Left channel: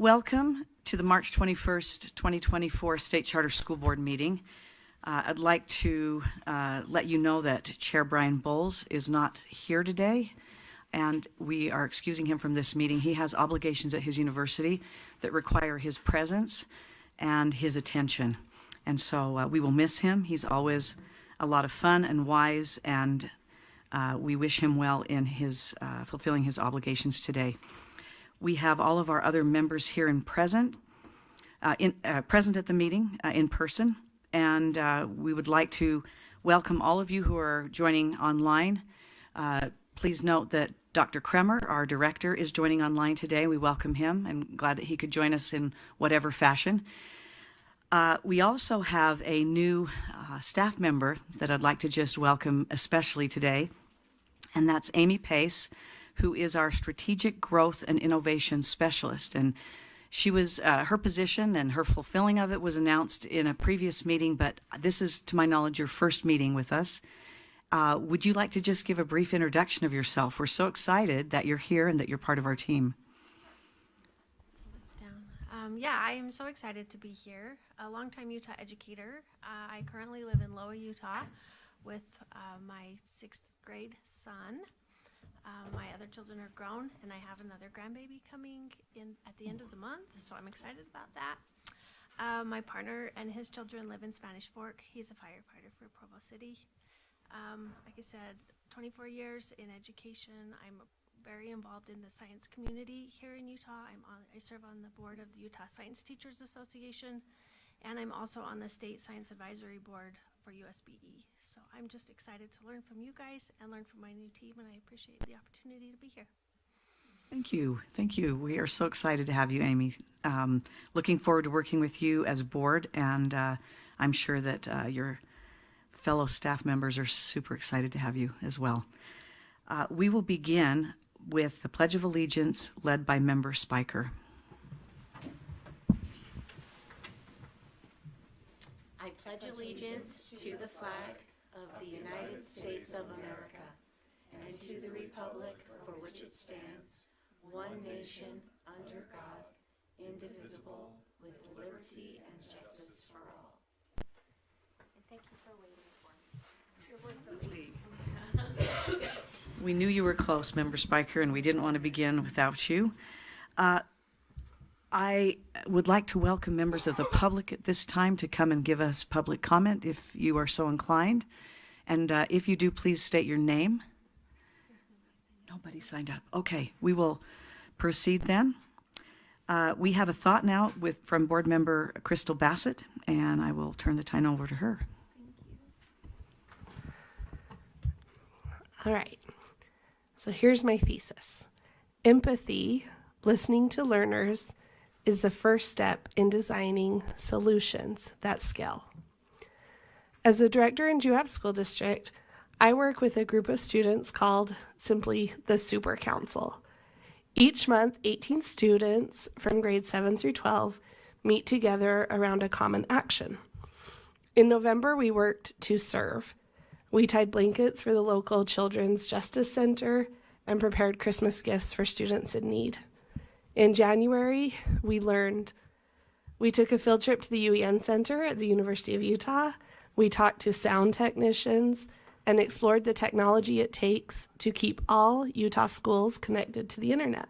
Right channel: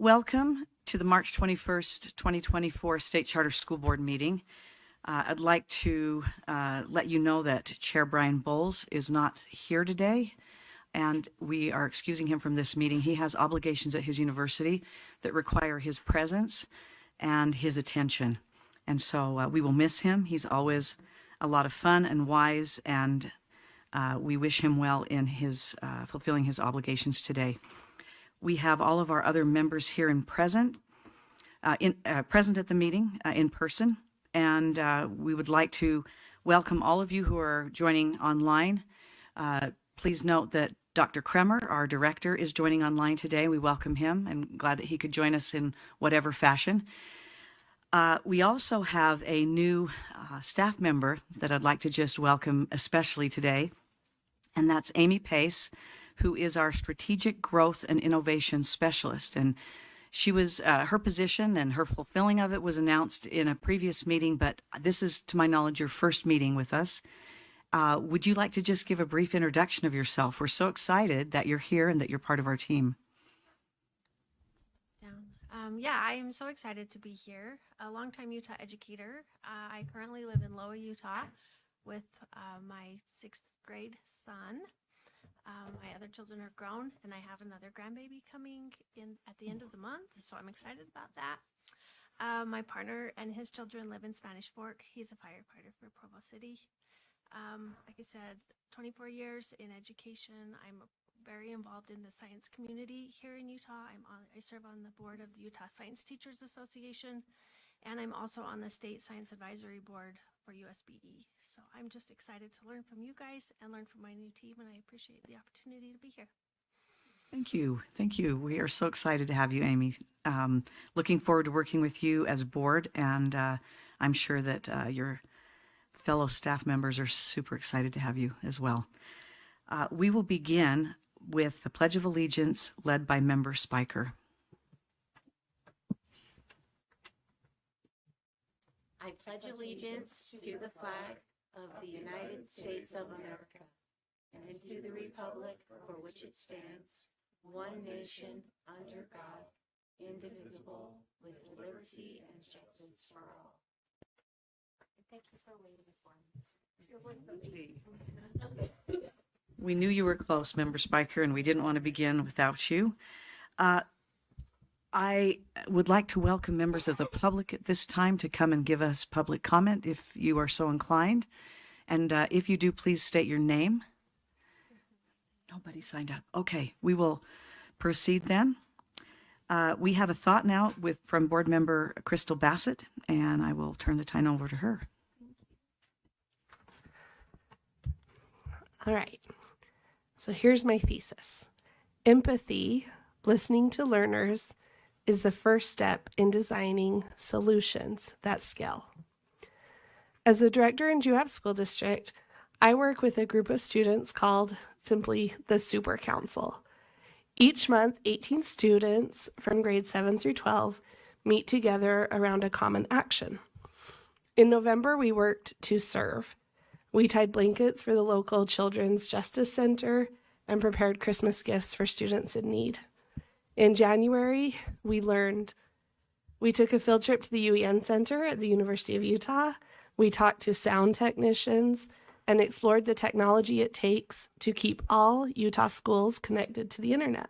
Welcome to the March 21st, 2024 State Charter School Board meeting. I'd like to let you know that Chair Brian Bowles is not here today, and we are excusing him from this meeting. He has obligations at his university that require his presence and his attention. And so we will miss him. He's always a lot of fun and wise, and we wish him well in his fulfilling his obligations today. We have all of our other members here in present at the meeting in person, and we would like to welcome all of you who are joining online. Please note that Dr. Kremer, our director, is joining online today. We welcome him and glad that he could join us in whatever fashion. We also have a new staff member that I'd like to just welcome especially today, and that's Amy Pace, who is our Strategic Growth and Innovation Specialist. And she was, her position and her fulfilling of it was announced in a previous meeting, but this is, to my knowledge, your first meeting with us. Would you like to just give a brief introduction of yourself? We're so excited that you're here and that you're part of our team. Yeah, I am so excited to be here. A longtime Utah educator. I currently live in Loa, Utah with my 6th grade son. My other children are grown, and I have another grandbaby coming in at the end of the month, so I'm excited about that. My partner and his children live in Spanish Fork. He's a firefighter for Provo City. Like I said, 24 years in education. I'm very involved in the science community here in Utah. I serve on the board of the Utah Science Teachers Association, and I'm also on the State Science Advisory Board for USBE. So I'm just excited to learn from you guys and learn from my new team, and I appreciate the opportunity to be here. Thank you. Thank you. We are so excited to have you, Amy. Looking forward to working with you as a board, and I'm sure that your fellow staff members are super excited to have you as well. We will begin with the Pledge of Allegiance led by Member Spiker. I pledge allegiance to the flag of the United States of America and to the republic for which it stands, one nation, under God, indivisible, with liberty and justice for all. And thank you for waiting for me. We knew you were close, Member Spiker, and we didn't want to begin without you. I would like to welcome members of the public at this time to come and give us public comment if you are so inclined. And if you do, please state your name. Nobody signed up. Okay, we will proceed then. We have a thought now from board member Crystal Bassett, and I will turn the time over to her. All right, so here's my thesis. Empathy, listening to learners, is the first step in designing solutions that scale. As a director in Juab School District, I work with a group of students called simply the Super Council. Each month, 18 students from grades 7 through 12 meet together around a common action. In November, we worked to serve. We tied blankets for the local Children's Justice Center and prepared Christmas gifts for students in need. In January, we took a field trip to the UEN Center at the University of Utah. We talked to sound technicians and explored the technology it takes to keep all Utah schools connected to the internet.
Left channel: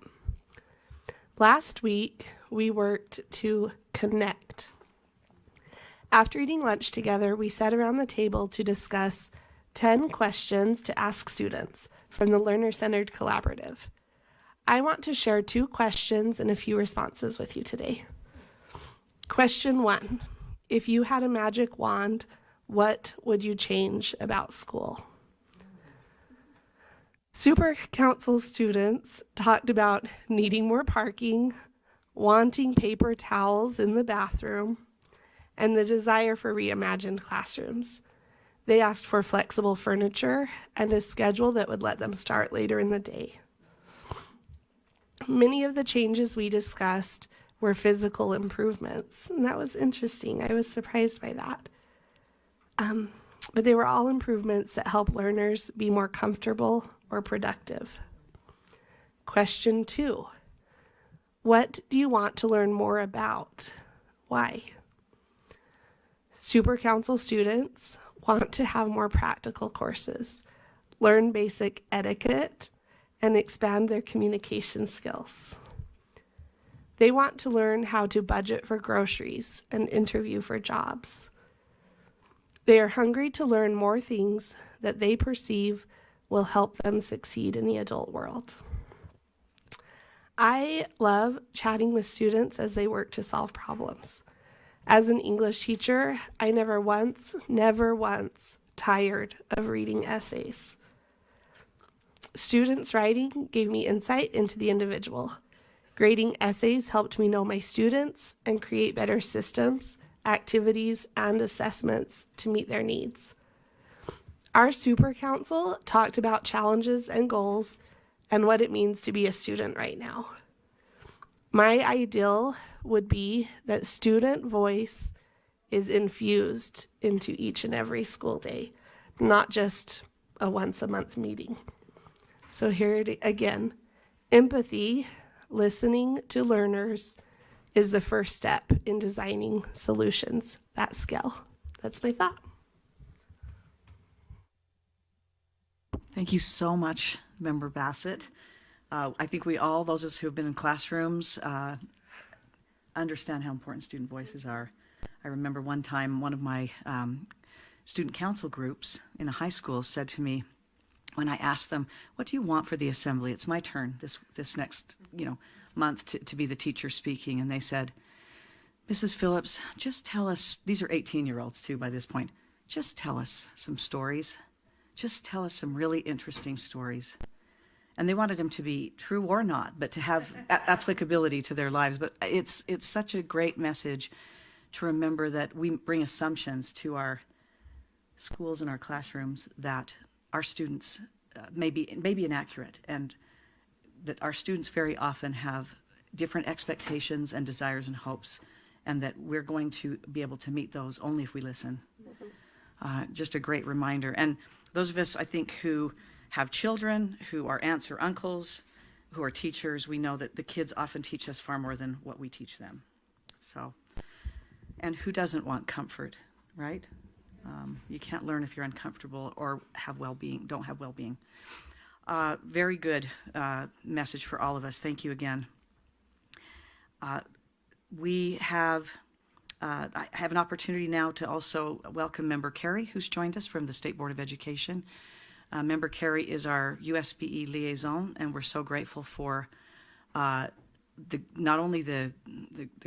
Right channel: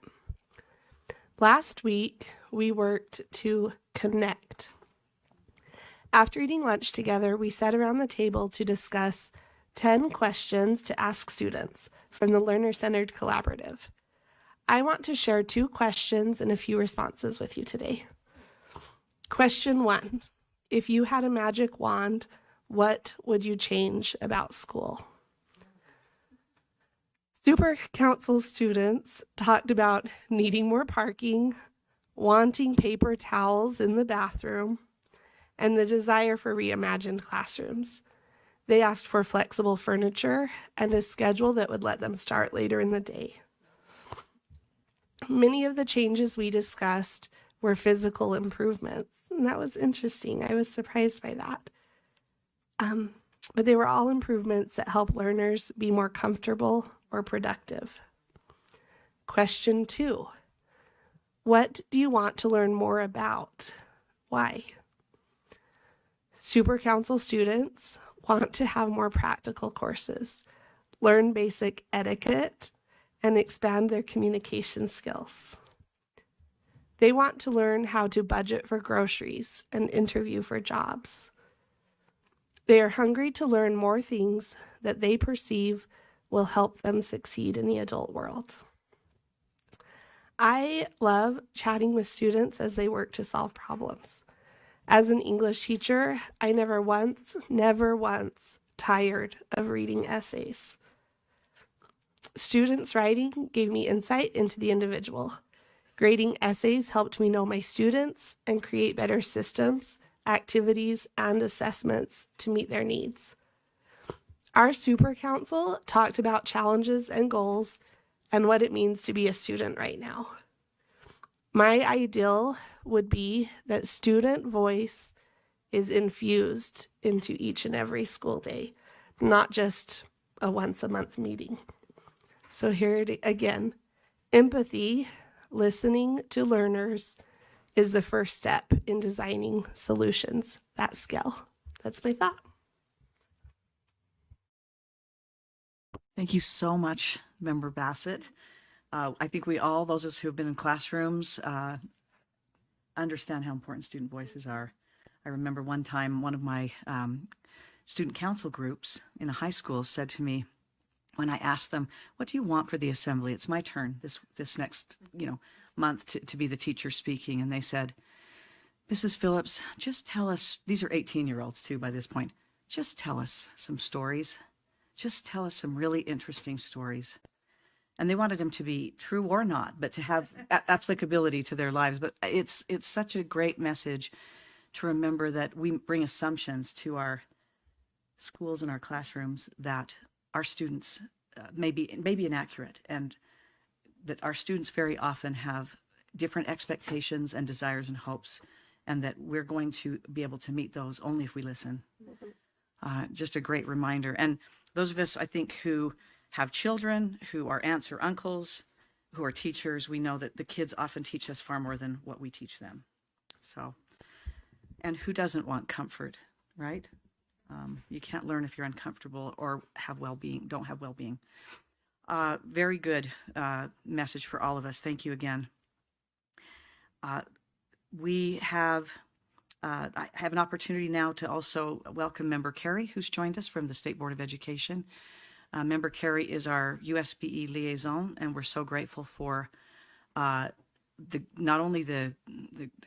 Last week, we worked to connect. After eating lunch together, we sat around the table to discuss 10 questions to ask students from the Learner-Centered Collaborative. I want to share 2 questions and a few responses with you today. Question 1, if you had a magic wand, what would you change about school? Super Council students talked about needing more parking, wanting paper towels in the bathroom, and the desire for reimagined classrooms. They asked for flexible furniture and a schedule that would let them start later in the day. Many of the changes we discussed were physical improvements, and that was interesting. I was surprised by that. But they were all improvements that help learners be more comfortable or productive. Question 2, What do you want to learn more about? Why? Super Council students want to have more practical courses, learn basic etiquette, and expand their communication skills. They want to learn how to budget for groceries and interview for jobs. They are hungry to learn more things that they perceive will help them succeed in the adult world. I love chatting with students as they work to solve problems. As an English teacher, I never once tired of reading essays. Students' writing gave me insight into the individual. Grading essays helped me know my students and create better systems, activities, and assessments to meet their needs. Our Super Council talked about challenges and goals and what it means to be a student right now. My ideal would be that student voice is infused into each and every school day, not just a once-a-month meeting. So here it again, empathy, listening to learners, is the first step in designing solutions that scale. That's my thought. Thank you so much, Member Bassett. I think those of us who have been in classrooms, understand how important student voices are. I remember one time one of my student council groups in a high school said to me, when I asked them, what do you want for the assembly? It's my turn this next month to be the teacher speaking. And they said, Mrs. Phillips, just tell us, these are 18-year-olds too by this point, just tell us some stories. Just tell us some really interesting stories. And they wanted them to be true or not, but to have applicability to their lives. But it's such a great message to remember that we bring assumptions to our schools and our classrooms that our students may be inaccurate, and that our students very often have different expectations and desires and hopes, and that we're going to be able to meet those only if we listen. Just a great reminder. And those of us, I think, who have children, who are aunts or uncles, who are teachers, we know that the kids often teach us far more than what we teach them. So, and who doesn't want comfort, right? You can't learn if you're uncomfortable or don't have well-being. Very good message for all of us. Thank you again. I have an opportunity now to also welcome Member Carey, who's joined us from the State Board of Education. Member Carey is our USBE liaison, and we're so grateful for not only the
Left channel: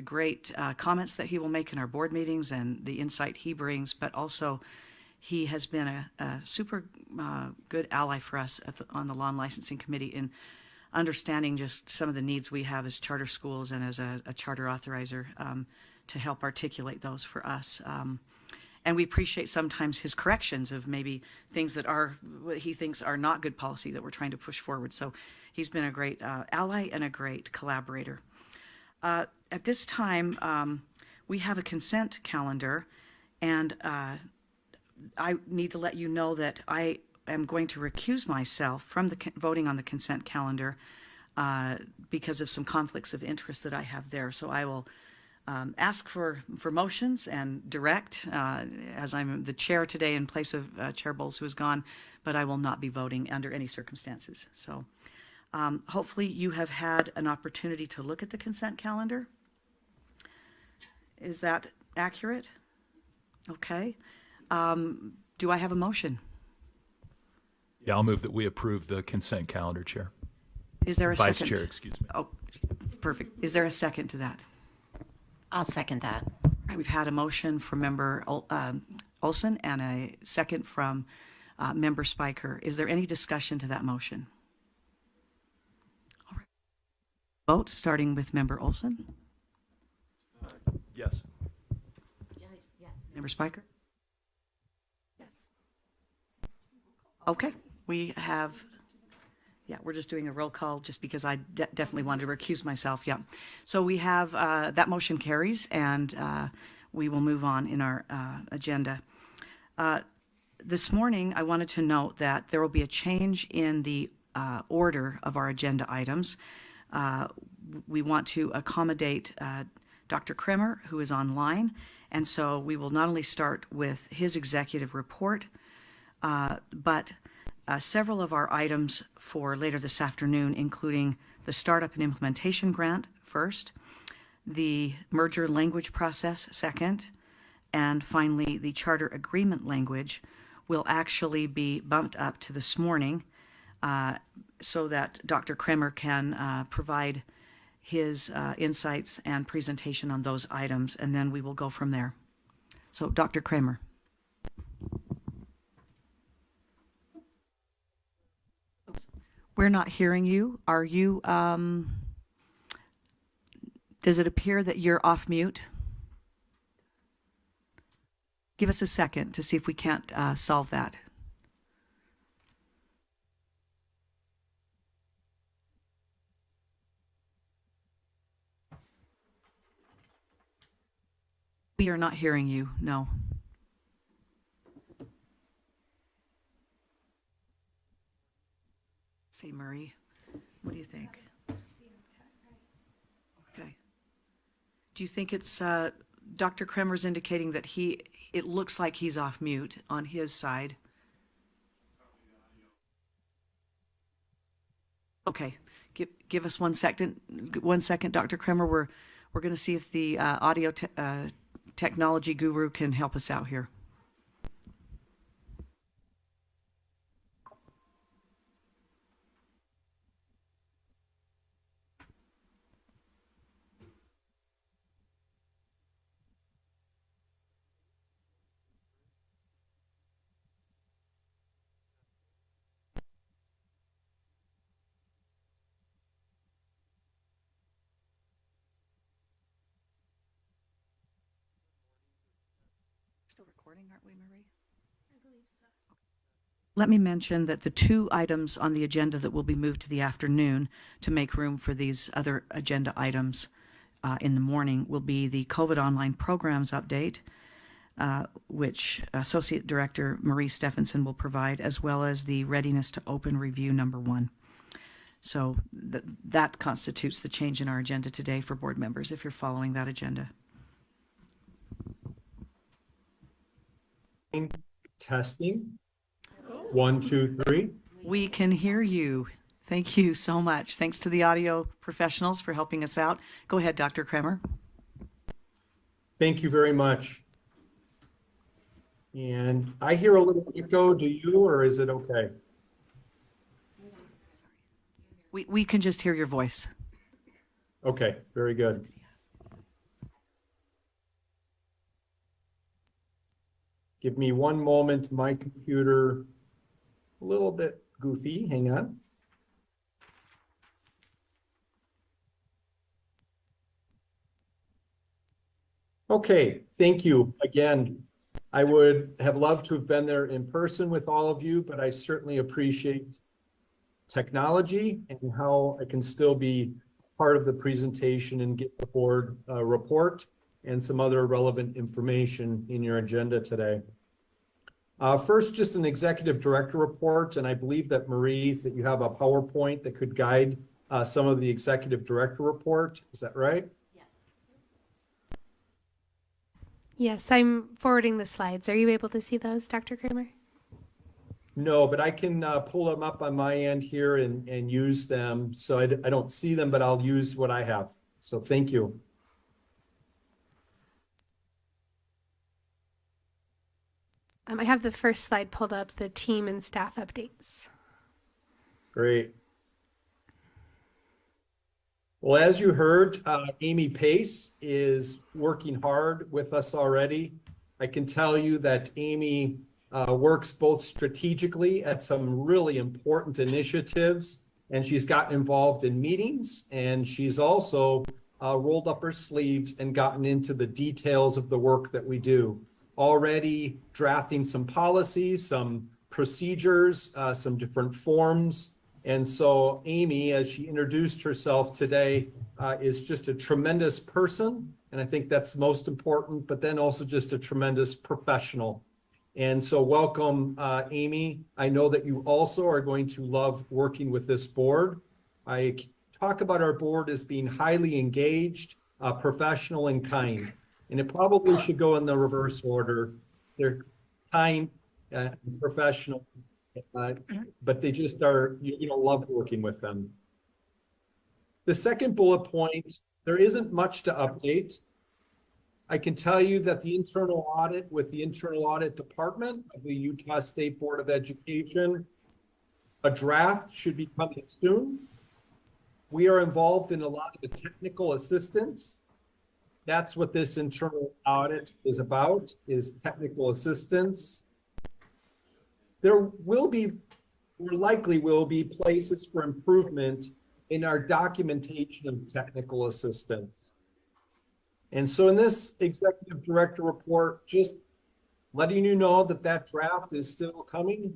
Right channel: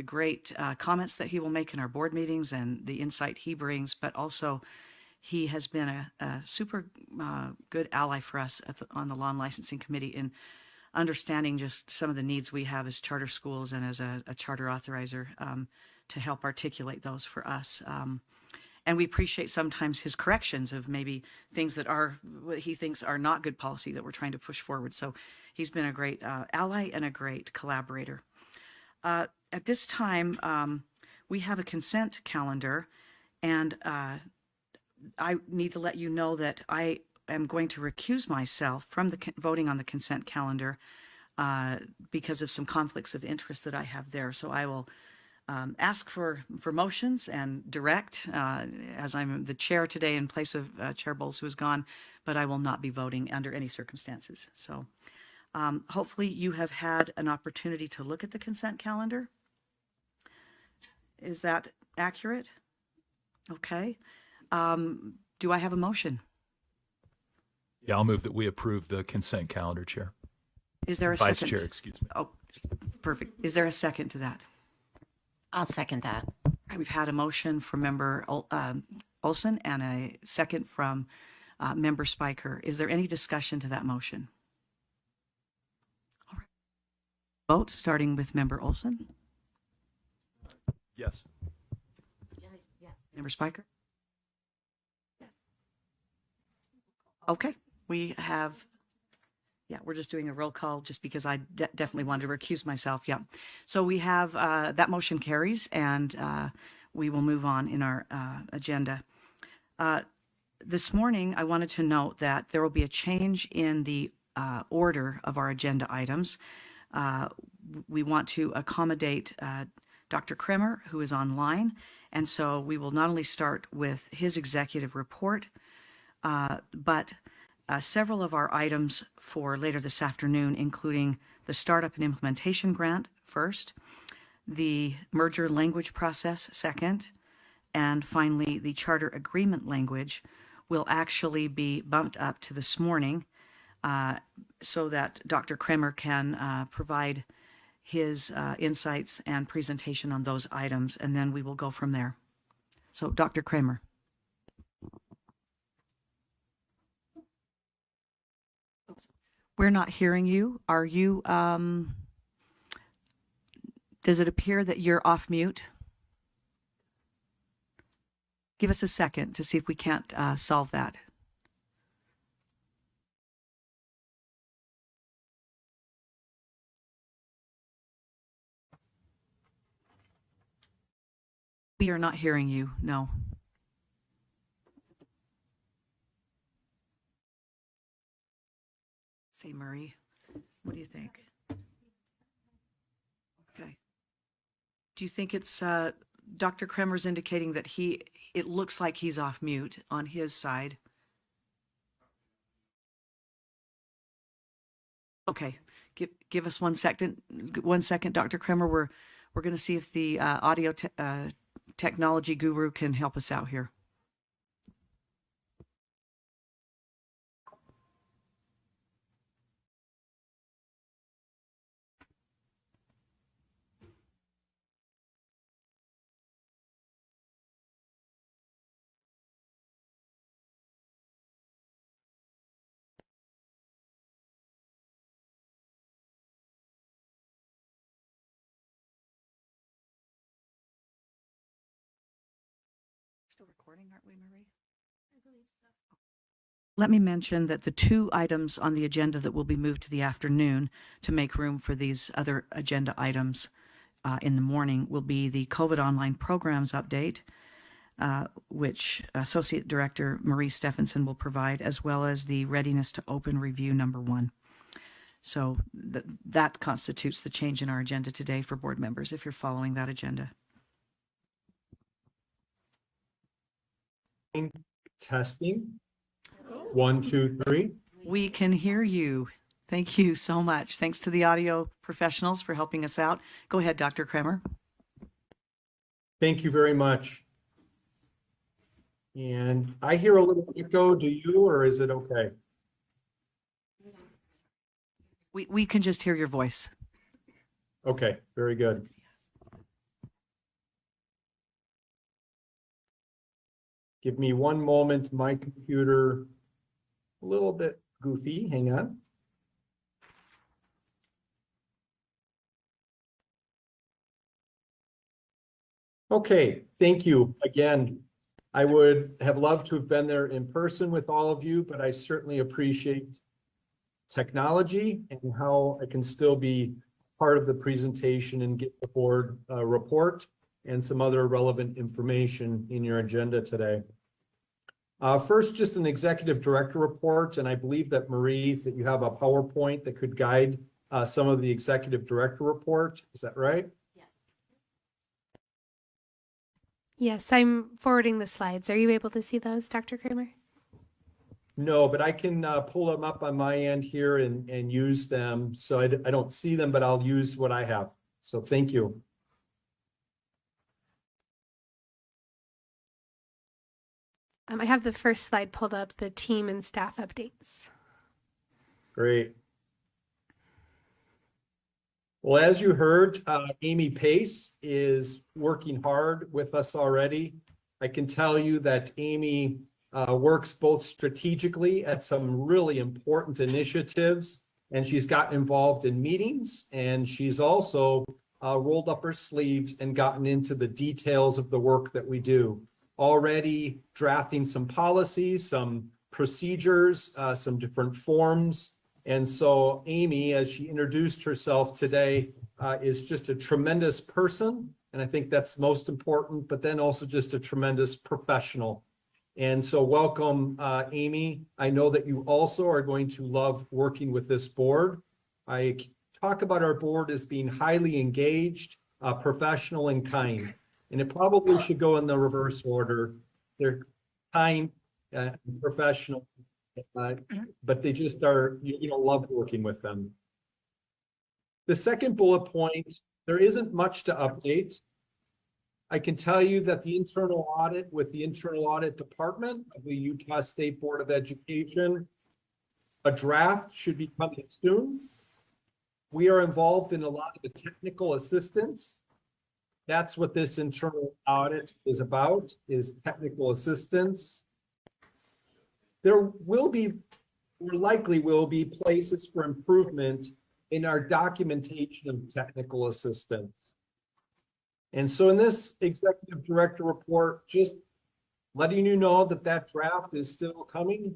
great comments that he will make in our board meetings and the insight he brings, but also he has been a super good ally for us on the Law and Licensing Committee in understanding just some of the needs we have as charter schools and as a charter authorizer to help articulate those for us. And we appreciate sometimes his corrections of maybe things that what he thinks are not good policy that we're trying to push forward. So he's been a great ally and a great collaborator. At this time, we have a consent calendar, and I need to let you know that I am going to recuse myself from voting on the consent calendar because of some conflicts of interest that I have there. So I will ask for motions and direct, as I'm the chair today in place of Chair Bowles, who is gone, but I will not be voting under any circumstances. So hopefully you have had an opportunity to look at the consent calendar. Is that accurate? Okay. Do I have a motion? Yeah, I'll move that we approve the consent calendar, Chair. Is there a Vice second? Chair, excuse me. Oh, perfect. Is there a second to that? I'll second that. All right, we've had a motion from Member Olson and a second from Member Spiker. Is there any discussion to that motion? All right. Vote starting with Member Olson. Yes. Member Spiker? Yes. Okay, we have, we're just doing a roll call just because I definitely wanted to recuse myself. Yeah. So we have, that motion carries, and we will move on in our agenda. This morning, I wanted to note that there will be a change in the order of our agenda items. we want to accommodate Dr. Kremer, who is online, and so we will not only start with his executive report, but several of our items for later this afternoon, including the Startup and Implementation Grant first, the merger language process second, and finally the charter agreement language will actually be bumped up to this morning so that Dr. Kremer can provide his insights and presentation on those items, and then we will go from there. So, Dr. Kremer. We're not hearing you. Are you, does it appear that you're off mute? Give us a second to see if we can't solve that. We are not hearing you, no. See, Marie, what do you think? Okay. Do you think it's Dr. Kremer's indicating that it looks like he's off mute on his side? Okay, give us 1 second. 1 second, Dr. Kremer. We're going to see if the audio technology guru can help us out here. Still recording, aren't we, Marie? I believe so. Let me mention that the two items on the agenda that will be moved to the afternoon to make room for these other agenda items in the morning will be the COVID online programs update, which Associate Director Marie Stephenson will provide, as well as the readiness to open review number 1. So that constitutes the change in our agenda today for board members, if you're following that agenda. Testing. 1, 2, 3. We can hear you. Thank you so much. Thanks to the audio professionals for helping us out. Go ahead, Dr. Kremer. Thank you very much. And I hear a little echo. Do you, or is it okay? We can just hear your voice. Okay, very good. Give me 1 moment. My computer a little bit goofy. Hang on. Okay, thank you again. I would have loved to have been there in person with all of you, but I certainly appreciate technology and how I can still be part of the presentation and get the board report and some other relevant information in your agenda today. First, just an executive director report, and I believe that Marie, that you have a PowerPoint that could guide some of the executive director report. Is that right? Yes, I'm forwarding the slides. Are you able to see those, Dr. Kremer? No, but I can pull them up on my end here and use them. So I don't see them, but I'll use what I have. So thank you. I have the first slide pulled up, the team and staff updates. Great. Well, as you heard, Amy Pace is working hard with us already. I can tell you that Amy works both strategically at some really important initiatives, and she's gotten involved in meetings, and she's also rolled up her sleeves and gotten into the details of the work that we do. Already drafting some policies, some procedures, some different forms. And so Amy, as she introduced herself today, is just a tremendous person. And I think that's most important, but then also just a tremendous professional. And so welcome, Amy. I know that you also are going to love working with this board. I talk about our board as being highly engaged, professional, and kind. And it probably should go in the reverse order. They're kind, professional, but they just are, love working with them. The second bullet point, there isn't much to update. I can tell you that the internal audit with the internal audit department of the Utah State Board of Education, a draft should be coming soon. We are involved in a lot of the technical assistance. That's what this internal audit is about, is technical assistance. There likely will be places for improvement in our documentation of technical assistance. And so in this executive director report, just letting you know that that draft is still coming.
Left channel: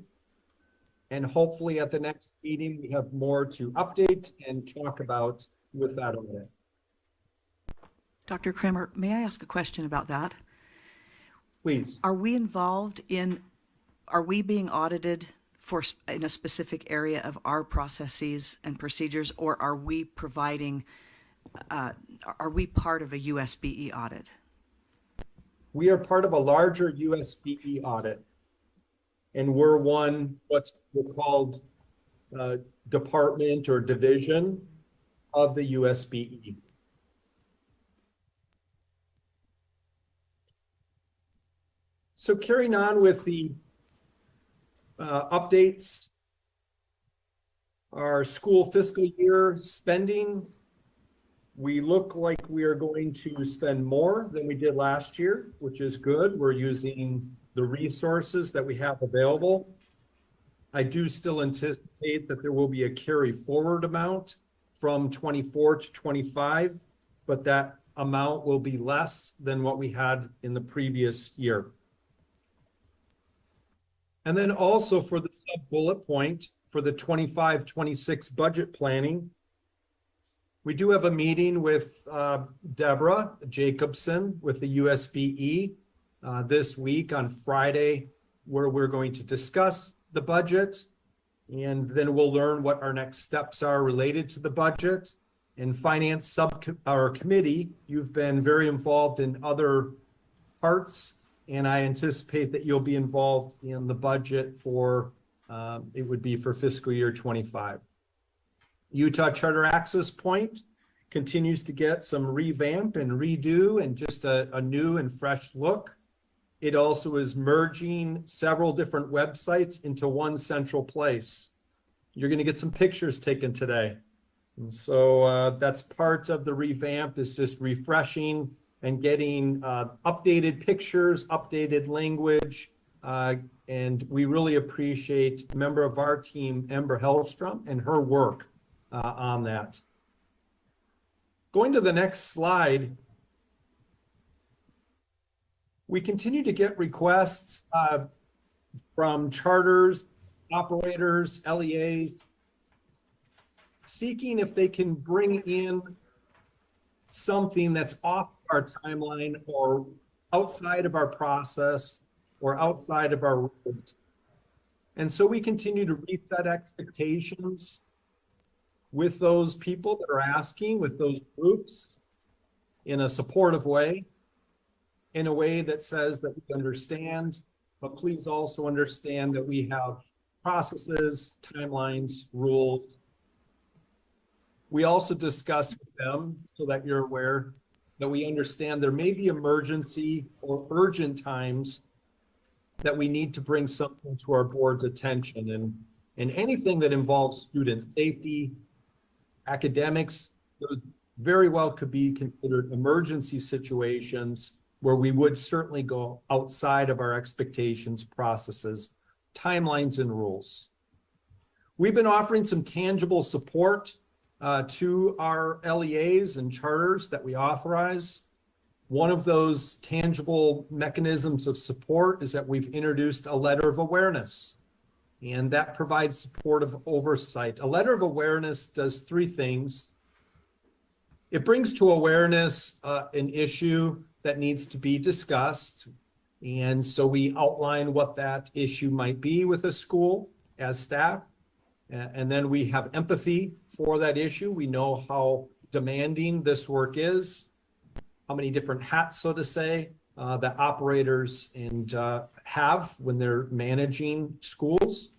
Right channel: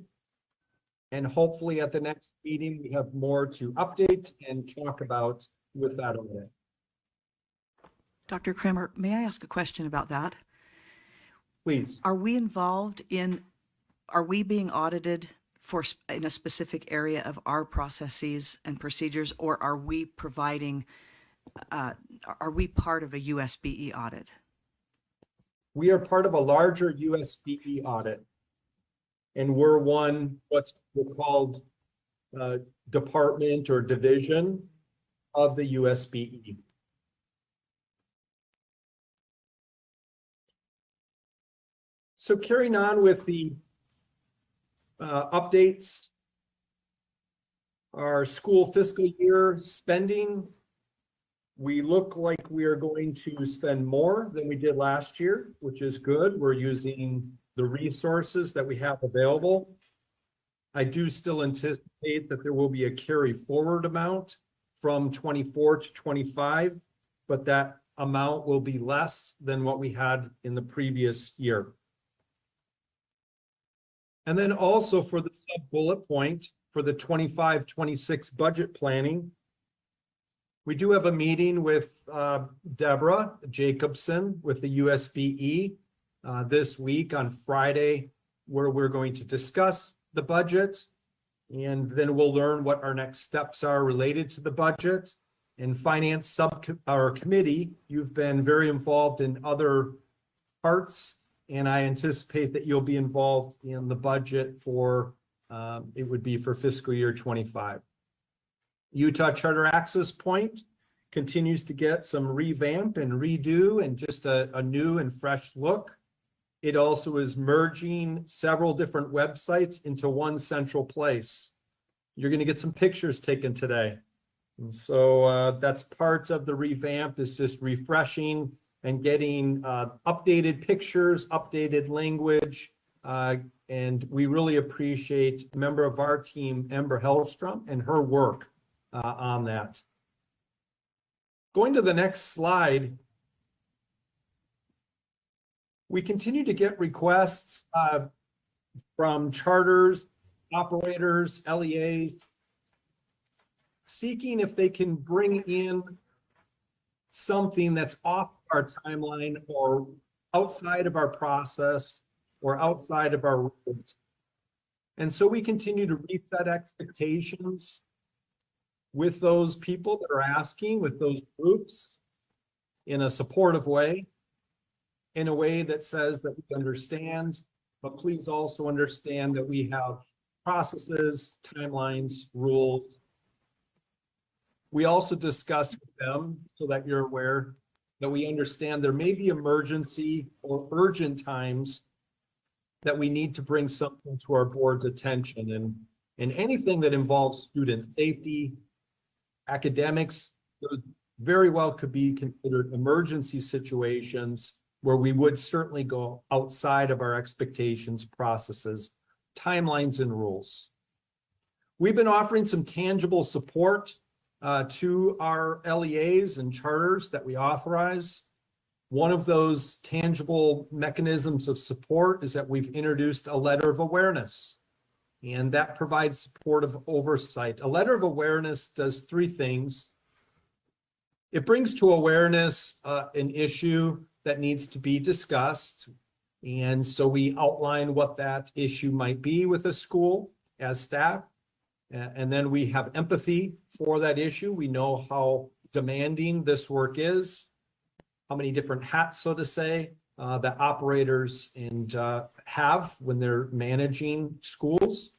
And hopefully at the next meeting, we have more to update and talk about with that audit. Dr. Kramer, may I ask a question about that? Please. Are we being audited in a specific area of our processes and procedures, or are we providing, are we part of a USBE audit? We are part of a larger USBE audit, and we're what's called department or division of the USBE. So carrying on with the updates, our school fiscal year spending, we look like we are going to spend more than we did last year, which is good. We're using the resources that we have available. I do still anticipate that there will be a carry forward amount from 24 to 25, but that amount will be less than what we had in the previous year. And then also for the sub bullet point for the 25-26 budget planning, we do have a meeting with Deborah Jacobson with the USBE this week on Friday, where we're going to discuss the budget, and then we'll learn what our next steps are related to the budget. In finance committee, you've been very involved in other parts, and I anticipate that you'll be involved in the budget for, it would be for fiscal year 25. Utah Charter Access Point continues to get some revamp and redo and just a new and fresh look. It also is merging several different websites into one central place. You're going to get some pictures taken today. And so that's part of the revamp, is just refreshing and getting updated pictures, updated language. And we really appreciate a member of our team, Ember Hellstrom, and her work on that. Going to the next slide, we continue to get requests from charters, operators, LEAs, seeking if they can bring in something that's off our timeline or outside of our process or outside of our rules. And so we continue to reset expectations with those people that are asking, with those groups, in a supportive way, in a way that says that we understand, but please also understand that we have processes, timelines, rules. We also discuss with them, so that you're aware, that we understand there may be emergency or urgent times that we need to bring something to our board's attention. And anything that involves student safety, academics, those very well could be considered emergency situations where we would certainly go outside of our expectations, processes, timelines, and rules. We've been offering some tangible support to our LEAs and charters that we authorize. One of those tangible mechanisms of support is that we've introduced a letter of awareness, and that provides supportive oversight. A letter of awareness does three things. It brings to awareness an issue that needs to be discussed, and so we outline what that issue might be with a school as staff. And then we have empathy for that issue. We know how demanding this work is, how many different hats, so to say, that operators have when they're managing schools.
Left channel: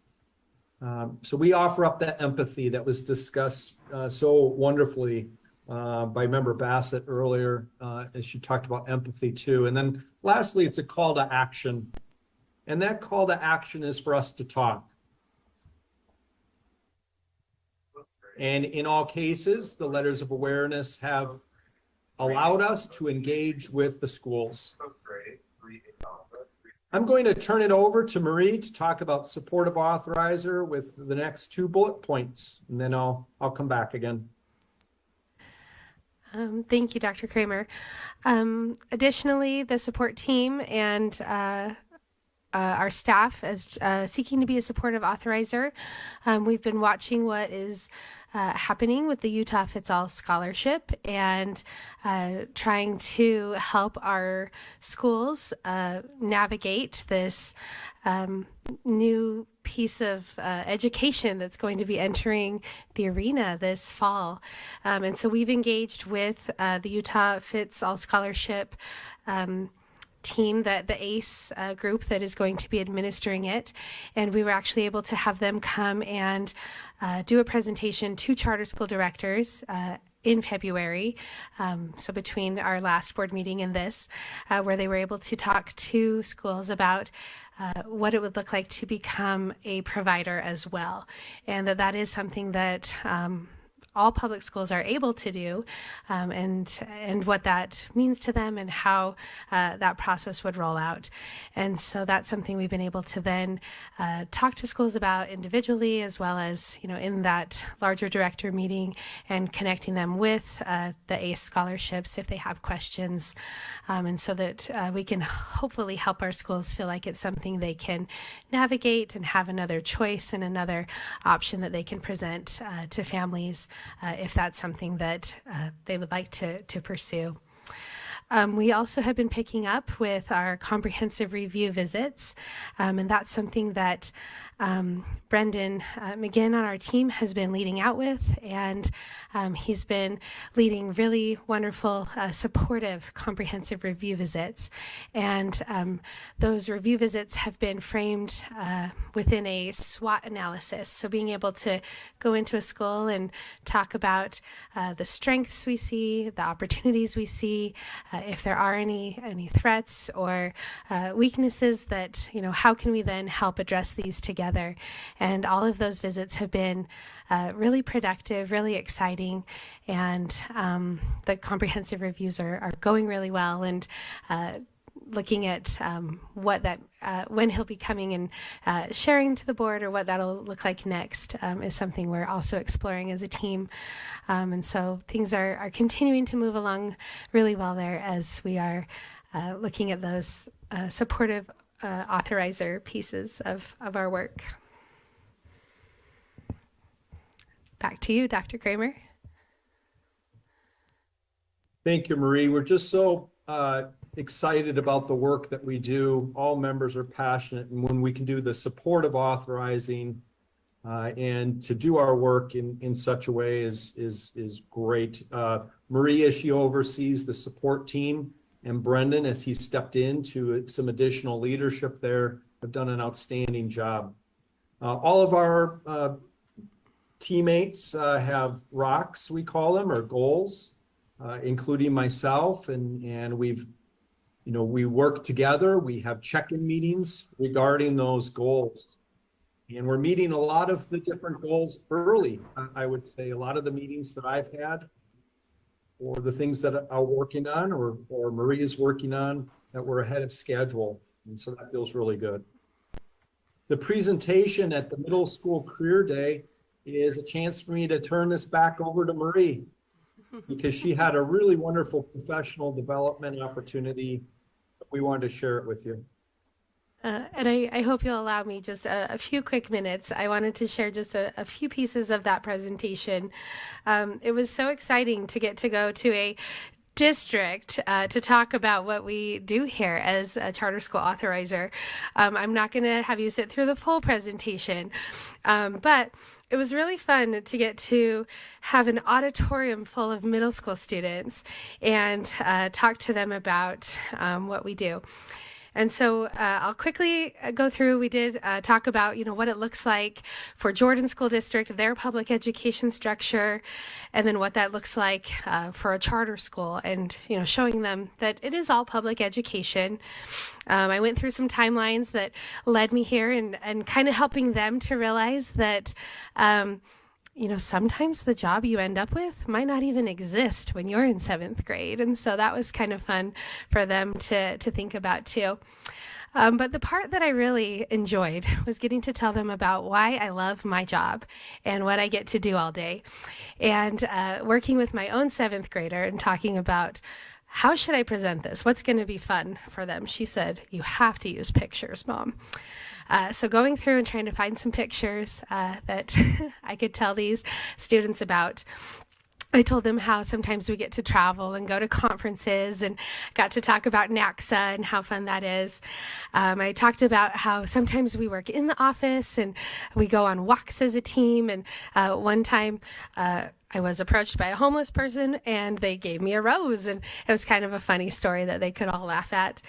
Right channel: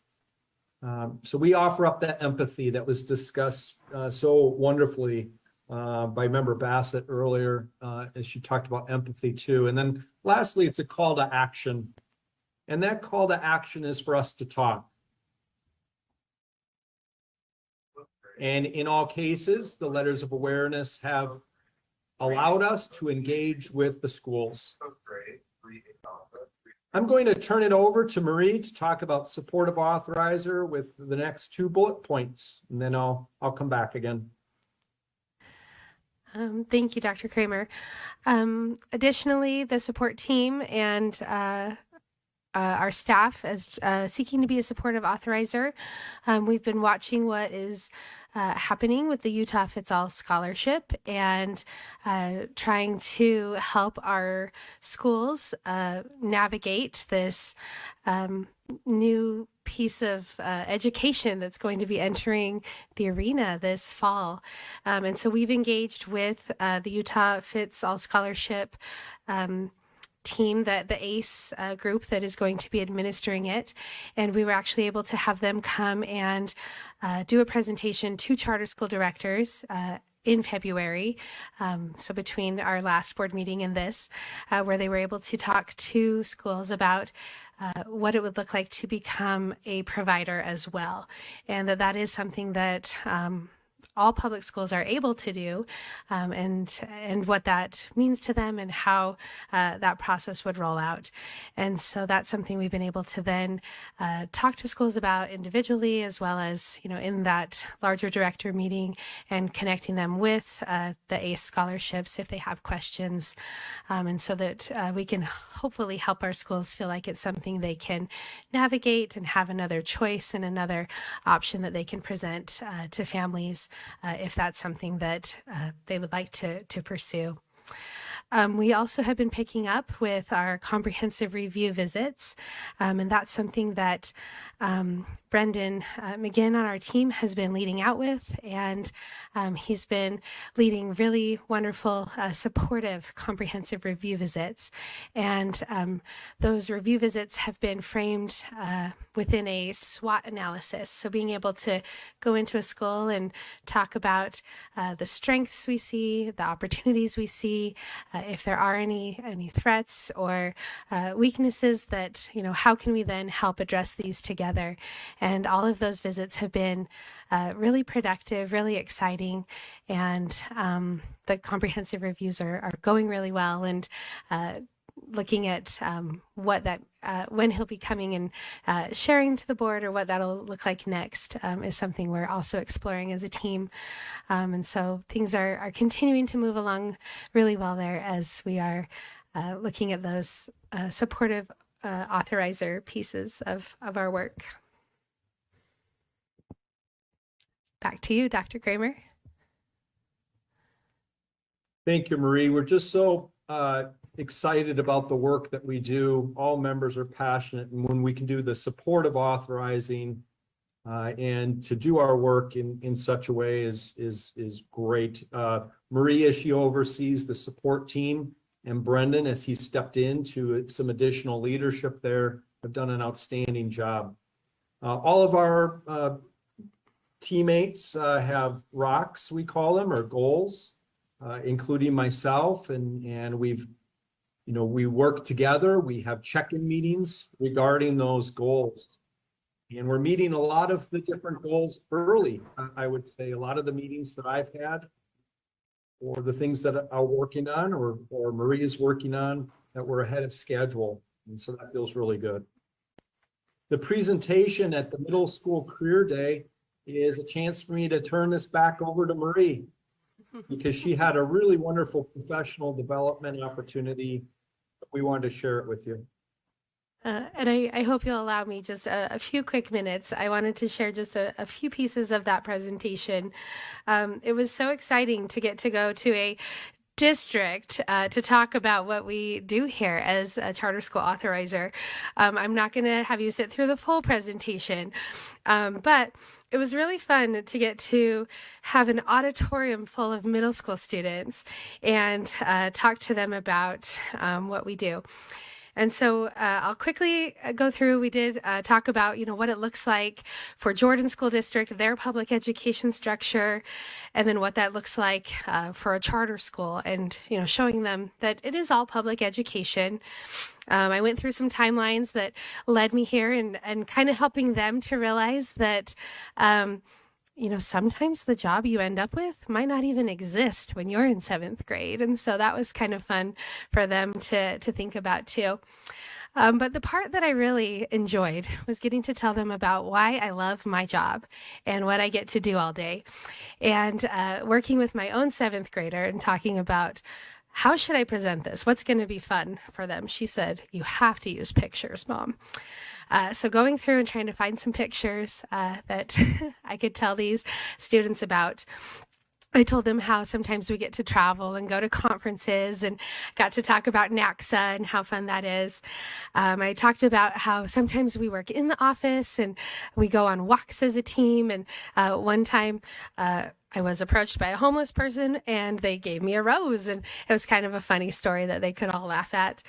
So we offer up that empathy that was discussed so wonderfully by Member Bassett earlier, as she talked about empathy too. And then lastly, it's a call to action. And that call to action is for us to talk. And in all cases, the letters of awareness have allowed us to engage with the schools. I'm going to turn it over to Marie to talk about supportive authorizer with the next 2 bullet points, and then I'll come back again. Thank you, Dr. Kramer. Additionally, the support team and our staff is seeking to be a supportive authorizer. We've been watching what is happening with the Utah Fits All Scholarship and trying to help our schools navigate this new piece of education that's going to be entering the arena this fall. And so we've engaged with the Utah Fits All Scholarship team, the ACE group that is going to be administering it, and we were actually able to have them come and do a presentation to charter school directors in February, so between our last board meeting and this, where they were able to talk to schools about what it would look like to become a provider as well, and that is something that all public schools are able to do, and what that means to them and how that process would roll out. And so that's something we've been able to then talk to schools about individually, as well as, in that larger director meeting, and connecting them with the ACE scholarships if they have questions, and so that we can hopefully help our schools feel like it's something they can navigate and have another choice and another option that they can present to families if that's something that they would like to pursue. We also have been picking up with our comprehensive review visits, and that's something that Brendan McGinn on our team has been leading out with, and he's been leading really wonderful, supportive, comprehensive review visits. And those review visits have been framed within a SWOT analysis. So being able to go into a school and talk about the strengths we see, the opportunities we see, if there are any threats or weaknesses that, how can we then help address these together? And all of those visits have been really productive, really exciting, and the comprehensive reviews are going really well, and looking at when he'll be coming and sharing to the board, or what that'll look like next, is something we're also exploring as a team. And so things are continuing to move along really well there as we are looking at those supportive authorizer pieces of our work. Back to you, Dr. Kramer. Thank you, Marie. We're just so excited about the work that we do. All members are passionate, and when we can do the support of authorizing and to do our work in such a way is great. Marie, as she oversees the support team, and Brendan, as he stepped into some additional leadership there, have done an outstanding job. All of our teammates have rocks, we call them, or goals, including myself, and we work together. We have check-in meetings regarding those goals, and we're meeting a lot of the different goals early. I would say a lot of the meetings that I've had, or the things that I'm working on, or Marie is working on, that we're ahead of schedule, and so that feels really good. The presentation at the Middle School Career Day is a chance for me to turn this back over to Marie, because she had a really wonderful professional development opportunity. We wanted to share it with you. And I hope you'll allow me just a few quick minutes. I wanted to share just a few pieces of that presentation. It was so exciting to get to go to a district to talk about what we do here as a charter school authorizer. I'm not going to have you sit through the full presentation, but it was really fun to get to have an auditorium full of middle school students and talk to them about what we do. And so I'll quickly go through. We did talk about, what it looks like for Jordan School District, their public education structure, and then what that looks like for a charter school, and, showing them that it is all public education. I went through some timelines that led me here and kind of helping them to realize that sometimes the job you end up with might not even exist when you're in 7th grade. And so that was kind of fun for them to think about too. But the part that I really enjoyed was getting to tell them about why I love my job and what I get to do all day. And working with my own 7th grader and talking about how should I present this? What's going to be fun for them? She said, "You have to use pictures, Mom." So going through and trying to find some pictures that I could tell these students about. I told them how sometimes we get to travel and go to conferences, and got to talk about NACSA and how fun that is. I talked about how sometimes we work in the office and we go on walks as a team. And one time I was approached by a homeless person and they gave me a rose, and it was kind of a funny story that they could all laugh at.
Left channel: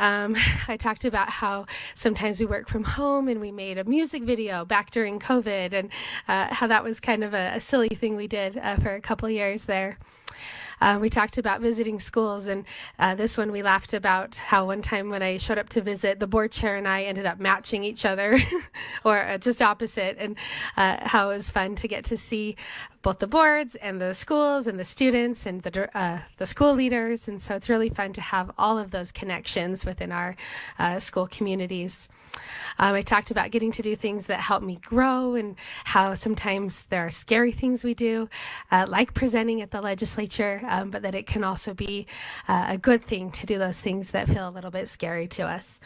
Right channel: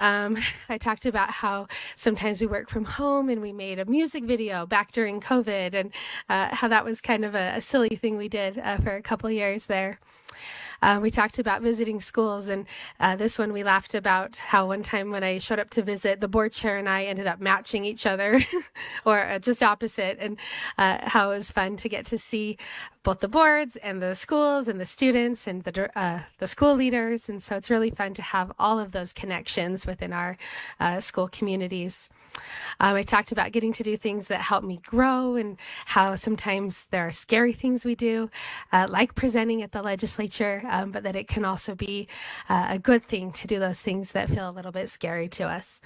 I talked about how sometimes we work from home, and we made a music video back during COVID, and how that was kind of a silly thing we did for a couple years there. We talked about visiting schools, and this one we laughed about how one time when I showed up to visit, the board chair and I ended up matching each other or just opposite, and how it was fun to get to see both the boards and the schools and the students and the school leaders. And so it's really fun to have all of those connections within our school communities. I talked about getting to do things that help me grow, and how sometimes there are scary things we do, like presenting at the legislature, but that it can also be a good thing to do those things that feel a little bit scary to us.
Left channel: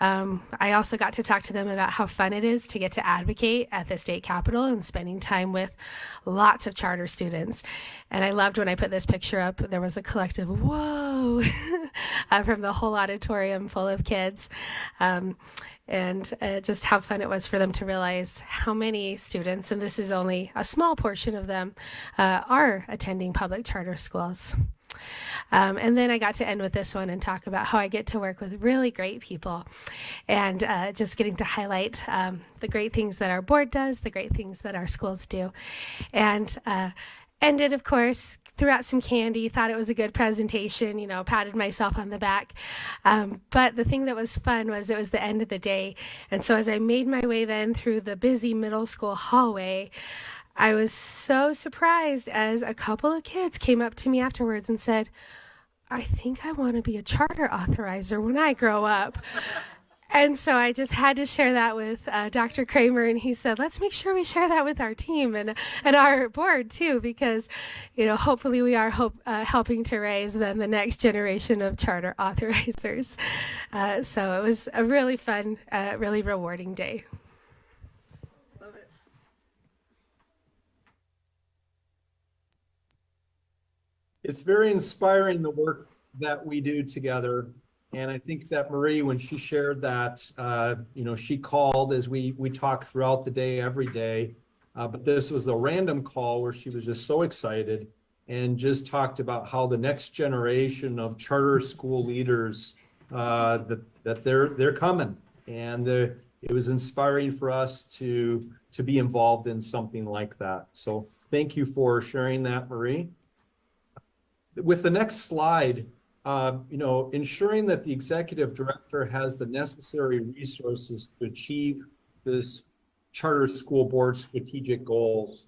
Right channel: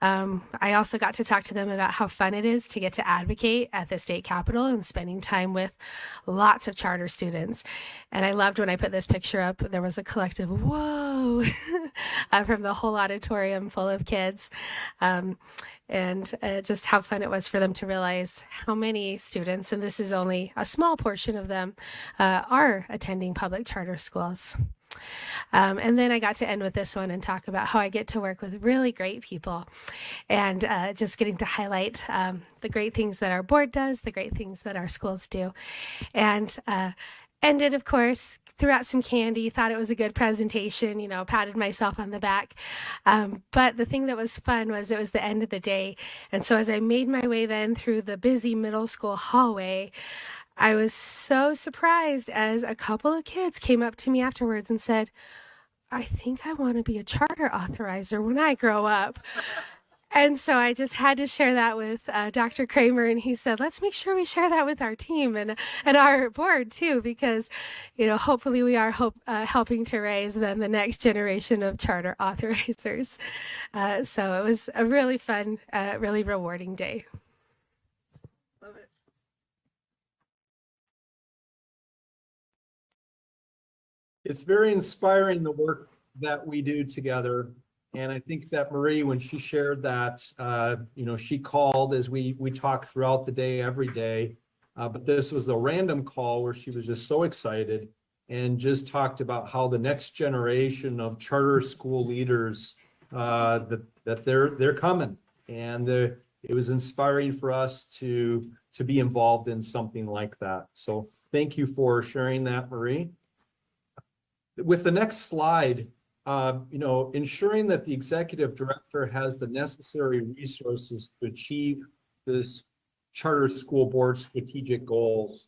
I also got to talk to them about how fun it is to get to advocate at the state capitol and spending time with lots of charter students. And I loved when I put this picture up, there was a collective whoa from the whole auditorium full of kids. And just how fun it was for them to realize how many students, and this is only a small portion of them, are attending public charter schools. And then I got to end with this one and talk about how I get to work with really great people, and just getting to highlight the great things that our board does, the great things that our schools do. And ended, of course, threw out some candy, thought it was a good presentation, patted myself on the back. But the thing that was fun was it was the end of the day. And so as I made my way then through the busy middle school hallway, I was so surprised as a couple of kids came up to me afterwards and said, "I think I want to be a charter authorizer when I grow up." And so I just had to share that with Dr. Kramer, and he said, "Let's make sure we share that with our team and our board too, because, hopefully we are helping to raise then the next generation of charter authorizers." So it was a really fun, really rewarding day. It's very inspiring, the work that we do together. And I think that Marie, when she shared that, she called as we talked throughout the day, every day. But this was a random call where she was just so excited and just talked about how the next generation of charter school leaders, that they're coming. And it was inspiring for us to be involved in something like that. So thank you for sharing that, Marie. With the next slide, ensuring that the executive director has the necessary resources to achieve this charter school board strategic goals.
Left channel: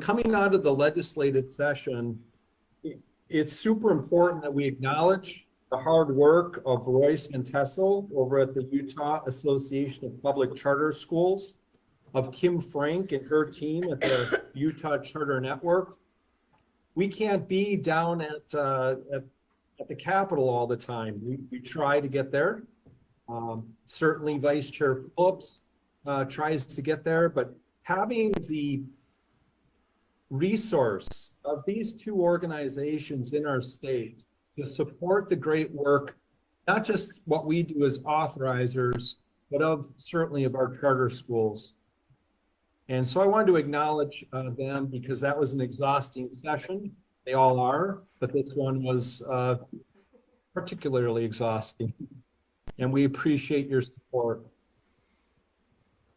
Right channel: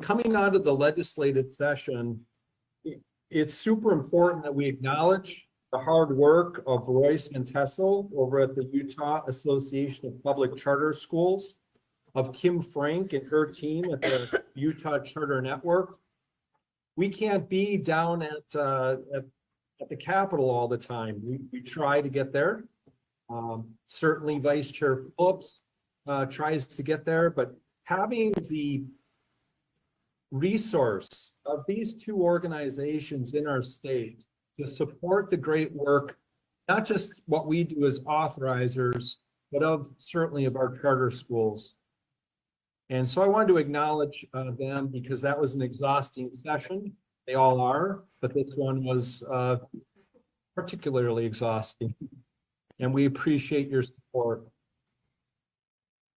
Coming out of the legislative session, it's super important that we acknowledge the hard work of Royce Montessel over at the Utah Association of Public Charter Schools, of Kim Frank and her team at the Utah Charter Network. We can't be down at the Capitol all the time. We try to get there. Certainly Vice Chair Phillips tries to get there, but having the resource of these two organizations in our state to support the great work, not just what we do as authorizers, but certainly of our charter schools. And so I wanted to acknowledge them because that was an exhausting session. They all are, but this one was particularly exhausting. And we appreciate your support.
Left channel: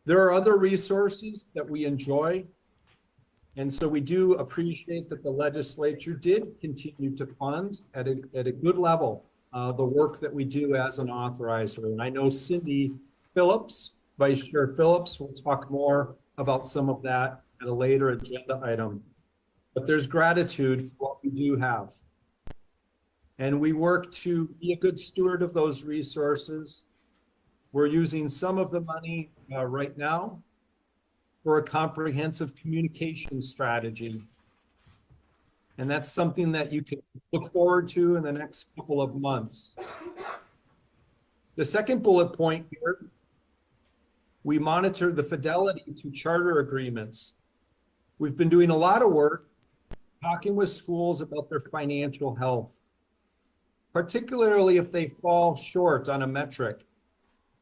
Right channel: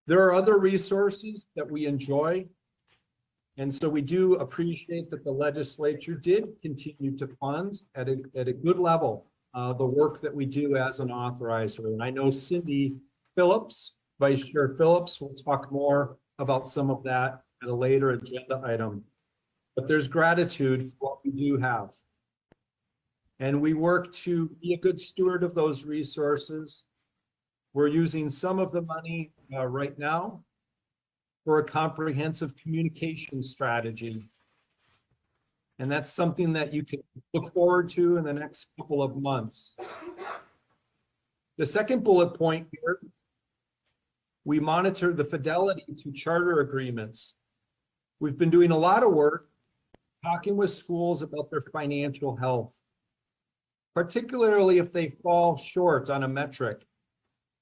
There are other resources that we enjoy. And so we do appreciate that the legislature did continue to fund at a good level the work that we do as an authorizer. And I know Cindy Phillips, Vice Chair Phillips, will talk more about some of that at a later agenda item. But there's gratitude for what we do have. And we work to be a good steward of those resources. We're using some of the money right now for a comprehensive communication strategy. And that's something that you can look forward to in the next couple of months. The second bullet point here, we monitor the fidelity to charter agreements. We've been doing a lot of work talking with schools about their financial health, particularly if they fall short on a metric.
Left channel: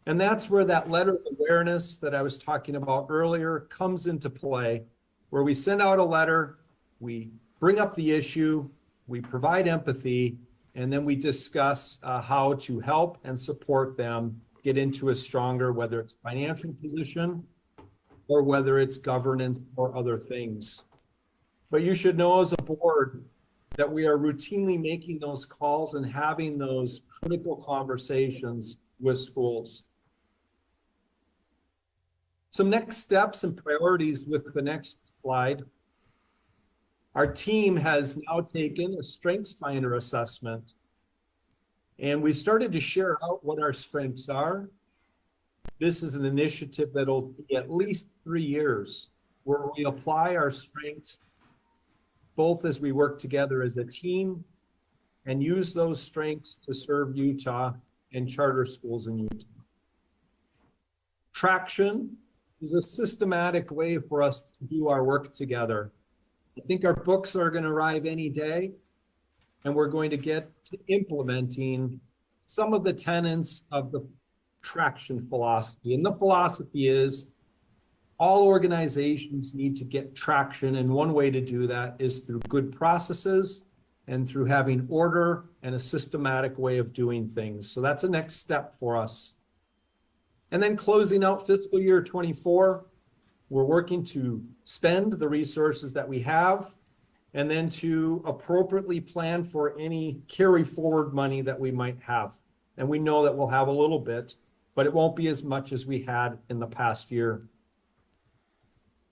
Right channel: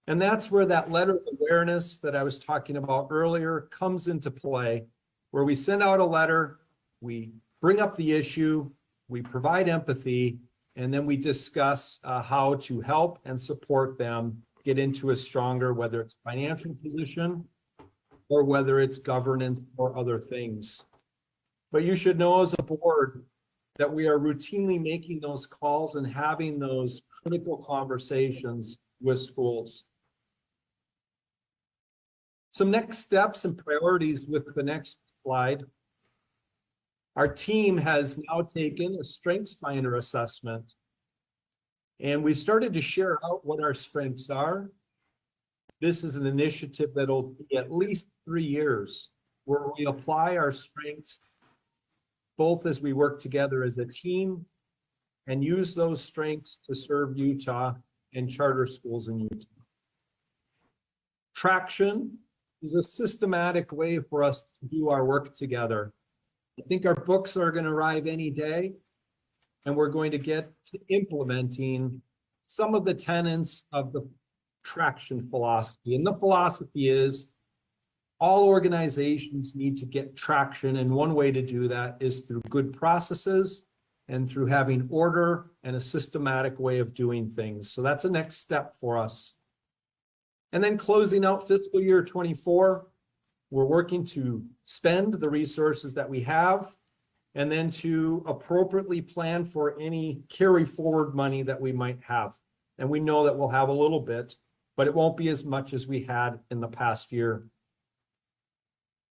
And that's where that letter of awareness that I was talking about earlier comes into play, where we send out a letter, we bring up the issue, we provide empathy, and then we discuss how to help and support them get into a stronger, whether it's financial position or whether it's governance or other things. But you should know as a board that we are routinely making those calls and having those critical conversations with schools. Some next steps and priorities with the next slide. Our team has now taken a StrengthsFinder assessment, and we started to share out what our strengths are. This is an initiative that'll be at least 3 years, where we apply our strengths both as we work together as a team and use those strengths to serve Utah and charter schools in Utah. Traction is a systematic way for us to do our work together. I think our books are going to arrive any day, and we're going to get to implementing some of the tenets of the traction philosophy. And the philosophy is all organizations need to get traction, and one way to do that is through good processes and through having order and a systematic way of doing things. So that's a next step for us. And then closing out fiscal year 24, we're working to spend the resources that we have and then to appropriately plan for any carry forward money that we might have. And we know that we'll have a little bit, but it won't be as much as we had in the past year.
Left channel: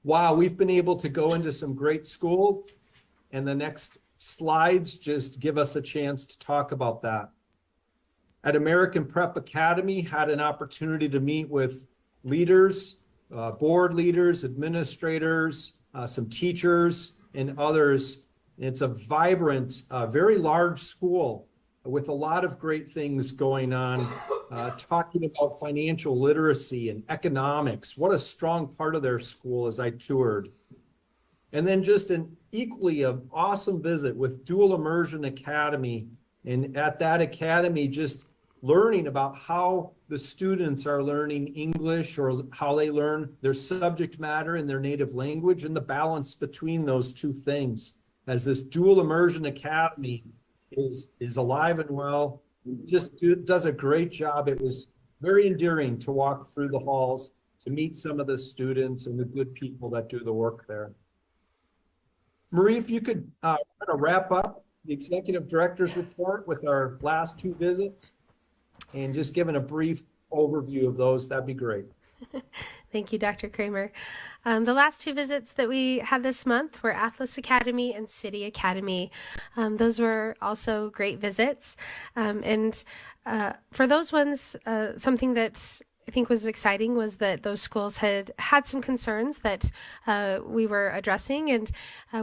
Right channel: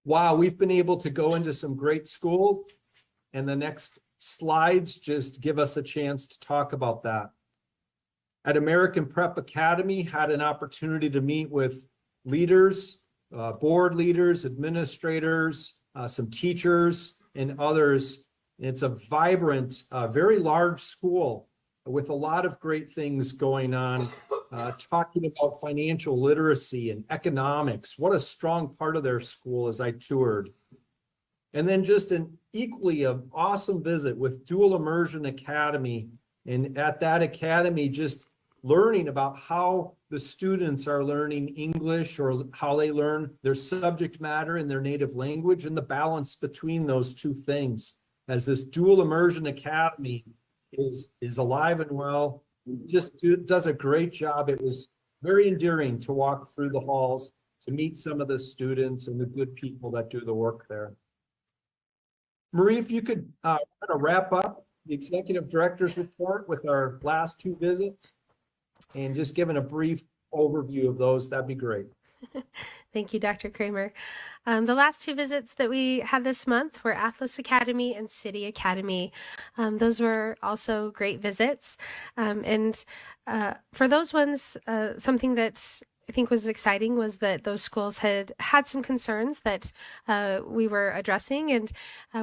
Wow, we've been able to go into some great schools, and the next slides just give us a chance to talk about that. At American Prep Academy, had an opportunity to meet with leaders, board leaders, administrators, some teachers, and others. It's a vibrant, very large school with a lot of great things going on, talking about financial literacy and economics. What a strong part of their school as I toured. And then just an equally awesome visit with Dual Immersion Academy. And at that academy, just learning about how the students are learning English or how they learn their subject matter in their native language and the balance between those two things. As this Dual Immersion Academy is alive and well, just does a great job. It was very endearing to walk through the halls, to meet some of the students and the good people that do the work there. Marie, if you could kind of wrap up the executive director's report with our last 2 visits and just giving a brief overview of those, that'd be great. Thank you, Dr. Kramer. The last 2 visits that we had this month were Atlas Academy and City Academy. Those were also great visits. For those ones, something that I think was exciting was that those schools had some concerns that we were addressing, and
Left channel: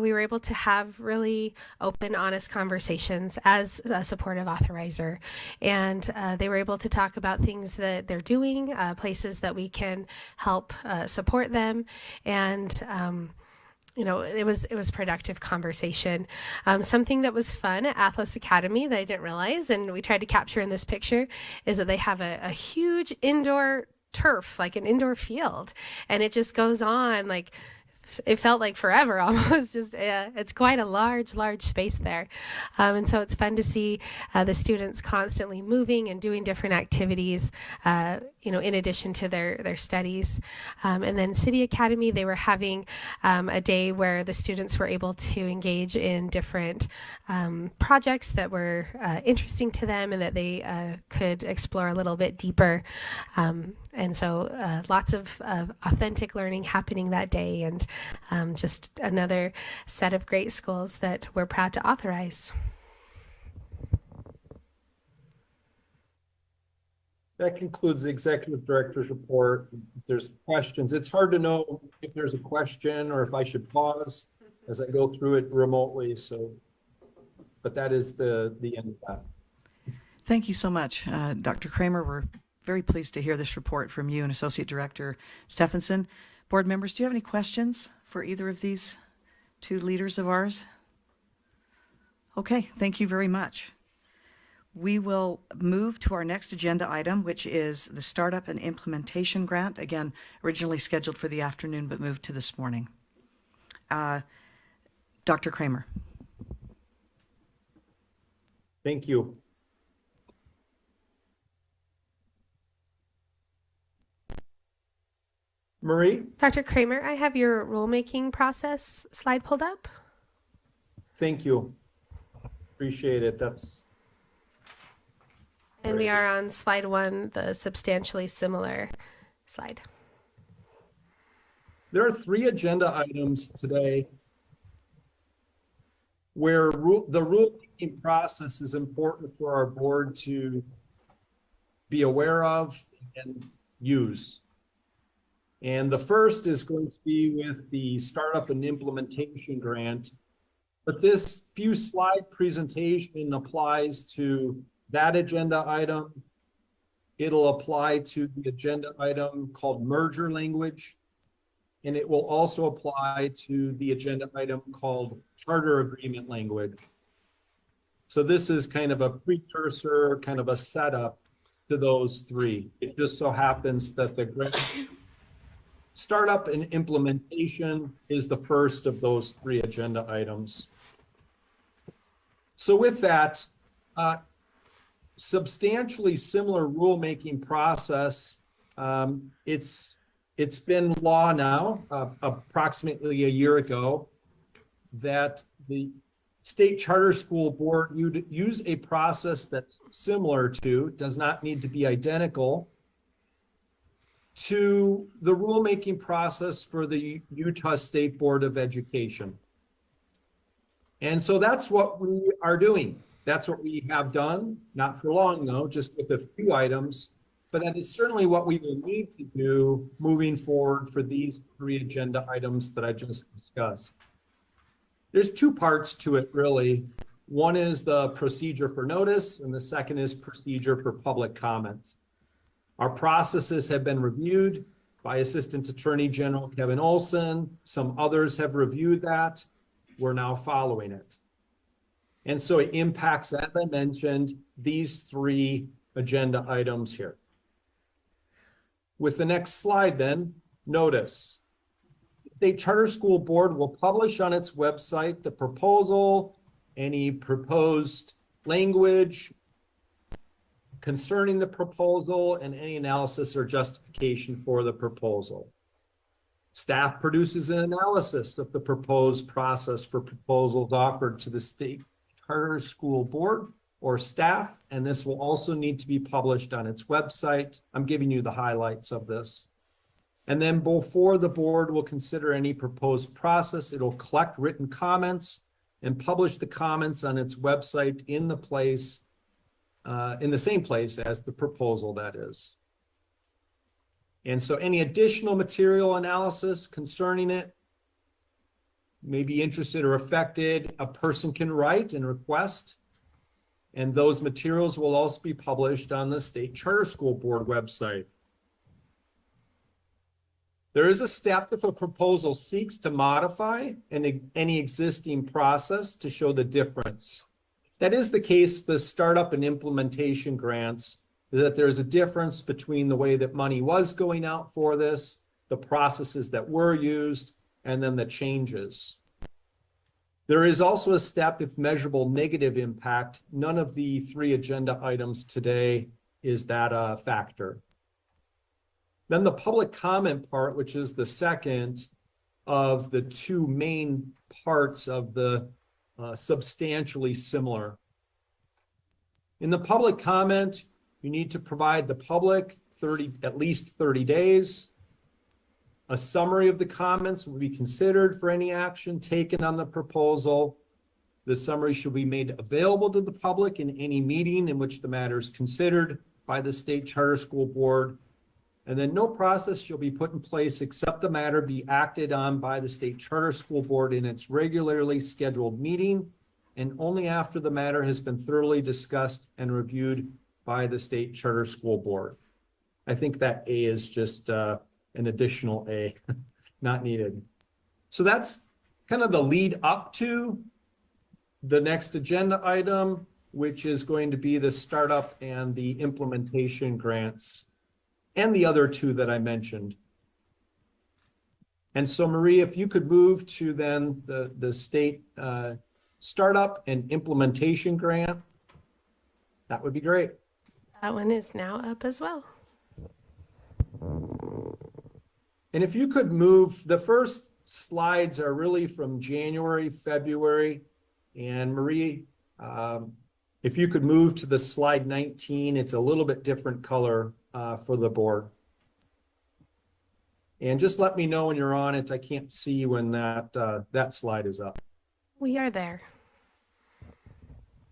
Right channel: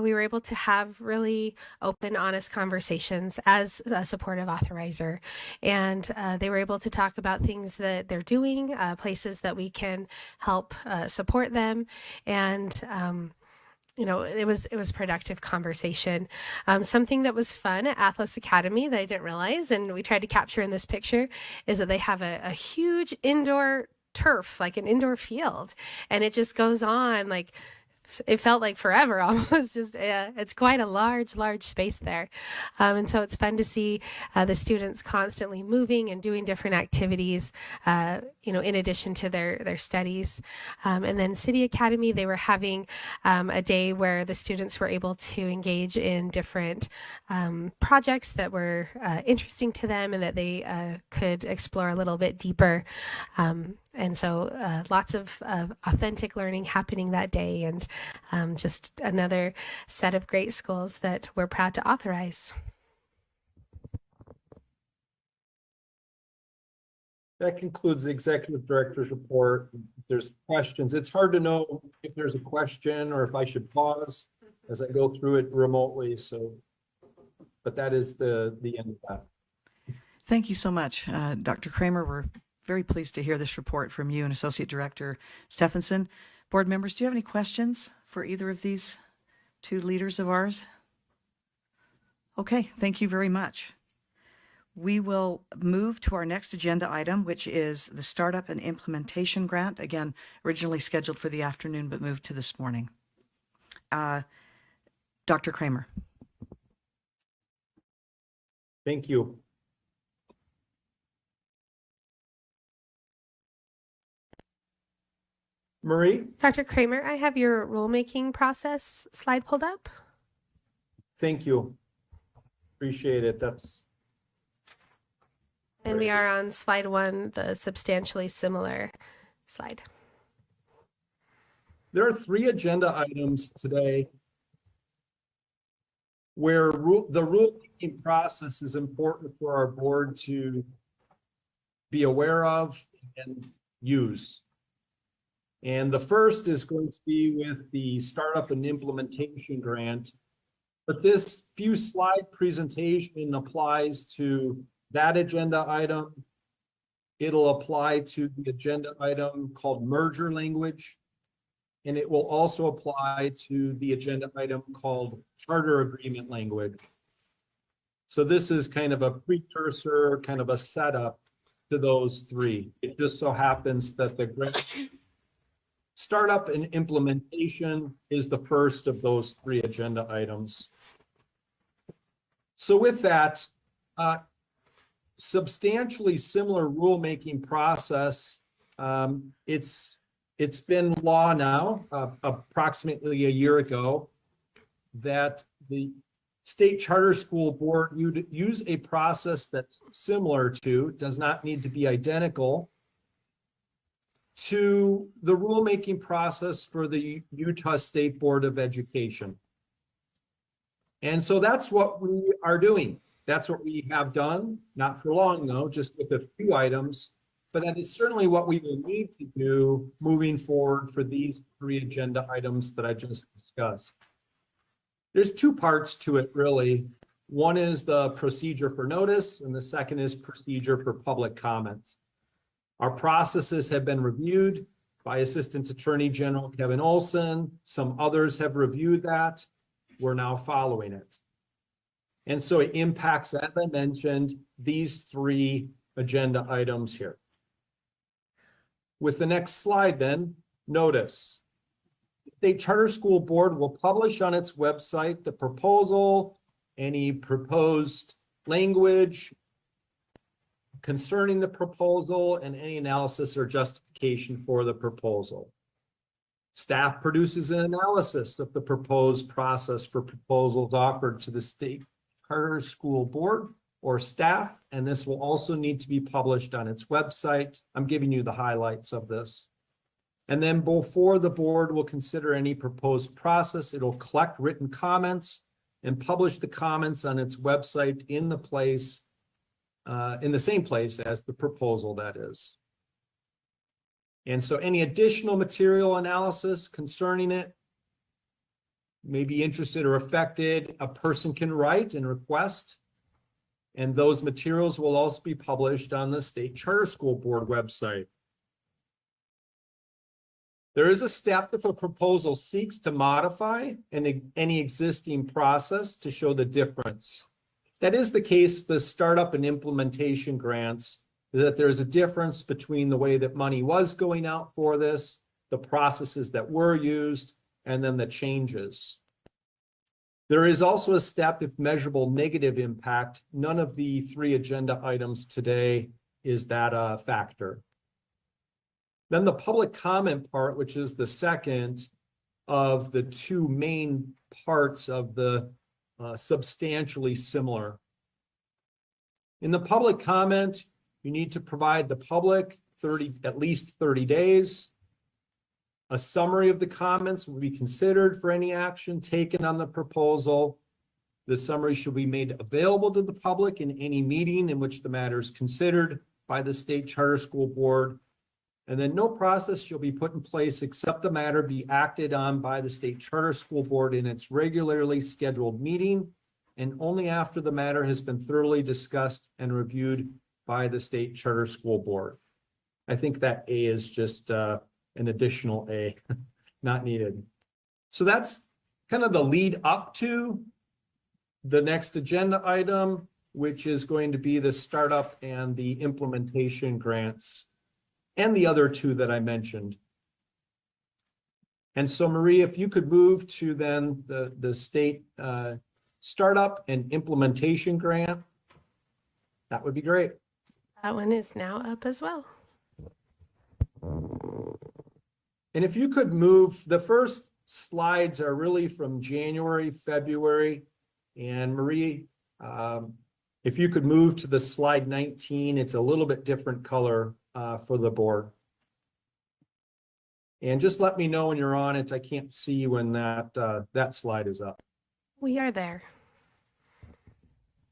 we were able to have really open, honest conversations as a supportive authorizer. And they were able to talk about things that they're doing, places that we can help support them, and it was productive conversation. Something that was fun at Atlas Academy that I didn't realize, and we tried to capture in this picture, is that they have a huge indoor turf, like an indoor field, and it just goes on like it felt like forever almost. Just it's quite a large space there, and so it's fun to see the students constantly moving and doing different activities, in addition to their studies. And then City Academy, they were having a day where the students were able to engage in different projects that were interesting to them and that they could explore a little bit deeper. And so lots of authentic learning happening that day, and just another set of great schools that we're proud to authorize. That concludes the executive director's report. If there's questions, it's hard to know if there's a question or if I should pause as I go through it remotely. So, but that is the end of that. Thank you so much, Dr. Kramer. We're very pleased to hear this report from you and Associate Director Stephenson. Board members, do you have any questions for either of these two leaders of ours? Okay, thank you very much. We will move to our next agenda item, which is the Startup and Implementation Grant. Again, originally scheduled for the afternoon, but moved to this morning. Dr. Kramer. Thank you. Marie? Dr. Kramer, I have your rulemaking process slide pulled up. Thank you. Appreciate it. And we are on slide 1, the substantially similar slide. There are 3 agenda items today where the rulemaking process is important for our board to be aware of and use. And the first is going to be with the Startup and Implementation Grant. But this few slide presentation applies to that agenda item. It'll apply to the agenda item called merger language. And it will also apply to the agenda item called charter agreement language. So this is kind of a precursor, kind of a setup to those 3. It just so happens that the grant Startup and Implementation is the first of those 3 agenda items. So with that, substantially similar rulemaking process. It's been law now, approximately a year ago, that the State Charter School Board use a process that's similar to, does not need to be identical, to the rulemaking process for the Utah State Board of Education. And so that's what we are doing. That's what we have done, not for long though, just with a few items, but that is certainly what we will need to do moving forward for these 3 agenda items that I just discussed. There's 2 parts to it really. One is the procedure for notice, and the second is procedure for public comments. Our processes have been reviewed by Assistant Attorney General Kevin Olson. Some others have reviewed that. We're now following it. And so it impacts, as I mentioned, these 3 agenda items here. With the next slide then, notice. The State Charter School Board will publish on its website the proposal, any proposed language concerning the proposal, and any analysis or justification for the proposal. Staff produces an analysis of the proposed process for proposals offered to the State Charter School Board or staff, and this will also need to be published on its website. I'm giving you the highlights of this. And then before the board will consider any proposed process, it'll collect written comments and publish the comments on its website in the same place as the proposal, that is. And so any additional material analysis concerning it may be interested or affected, a person can write and request, and those materials will also be published on the State Charter School Board website. There is a step if a proposal seeks to modify any existing process to show the difference. That is the case with the Startup and Implementation Grants. is that there's a difference between the way that money was going out for this, the processes that were used, and then the changes. There is also a step if measurable negative impact. None of the 3 agenda items today is that a factor. Then the public comment part, which is the second of the 2 main parts of the substantially similar. In the public comment, you need to provide the public at least 30 days. A summary of the comments will be considered for any action taken on the proposal. The summary should be made available to the public in any meeting in which the matter is considered by the State Charter School Board. And then no process shall be put in place except the matter be acted on by the State Charter School Board in its regularly scheduled meeting, and only after the matter has been thoroughly discussed and reviewed by the State Charter School Board. I think that A is just an additional A, not needed. So that's kind of the lead up to the next agenda item, which is going to be the startup and the implementation grants, and the other 2 that I mentioned. And so Marie, if you could move to then the state startup and implementation grant, that would be great. That one is now up as well. And if you could move, the first slides are really from January, February, and Marie, if you could move to the slide 19, it's a little bit different color for the board. And just let me know when you're on it. I can't see when that slide is up. We are there.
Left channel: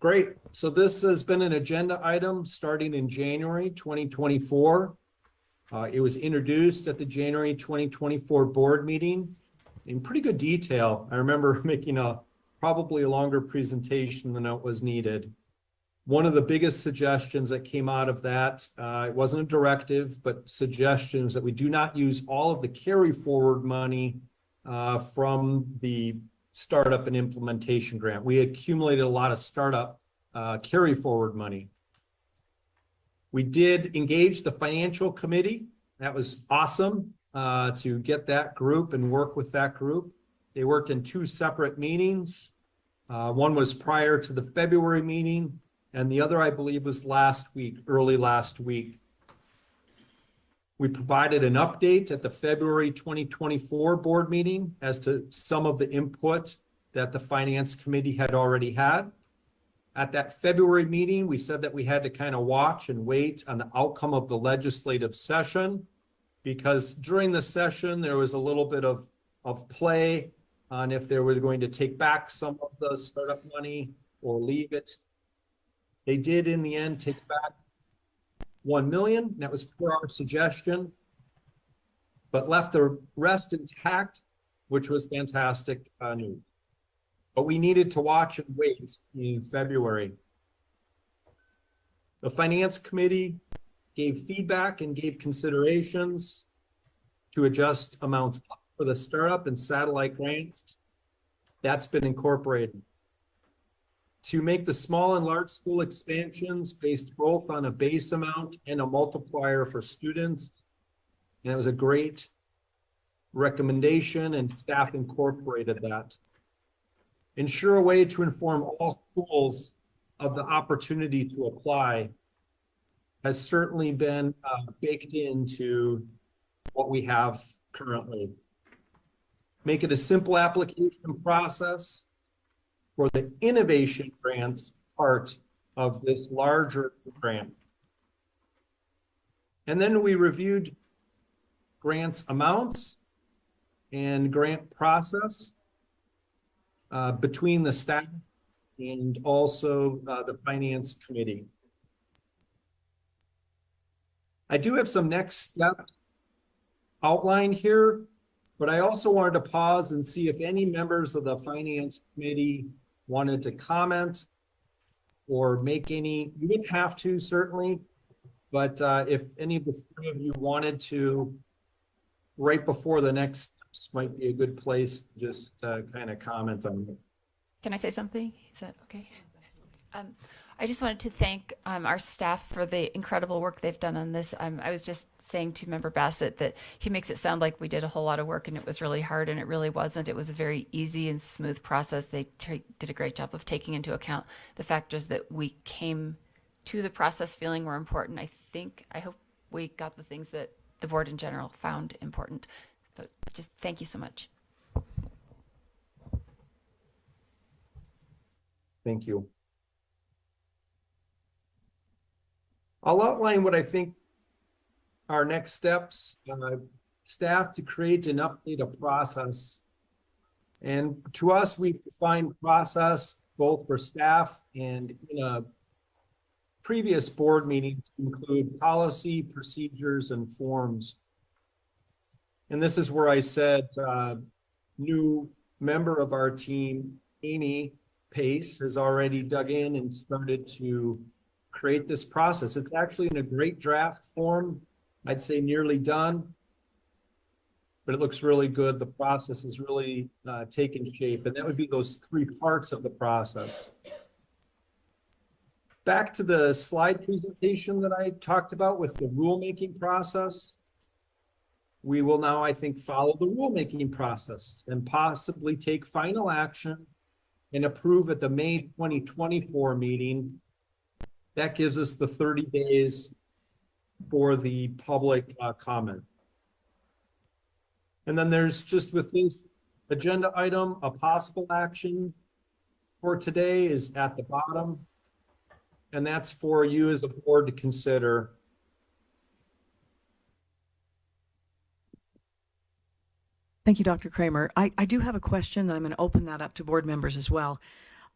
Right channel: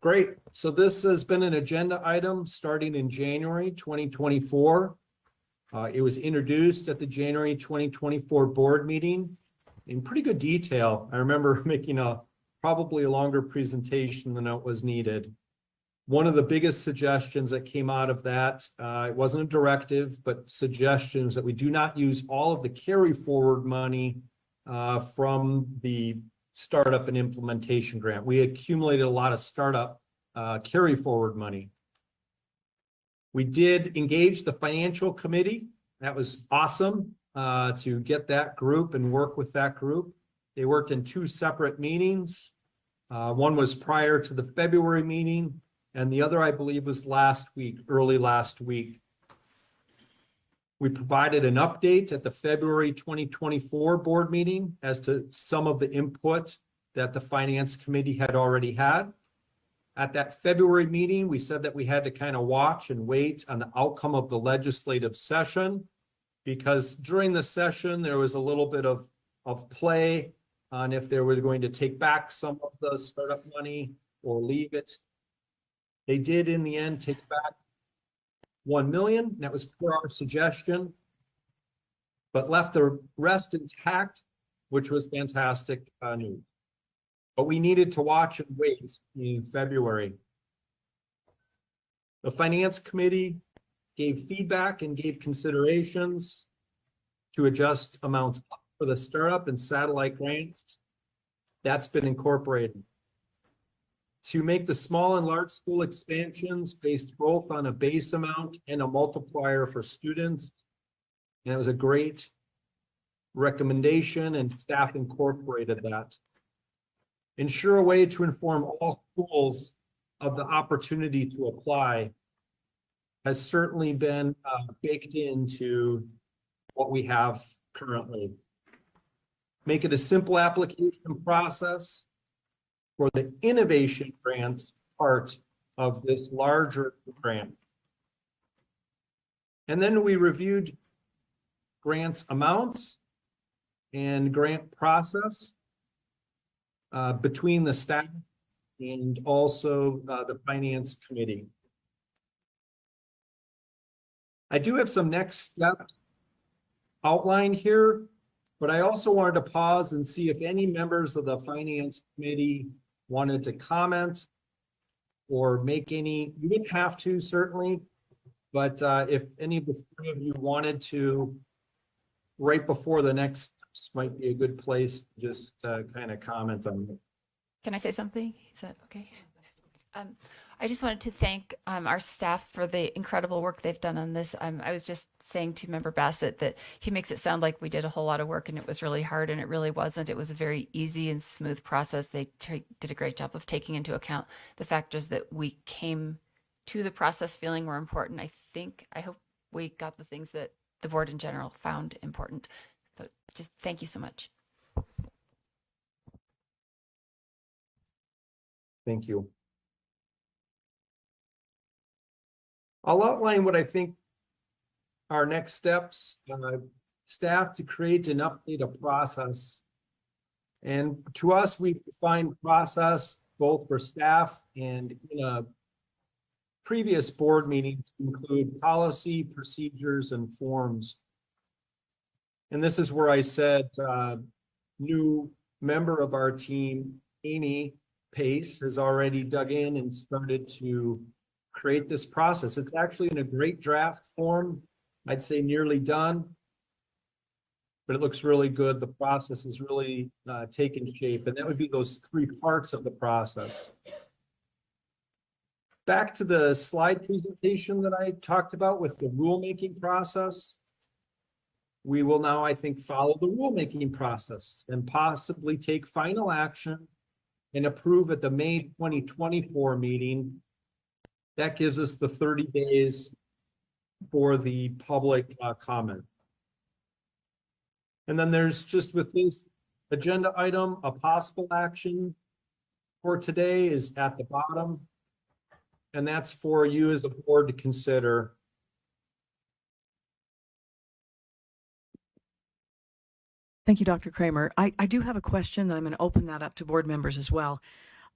Great. So this has been an agenda item starting in January 2024. It was introduced at the January 2024 board meeting in pretty good detail. I remember making probably a longer presentation than it was needed. One of the biggest suggestions that came out of that, it wasn't a directive, but suggestions that we do not use all of the carry forward money from the startup and implementation grant. We accumulated a lot of startup carry forward money. We did engage the financial committee. That was awesome to get that group and work with that group. They worked in 2 separate meetings. One was prior to the February meeting, and the other, I believe, was early last week. We provided an update at the February 2024 board meeting as to some of the input that the finance committee had already had. At that February meeting, we said that we had to kind of watch and wait on the outcome of the legislative session, because during the session, there was a little bit of play on if they were going to take back some of the startup money or leave it. They did, in the end, take back $1 million. That was per our suggestion, but left the rest intact, which was fantastic news. But we needed to watch and wait in February. The finance committee gave feedback and gave considerations to adjust amounts up for the startup and satellite grants. That's been incorporated. To make the small and large school expansions based both on a base amount and a multiplier for students. And it was a great recommendation, and staff incorporated that. Ensure a way to inform all schools of the opportunity to apply has certainly been baked into what we have currently. Make it a simple application process for the innovation grants part of this larger grant. And then we reviewed grants amounts and grant process between the staff and also the finance committee. I do have some next steps outlined here, but I also wanted to pause and see if any members of the finance committee wanted to comment or make any. You didn't have to, certainly, but if any of the 3 of you wanted to, right before the next steps might be a good place to just kind of comment on it. Can I say something? Is that okay? I just wanted to thank our staff for the incredible work they've done on this. I was just saying to Member Bassett that he makes it sound like we did a whole lot of work and it was really hard, and it really wasn't. It was a very easy and smooth process. They did a great job of taking into account the factors that we came to the process feeling were important. I hope we got the things that the board in general found important. But just thank you so much. Thank you. I'll outline what I think our next steps, staff to create and update a process. And to us, we defined process both for staff and in a previous board meeting to include policy, procedures, and forms. And this is where I said, new member of our team, Amy Pace, has already dug in and started to create this process. It's actually in a great draft form. I'd say nearly done, but it looks really good. The process is really taken shape, and that would be those three parts of the process. Back to the slide presentation that I talked about with the rulemaking process. We will now, I think, follow the rulemaking process and possibly take final action and approve at the May 2024 meeting. That gives us the 30 days for the public comment. And then there's just with this agenda item, a possible action for today is at the bottom. And that's for you as a board to consider. Thank you, Dr. Kramer. I do have a question, and I'm going to open that up to board members as well.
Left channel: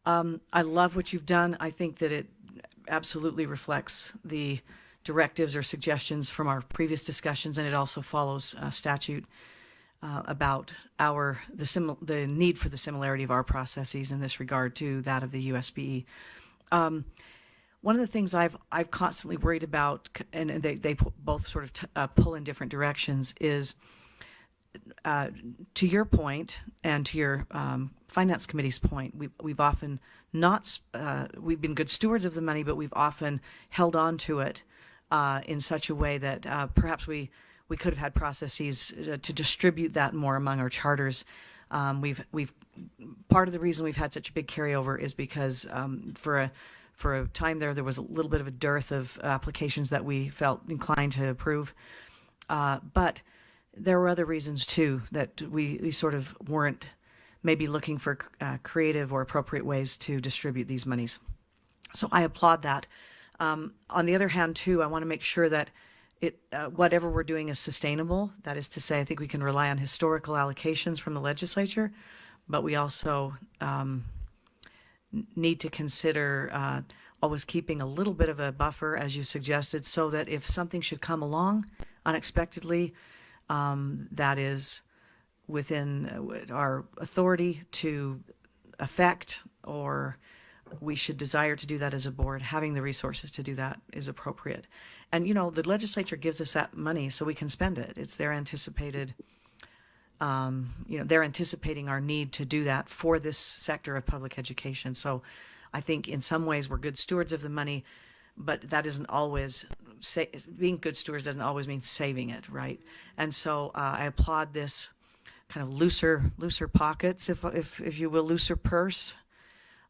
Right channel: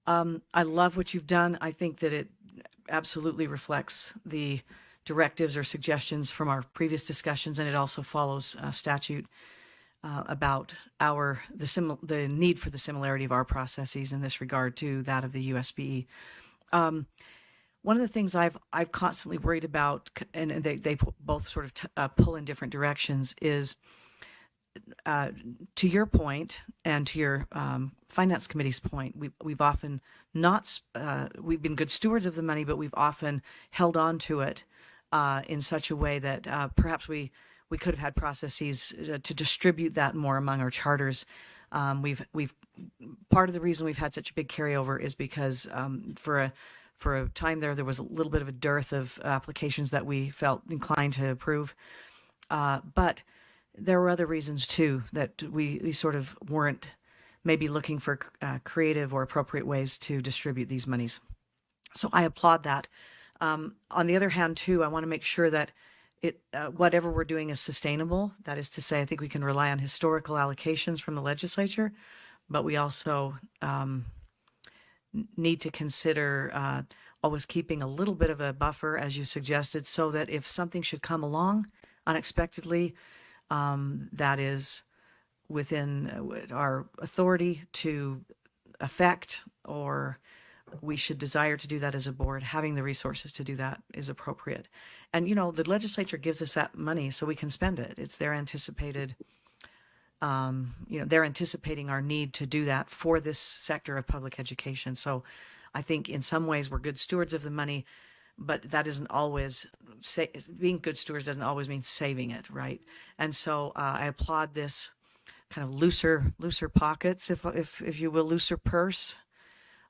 I love what you've done. I think that it absolutely reflects the directives or suggestions from our previous discussions, and it also follows statute about the need for the similarity of our processes in this regard to that of the USBE. One of the things I've constantly worried about, and they both sort of pull in different directions, is to your point and to your finance committee's point, we've often not we've been good stewards of the money, but we've often held on to it in such a way that perhaps we could have had processes to distribute that more among our charters. We've part of the reason we've had such a big carryover is because for a time there was a little bit of a dearth of applications that we felt inclined to approve, but there were other reasons too that we sort of weren't maybe looking for creative or appropriate ways to distribute these monies. So I applaud that. On the other hand too, I want to make sure that whatever we're doing is sustainable. That is to say, I think we can rely on historical allocations from the legislature, but we also need to consider always keeping a little bit of a buffer, as you suggested, so that if something should come along unexpectedly, that is within our authority to affect, or we should desire to do that as a board, having the resources to do that is appropriate. And, you know, the legislature gives us that money so we can spend it. It's their anticipated, they're anticipating our need to do that for this sector of public education. So I think in some ways we're good stewards of the money, but that isn't always, being good stewards doesn't always mean saving it, right? And so I applaud this kind of looser pockets, if you will, looser purse.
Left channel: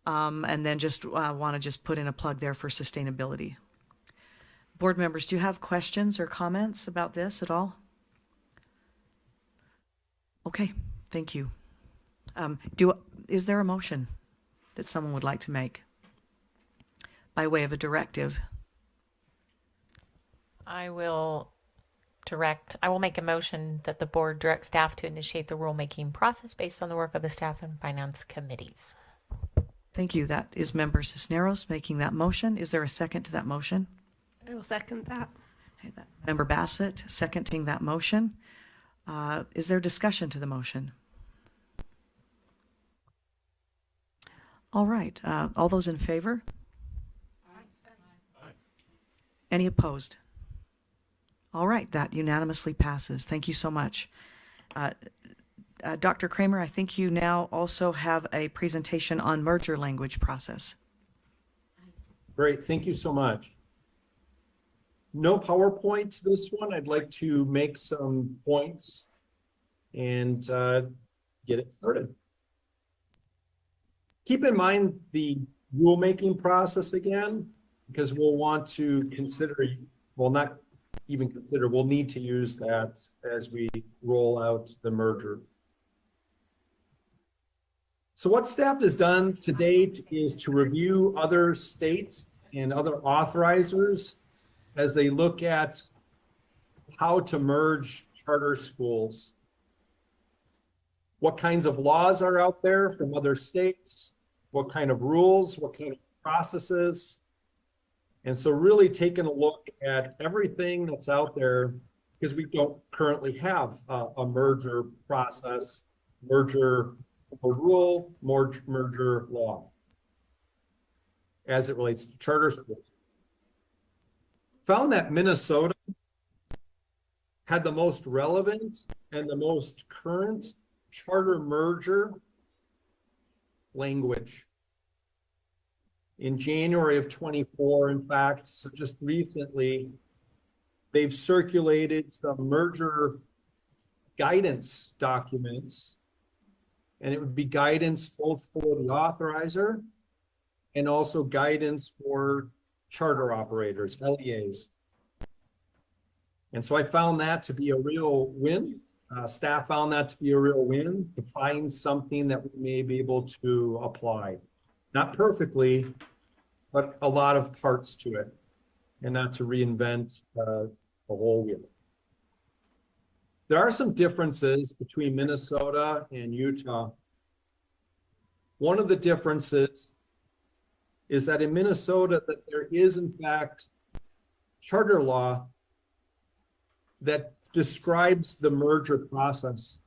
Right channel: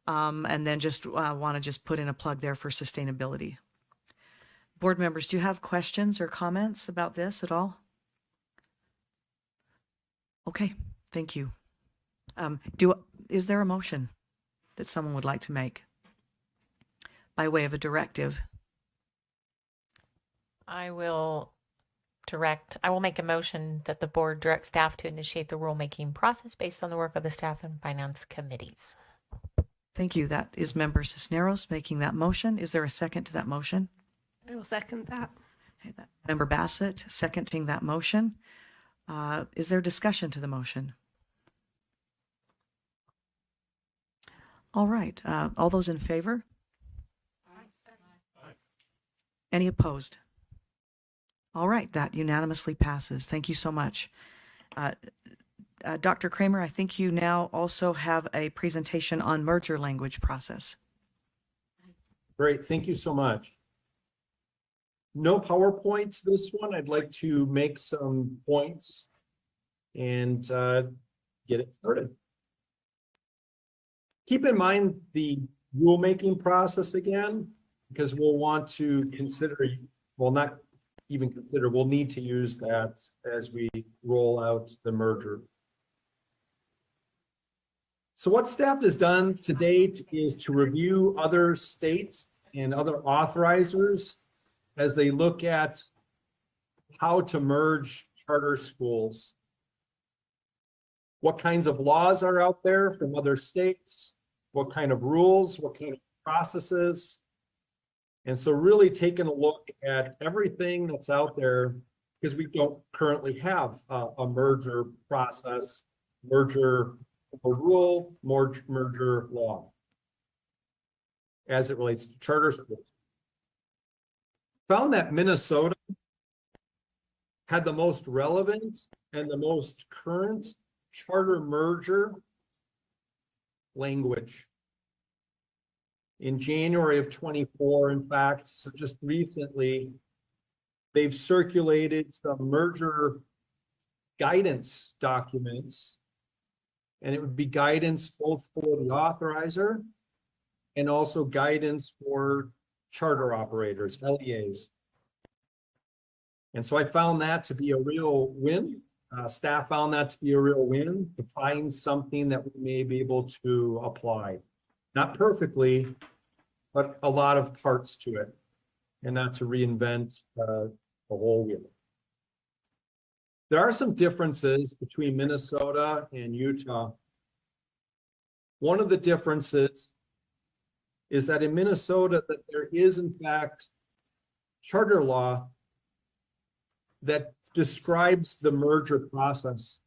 And then just want to just put in a plug there for sustainability. Board members, do you have questions or comments about this at all? Okay, thank you. Is there a motion that someone would like to make by way of a directive? I will make a motion that the board direct staff to initiate the rulemaking process based on the work of the staff and finance committees. Thank you. That is Member Cisneros making that motion. Is there a second to that motion? I will second that. Okay, Member Bassett seconding that motion. Is there discussion to the motion? All right. All those in favor? Any opposed? All right. That unanimously passes. Thank you so much. Dr. Kramer, I think you now also have a presentation on merger language process. Great, thank you so much. No PowerPoint this one. I'd like to make some points and get it started. Keep in mind the rulemaking process again, because we'll want to consider, well, not even consider, we'll need to use that as we roll out the merger. So what staff has done to date is to review other states and other authorizers as they look at how to merge charter schools. What kinds of laws are out there from other states? What kind of rules? What kind of processes? And so really taking a look at everything that's out there, because we don't currently have a merger process, merger rule, merger law as it relates to charter schools. Found that Minnesota had the most relevant and the most current charter merger language. In January of 24, in fact, so just recently, they've circulated some merger guidance documents, and it would be guidance both for the authorizer and also guidance for charter operators, LEAs. And so I found that to be a real win. Staff found that to be a real win, to find something that we may be able to apply. Not perfectly, but a lot of parts to it, and not to reinvent the whole wheel. There are some differences between Minnesota and Utah. One of the differences is that in Minnesota, that there is in fact charter law that describes the merger process.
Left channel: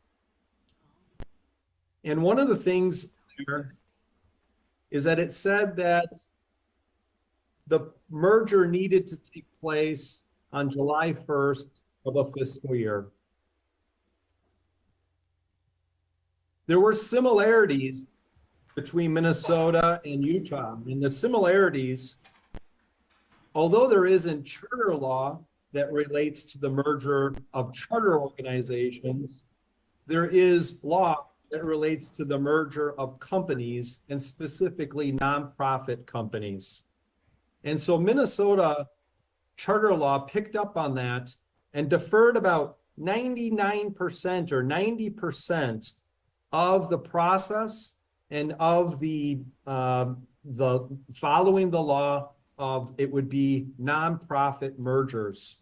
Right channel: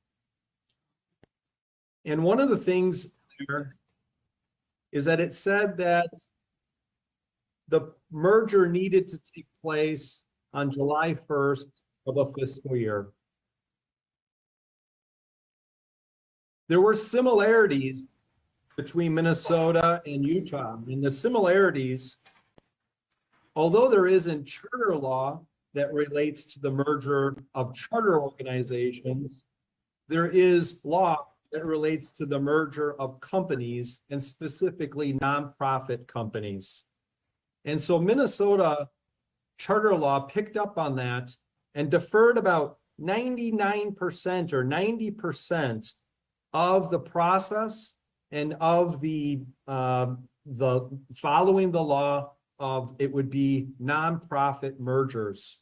And one of the things there is that it said that the merger needed to take place on July 1st of a fiscal year. There were similarities between Minnesota and Utah. And the similarities, although there isn't charter law that relates to the merger of charter organizations, there is law that relates to the merger of companies, and specifically nonprofit companies. And so Minnesota charter law picked up on that and deferred about 99% or 90% of the process and of the following the law of, it would be nonprofit mergers.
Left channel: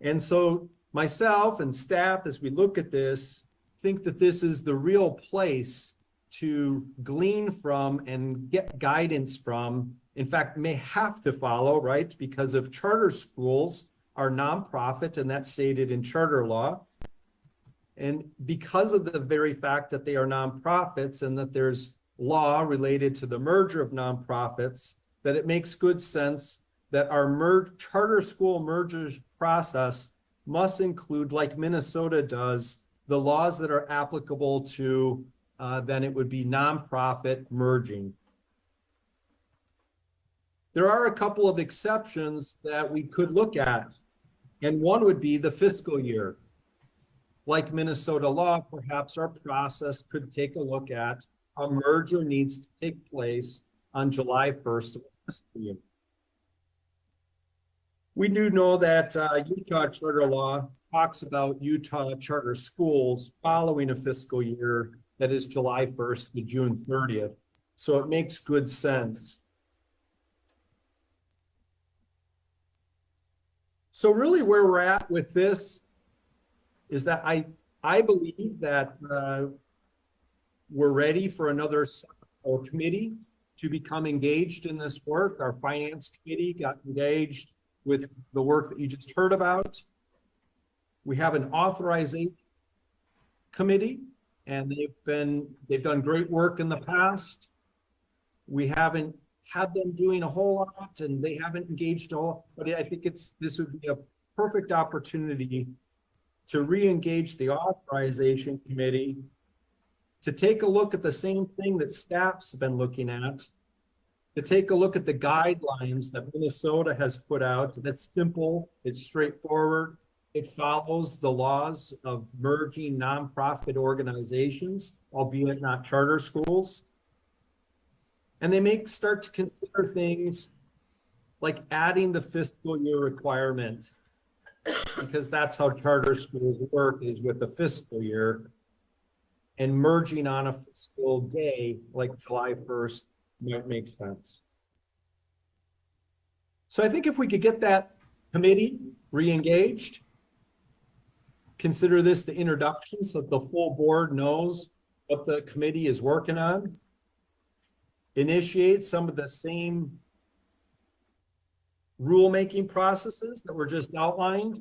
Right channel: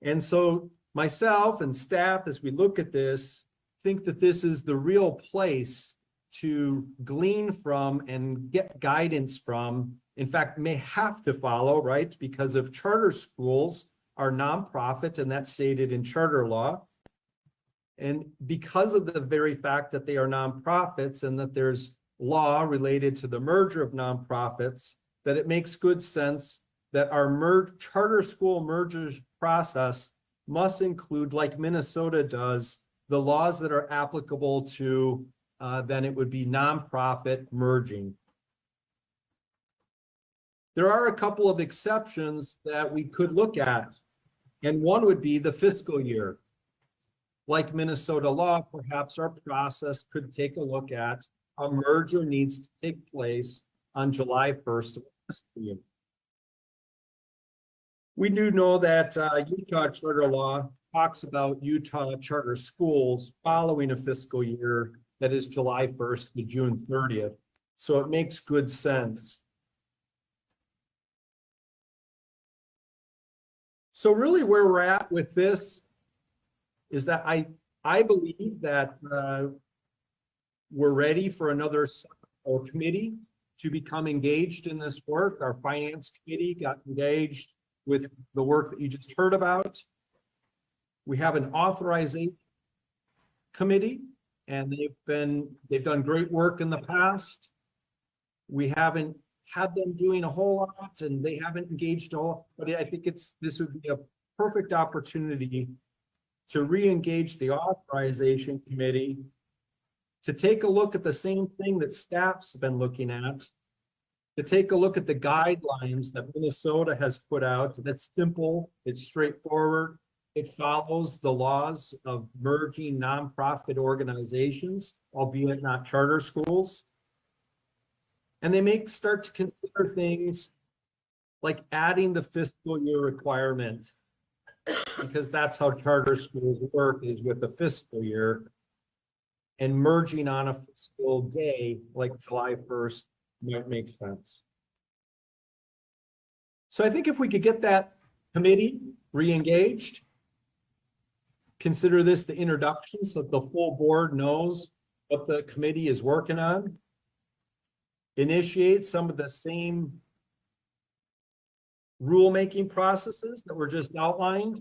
And so myself and staff, as we look at this, think that this is the real place to glean from and get guidance from. In fact, may have to follow, right? Because if charter schools are nonprofit, and that's stated in charter law, and because of the very fact that they are nonprofits and that there's law related to the merger of nonprofits, that it makes good sense that our charter school mergers process must include, like Minnesota does, the laws that are applicable to, then it would be nonprofit merging. There are a couple of exceptions that we could look at, and one would be the fiscal year. Like Minnesota law, perhaps our process could take a look at a merger needs to take place on July 1st of the fiscal year. We do know that Utah charter law talks about Utah charter schools following a fiscal year that is July 1st to June 30th. So it makes good sense. So really where we're at with this is that I believe that we're ready for another committee to become engaged in this work. Our finance committee got engaged with the work that you just heard about. We have an authorization committee, and they've done great work in the past. We haven't had them doing a whole lot, and they haven't engaged all, but I think this would be a perfect opportunity to re-engage the authorization committee, to take a look at the same thing that staff's been looking at, to take a look at the guidelines that Minnesota has put out. That's simple, it's straightforward. It follows the laws of merging nonprofit organizations, albeit not charter schools. And they start to consider things like adding the fiscal year requirement, because that's how charter schools work, is with the fiscal year, and merging on a fiscal day like July 1st might make sense. So I think if we could get that committee re-engaged, consider this the introduction so that the full board knows what the committee is working on, initiate some of the same rulemaking processes that were just outlined,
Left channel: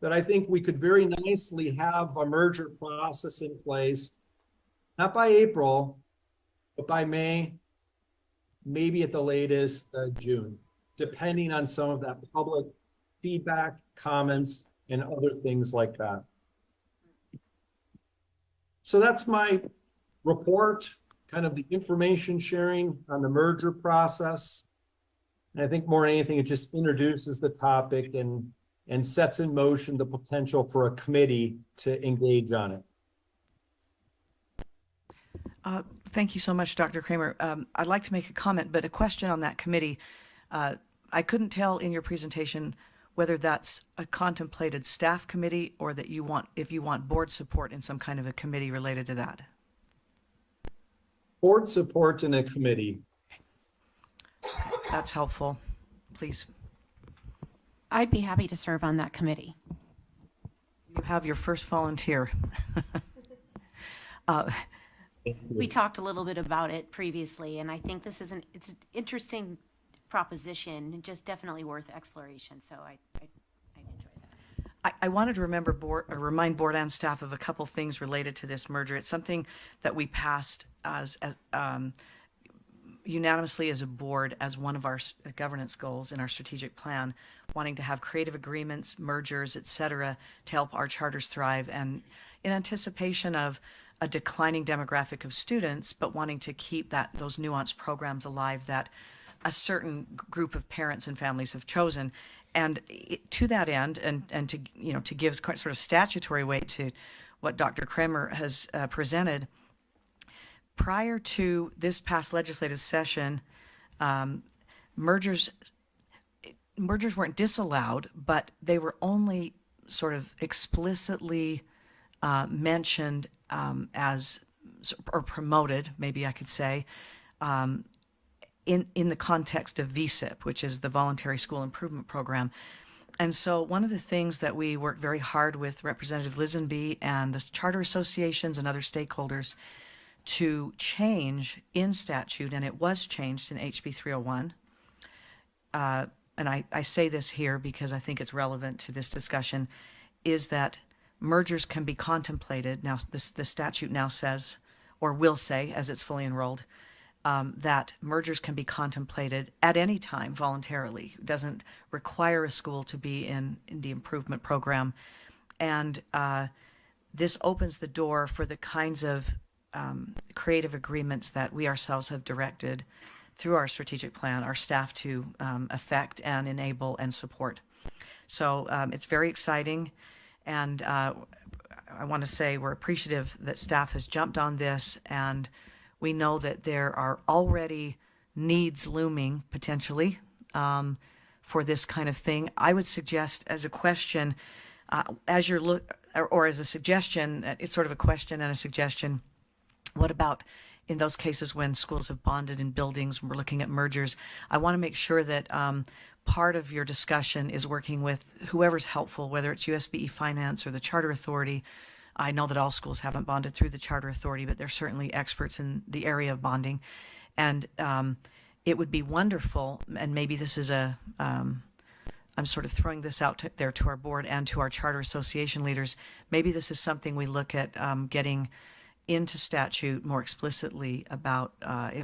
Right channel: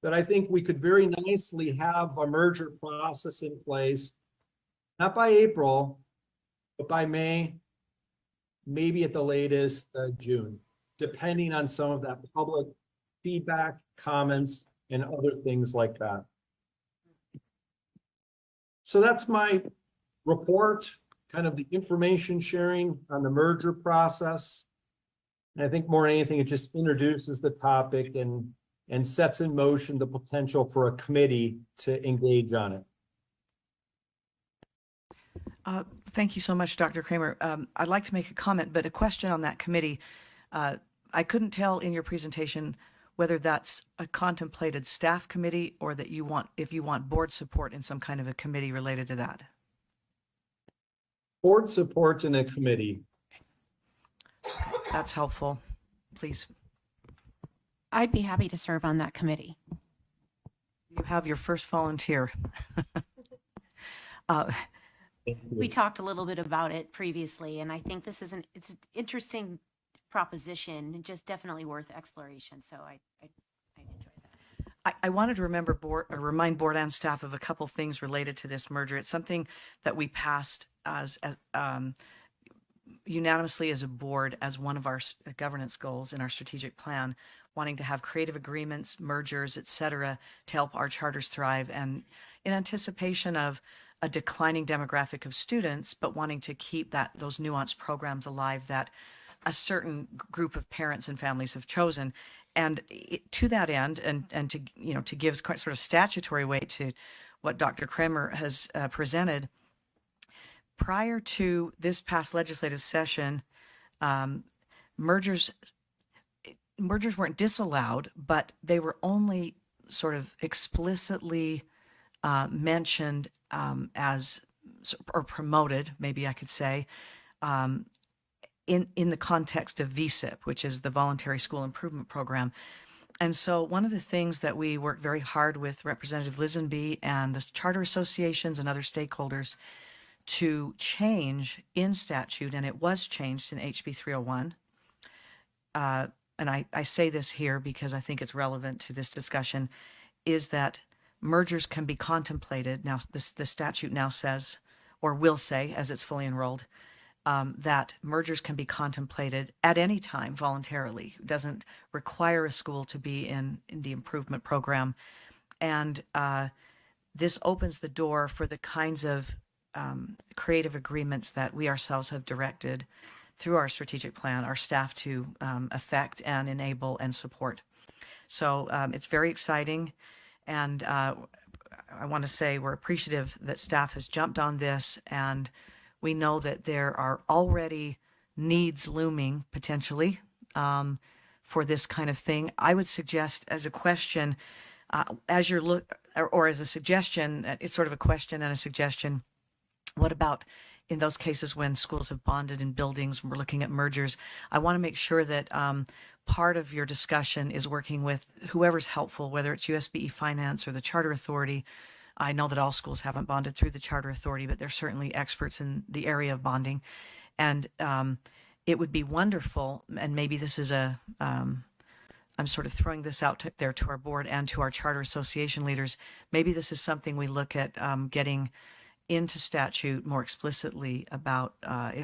that I think we could very nicely have a merger process in place, not by April, but by May, maybe at the latest June, depending on some of that public feedback, comments, and other things like that. So that's my report, kind of the information sharing on the merger process. And I think more than anything, it just introduces the topic and sets in motion the potential for a committee to engage on it. Thank you so much, Dr. Kramer. I'd like to make a comment, but a question on that committee. I couldn't tell in your presentation whether that's a contemplated staff committee or that if you want board support in some kind of a committee related to that. Board support in a committee. That's helpful. Please. I'd be happy to serve on that committee. You have your first volunteer. We talked a little bit about it previously, and I think it's an interesting proposition, just definitely worth exploration. So I enjoy that. I wanted to remind board and staff of a couple things related to this merger. It's something that we passed as unanimously as a board as one of our governance goals in our strategic plan, wanting to have creative agreements, mergers, etc., to help our charters thrive, and in anticipation of a declining demographic of students, but wanting to keep those nuanced programs alive that a certain group of parents and families have chosen. And to that end, and to give sort of statutory weight to what Dr. Kramer has presented, prior to this past legislative session, mergers weren't disallowed, but they were only sort of explicitly mentioned or promoted, maybe I could say, in the context of VSIP, which is the Voluntary School Improvement Program. And so one of the things that we worked very hard with Representative Lisenby and the charter associations and other stakeholders to change in statute, and it was changed in HB 301, and I say this here because I think it's relevant to this discussion, is that mergers can be contemplated. Now, the statute now says, or will say, as it's fully enrolled, that mergers can be contemplated at any time voluntarily. It doesn't require a school to be in the improvement program. And this opens the door for the kinds of creative agreements that we ourselves have directed through our strategic plan, our staff to affect and enable and support. So it's very exciting. And I want to say we're appreciative that staff has jumped on this, and we know that there are already needs looming potentially for this kind of thing. I would suggest as a question, as you're or as a suggestion, it's sort of a question and a suggestion. What about in those cases when schools have bonded in buildings, we're looking at mergers? I want to make sure that part of your discussion is working with whoever's helpful, whether it's USBE Finance or the Charter Authority. I know that all schools haven't bonded through the Charter Authority, but they're certainly experts in the area of bonding. And it would be wonderful, and maybe this is I'm sort of throwing this out there to our board and to our charter association leaders. Maybe this is something we look at getting into statute more explicitly about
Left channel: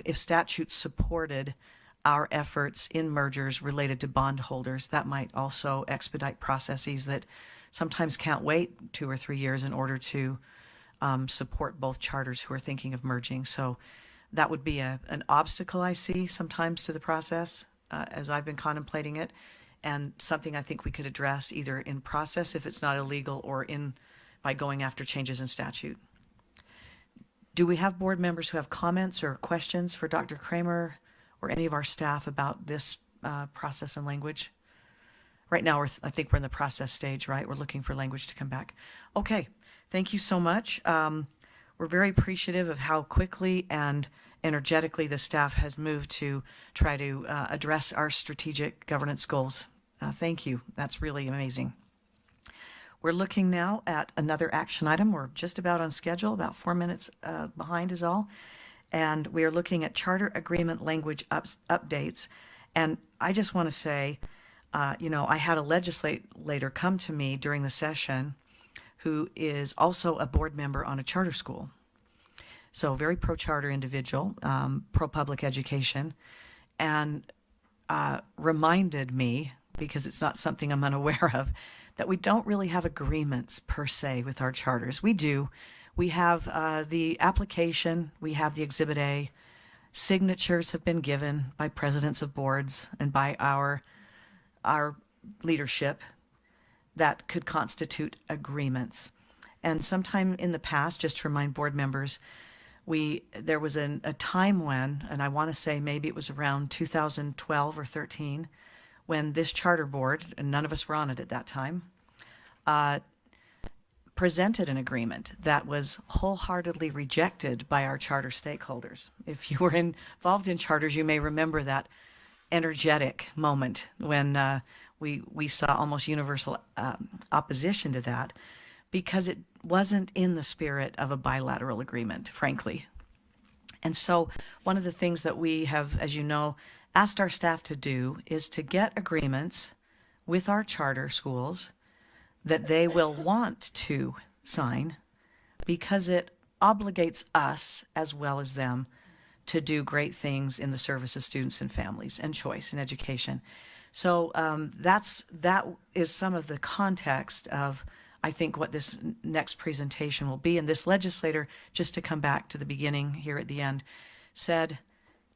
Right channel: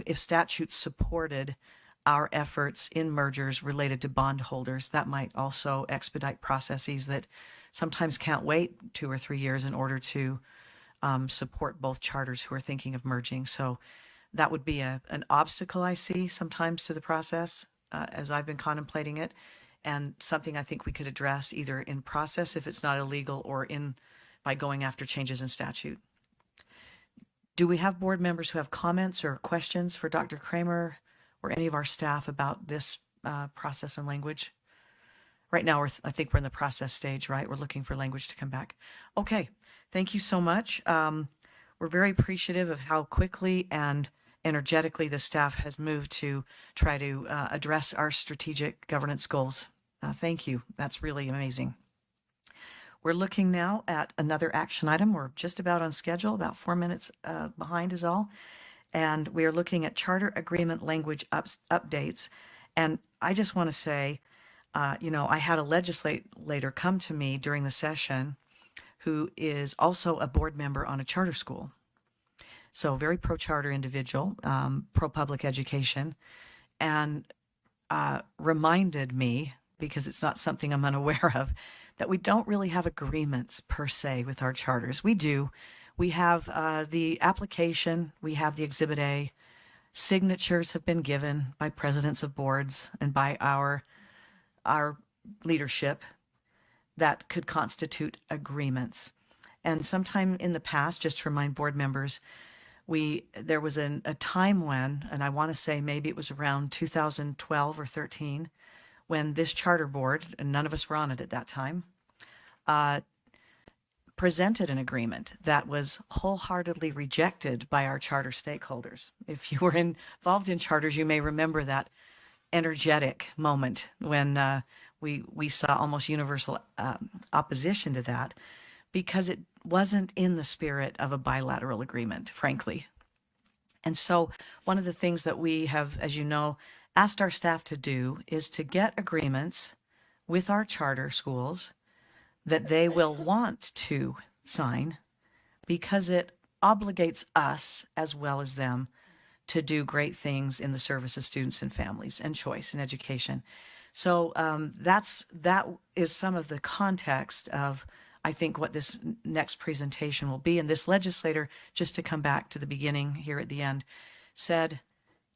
if statute supported our efforts in mergers related to bondholders. That might also expedite processes that sometimes can't wait 2 or 3 years in order to support both charters who are thinking of merging. So That would be an obstacle I see sometimes to the process as I've been contemplating it, and something I think we could address either in process if it's not illegal or by going after changes in statute. Do we have board members who have comments or questions for Dr. Kramer or any of our staff about this process and language? Right now, I think we're in the process stage, right? We're looking for language to come back. Okay, thank you so much. We're very appreciative of how quickly and energetically the staff has moved to try to address our strategic governance goals. Thank you. That's really amazing. We're looking now at another action item. We're just about on schedule, about 4 minutes behind is all. And we are looking at charter agreement language updates. And I just want to say, I had a legislator come to me during the session who is also a board member on a charter school. So very pro-charter individual, pro-public education, and reminded me, because it's not something I'm unaware of, that we don't really have agreements per se with our charters. We do. We have the application, we have the Exhibit A, signatures have been given by presidents of boards and by our leadership that could constitute agreements. And sometime in the past, just to remind board members, there was a time when, and I want to say maybe it was around 2012 or 13, when this charter board, and none of us were on it at that time, presented an agreement that was wholeheartedly rejected by our charter stakeholders. If you were involved in charters, you may remember that energetic moment when we saw almost universal opposition to that, because it wasn't in the spirit of a bilateral agreement, frankly. And so one of the things that we have, as you know, asked our staff to do is to get agreements with our charter schools that they will want to sign, because it obligates us as well as them to do great things in the service of students and families and choice and education. So that is some of the context of, I think, what this next presentation will be. And this legislator, just to come back to the beginning here at the end, said,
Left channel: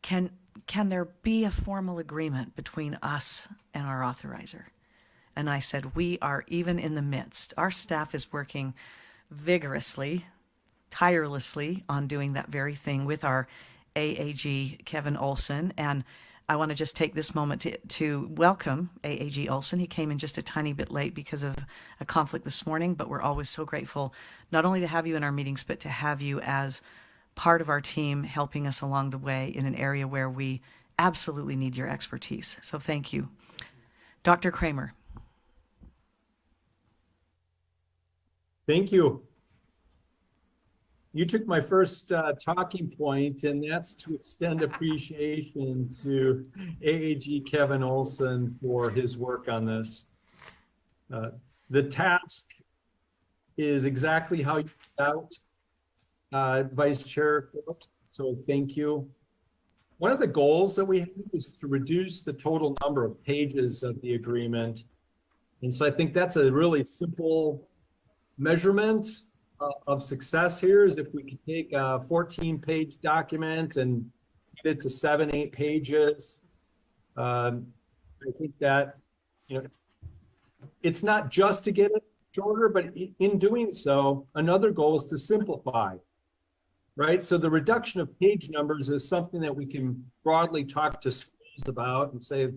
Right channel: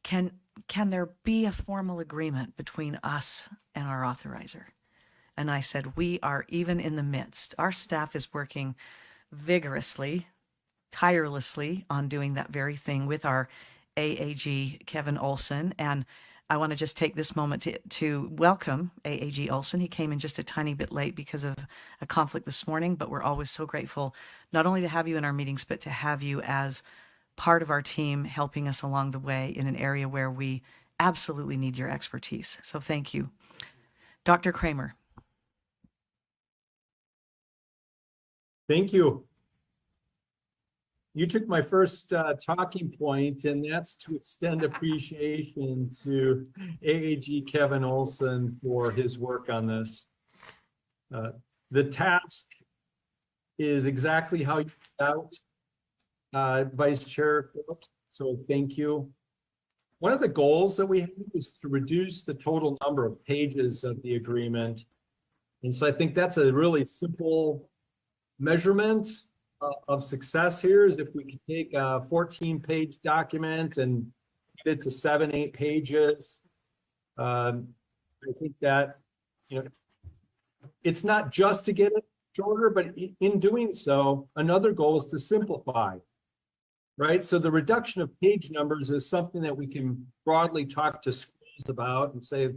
can there be a formal agreement between us and our authorizer? And I said, we are even in the midst. Our staff is working vigorously, tirelessly on doing that very thing with our AAG, Kevin Olson. And I want to just take this moment to welcome AAG Olson. He came in just a tiny bit late because of a conflict this morning, but we're always so grateful not only to have you in our meetings, but to have you as part of our team helping us along the way in an area where we absolutely need your expertise. So thank you. Dr. Kramer. Thank you. You took my first talking point, and that's to extend appreciation to AAG Kevin Olson for his work on this. The task is exactly how you put out, Vice Chair Phillips, so thank you. One of the goals that we have is to reduce the total number of pages of the agreement. And so I think that's a really simple measurement of success here, is if we could take a 14-page document and get it to 7-8 pages. I think that, it's not just to get it shorter, but in doing so, another goal is to simplify, right? So the reduction of page numbers is something that we can broadly talk to schools about and say,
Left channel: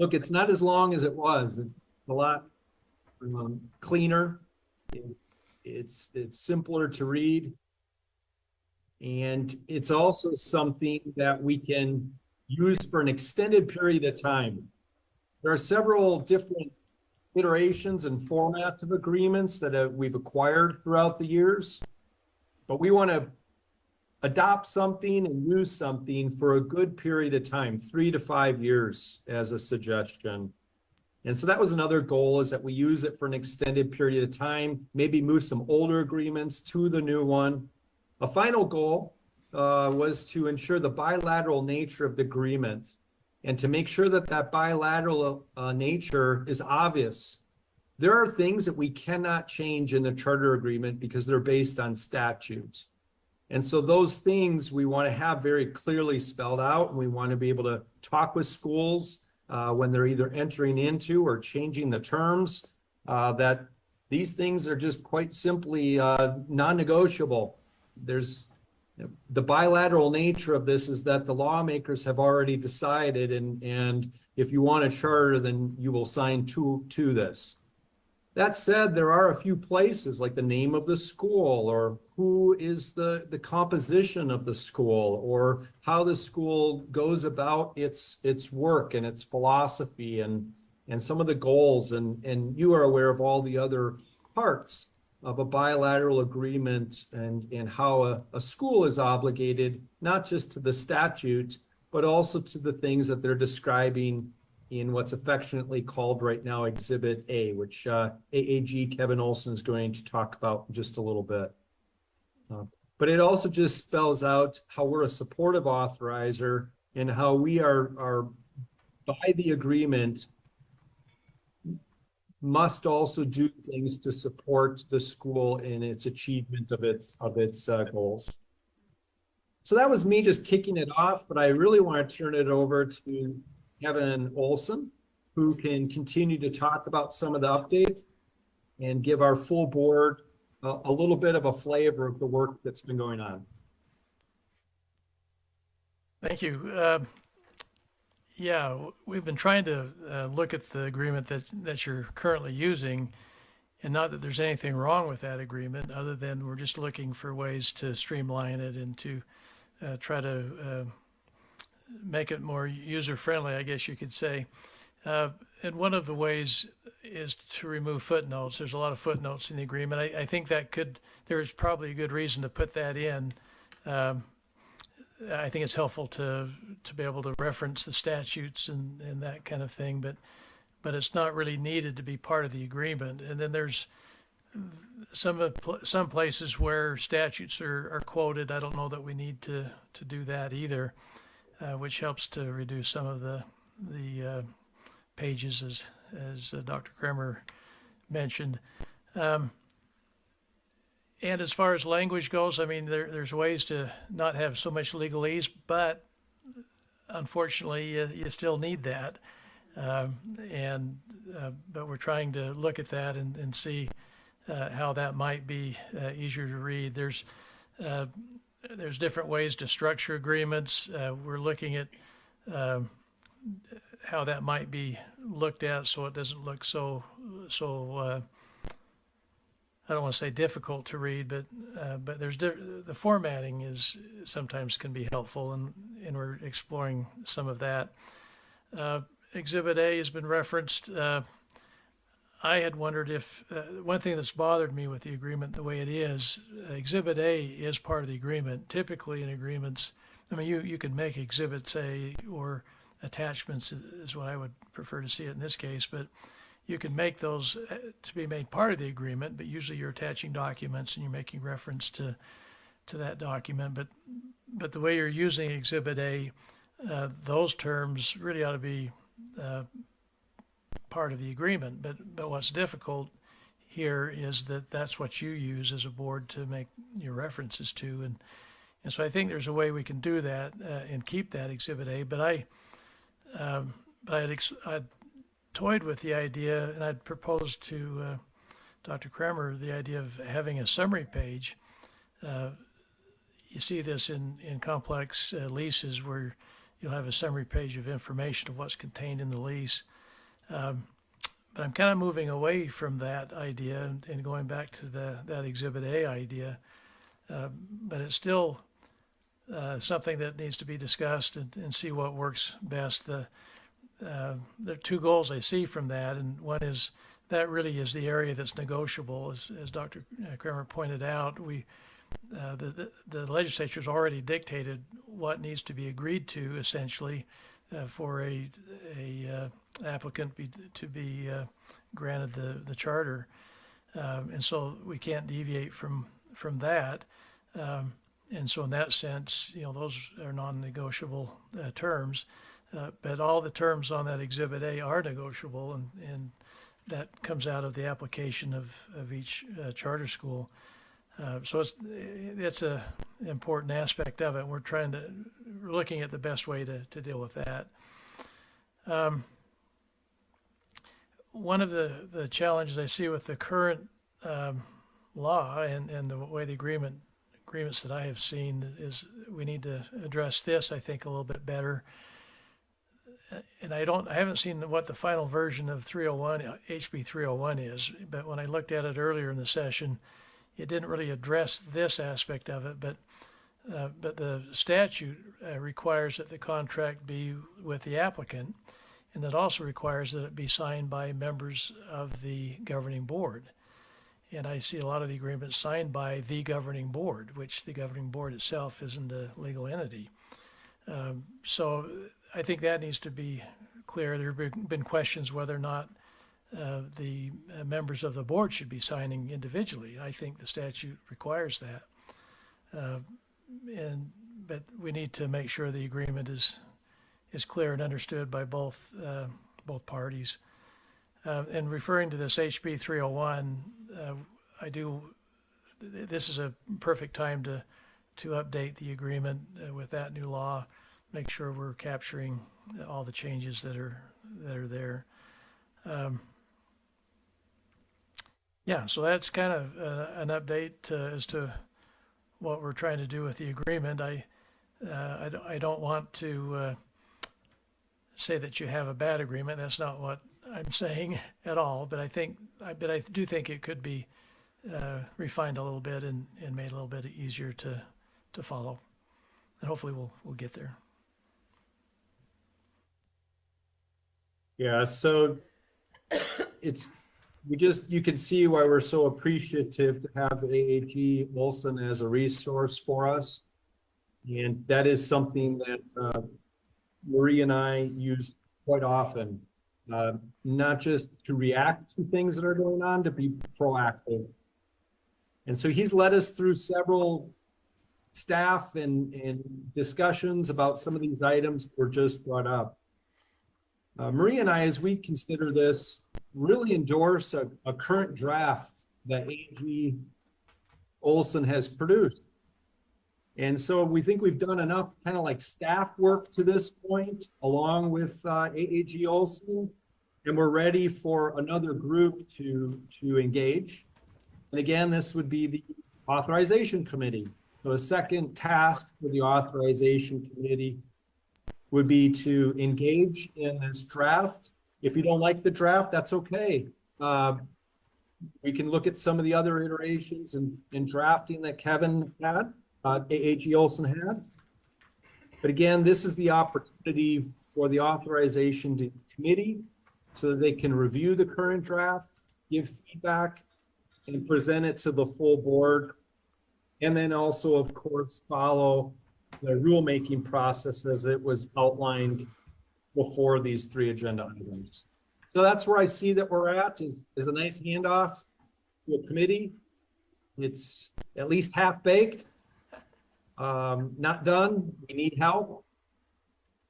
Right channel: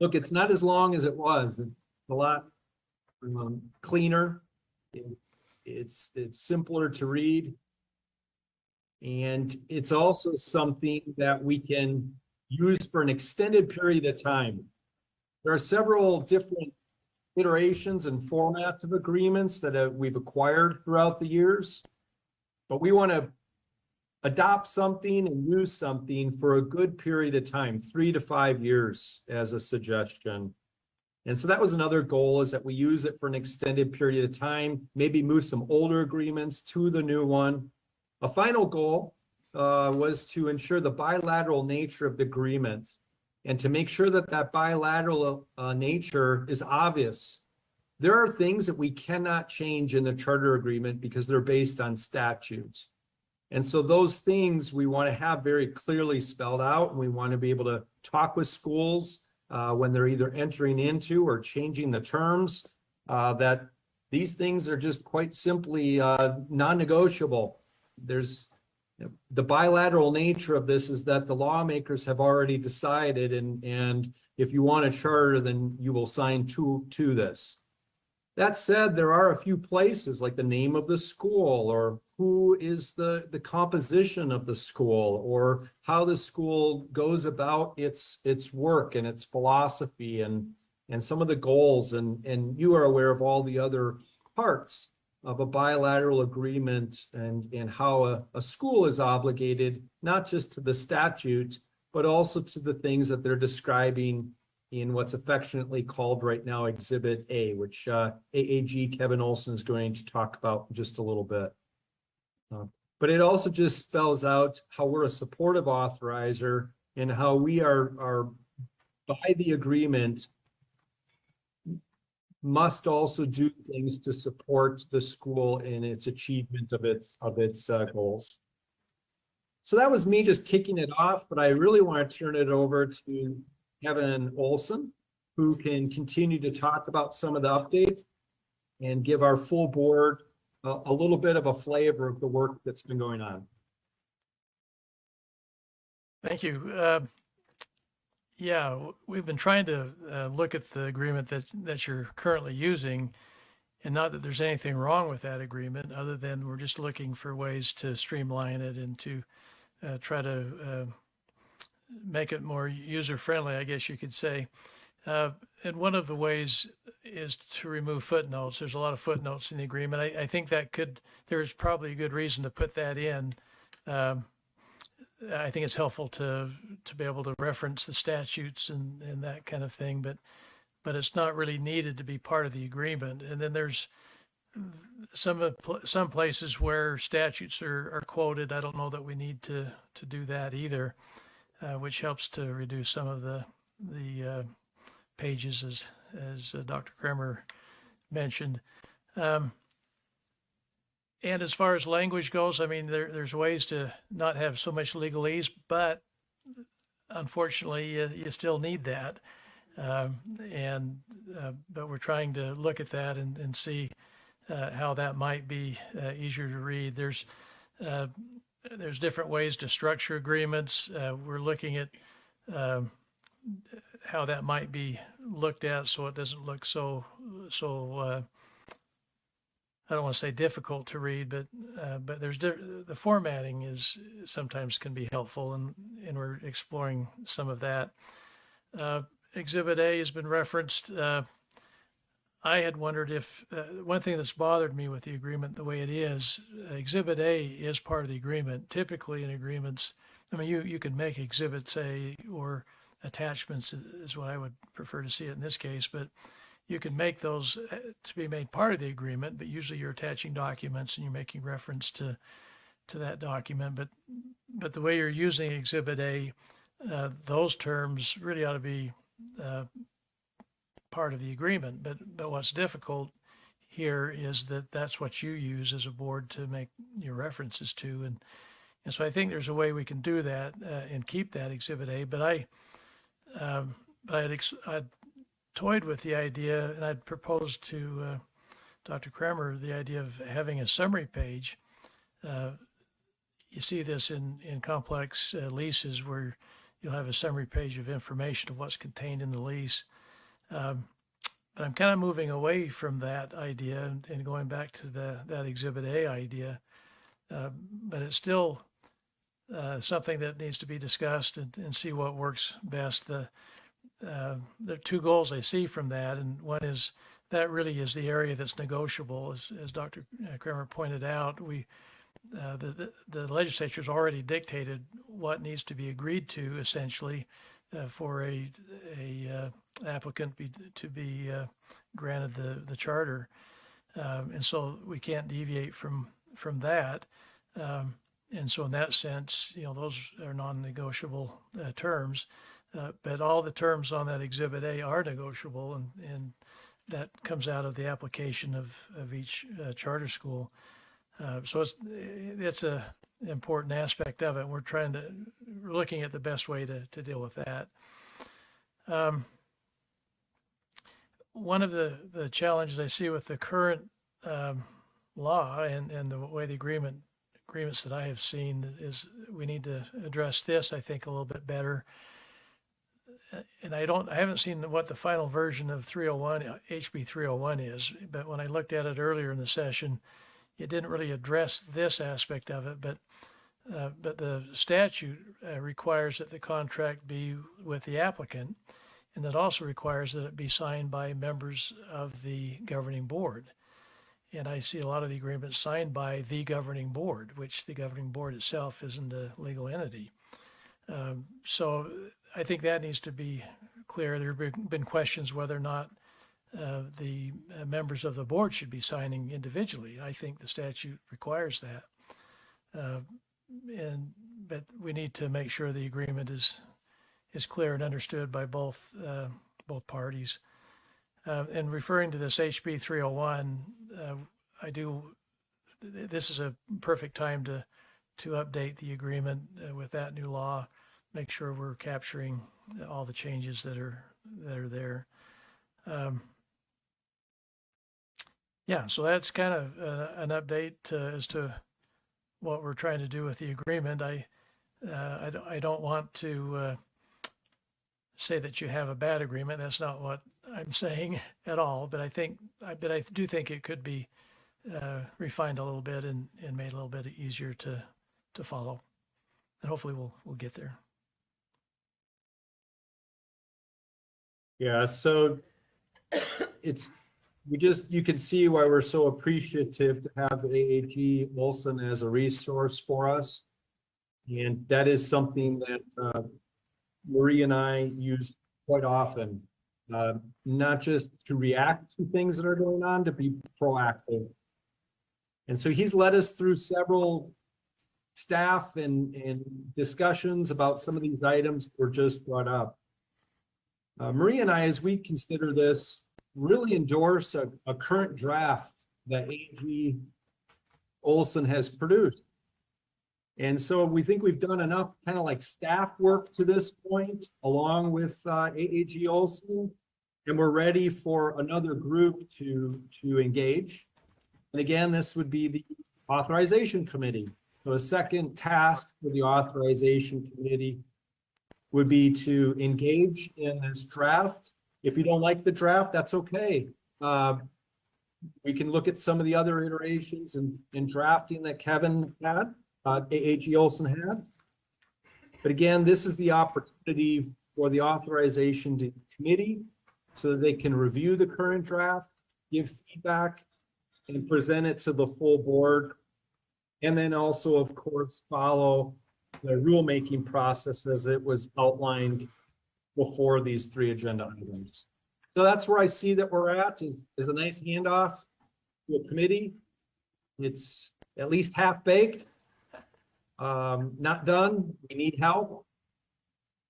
look, it's not as long as it was. It's a lot cleaner. It's simpler to read, and it's also something that we can use for an extended period of time. There are several different iterations and formats of agreements that we've acquired throughout the years, but we want to adopt something and use something for a good period of time, 3 to 5 years as a suggestion. And so that was another goal, is that we use it for an extended period of time, maybe move some older agreements to the new one. A final goal was to ensure the bilateral nature of the agreement and to make sure that that bilateral nature is obvious. There are things that we cannot change in the charter agreement because they're based on statutes. And so those things we want to have very clearly spelled out. And we want to be able to talk with schools when they're either entering into or changing the terms, that these things are just quite simply non-negotiable. There's the bilateral nature of this is that the lawmakers have already decided, and if you want a charter, then you will sign to this. That said, there are a few places like the name of the school, or who is the composition of the school, or how the school goes about its work and its philosophy and some of the goals. And you are aware of all the other parts of a bilateral agreement and how a school is obligated, not just to the statute, but also to the things that they're describing in what's affectionately called right now Exhibit A, which AAG Kevin Olson is going to talk about in just a little bit. But it also just spells out how we're a supportive authorizer and how we are by the agreement, must also do things to support the school in its achievement of its goals. So that was me just kicking it off, but I really want to turn it over to Kevin Olson, who can continue to talk about some of the updates and give our full board a little bit of a flavor of the work that's been going on. Thank you. Yeah, we've been trying to look at the agreement that you're currently using, and not that there's anything wrong with that agreement, other than we're just looking for ways to streamline it and to try to make it more user-friendly, I guess you could say. And one of the ways is to remove footnotes. There's a lot of footnotes in the agreement. I think there's probably a good reason to put that in. I think it's helpful to be able to reference the statutes and that kind of thing, but it's not really needed to be part of the agreement. And then there's some places where statutes are quoted. I don't know that we need to do that either, which helps to reduce some of the pages, as Dr. Kremer mentioned. And as far as language goes, I mean, there's ways to not have so much legalese, but unfortunately, you still need that. But we're trying to look at that and see how that might be easier to read. There's different ways to structure agreements. We're looking at how that might be looked at so it doesn't look so I don't want to say difficult to read, but there's the formatting is sometimes can be helpful, and we're exploring some of that. Exhibit A has been referenced. I had wondered if one thing that's bothered me with the agreement the way it is, Exhibit A is part of the agreement. Typically in agreements, I mean, you can make Exhibits A or attachments is what I would prefer to see it in this case, but you can make those to be made part of the agreement, but usually you're attaching documents and you're making reference to that document. But the way you're using Exhibit A, those terms really ought to be part of the agreement. But what's difficult here is that that's what you use as a board to make your references to. And so I think there's a way we can do that and keep that Exhibit A. But I'd toyed with the idea, and I'd proposed to Dr. Kremer the idea of having a summary page. You see this in complex leases where you'll have a summary page of information of what's contained in the lease. But I'm kind of moving away from that idea and going back to that Exhibit A idea. But it's still something that needs to be discussed and see what works best. There are two goals I see from that, and one is that really is the area that's negotiable. As Dr. Kremer pointed out, the legislature's already dictated what needs to be agreed to, essentially, for a applicant to be granted the charter, and so we can't deviate from that. And so in that sense, those are non-negotiable terms. But all the terms on that Exhibit A are negotiable, and that comes out of the application of each charter school. So it's a important aspect of it. We're looking at the best way to deal with that. One of the challenges I see with the current law and the way the agreements that I have seen is we need to address this, I think, a little bit better. And I haven't seen what the final version of 301, HB 301 is, but when I looked at it earlier in the session, it didn't really address this aspect of it, but the statute requires that the contract be with the applicant, and that also requires that it be signed by members of the governing board. And I see a lot of the agreements signed by the governing board, which the governing board itself isn't a legal entity. So I think that needs to be clear. There have been questions whether or not the members of the board should be signing individually. I think the statute requires that. But we need to make sure the agreement is clear and understood by both parties. And referring to this HB 301, this is a perfect time to update the agreement with that new law, make sure we're capturing all the changes that are there. So that's kind of an update as to what we're trying to do with the agreement. I don't want to say that you have a bad agreement. That's not what I'm saying at all. But I do think it could be refined a little bit and made a little bit easier to follow. And hopefully we'll get there. Yeah, so you can see why we're so appreciative to have AAG Olson as a resource for us. And that is something that Marie and I use quite often, not just to react to things that are going on, to be proactive. And so he's led us through several staff and discussions about some of these items that were just brought up. Marie and I, as we consider this, really endorse a current draft that AAG Olson has produced. And so we think we've done enough kind of like staff work to this point, along with AAG Olson, and we're ready for another group to engage. And again, this would be the authorization committee. So a second task for the authorization committee would be to engage in this draft. If you don't like the draft, that's okay. We can look at some of the other iterations and drafting that Kevin had, AAG Olson had. But again, this is the opportunity for the authorization committee so that they can review the current draft, give feedback, and present it to the full board. And then also, of course, follow the rulemaking process as it was outlined before these three agenda items. So that's where I see that we're at, is a nice handoff to a committee. It's at least half baked, not done. We need help.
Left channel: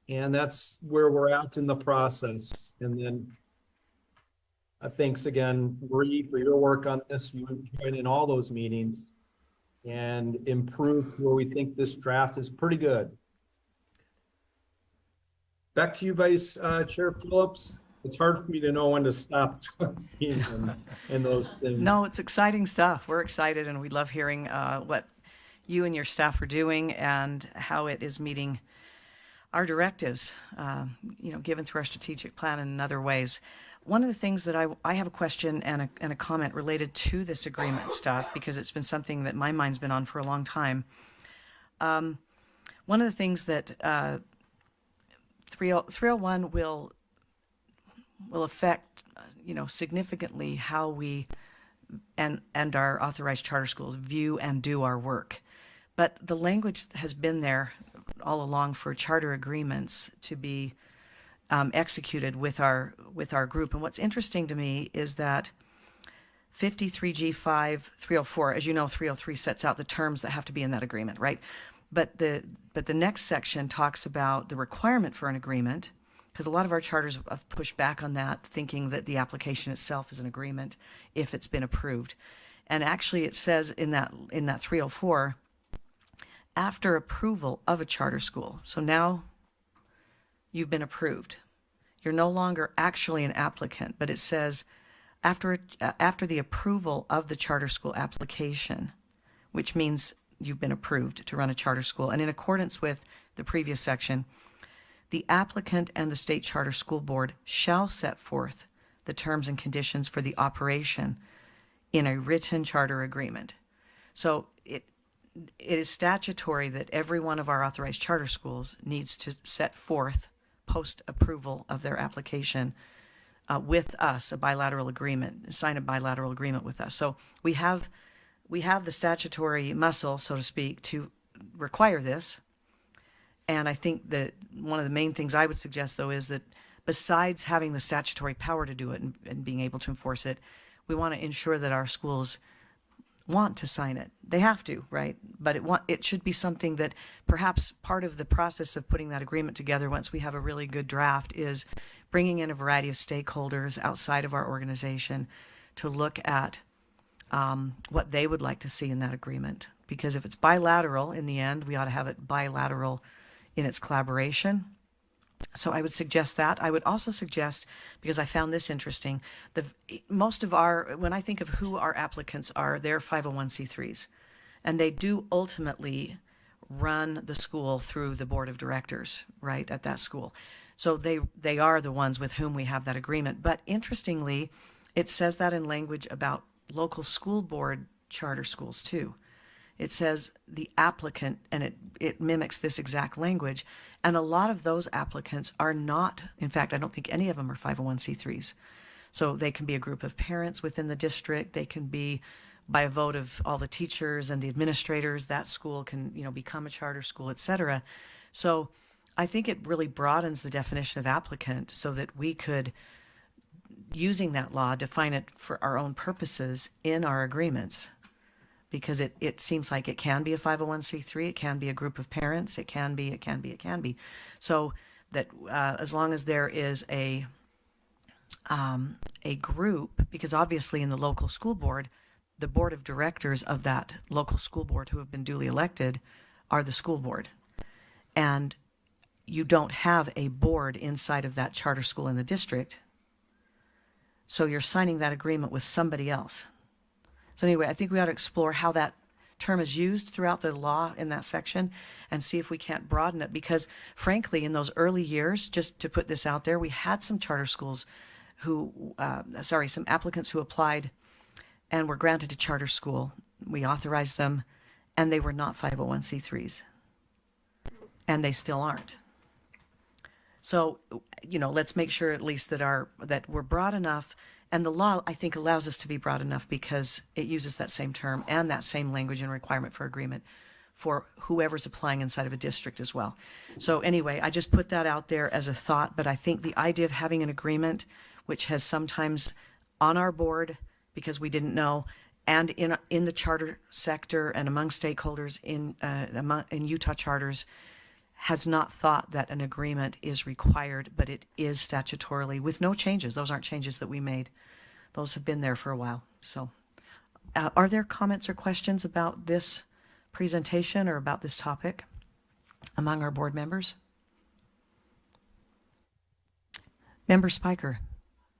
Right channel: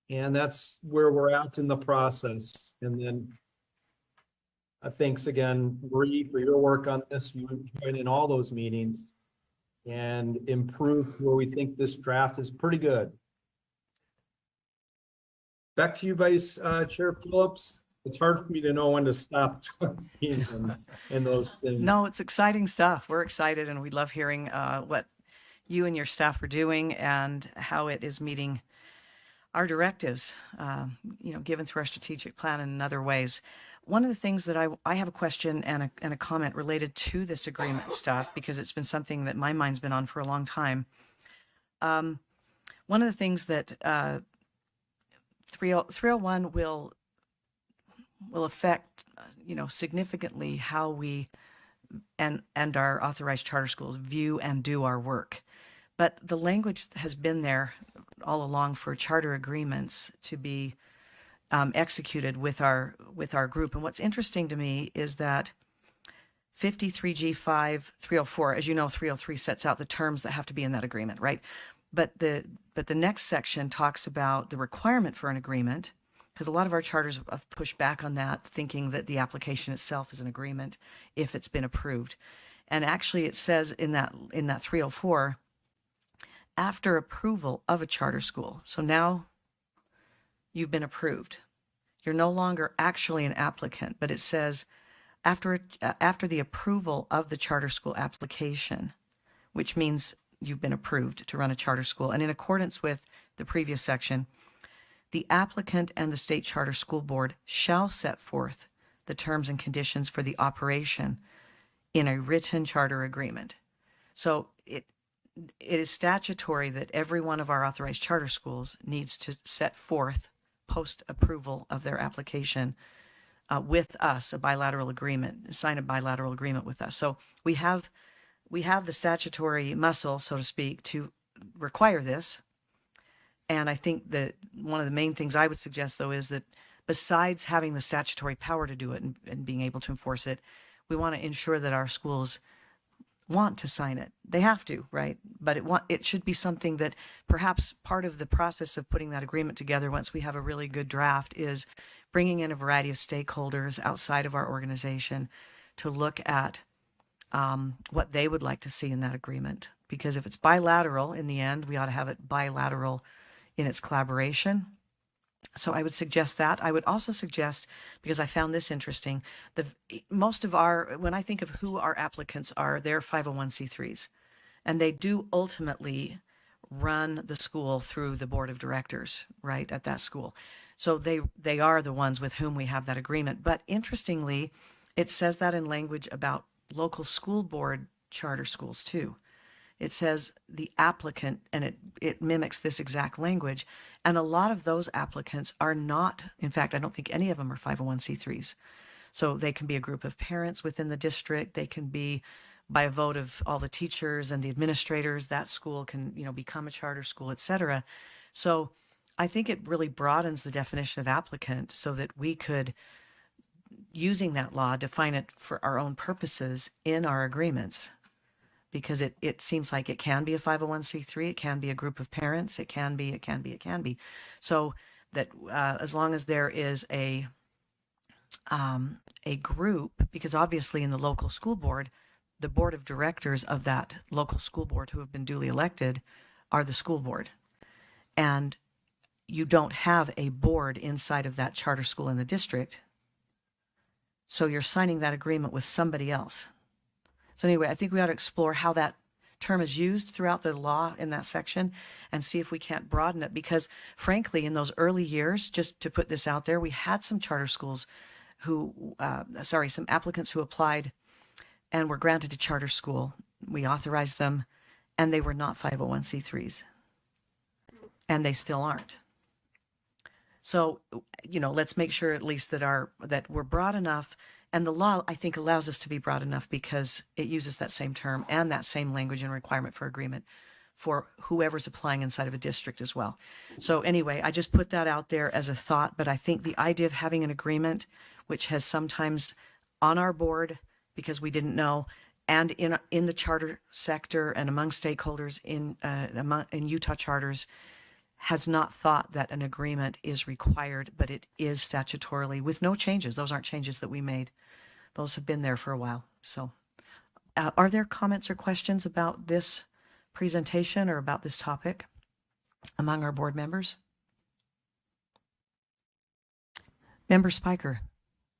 And that's where we're at in the process. And then thanks again, Marie, for your work on this. You joined in all those meetings and improved where we think this draft is pretty good. Back to you, Vice Chair Phillips. It's hard for me to know when to stop talking and those things. No, it's exciting stuff. We're excited, and we love hearing what you and your staff are doing and how it is meeting our directives, given through our strategic plan and in other ways. One of the things that I have a question and a comment related to this agreement stuff, because it's been something that my mind's been on for a long time. One of the things that 301 will affect, significantly how we and our authorized charter schools view and do our work. But the language has been there all along for charter agreements to be executed with our group. And what's interesting to me is that 53G5 304, as you know, 303 sets out the terms that have to be in that agreement, right? But the next section talks about the requirement for an agreement, because a lot of our charters have pushed back on that, thinking that the application itself is an agreement if it's been approved. And actually it says in that 304, after approval of a charter school. So now you've been approved. You're no longer actually an applicant, but it says after the approval of the charter school application, which means you've been approved to run a charter school. And in accordance with the previous section, the applicant and the state charter school board shall set forth the terms and conditions for the operation in a written charter agreement. So it is statutory that every one of our authorized charter schools needs to set forth, post-approval of their application, with us, a bilateral agreement, sign a bilateral agreement with us. So we have the statutory muscle, so to speak, to require this. And I think that one of the main things I would suggest, though, is that besides having the statutory power to do it and being able to enforce it, we want to ensure that our schools want to sign it. They have to, right? But it should be something that perhaps part of the process of putting that agreement together, once we have a really good draft, is bringing in a variety of stakeholders outside of our organization to look at what they would like to see in that agreement. Because if it's bilateral, in the end, we ought to have it bilateral in its collaboration. So I would suggest that. I would also suggest, because I found this interesting, most of when I think of who our applicants are, they're 501c3s. And they do ultimately run the school through the board of directors, right, at that school. So they are the ones with whom we have that agreement. But interestingly, it says that in language about local school board charter schools too. It says the applicant, and it mimics this exact language. And a lot of those applicants are not, in fact, I don't think any of them are 501c3s. So they can be a group of parents within the district. They can be by a vote of all the teachers and the administrators. That school can, become a charter school, et cetera. So I think it really broadens the definition of applicant so that we could, using that law, define it for our own purposes in our agreements. Because it seems like it can be a 501c3, it can be a group of parents, it can be. So that as long as there is a group, because obviously in the local school board, the board of directors of that local school board who have been duly elected are the school board. And you don't have a board inside of that charter school in the district. So you're signing that agreement with somebody else. So anyway, I think we ought to explore how that term is used throughout the law in that section and see if we can't broaden it. Because frankly, in those early years, just to put this out there, we had some charter schools some applicants who applied and were granted a charter school. We authorized them and they were not 501c3s. And they still aren't. So, let's make sure at least that we're broad enough. And the law, I think, allows us to be broad enough because it uses that same term and that same language and requirement for agreement for whoever's applying inside of a district as well. So anyway, I just put that out there as a thought, but I think the idea of having an agreement, which has sometimes on our board, because we didn't know, and in the charter sector and among stakeholders in Utah charters, has not thought that an agreement is required, but it is statutorily with no changes. Those aren't changes that we made. Those have been there for a while. So are there comments or questions about this presentation or about this topic among our board members? Member Spiker.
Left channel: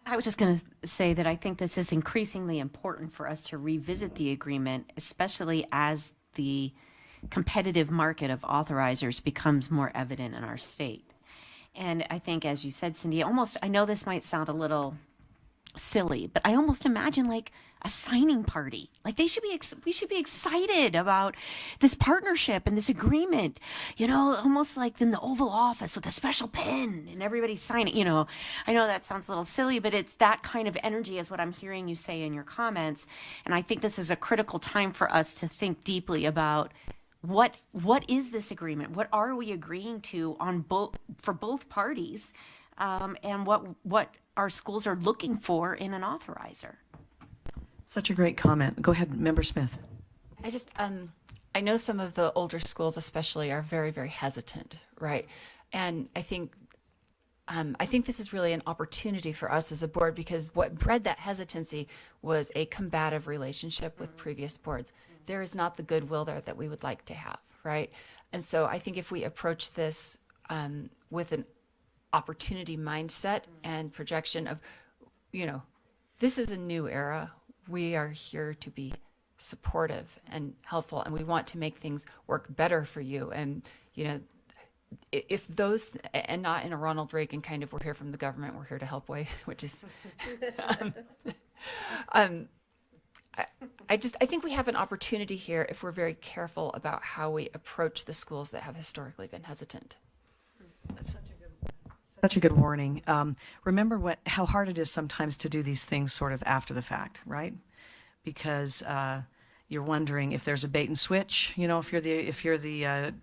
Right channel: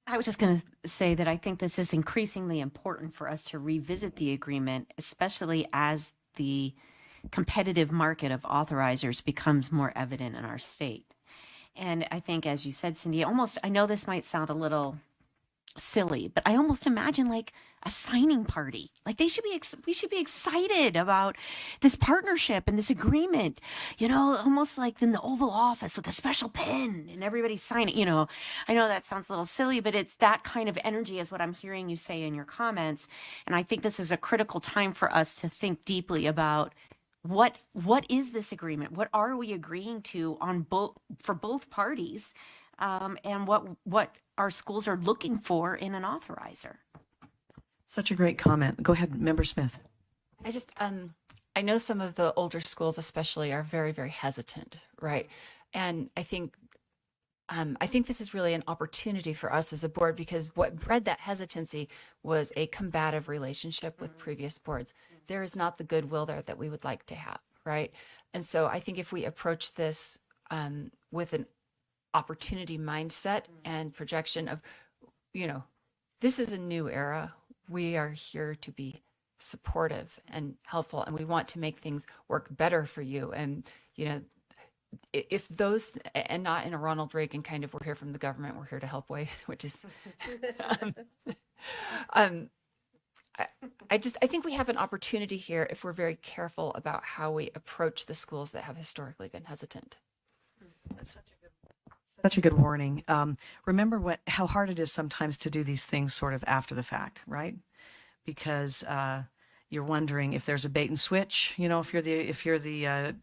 I was just going to say that I think this is increasingly important for us to revisit the agreement, especially as the competitive market of authorizers becomes more evident in our state. And I think, as you said, Cindy, I know this might sound a little silly, but I almost imagine like a signing party. Like we should be excited about this partnership and this agreement, almost like in the Oval Office with a special pen and everybody signing, I know that sounds a little silly, but it's that kind of energy is what I'm hearing you say in your comments. And I think this is a critical time for us to think deeply about what is this agreement? What are we agreeing to for both parties? And what our schools are looking for in an authorizer. Such a great comment. Go ahead, Member Smith. I just, I know some of the older schools especially are very, very hesitant, right? And I think I think this is really an opportunity for us as a board, because what bred that hesitancy was a combative relationship with previous boards. There is not the goodwill there that we would like to have, right? And so I think if we approach this with an opportunity mindset and projection of, this is a new era. We are here to be supportive and helpful, and we want to make things work better for you. And, if those, and not in a Ronald Reagan kind of, we're here from the government, we're here to help way, which is, I think we have an opportunity here if we're very careful about how we approach the schools that have historically been hesitant. That's such a good warning. Remember how hard it is sometimes to do these things sort of after the fact, right? Because you're wondering if there's a bait and switch. If you're the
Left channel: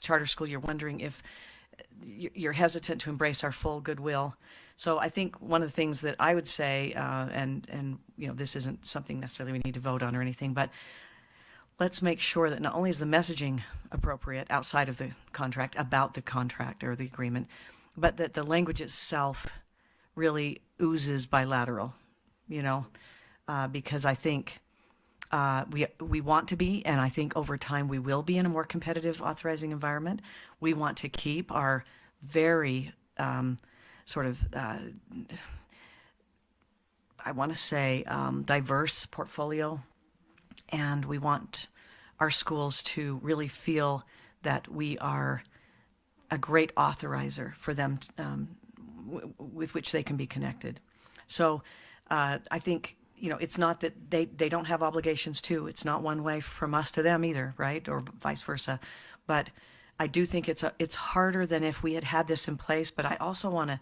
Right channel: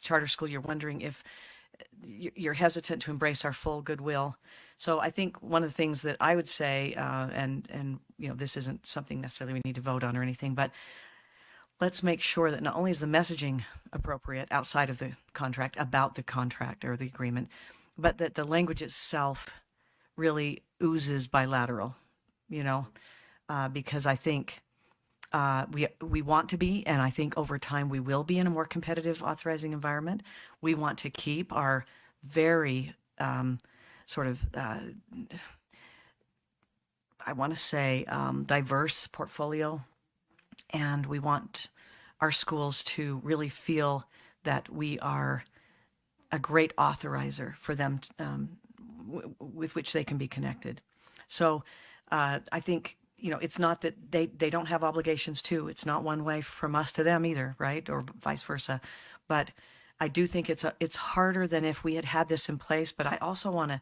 charter school, you're wondering if you're hesitant to embrace our full goodwill. So I think one of the things that I would say, and this isn't something necessarily we need to vote on or anything, but let's make sure that not only is the messaging appropriate outside of the contract about the contract or the agreement, but that the language itself really oozes bilateral, because I think we want to be, and I think over time we will be in a more competitive authorizing environment. We want to keep our very diverse portfolio, and we want our schools to really feel that we are a great authorizer for them with which they can be connected. So I think it's not that they don't have obligations too. It's not one way from us to them either, right? Or vice versa. But I do think it's harder than if we had this in place. But I also want to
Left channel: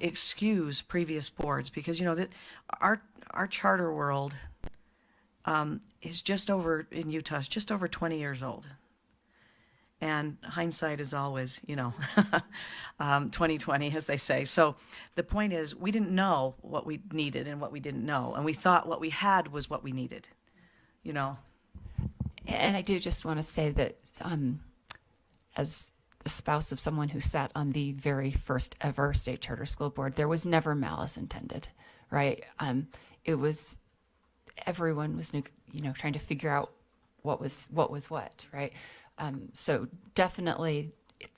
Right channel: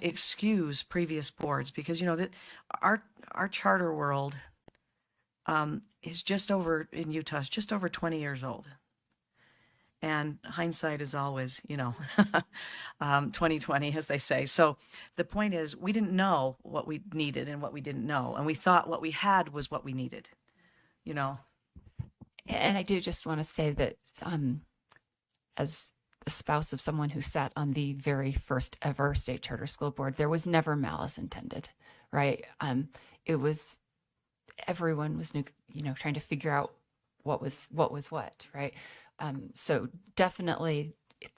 excuse previous boards, because that our charter world is just over in Utah is just over 20 years old. And hindsight is always, 2020, as they say. So the point is, we didn't know what we needed and what we didn't know, and we thought what we had was what we needed, And I do just want to say that as the spouse of someone who sat on the very first ever state charter school board, there was never malice intended, right? It was, everyone was, trying to figure out what was what, right? So definitely,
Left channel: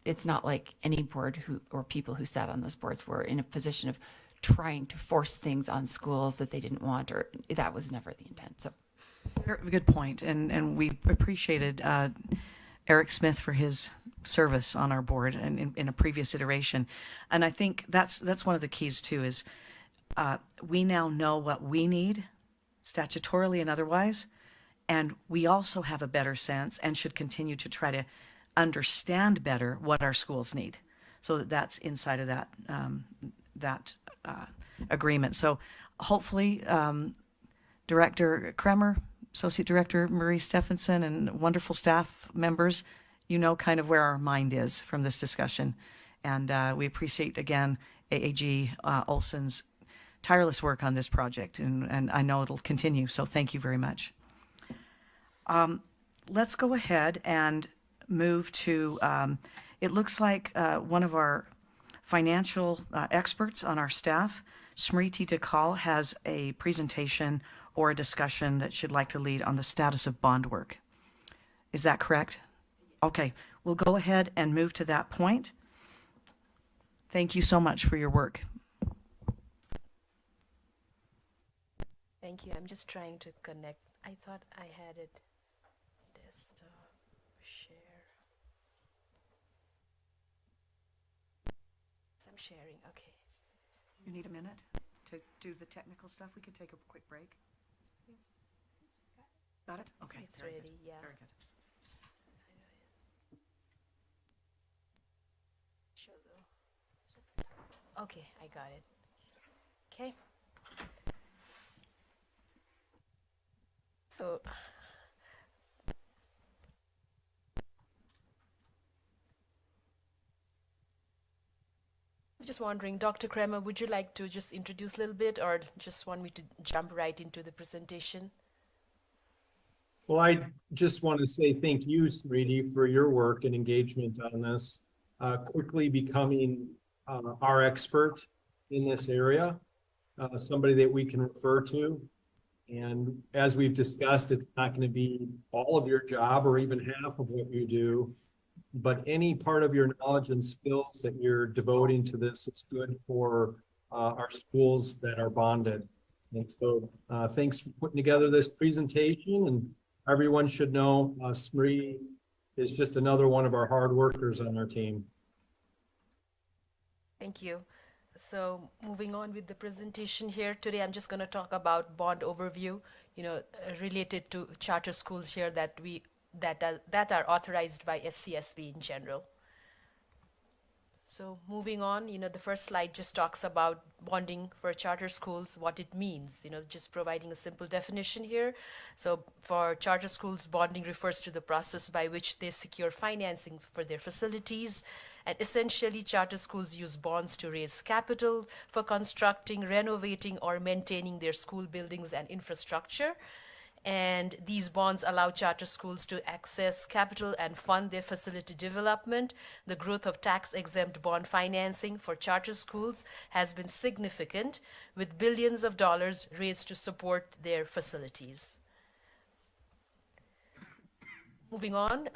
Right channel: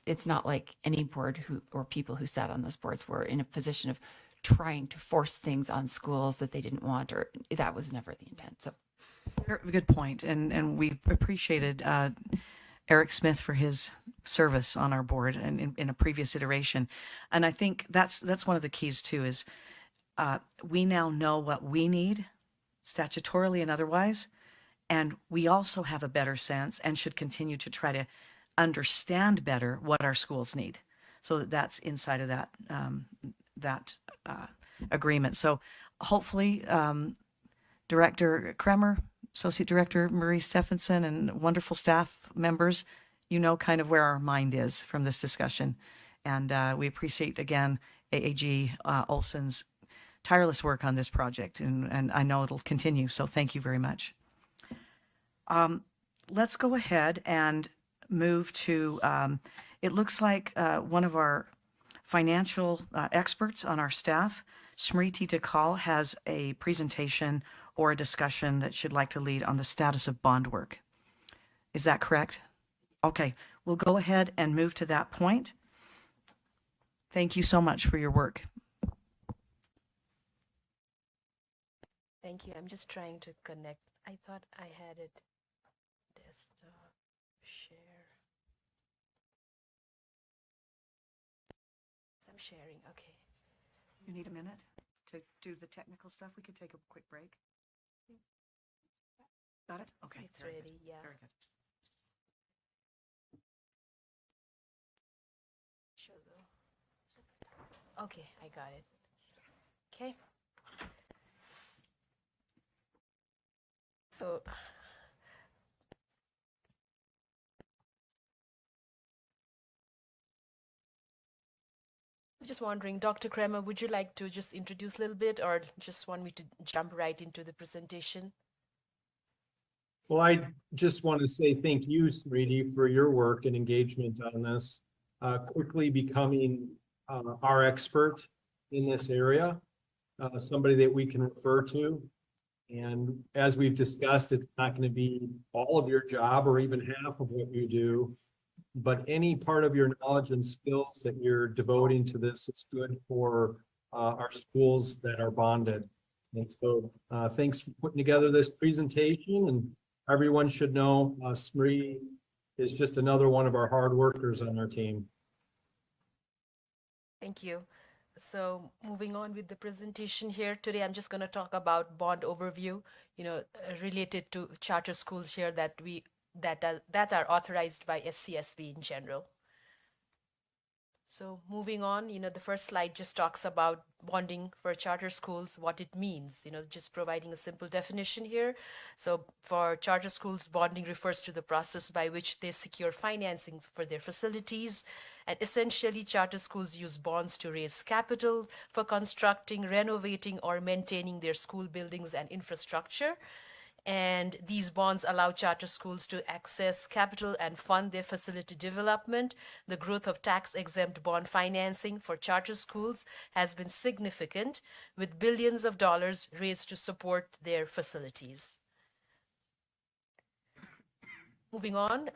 it's not like any board or people who sat on those boards were in a position of trying to force things on schools that they didn't want, or that was never the intent. So, good point, and we appreciated Eric Smith for his service on our board and in a previous iteration, and I think that's one of the keys too. Is we now know what we need, statutorily and otherwise. And we also have a better sense and should continue to try to understand better what our schools need, so that's inside of that agreement. So hopefully, Director Kremer, Associate Director Marie Stephenson, and wonderful staff members, kind of where our mind is from this discussion. And we appreciate, again, AAG Olson's tireless work on this project, and I know it'll continue. So thank you very much. Let's go ahead and move to, it looks like one of our financial experts on our staff, Smriti Dakal, has a presentation or a discussion that she'd like to lead on the status of bond work. Is that correct? Okay, we'll go ahead and move to that point. Thank you so much for your work. Thank you. I'm just trying to connect. I thought I had it. Desktop, share. I'm sharing. Okay. You need a minute to do the technical stuff? We could take a quick break. Got it? Okay. It's ready. Yeah. Very good. Show though. Okay, I got it. Okay. So just wondering, Dr. Kremer, would you like to just introduce a little bit, or just want me to jump right into the presentation? Well, I just want to say thank you, Smriti, for your work and engagement on this. Quickly becoming our expert in this area, somebody that we can refer to. And as we've discussed, it's not going to be all of your job or even half of what you do, but any part of your knowledge and skills that you're devoting to this is good for our schools that are bonded. And so thanks for putting together this presentation, and everyone should know Smree is just another one of our hard workers on our team. Thank you. So moving on with the presentation here today, I'm just going to talk about bond overview, related to charter schools here that are authorized by SCSB in general. So moving on, the first slide just talks about bonding for charter schools, what it means, just providing a simple definition here. So for charter schools, bonding refers to the process by which they secure financing for their facilities. And essentially, charter schools use bonds to raise capital for constructing, renovating, or maintaining their school buildings and infrastructure. And these bonds allow charter schools to access capital and fund their facility development. The growth of tax-exempt bond financing for charter schools has been significant, with billions of dollars raised to support their facilities. Moving on,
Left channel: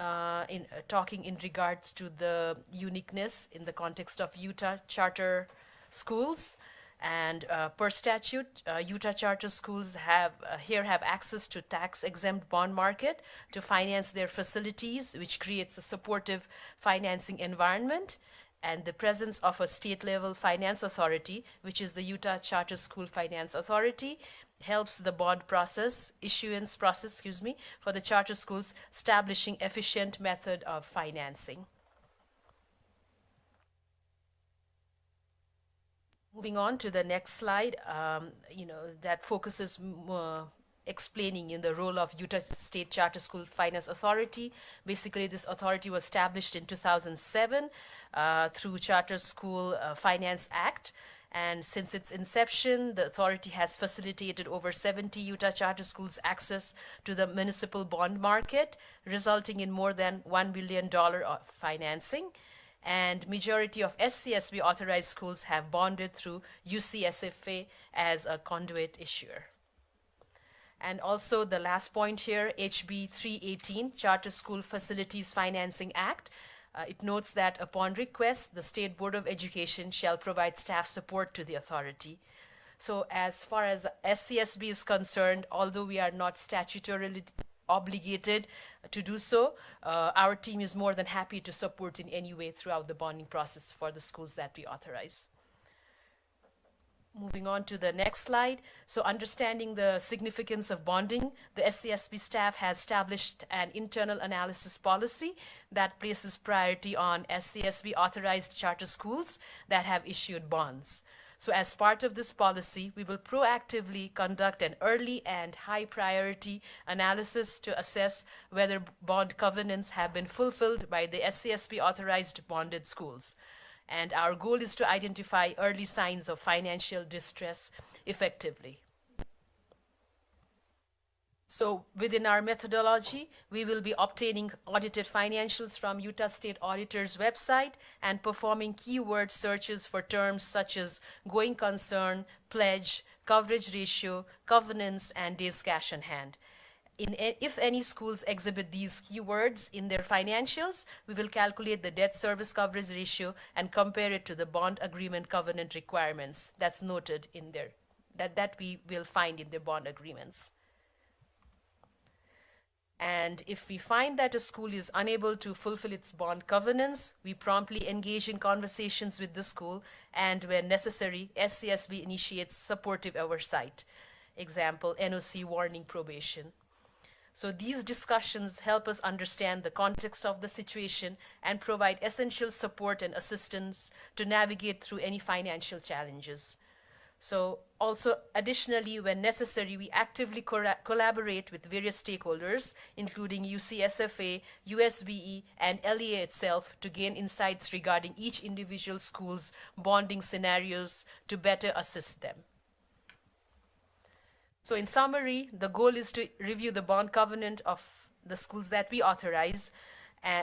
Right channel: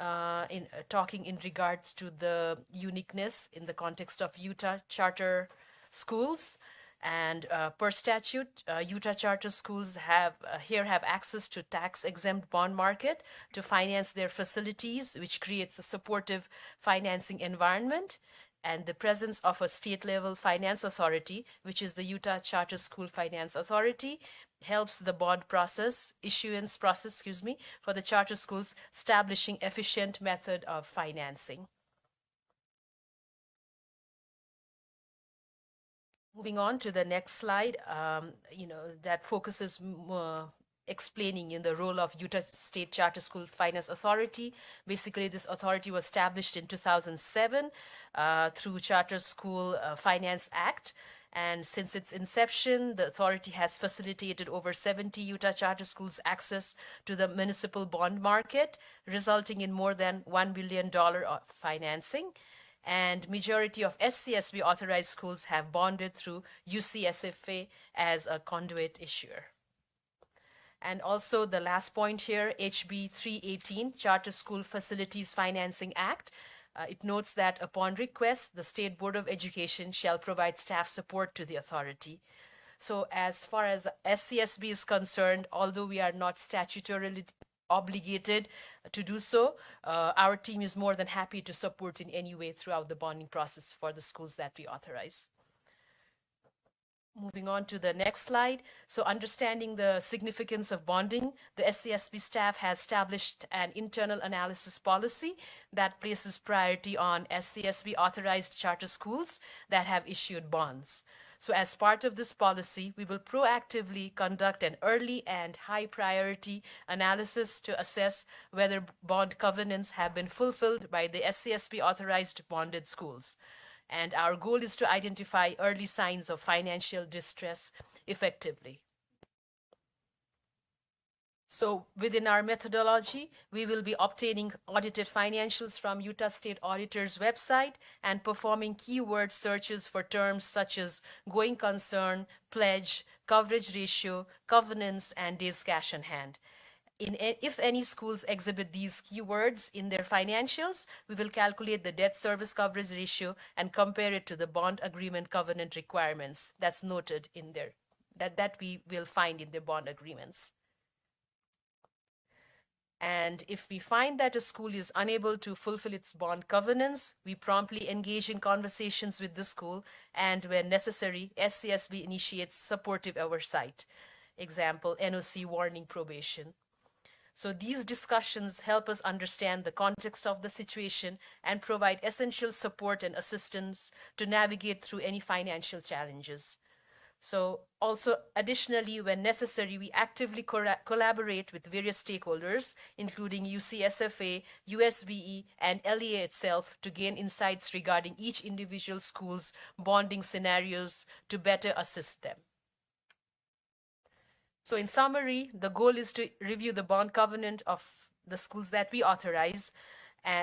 talking in regards to the uniqueness in the context of Utah charter schools. And per statute, Utah charter schools have access to tax-exempt bond market to finance their facilities, which creates a supportive financing environment. And the presence of a state-level finance authority, which is the Utah Charter School Finance Authority, helps the bond issuance process, for the charter schools, establishing efficient method of financing. Moving on to the next slide, that focuses explaining in the role of Utah State Charter School Finance Authority. Basically, this authority was established in 2007 through Charter School Finance Act. And since its inception, the authority has facilitated over 70 Utah charter schools access to the municipal bond market, resulting in more than $1 billion of financing. And majority of SCSB authorized schools have bonded through UCSFA as a conduit issuer. And also the last point here, HB 318, Charter School Facilities Financing Act. It notes that upon request, the State Board of Education shall provide staff support to the authority. So as far as SCSB is concerned, although we are not statutorily obligated to do so, our team is more than happy to support in any way throughout the bonding process for the schools that we authorize. Moving on to the next slide. So understanding the significance of bonding, the SCSB staff has established an internal analysis policy that places priority on SCSB authorized charter schools that have issued bonds. So as part of this policy, we will proactively conduct an early and high priority analysis to assess whether bond covenants have been fulfilled by the SCSB authorized bonded schools. And our goal is to identify early signs of financial distress effectively. So within our methodology, we will be obtaining audited financials from Utah State Auditor's website and performing keyword searches for terms such as going concern, pledge, coverage ratio, covenants, and days cash on hand. If any schools exhibit these keywords in their financials, we will calculate the debt service coverage ratio and compare it to the bond agreement covenant requirements that's noted in there, that we will find in the bond agreements. And if we find that a school is unable to fulfill its bond covenants, we promptly engage in conversations with the school, and when necessary, SCSB initiates supportive oversight. Example, NOC warning probation. So these discussions help us understand the context of the situation and provide essential support and assistance to navigate through any financial challenges. So also additionally, when necessary, we actively collaborate with various stakeholders, including UCSFA, USBE, and LEA itself, to gain insights regarding each individual school's bonding scenarios to better assist them. So in summary, the goal is to review the bond covenant of the schools that we authorize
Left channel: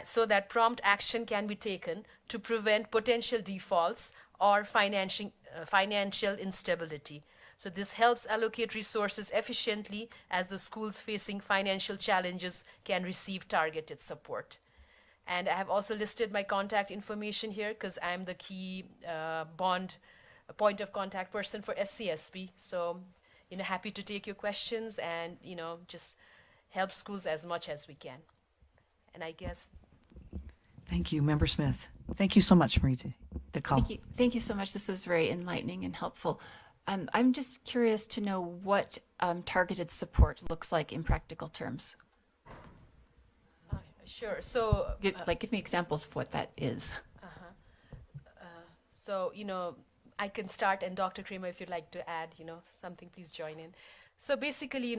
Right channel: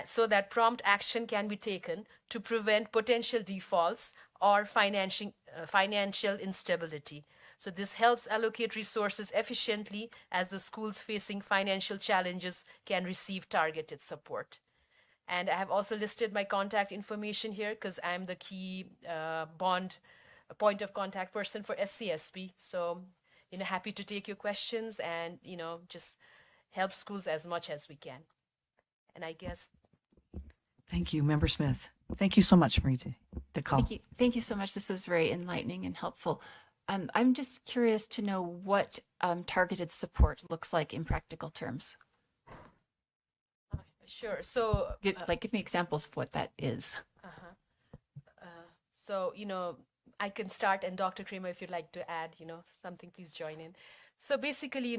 so that prompt action can be taken to prevent potential defaults or financial instability. So this helps allocate resources efficiently as the schools facing financial challenges can receive targeted support. And I have also listed my contact information here because I am the key point of contact person for SCSP. So, happy to take your questions and, just help schools as much as we can. And I guess. Thank you, Member Smith. Thank you so much, Marie DeCall. Thank you so much. This was very enlightening and helpful. I'm just curious to know what targeted support looks like in practical terms. Sure. So, give me examples of what that is. So, I can start, and Dr. Kramer, if you'd like to add, something, please join in. So basically,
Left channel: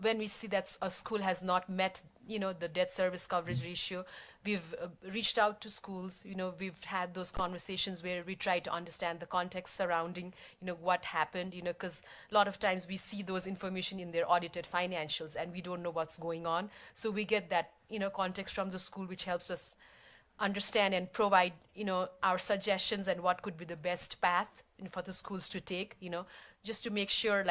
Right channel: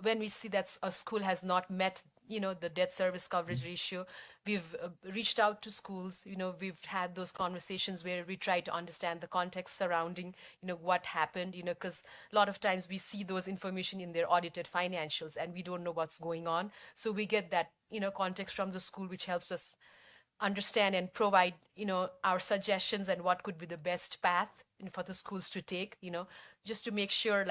when we see that a school has not met, the debt service coverage ratio, we've reached out to schools, we've had those conversations where we try to understand the context surrounding, what happened, because a lot of times we see those information in their audited financials and we don't know what's going on. So we get that, context from the school, which helps us understand and provide, our suggestions and what could be the best path for the schools to take, just to make sure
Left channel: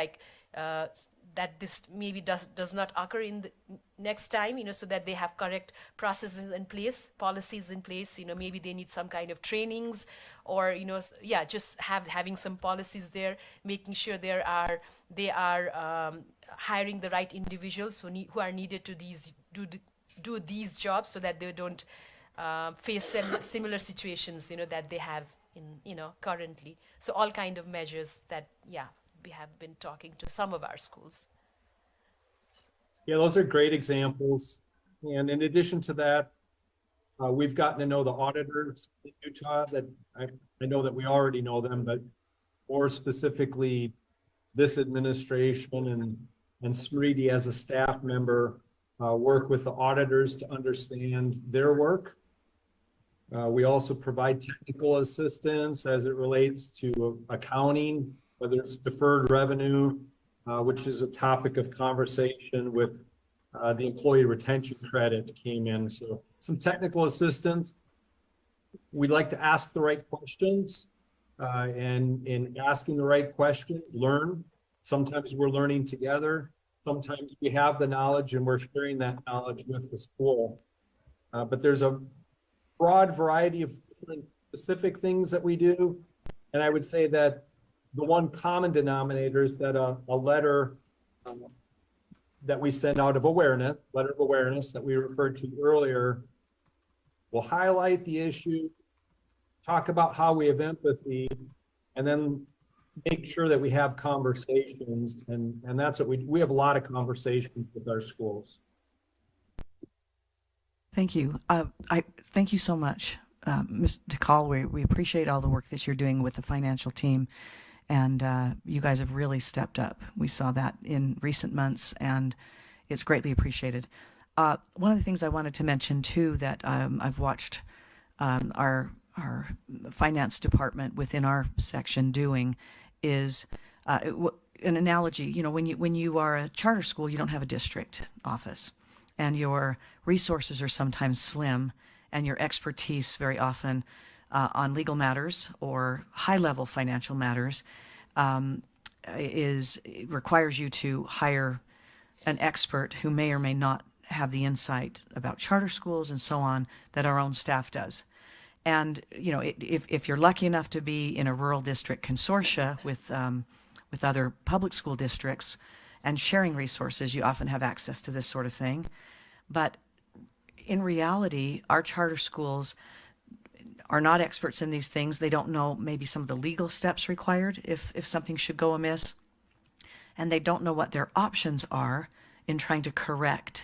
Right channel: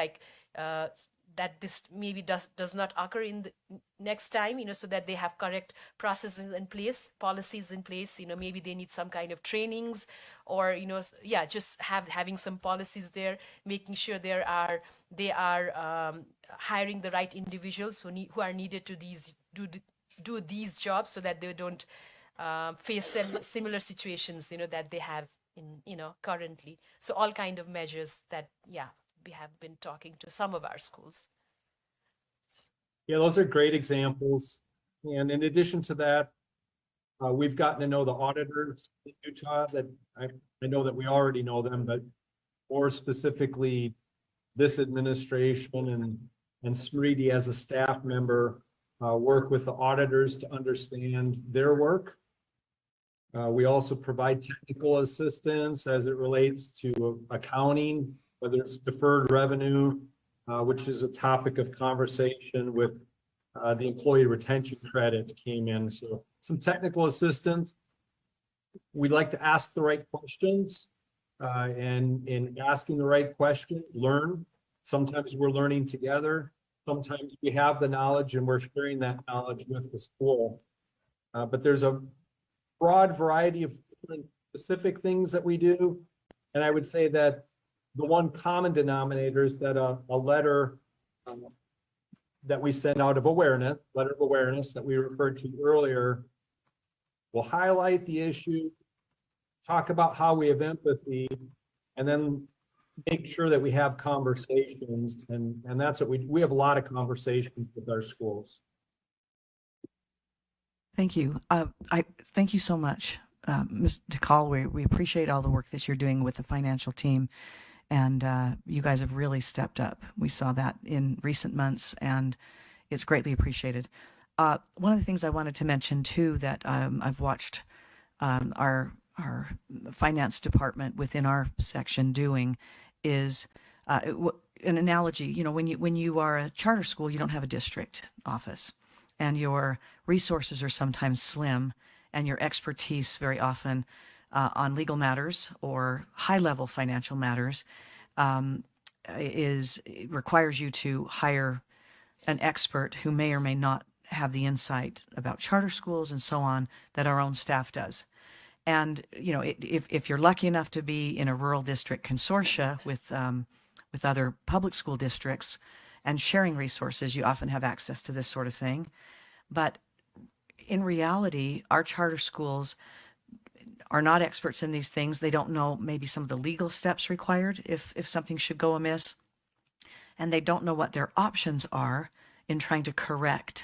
that this maybe does not occur in the next time, so that they have correct processes in place, policies in place, maybe they need some kind of trainings or, just having some policies there, making sure they are hiring the right individuals who are needed to do these jobs so that they don't face similar situations, that they have in, currently. So all kind of measures that, we have been talking to some of our schools. Yeah, those are great examples. And in addition to that, we've gotten to know the auditors in Utah that I know that we already know them, but more specifically, this administration and Smriti as a staff member work with the auditors to understand their work. We also provide technical assistance as it relates to accounting, whether it's deferred revenue, which is a topic of conversation with the employee retention credit came in. So some technical assistance. We like to ask the right questions, and in asking the right question, learn. Sometimes we're learning together. Sometimes we have the knowledge and we're sharing that knowledge with the school. But there's a broad variety of different specific things that we do. And I would say that the one common denominator is that a letter that we send out of awareness, letter of awareness that we referred to earlier, will highlight the issue, talk about how we have empathy, and then make sure that we have conversations. And that's what we have a lot of conversations with our schools. Thank you. I thank you so much, Ms. DeCall. We appreciate all the work that you're doing with the financial team. And you guys have really stepped up. We saw that in recent months, and it's greatly appreciated. One of the things I wanted to mention, too, that I've watched our finance department within our section doing is an analogy. When you are a charter school, you don't have a district office, and your resources are sometimes slim, and your expertise very often on legal matters or high-level financial matters requires you to hire an expert who may or may not have the insight about charter schools and so on that our own staff does. And if you're lucky enough to be in a rural district consortia with other public school districts and sharing resources, you often have access to this sort of thing. But in reality, our charter schools are not experts in these things. They don't know maybe some of the legal steps required if something should go amiss. And they don't know what their options are in trying to correct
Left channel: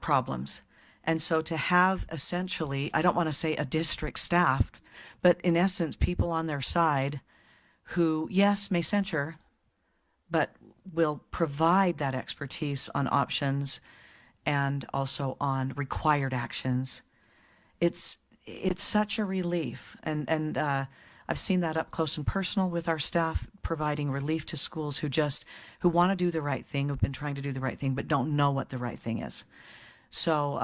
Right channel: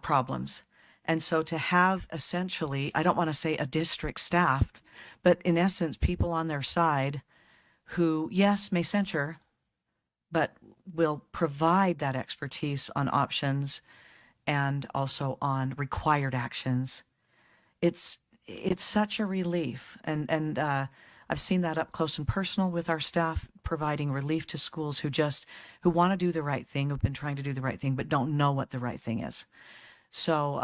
problems. And so to have essentially, I don't want to say a district staff, but in essence, people on their side who, yes, may censure, but will provide that expertise on options and also on required actions. It's such a relief, and I've seen that up close and personal with our staff, providing relief to schools who want to do the right thing, who've been trying to do the right thing, but don't know what the right thing is. So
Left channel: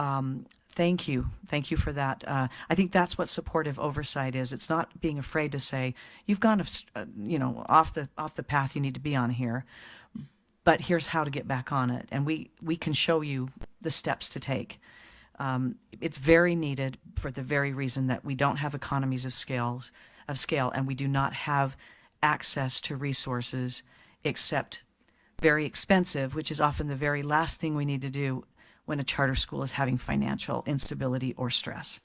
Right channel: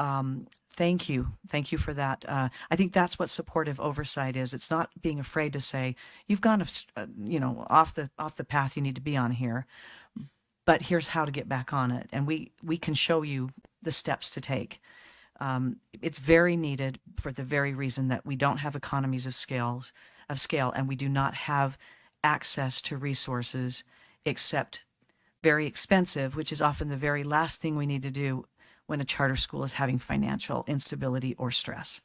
Thank you. Thank you for that. I think that's what supportive oversight is. It's not being afraid to say, you've gone, off the path you need to be on here, but here's how to get back on it. And we can show you the steps to take. It's very needed for the very reason that we don't have economies of scale, and we do not have access to resources except very expensive, which is often the very last thing we need to do when a charter school is having financial instability or stress.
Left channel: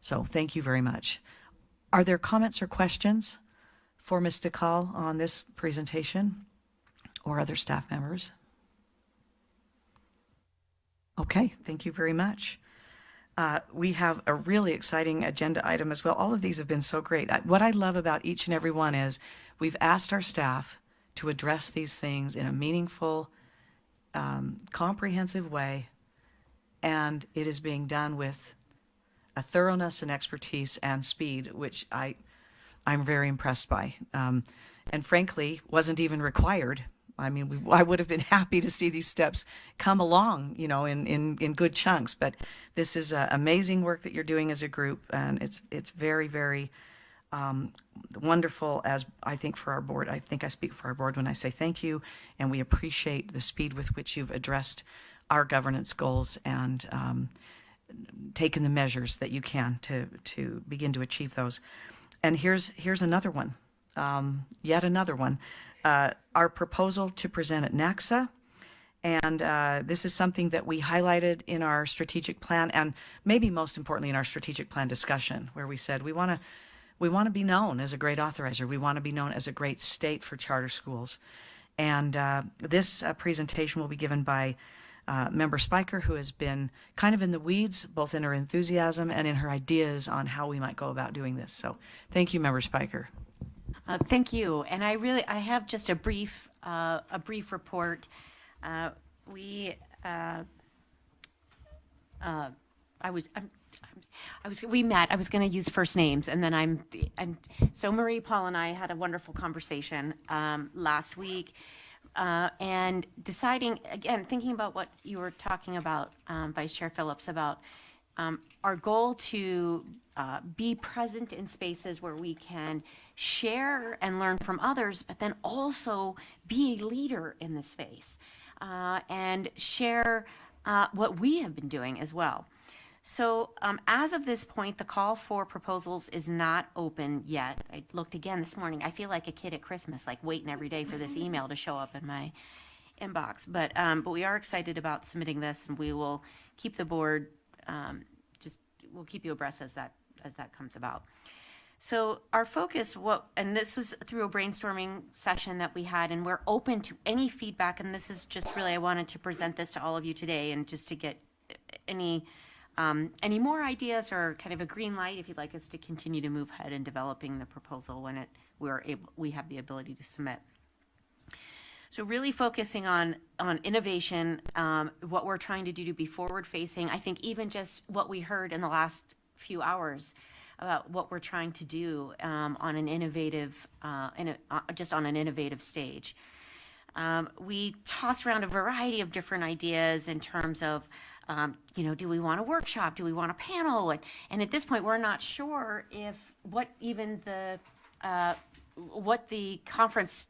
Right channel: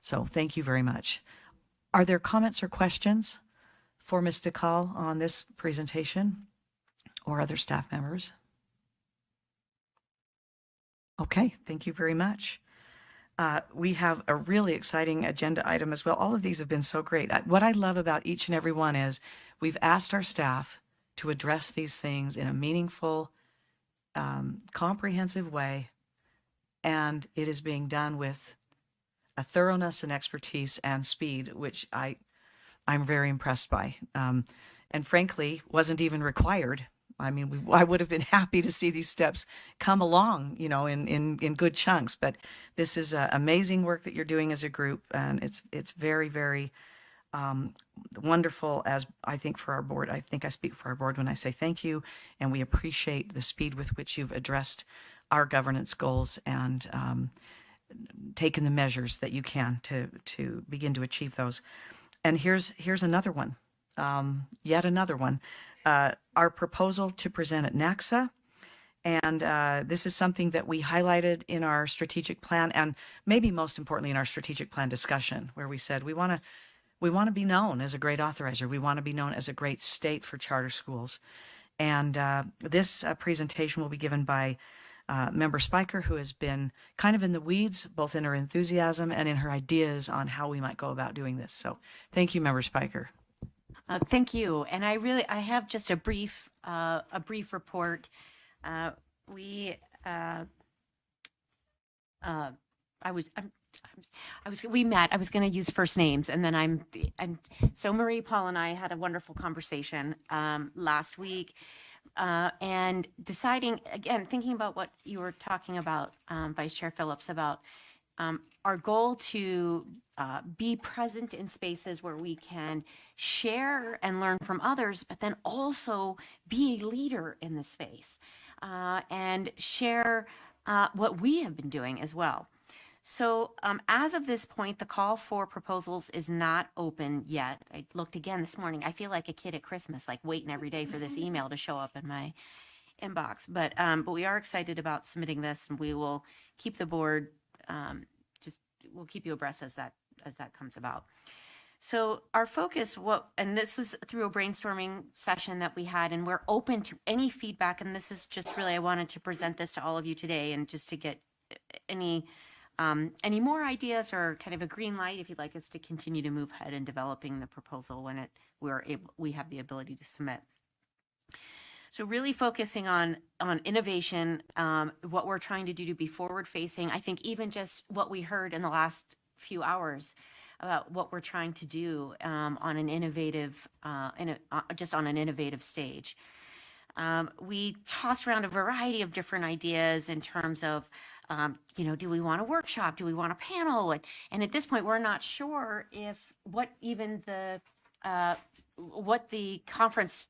So thank you very much. Are there comments or questions for Ms. DeCall on this presentation or other staff members? Okay, thank you very much. We have a really exciting agenda item as well. All of these have been so great. What I love about each and every one is we've asked our staff to address these things in a meaningful, comprehensive way, and it is being done with a thoroughness and expertise and speed, which I'm very impressed by, and frankly wasn't even required. I mean, I would have been happy to see these steps come along, in good chunks. But this is amazing work that you're doing as a group, and it's very, very wonderful. As I think for our board, I think I speak for our board when I say thank you, and we appreciate the speed with which you've addressed our governance goals and taken the measures that you can to begin to achieve those. And here's another one, yet another one. Our proposal to present at NACSA, and this is something that we highlighted in our strategic plan, and maybe most importantly in our strategic plan discussion, where we said we want to be known as a great authorizer. We want to be known as a great state for charter schools. And this presentation will be given by Member Spiker, who has been kind of in the weeds, both in her enthusiasm and in her ideas on how we might go about doing this. So thank you, Member Spiker. Thank you. And I have just a brief report. We met. I was going to use first names, and then so Marie, Paul, and I had a wonderful conversation last week, and deciding again, thinking about what you were talking about, Vice Chair Phillips, about our goal to be present in spaces where we can share and learn from others, but then also be a leader in the space and share what we have been doing as well. So as of this point, the call for proposals is not open yet. I looked again this morning. I feel like a kid at Christmas, like waiting every day for this email to show up in my inbox. But we are excited about submitting this, and we will keep the board we'll keep you abreast as that comes about. So our focus, and this is through a brainstorming session that we had, and we're open to any feedback. And this is just really, I wanted to present this to all of you today, and just to get any more ideas or kind of a green light if you'd like us to continue to move ahead in developing the proposal when we have the ability to submit. So really focusing on innovation, what we're trying to do to be forward facing. I think even just what we heard in the last few hours about what we're trying to do on an innovative, just on an innovative stage. We toss around a variety of different ideas in terms of, do we want a workshop? Do we want a panel? And at this point, we're not sure what the conference,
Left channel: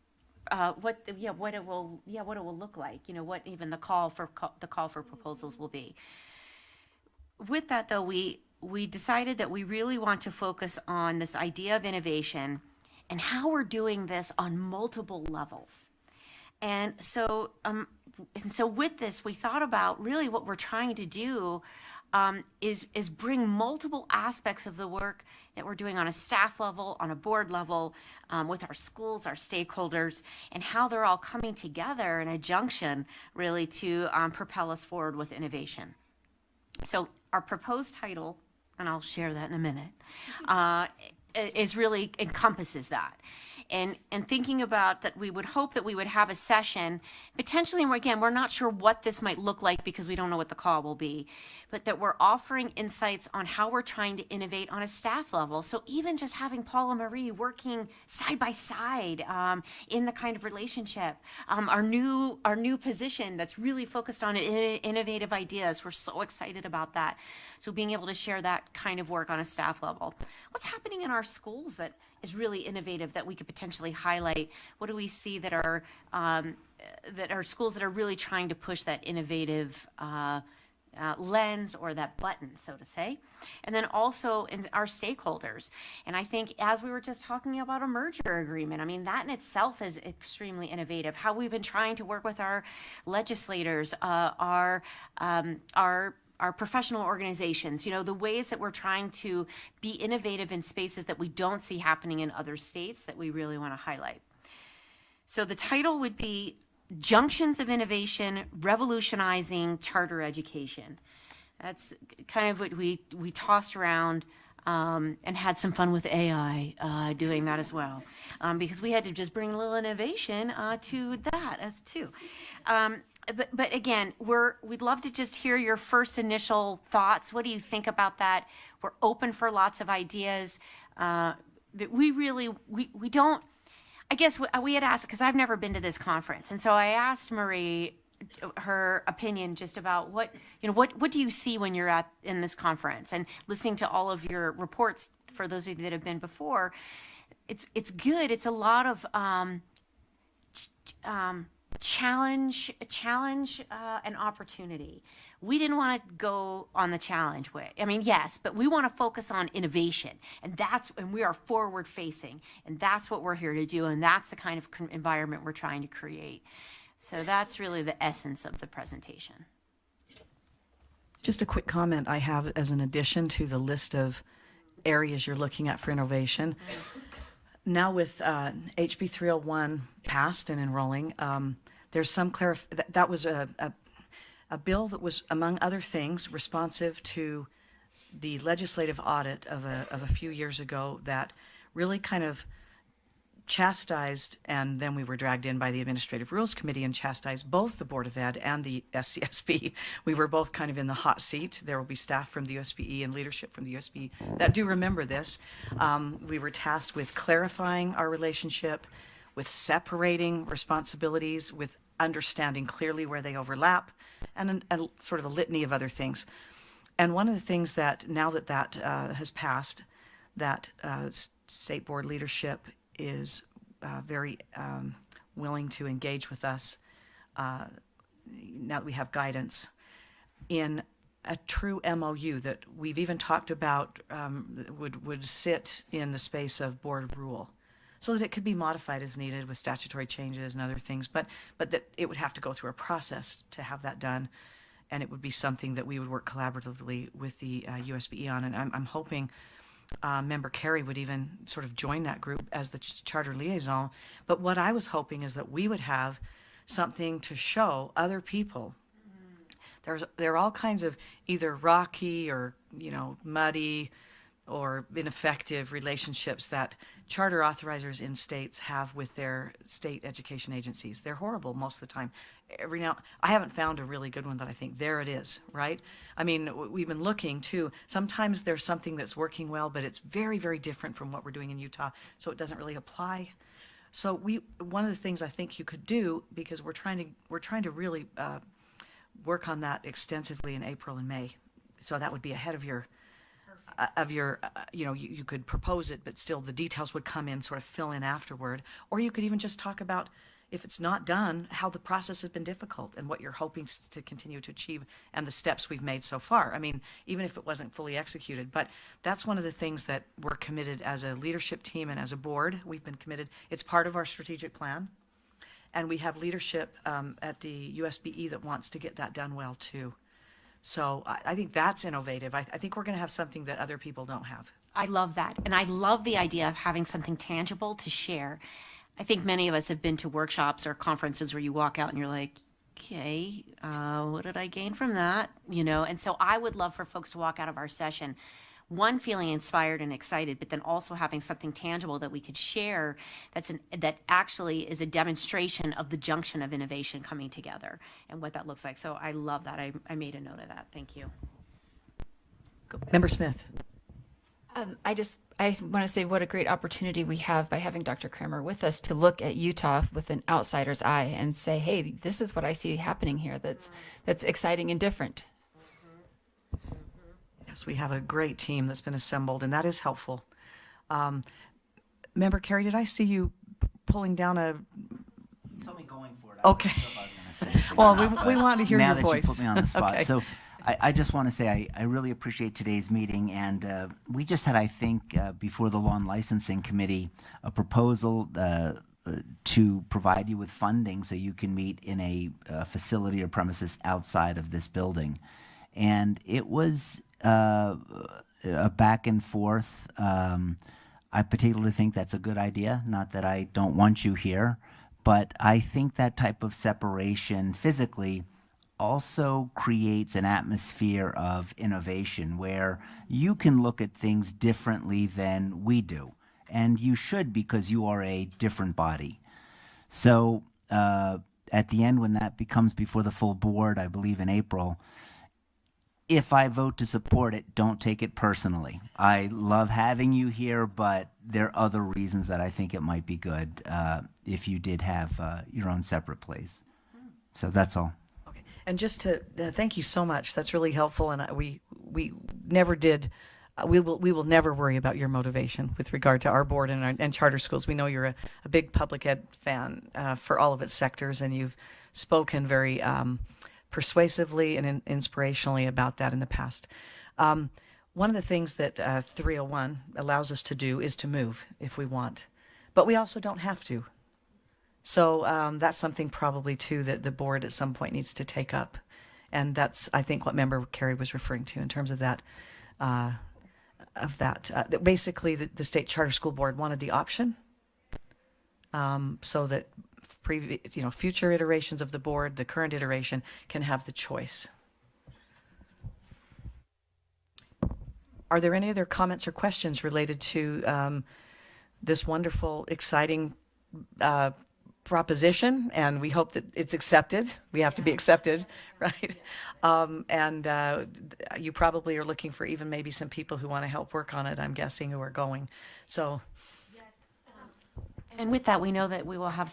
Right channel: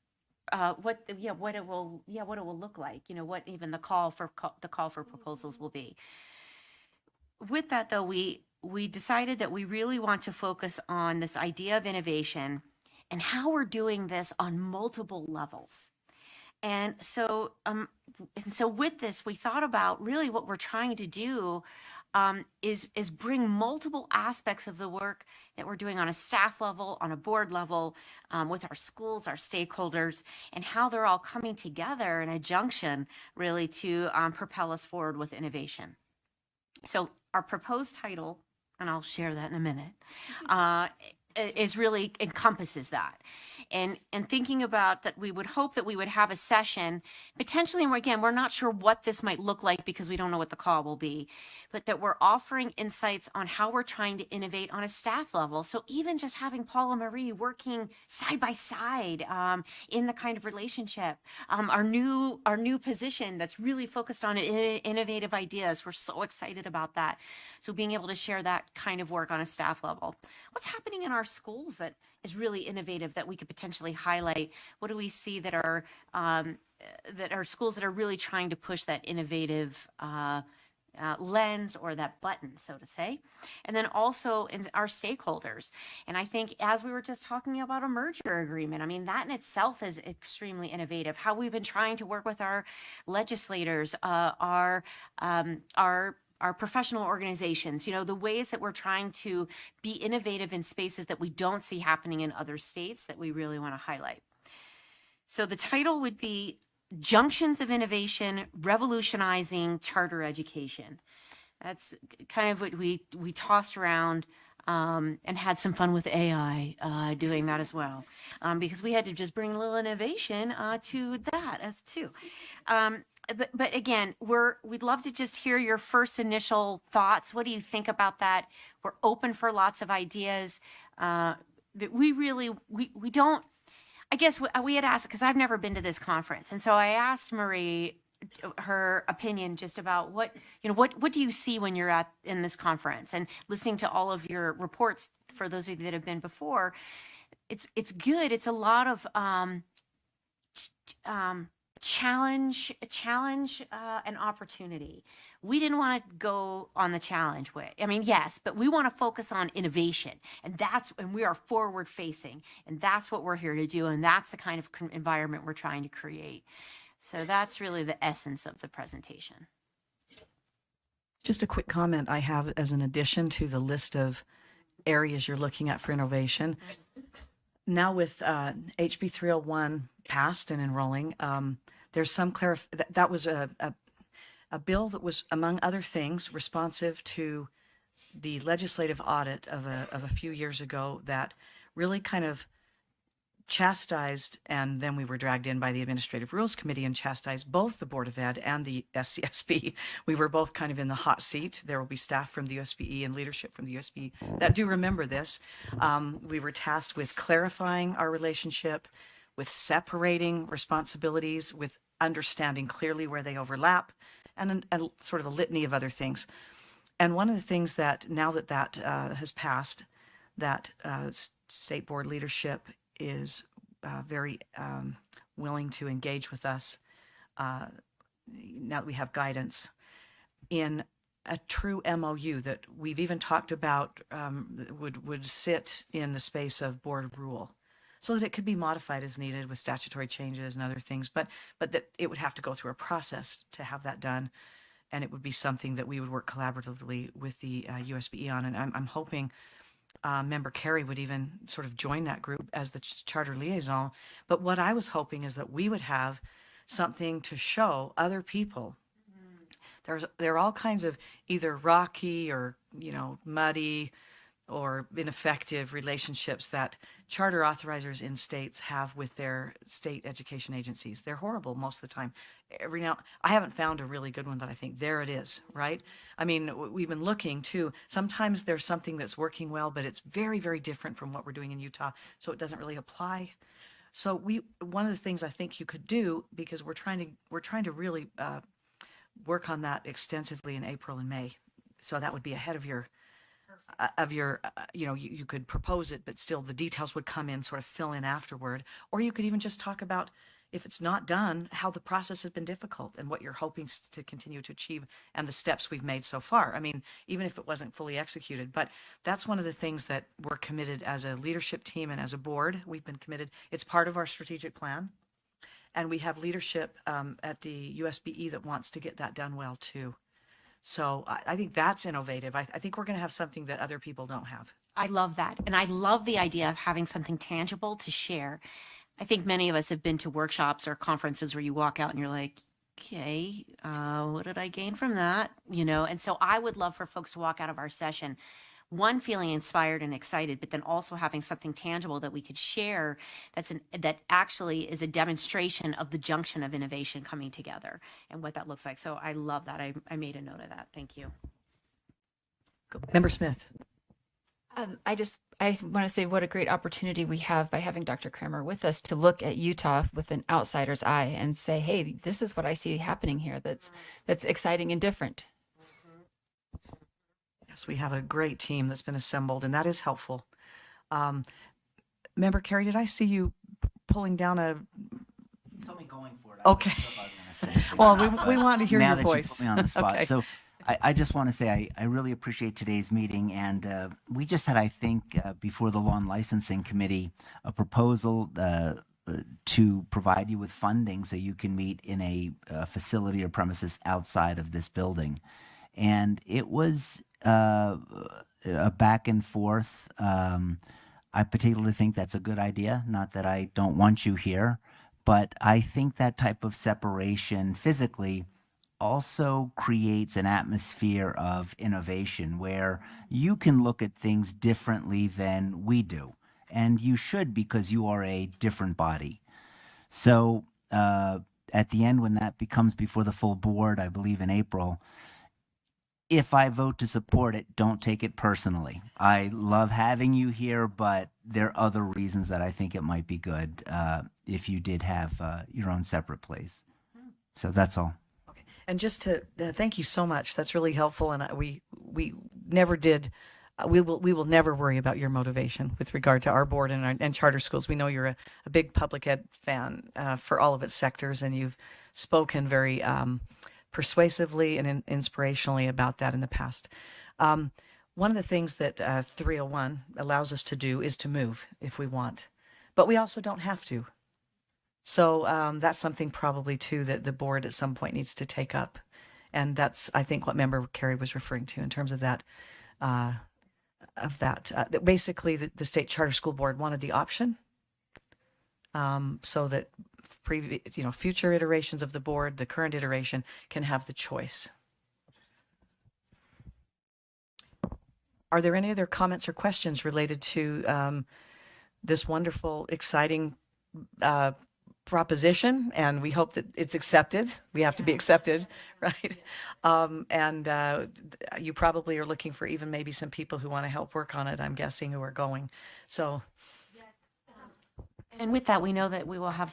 what it will look like. What even the call for proposals will be. With that, though, we decided that we really want to focus on this idea of innovation and how we're doing this on multiple levels. And so with this, we thought about really what we're trying to do is bring multiple aspects of the work that we're doing on a staff level, on a board level, with our schools, our stakeholders, and how they're all coming together in a junction really to propel us forward with innovation. So our proposed title, and I'll share that in a minute, is really encompasses that. And thinking about that, we would hope that we would have a session, potentially, and again, we're not sure what this might look like because we don't know what the call will be, but that we're offering insights on how we're trying to innovate on a staff level. So even just having Paul and Marie working side by side in the kind of relationship, our new position that's really focused on innovative ideas. We're so excited about that. So being able to share that kind of work on a staff level. What's happening in our schools that is really innovative that we could potentially highlight? What do we see that are schools that are really trying to push that innovative lens or that button, so to say? And then also in our stakeholders. And I think as we were just talking about a merger agreement, I mean, that in itself is extremely innovative. How we've been trying to work with our legislators, our professional organizations, the ways that we're trying to be innovative in spaces that we don't see happening in other states that we really want to highlight. So the title would be Junctions of Innovation, Revolutionizing Charter Education. That's kind of what we tossed around and had some fun with AI doing that as well, because we had to just bring a little innovation to that as too. But again, we'd love to just hear your first initial thoughts. What do you think about that? We're open for lots of ideas. But we don't. I guess we had asked, because I've never been to this conference, and so I asked Marie her opinion just about what do you see when you're in this conference, and listening to all of your reports for those of you that have been before. It's good. It's a lot of challenge and opportunity. We didn't want to go on the challenge way. I mean, yes, but we want to focus on innovation, and we are forward facing, and that's what we're here to do, and that's the kind of environment we're trying to create. So that's really the essence of the presentation. Just a quick comment I have as an addition to the list of areas you're looking at for innovation. Now with HB 301 passed and enrolling, there's some that was a bill that was, among other things, responsive to the legislative audit of a few years ago that really kind of chastised, and then we were dragged in by the Administrative Rules Committee and chastised both the Board of Ed and the SCSB. We were both kind of in the hot seat. There will be staff from the USBE and leadership from the USBE that do remember this. We were tasked with clarifying our relationship, with separating responsibilities, with understanding clearly where they overlap, and sort of a litany of other things. And one of the things that, now that has passed, that state board leadership is very willing to engage with us now that we have guidance in a true MOU that we've even talked about would sit in the space of board rule, so that it could be modified as needed with statutory changes and other things, but that it would have to go through a process to have that done, and it would be something that we would work collaboratively with the USBE on. And I'm hoping Member Carey would even sort of join that group as the charter liaison. But what I was hoping is that we would have something to show other people. There are all kinds of either rocky or muddy or ineffective relationships that charter authorizers in states have with their state education agencies. They're horrible most of the time. Every now, I haven't found a really good one that I think, there it is, right? I mean, we've been looking too. Sometimes there's something that's working well, but it's very, very different from what we're doing in Utah, so it doesn't really apply. So one of the things I think you could do, because we're trying to really work on that extensively in April and May, so that would be ahead of your you could propose it, but still the details would come in, sort of fill in afterward. Or you could even just talk about, if it's not done, how the process has been difficult and what you're hoping to continue to achieve and the steps we've made so far. I mean, even if it wasn't fully executed. But that's one of the things that we're committed as a leadership team and as a board. We've been committed. It's part of our strategic plan. And we have leadership at the USBE that wants to get that done well too. So I think that's innovative. I think we're going to have something that other people don't have. I love that. And I love the idea of having something tangible to share. I think many of us have been to workshops or conferences where you walk out and you're like, okay, what did I gain from that? And so I would love for folks to walk out of our session, one, feeling inspired and excited, but then also having something tangible that we could share that actually is a demonstration of the junction of innovation coming together and what that looks like. So I love that. I made a note of that. Thank you. Member Smith. I want to say what a great opportunity we have by having Dr. Kramer with us to look at Utah with an outsider's eye and say, hey, this is what I see happening here that's exciting and different. Yes, we have a great team that's been assembled, and that is helpful. Member Carey, did I see you pulling down a? Tell me going for it. Okay. Well, we want to hear now your that voice. You put me on the spot. Okay. So I just want to say I really appreciate today's meeting, and we just had, I think, before the Law and Licensing Committee, a proposal to provide you with funding so you can meet in a facility or premises outside of this building. And it was a back and forth. I particularly think that's a good idea. Not that I don't want you here, but I think that type of separation physically also creates an atmosphere of innovation where you can look at things differently than we do. And you should, because you are a different body. So at the end, when that becomes before the full board, I believe in April, if I vote to support it, don't take it personally. I love having you here, but there are other reasons that I think it might be good if you did have your own separate place. So that's all. Okay. And just to thank you so much. That's really helpful. And we never did. We will never worry about your motivation with regard to our board and charter schools. We know you're a big public ed fan for all of its sectors, and you've spoken very persuasively and inspirationally about that in the past. One of the things that 301 allows us to do is to move if we want, but we also don't have to. So that's something probably too that the board at some point needs to take up, and that's, I think, what Member Carey was referring to in terms of that. That basically the State Charter School Board wanted the option, so that future iterations of the board, the current iteration, can have the choice. Are there any other comments or questions related to this wonderful, exciting proposition? And we hope that it's accepted. We have to be accepted, right? You probably are looking for even maybe some people who want to help work on it, I'm guessing, who are going. So. And with that, we know that we will have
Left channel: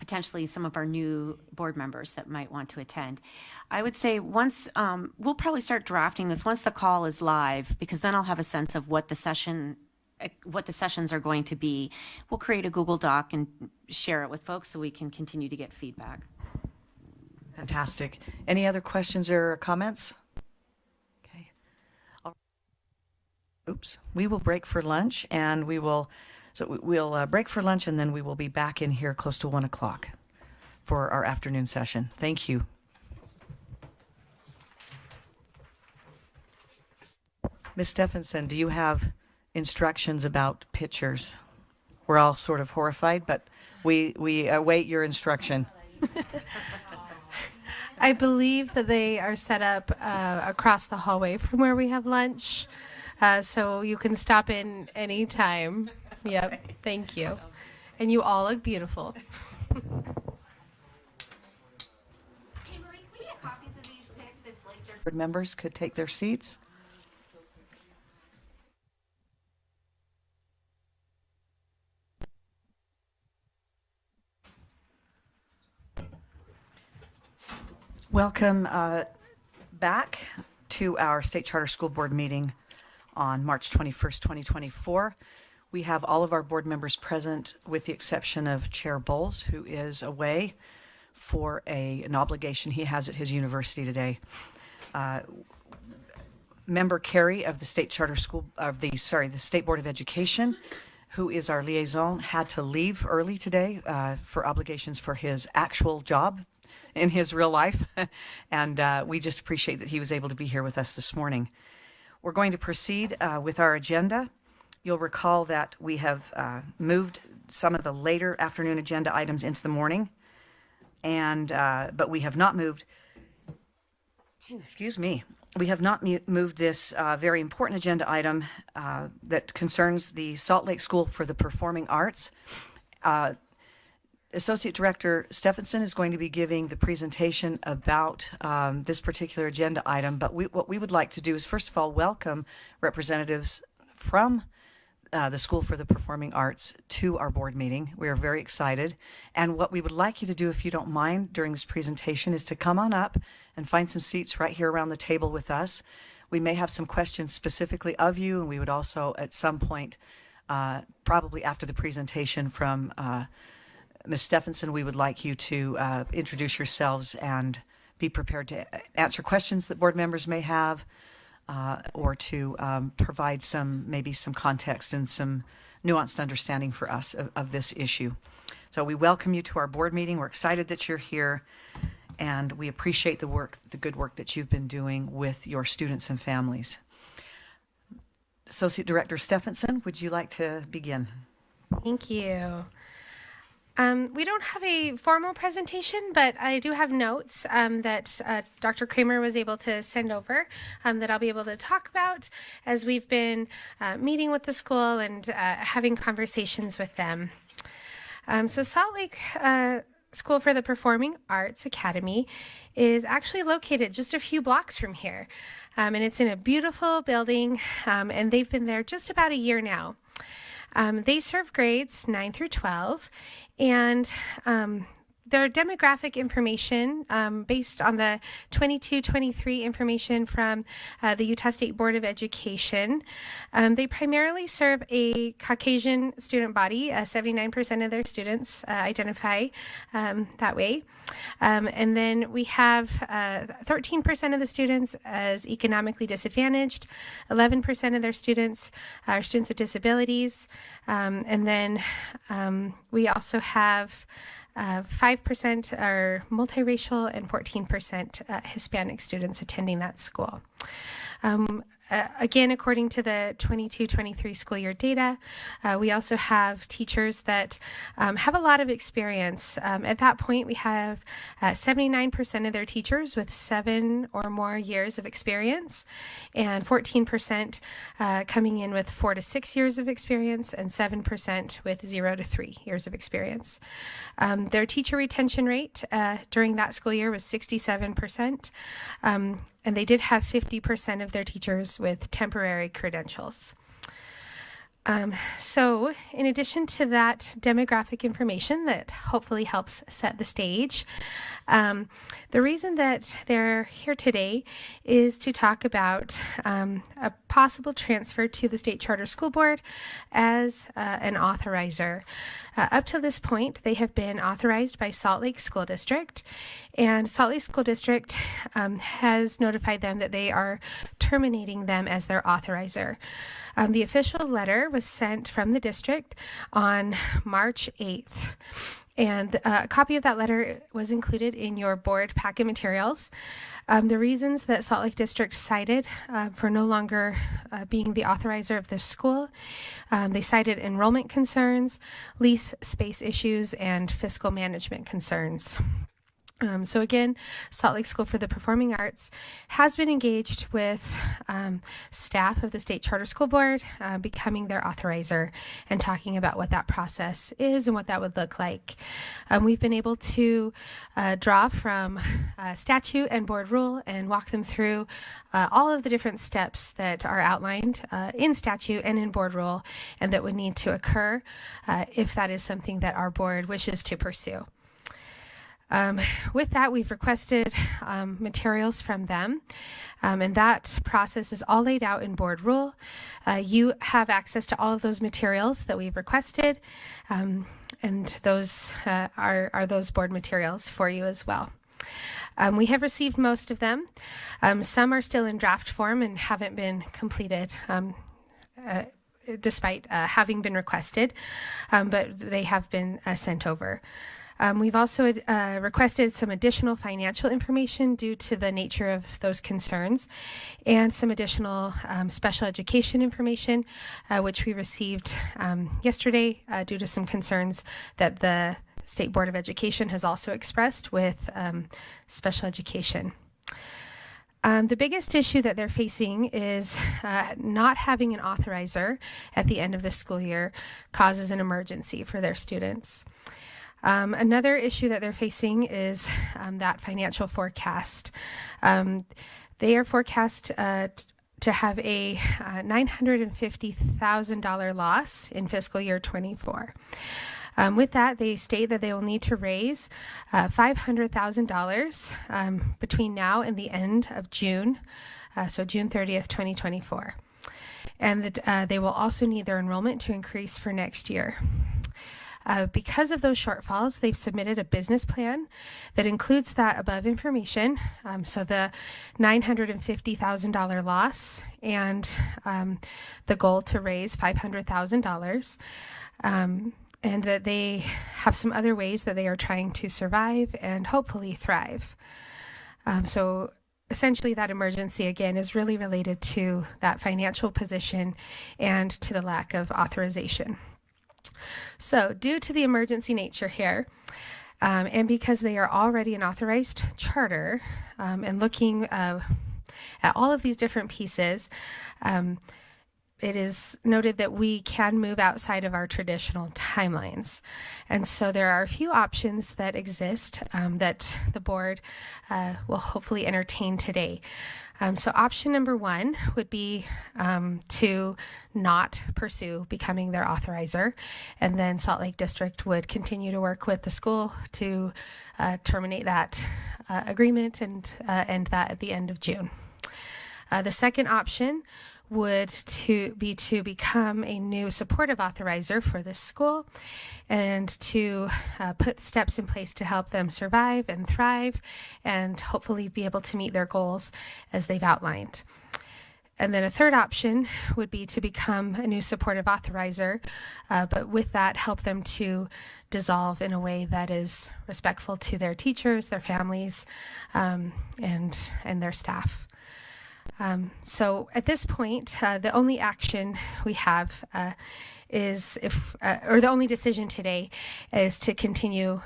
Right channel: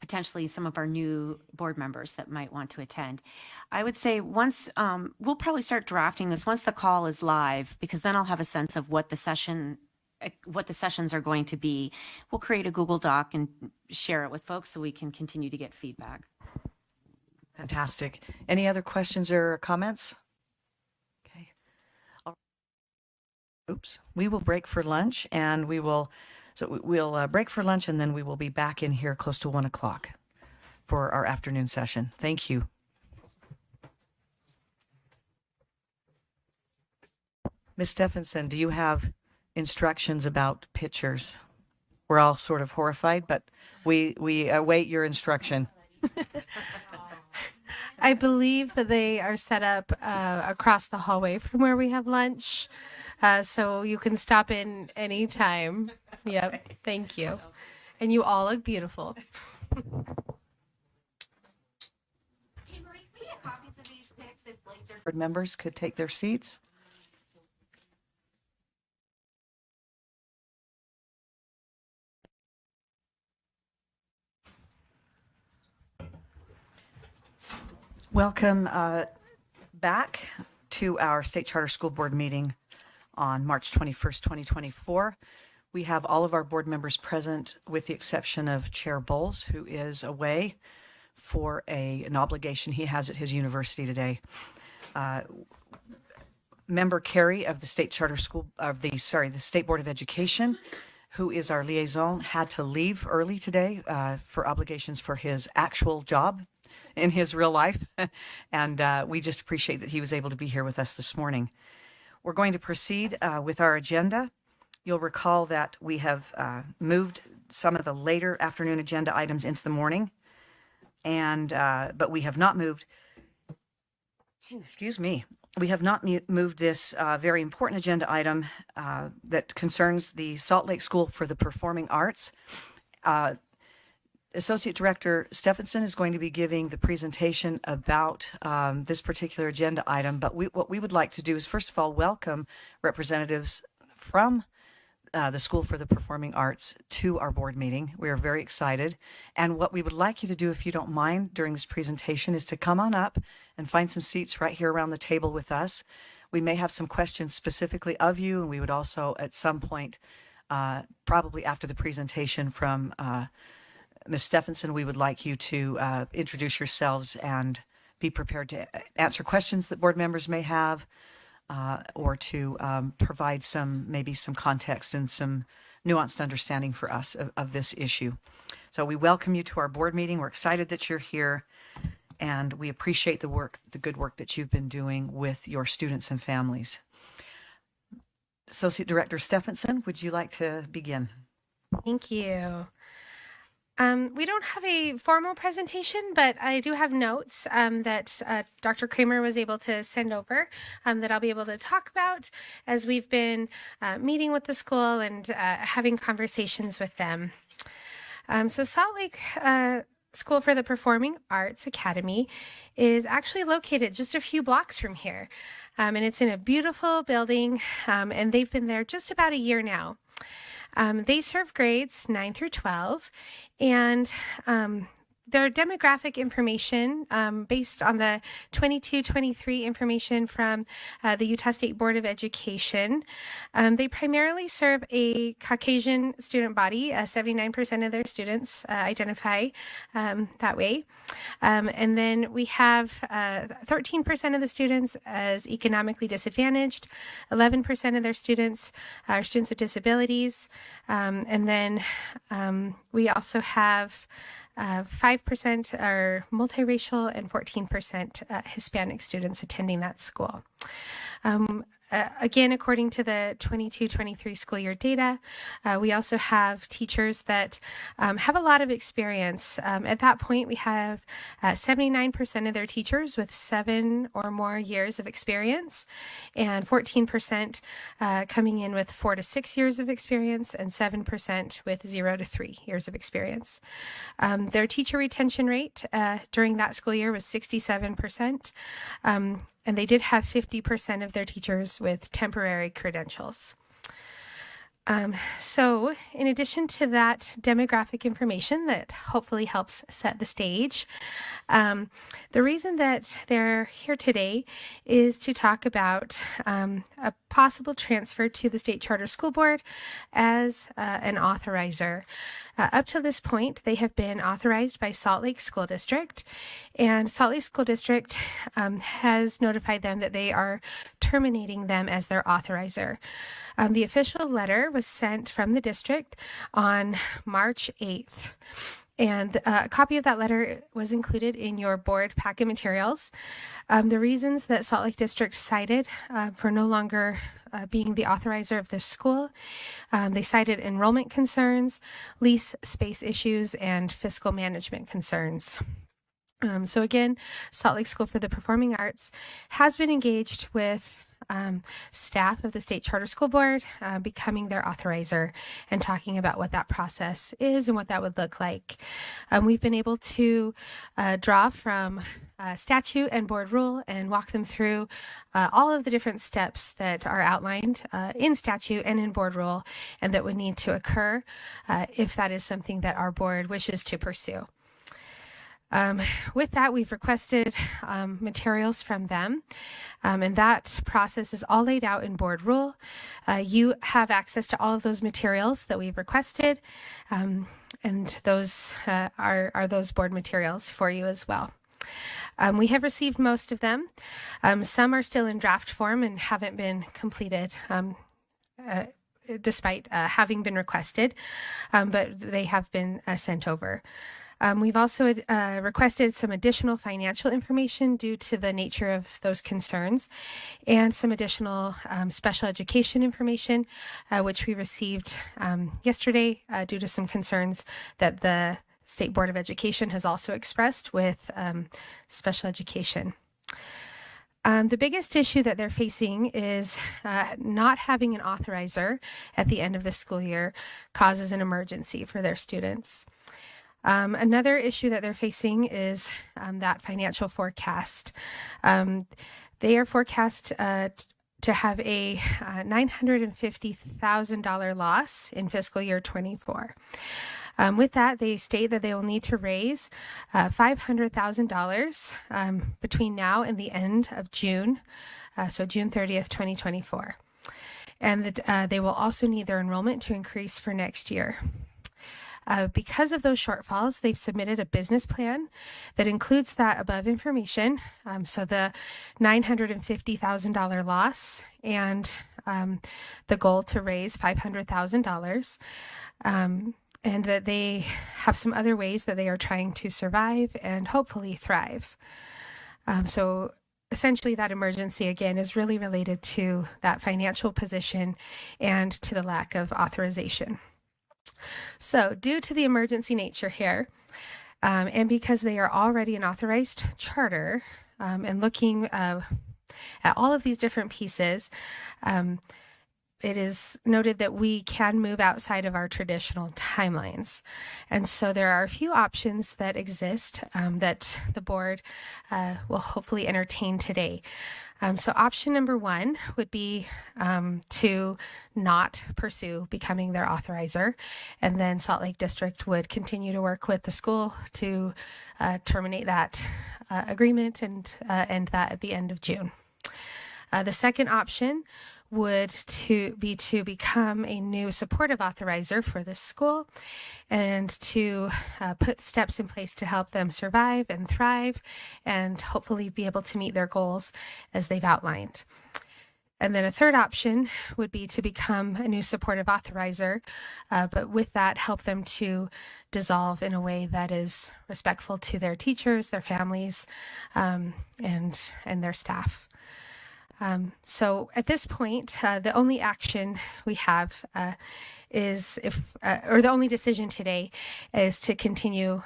potentially some of our new board members that might want to attend. I would say once, we'll probably start drafting this once the call is live, because then I'll have a sense of what the sessions are going to be. We'll create a Google Doc and share it with folks so we can continue to get feedback. Fantastic. Any other questions or comments? Okay. Oops. We will break for lunch, and we'll break for lunch, and then we will be back in here close to 1 o'clock for our afternoon session. Thank you. Ms. Stephenson, do you have instructions about pictures? We're all sort of horrified, but we await your instruction. I believe that they are set up across the hallway from where we have lunch, so you can stop in anytime. Yep, thank you. And you all look beautiful. Hey, Marie, can we get copies of these pics if Board members could take their seats. Welcome back to our State Charter School Board meeting on March 21st, 2024. We have all of our board members present with the exception of Chair Bowles, who is away for an obligation he has at his university today. Member Carey of the State Charter School, the State Board of Education, who is our liaison, had to leave early today for obligations for his actual job in his real life, and we just appreciate that he was able to be here with us this morning. We're going to proceed with our agenda. You'll recall that we have moved some of the later afternoon agenda items into the morning, and but we have not moved. Excuse me. We have not moved this very important agenda item that concerns the Salt Lake School for the Performing Arts. Associate Director Stephenson is going to be giving the presentation about this particular agenda item, but what we would like to do is, first of all, welcome representatives from the School for the Performing Arts to our board meeting. We are very excited, and what we would like you to do, if you don't mind, during this presentation is to come on up and find some seats right here around the table with us. We may have some questions specifically of you, and we would also at some point, probably after the presentation from Ms. Stephenson, we would like you to introduce yourselves and be prepared to answer questions that board members may have, or to provide maybe some context and some nuanced understanding for us of this issue. So we welcome you to our board meeting. We're excited that you're here, and we appreciate the good work that you've been doing with your students and families. Associate Director Stephenson, would you like to begin? Thank you. We don't have a formal presentation, but I do have notes that Dr. Kramer was able to send over that I'll be able to talk about as we've been meeting with the school and having conversations with them. So Salt Lake School for the Performing Arts Academy is actually located just a few blocks from here. And it's in a beautiful building, and they've been there just about a year now. They serve grades 9 through 12, and their demographic information based on the 22-23 information from the Utah State Board of Education. They primarily serve a Caucasian student body. 79% of their students identify that way. And then we have 13% of the students as economically disadvantaged, 11% of their students are students with disabilities, and then we also have 5% are multiracial and 14% Hispanic students attending that school. Again, according to the 22-23 school year data, we also have teachers that have a lot of experience. At that point, we have 79% of their teachers with 7 or more years of experience, and 14% coming in with 4 to 6 years of experience, and 7% with 0 to 3 years of experience. Their teacher retention rate during that school year was 67%. And they did have 50% of their teachers with temporary credentials. So in addition to that demographic information that hopefully helps set the stage, the reason that they're here today is to talk about a possible transfer to the State Charter School Board as an authorizer. Up to this point, they have been authorized by Salt Lake School District, and Salt Lake School District has notified them that they are terminating them as their authorizer. The official letter was sent from the district on March 8th. And a copy of that letter was included in your board packet materials. The reasons that Salt Lake District cited for no longer being the authorizer of this school, they cited enrollment concerns, lease space issues, and fiscal management concerns. So again, Salt Lake School for the Performing Arts has been engaged with staff of the State Charter School Board, becoming their authorizer and talking about what that process is and what that would look like. We've been able to draw from statute and board rule and walk them through all of the different steps that are outlined in statute and in board rule and that would need to occur if that is something that our board wishes to pursue. With that, we've requested materials from them, and that process is all laid out in board rule. You have access to all of those materials that we've requested, and those are those board materials for you as well. We have received most of them. Some are still in draft form and haven't been completed, despite having been requested, but they have been sent over. We've also requested some additional financial information due to the nature of those concerns, and some additional special education information, which we received yesterday due to some concerns that the State Board of Education has also expressed with special education. The biggest issue that they're facing is not having an authorizer at the end of the school year causes an emergency for their students. Another issue that they're facing is that financial forecast. They are forecast to have a $950,000 loss in fiscal year 24. With that, they state that they will need to raise $500,000 between now and the end of June so June 30th, 2024. And they will also need their enrollment to increase for next year. Because of those shortfalls, they've submitted a business plan that includes that above information, so the $950,000 loss and the goal to raise $500,000, and that they have some other ways that they are trying to survive and hopefully thrive. So essentially that emergency, again, is really related to that financial position and to the lack of authorization. So due to the emergency nature here, and because they are already an authorized charter, and looking at all of these different pieces, it is noted that we can move outside of our traditional timelines. And so there are a few options that exist that the board will hopefully entertain today. So option number one would be to not pursue becoming their authorizer, and then Salt Lake District would continue to work with the school to terminate that agreement and end that at the end of June. The second option would be to become a new supportive authorizer for this school and to put steps in place to help them survive and thrive and hopefully be able to meet their goals as they've outlined. And then a third option would be to become a new supportive authorizer, but with that help them to dissolve in a way that is respectful to their teachers, their families, and their staff. So at this point, the only action we have is or the only decision today is to continue,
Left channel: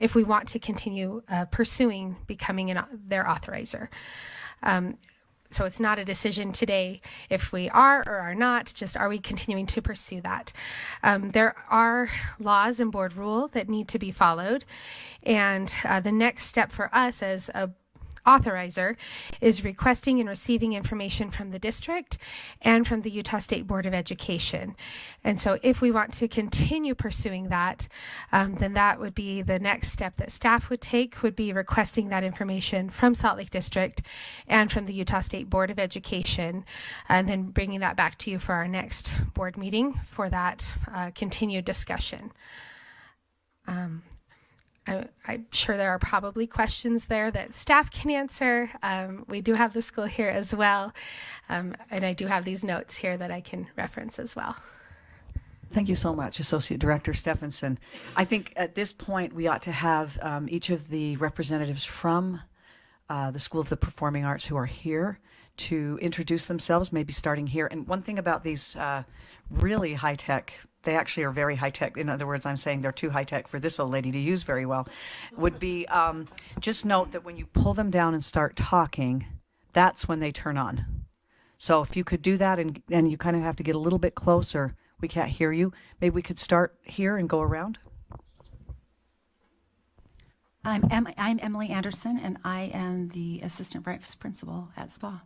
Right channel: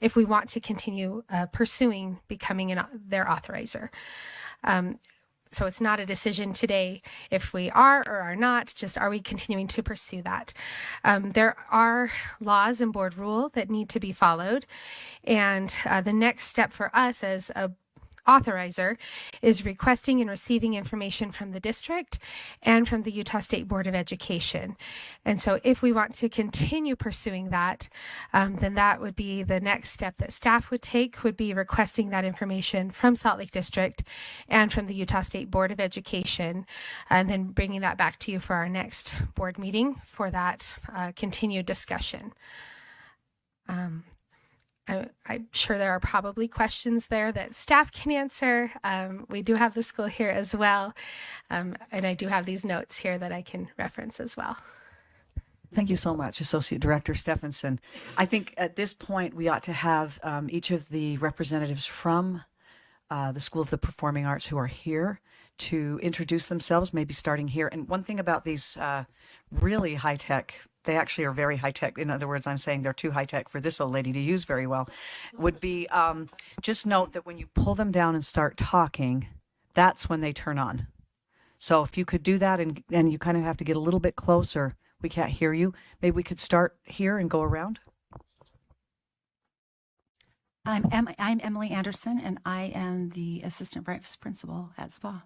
if we want to continue pursuing becoming their authorizer. So it's not a decision today if we are or are not, just are we continuing to pursue that. There are laws and board rule that need to be followed, and the next step for us as a authorizer is requesting and receiving information from the district and from the Utah State Board of Education. And so if we want to continue pursuing that, then that would be the next step that staff would take, would be requesting that information from Salt Lake District and from the Utah State Board of Education, and then bringing that back to you for our next board meeting for that continued discussion. I'm sure there are probably questions there that staff can answer. We do have the school here as well, and I do have these notes here that I can reference as well. Thank you so much, Associate Director Stephenson. I think at this point we ought to have each of the representatives from the School of the Performing Arts who are here to introduce themselves, maybe starting here. And one thing about these really high-tech, they actually are very high-tech. In other words, I'm saying they're too high-tech for this old lady to use very well. Would be just note that when you pull them down and start talking, that's when they turn on. So if you could do that, and you kind of have to get a little bit closer, we can't hear you. Maybe we could start here and go around. I'm Emily Anderson, and I am the Assistant Vice Principal at SPA.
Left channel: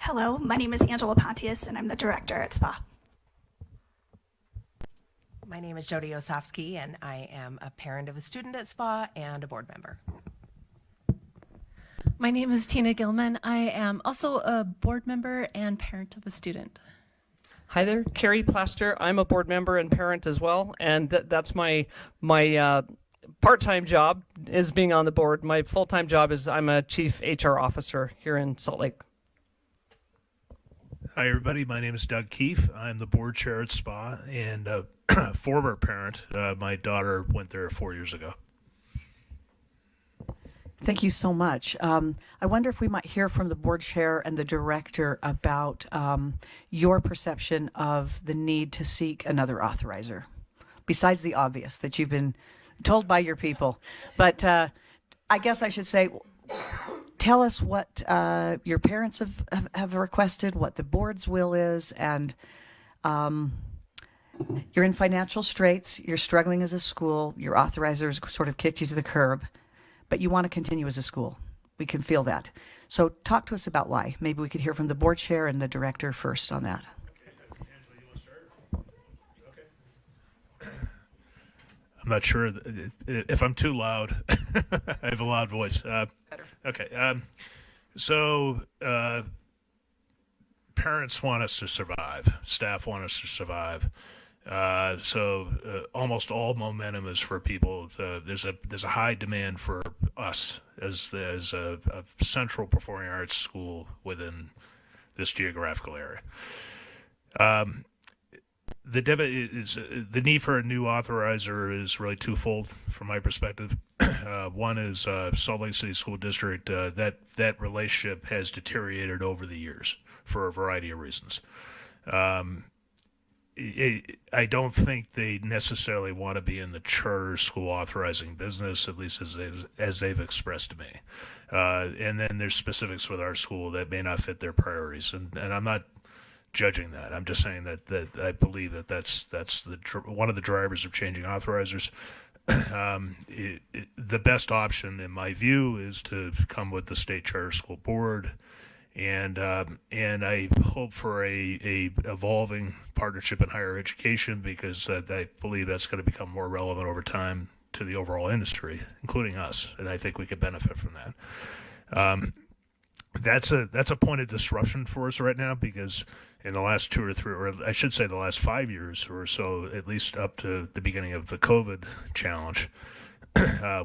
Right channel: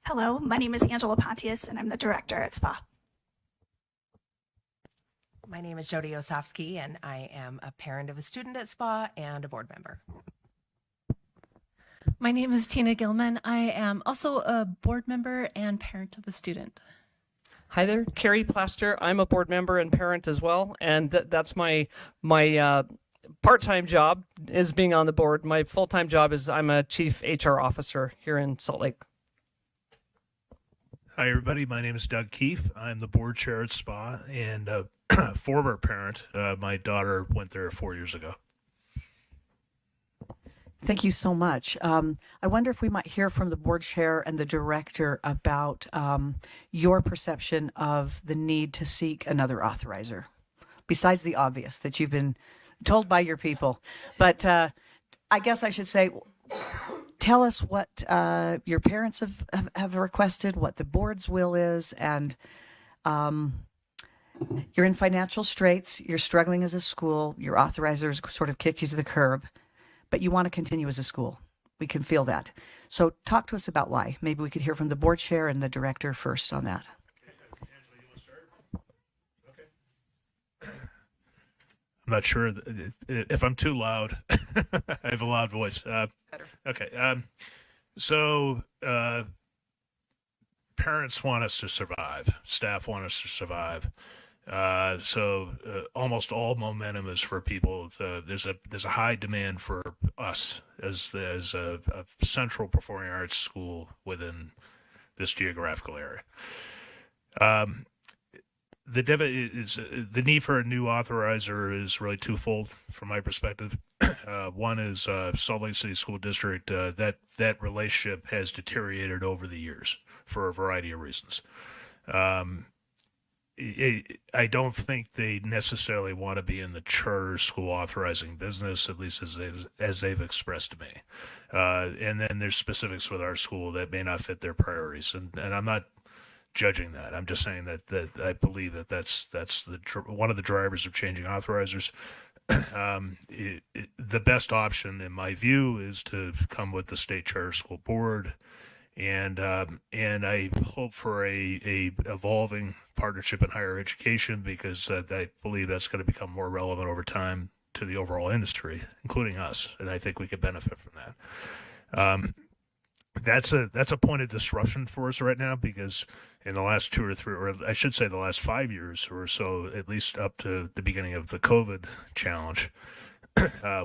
Hello, my name is Angela Pontius, and I'm the Director at SPA. My name is Jody Osofsky, and I am a parent of a student at SPA and a board member. My name is Tina Gilman. I am also a board member and parent of a student. Hi there, Carrie Plaster. I'm a board member and parent as well, and that's my part-time job is being on the board. My full-time job is I'm a chief HR officer here in Salt Lake. Hi, everybody. My name is Doug Keefe. I'm the board chair at SPA and a former parent. My daughter went there 4 years ago. Thank you so much. I wonder if we might hear from the board chair and the director about your perception of the need to seek another authorizer, besides the obvious that you've been told by your people. But I guess I should say, tell us what your parents have requested, what the board's will is, and you're in financial straits, you're struggling as a school, your authorizers sort of kicked you to the curb, but you want to continue as a school. We can feel that. So talk to us about why. Maybe we could hear from the board chair and the director first on that. I'm not sure if I'm too loud. I have a loud voice. Okay. So, parents want us to survive. Staff want us to survive. Almost all momentum is for people. There's a high demand for us as a central performing arts school within this geographical area. The need for a new authorizer is really twofold from my perspective. One is Salt Lake City School District. That relationship has deteriorated over the years for a variety of reasons. I don't think they necessarily want to be in the charter school authorizing business, at least as they've expressed to me. And then there's specifics with our school that may not fit their priorities, and I'm not judging that. I'm just saying that I believe that's one of the drivers of changing authorizers. The best option, in my view, is to come with the state charter school board, and I hope for a evolving partnership in higher education, because I believe that's going to become more relevant over time to the overall industry, including us, and I think we could benefit from that. That's a point of disruption for us right now, because in the last 2 or 3, or I should say the last 5 years or so, at least up to the beginning of the COVID challenge,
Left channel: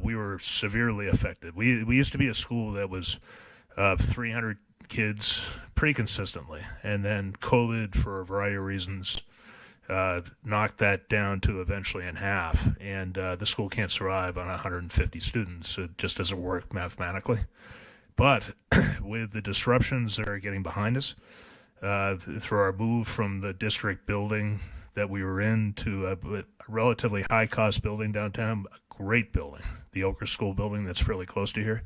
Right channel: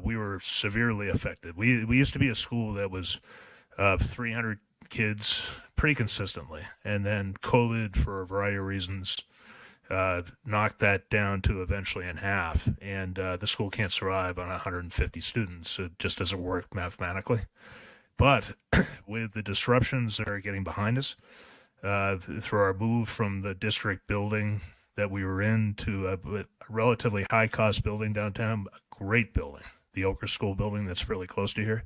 we were severely affected. We used to be a school that was 300 kids pretty consistently, and then COVID, for a variety of reasons, knocked that down to eventually in half, and the school can't survive on 150 students. It just doesn't work mathematically. But with the disruptions that are getting behind us, through our move from the district building that we were in to a relatively high-cost building downtown, a great building, the Oker School building that's fairly close to here,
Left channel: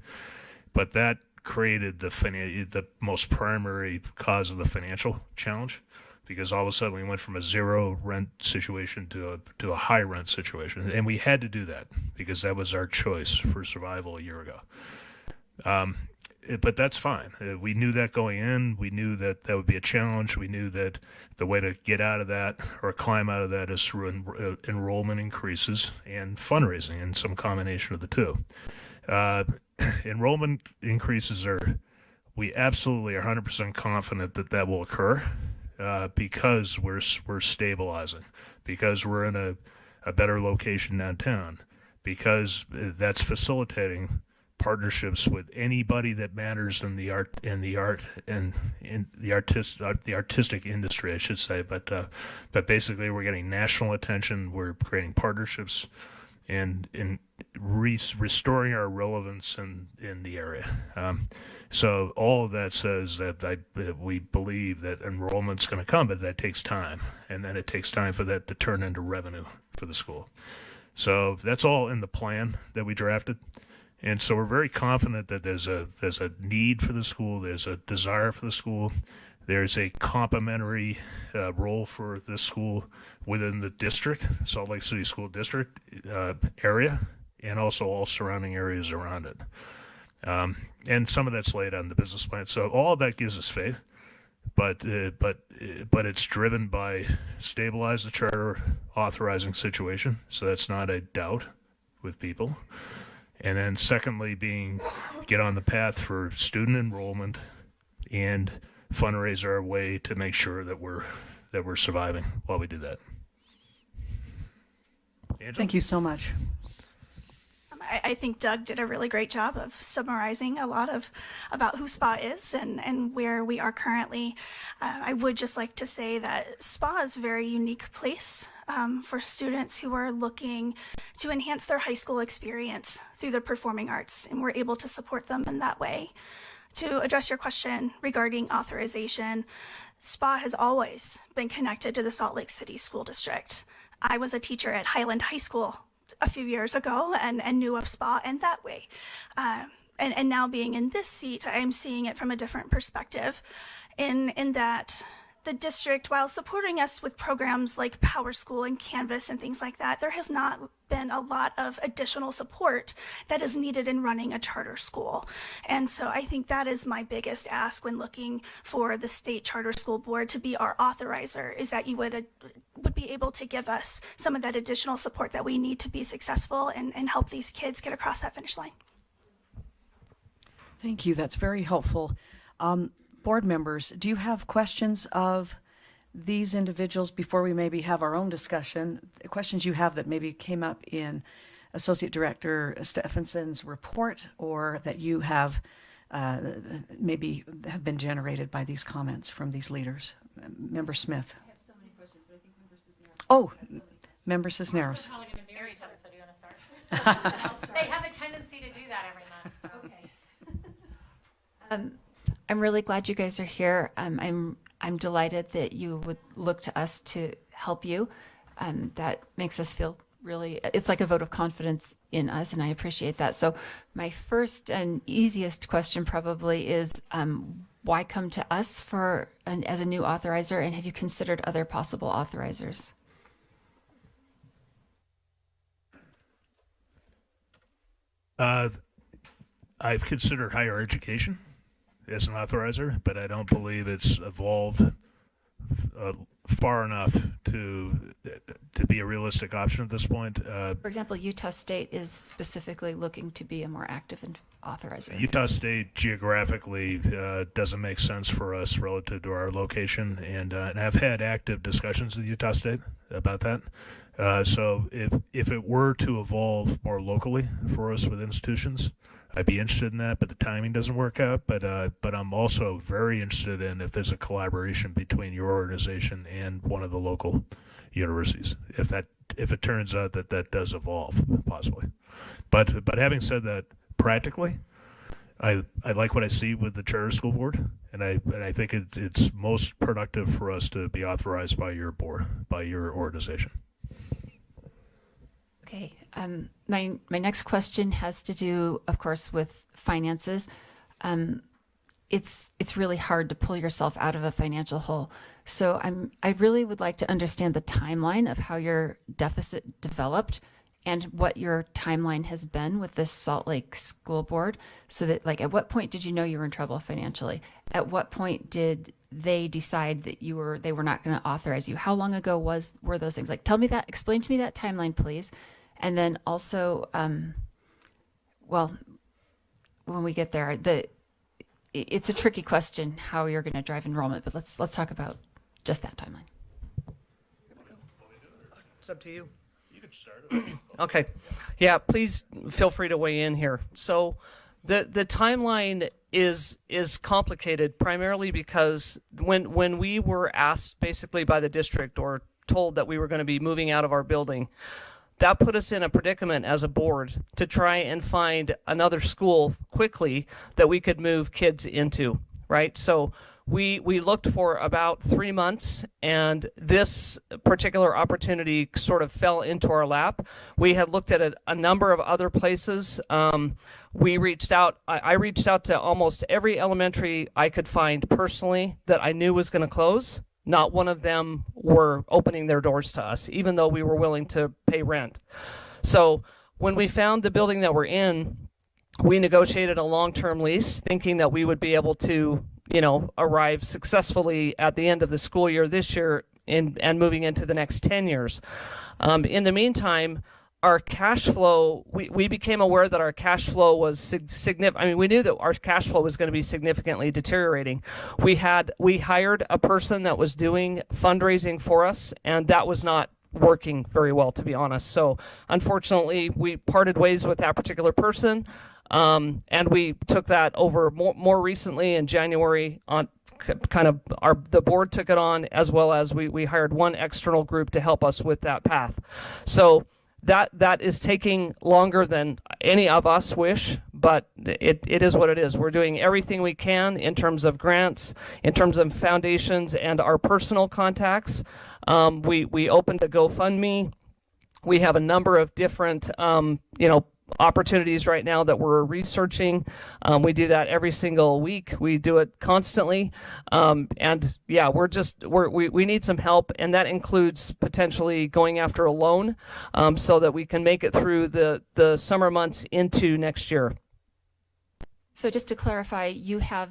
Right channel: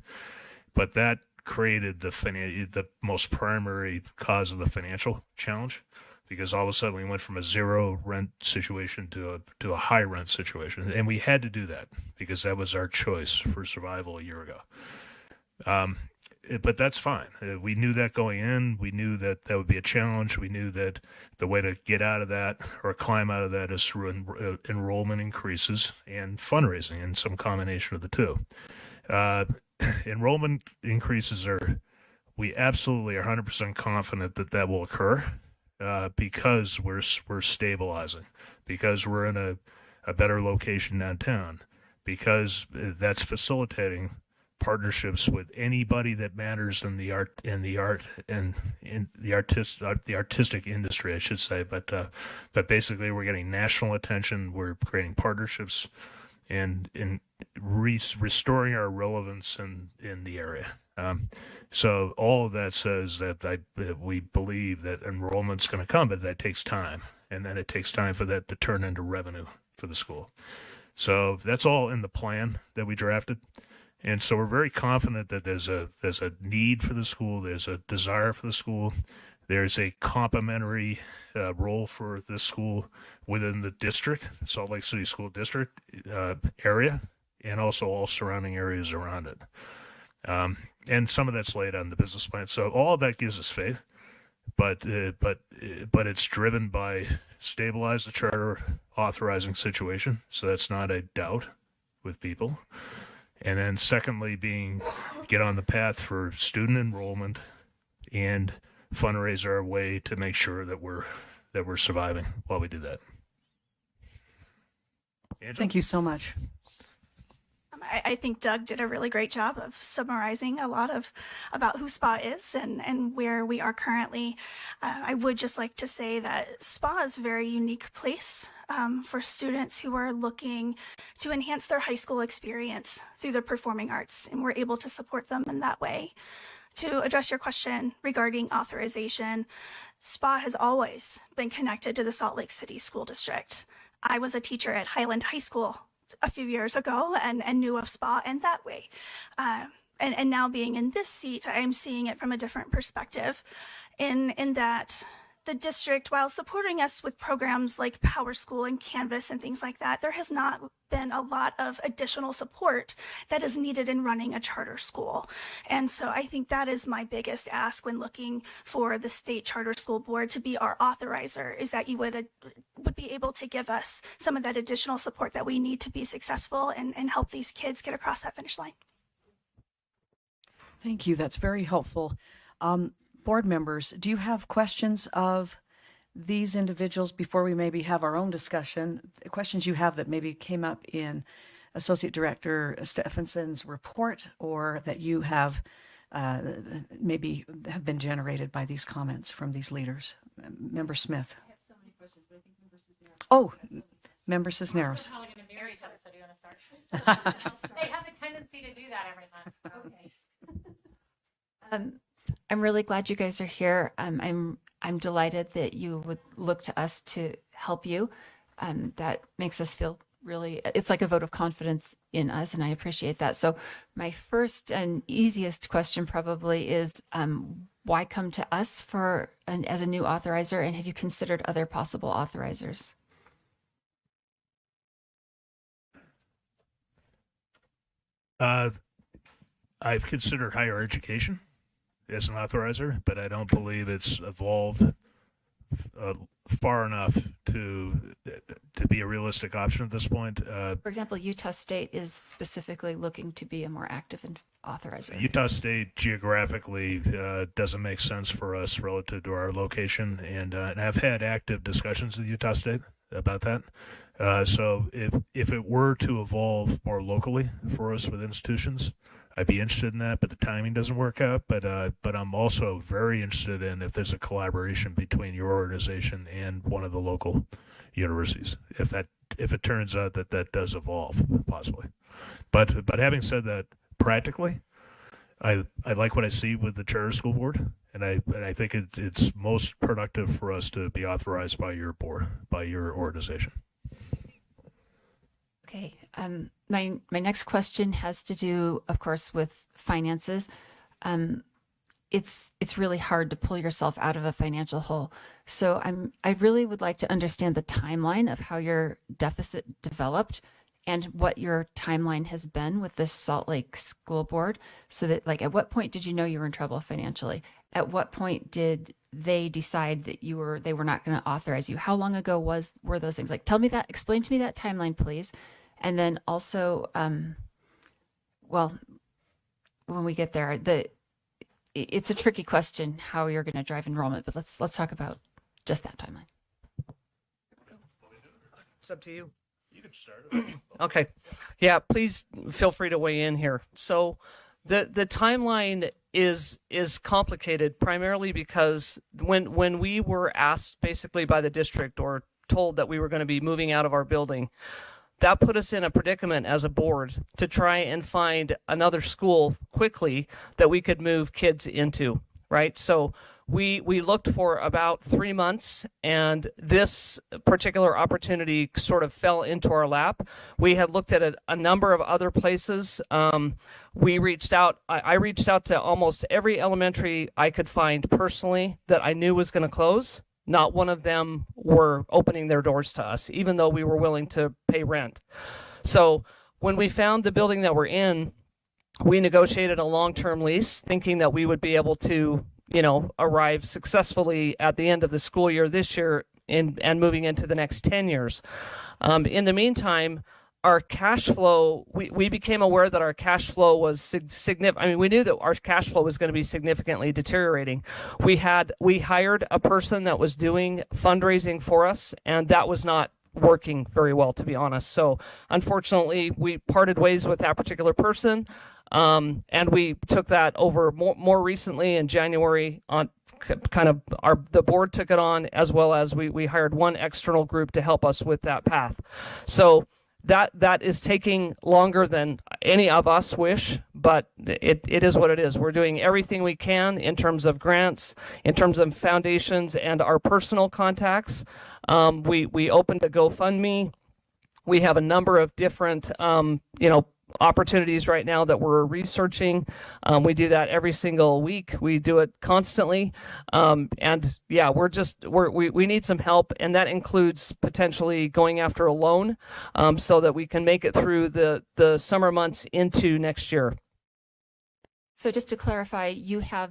but that created the most primary cause of the financial challenge, because all of a sudden we went from a zero rent situation to a high rent situation, and we had to do that because that was our choice for survival a year ago. But that's fine. We knew that going in. We knew that that would be a challenge. We knew that the way to get out of that or climb out of that is through enrollment increases and fundraising, and some combination of the two. Enrollment increases we absolutely are 100% confident that will occur, because we're stabilizing, because we're in a better location downtown, because that's facilitating partnerships with anybody that matters in the artistic industry, I should say. But basically, we're getting national attention. We're creating partnerships and restoring our relevance in the area. So all of that says that we believe that enrollment's going to come, but that takes time, and then it takes time for that to turn into revenue for the school. So that's all in the plan that we drafted. And so we're very confident that there's a need for the school, there's a desire for the school, there's a complementary role for this school within the district, Salt Lake City School District area, and also all surrounding areas around it. And some of that's laid out in the business plan. So all of that gives us faith, but it's driven by stabilize the charter authorizing situation. So that's not a doubt with people. And then secondly, get on the path for student enrollment and fundraise our way to make sure that we're surviving while we do that. Angela? Thank you so much. I think Doug did a really great job of summarizing a lot about who SPA is and where we are currently. I would just like to say that SPA is a very unique place for students who are looking to enhance their high school experience through the performing arts, and we're able to support them in that way. To address your question regarding authorization, SPA has always been connected to the Salt Lake City School District. I was a teacher at Highland High School a few years ago and knew of SPA in that way. And now being in this seat, I am seeing it from a different perspective in that the district, while supporting us with programs like Power School and Canvas and things like that, there has not been a lot of additional support that is needed in running a charter school. And so I think that is my biggest ask when looking for the state charter school board to be our authorizer, is that you would be able to give us some of that additional support that we need to be successful and help these kids get across that finish line. Thank you. That's very helpful. Board members, do you have questions of these individuals before we maybe have our own discussion? Questions you have that maybe came up in Associate Director Stephenson's report, or that you have maybe have been generated by these comments from these leaders? Member Smith. I have so many questions, but I think Member Cisneros. Oh, Member Cisneros. We're probably going to mirror each other, so do you want to start? They have a tendency to do that every month. Okay. I'm really glad you guys are here. I'm delighted that you would look to us to help you. That makes us feel really, it's like a vote of confidence in us, and I appreciate that. So my first and easiest question probably is, why come to us as a new authorizer, and have you considered other possible authorizers? I've considered higher education as an authorizer, but I don't believe it's evolved far enough to be a realistic option at this point. For example, Utah State is specifically looking to be a more active authorizer. Utah State geographically doesn't make sense for us relative to our location, and I've had active discussions with Utah State about that. So if it were to evolve more locally for us with institutions, I'd be interested in that, but the timing doesn't work out. But I'm also very interested in if there's a collaboration between your organization and one of the local universities, if it turns out that does evolve, possibly. But having said that, practically, I like what I see with the charter school board, and I think it's most productive for us to be authorized by your board, by your organization. Okay. My next question has to do, of course, with finances. It's really hard to pull yourself out of a financial hole. So I really would like to understand the timeline of how your deficit developed and what your timeline has been with this Salt Lake School Board, so that, like, at what point did you know you were in trouble financially? At what point did they decide that they were not going to authorize you? How long ago were those things? Like, explain to me that timeline, please. And then also, well, when we get there, it's a tricky question how you're going to drive enrollment, but let's talk about just that timeline. It's up to you. You can start. Okay. Yeah, please feel free to weigh in here. So the timeline is complicated primarily because when we were asked basically by the district or told that we were going to be moving out of our building, that put us in a predicament as a board to try and find another school quickly that we could move kids into, right? So we looked for about 3 months, and this particular opportunity sort of fell into our lap. We had looked at a number of other places. We reached out. I reached out to almost every elementary I could find personally that I knew was going to close. Not one of them were opening their doors to us, even though we were willing to pay rent. So when we found the building that we're in, we negotiated a long-term lease, thinking that we would be able to, arrive successfully at the end of the school year this year and moving into the next 10 years. In the meantime, our cash flow, we became aware that our cash flow was significant. I mean, we knew that our cash flow was going to be significantly deteriorating. We hired a person that was doing fundraising for us, and that was not working very well, to be honest. So unfortunately, we parted ways with that particular person, and we took that over more recently in January on the board took it on, as well as we hired one external group to help us with that path. So that is taking longer than any of us wish, but it is what it is. We're doing everything we can in terms of grants, in terms of foundations, and our personal contacts. We opened a GoFundMe. We have a number of different, opportunities right now that we're researching. We do that every single week. We do it constantly. And yeah, we need some help, and that includes potentially going after a loan so that we can make it through the summer months into next year. So just to clarify, you have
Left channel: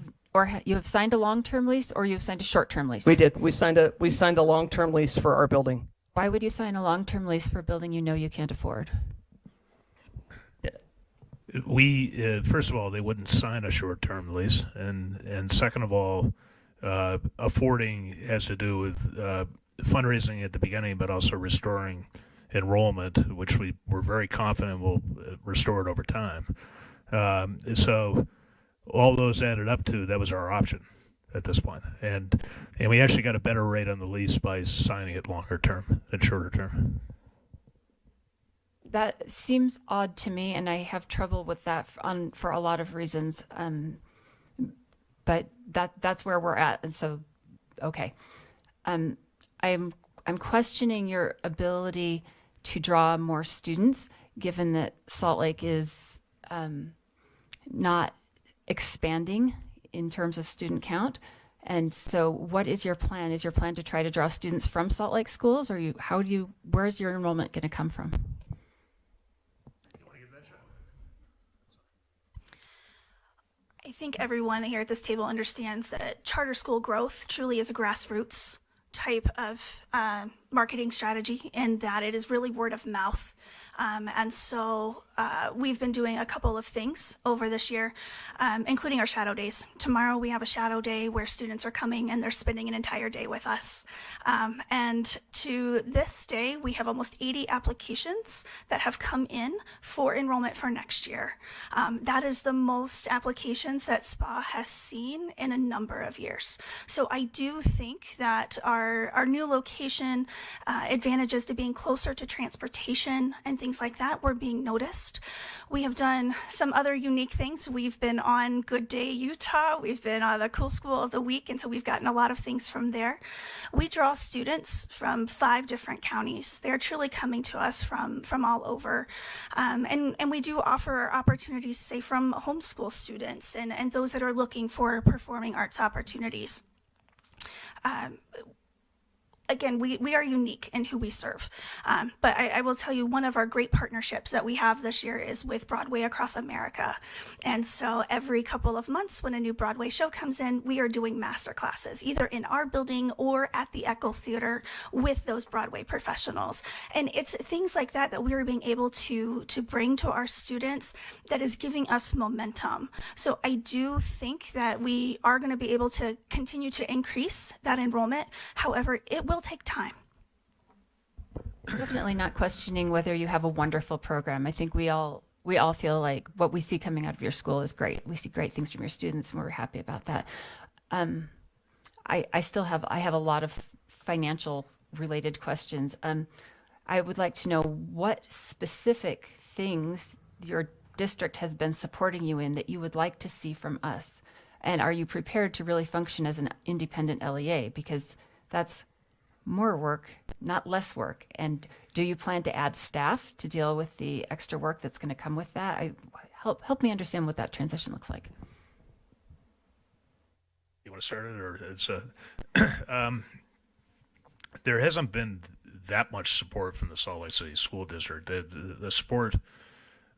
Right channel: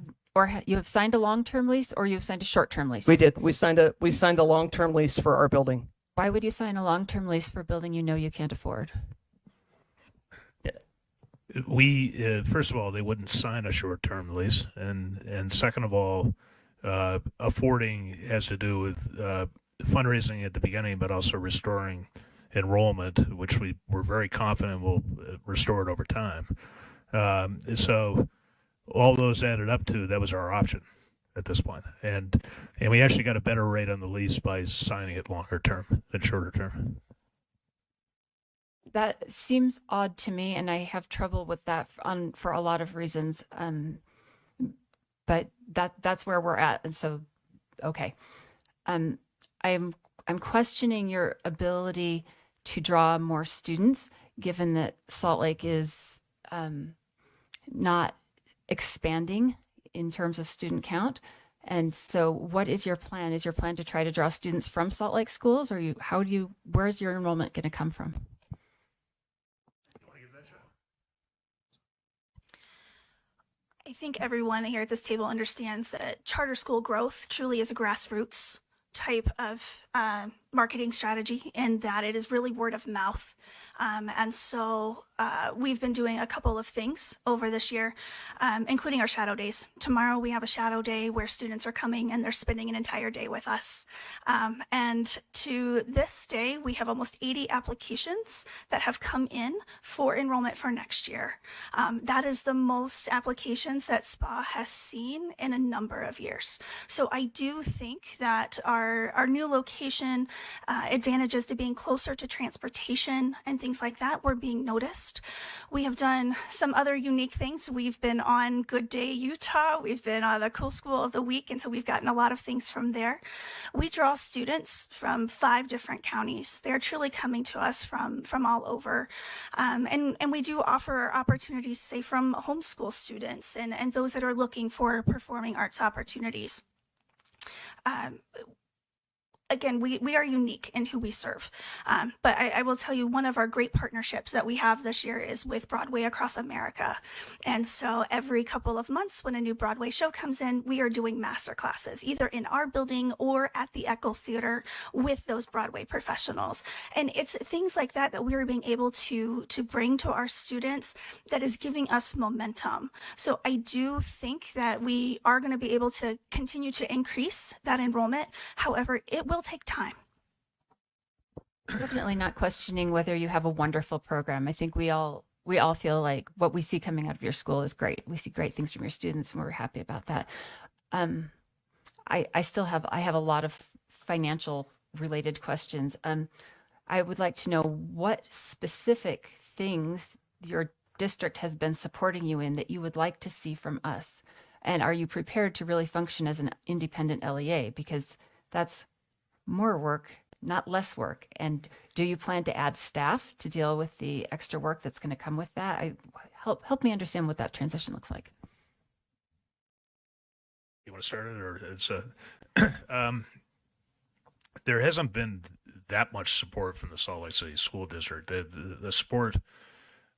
signed a long-term lease, or you've signed a short-term lease? We did. We signed a long-term lease for our building. Why would you sign a long-term lease for a building you know you can't afford? we first of all, they wouldn't sign a short-term lease, and second of all, affording has to do with fundraising at the beginning, but also restoring enrollment, which we're very confident will restore it over time. So all those added up to that was our option at this point, and we actually got a better rate on the lease by signing it longer term than shorter term. That seems odd to me, and I have trouble with that for a lot of reasons. But that's where we're at, and so okay. I'm questioning your ability to draw more students, given that Salt Lake is not expanding in terms of student count. And so what is your plan? Is your plan to try to draw students from Salt Lake schools, or where's your enrollment going to come from? I think everyone here at this table understands that charter school growth truly is a grassroots type of marketing strategy, and that it is really word of mouth. And so we've been doing a couple of things over this year, including our shadow days. Tomorrow we have a shadow day where students are coming and they're spending an entire day with us. And to this day, we have almost 80 applications that have come in for enrollment for next year. That is the most applications that SPA has seen in a number of years. So I do think that our new location, advantages to being closer to transportation and things like that, we're being noticed. We have done some other unique things. We've been on Good Day Utah. We've been on the Cool School of the Week, and so we've gotten a lot of things from there. We draw students from 5 different counties. They're truly coming to us from all over. And we do offer opportunities, say, from homeschool students and those that are looking for performing arts opportunities. Again, we are unique in who we serve. But I will tell you, one of our great partnerships that we have this year is with Broadway Across America. And so every couple of months when a new Broadway show comes in, we are doing master classes, either in our building or at the Echo Theater with those Broadway professionals. And it's things like that that we're being able to bring to our students that is giving us momentum. So I do think that we are going to be able to continue to increase that enrollment. However, it will take time. I'm definitely not questioning whether you have a wonderful program. I think we all feel like what we see coming out of your school is great. We see great things from your students, and we're happy about that. I have a lot of financial related questions. I would like to know what specific things your district has been supporting you in that you would like to see from us, and are you prepared to really function as an independent LEA, because that's more work, not less work. And do you plan to add staff to deal with the extra work that's going to come with that? Help me understand what that transition looks like. You want to start it, or it's there hasn't been that much support from the Salt Lake City School District. The support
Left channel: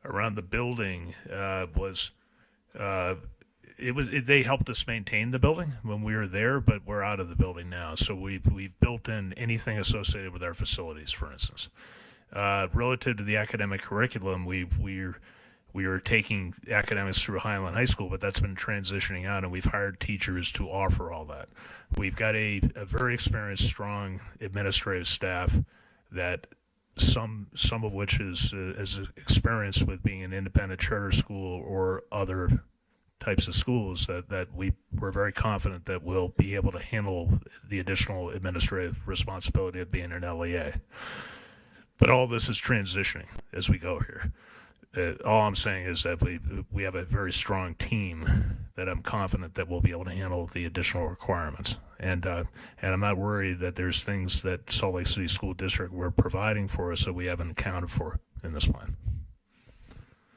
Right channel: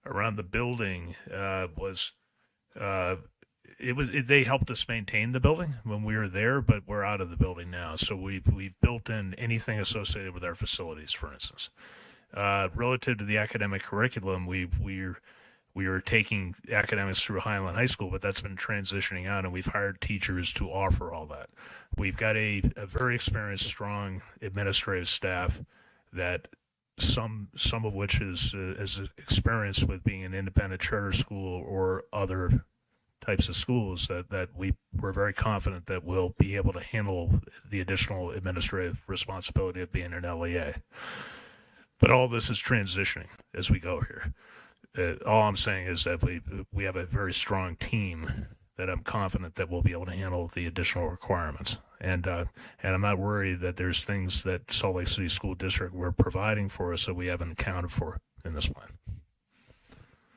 around the building was they helped us maintain the building when we were there, but we're out of the building now. So we've built in anything associated with our facilities, for instance. Relative to the academic curriculum, we were taking academics through Highland High School, but that's been transitioning out, and we've hired teachers to offer all that. We've got a very experienced, strong administrative staff that some of which is experienced with being an independent charter school or other types of schools that we're very confident that we'll be able to handle the additional administrative responsibility of being an LEA. But all this is transitioning as we go here. All I'm saying is that we have a very strong team that I'm confident that we'll be able to handle the additional requirements. And I'm not worried that there's things that Salt Lake City School District were providing for us that we haven't accounted for in this plan.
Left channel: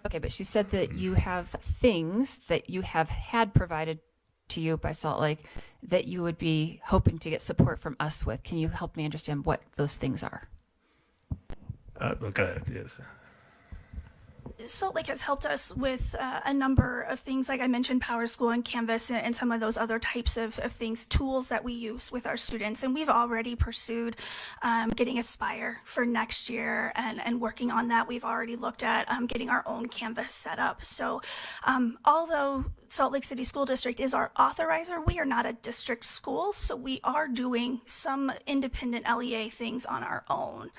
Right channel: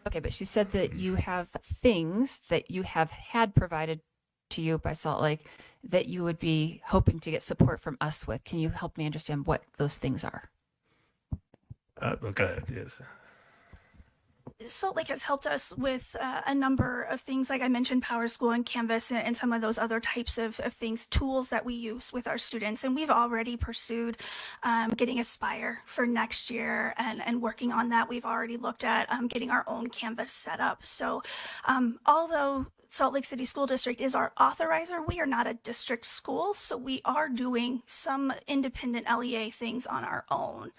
Okay, but she said that you have things that you have had provided to you by Salt Lake that you would be hoping to get support from us with. Can you help me understand what those things are? Okay. Yes. Salt Lake has helped us with a number of things, like I mentioned, PowerSchool and Canvas and some of those other types of things, tools that we use with our students. And we've already pursued getting Aspire for next year and working on that. We've already looked at getting our own Canvas set up. So although Salt Lake City School District is our authorizer, we are not a district school, so we are doing some independent LEA things on our own.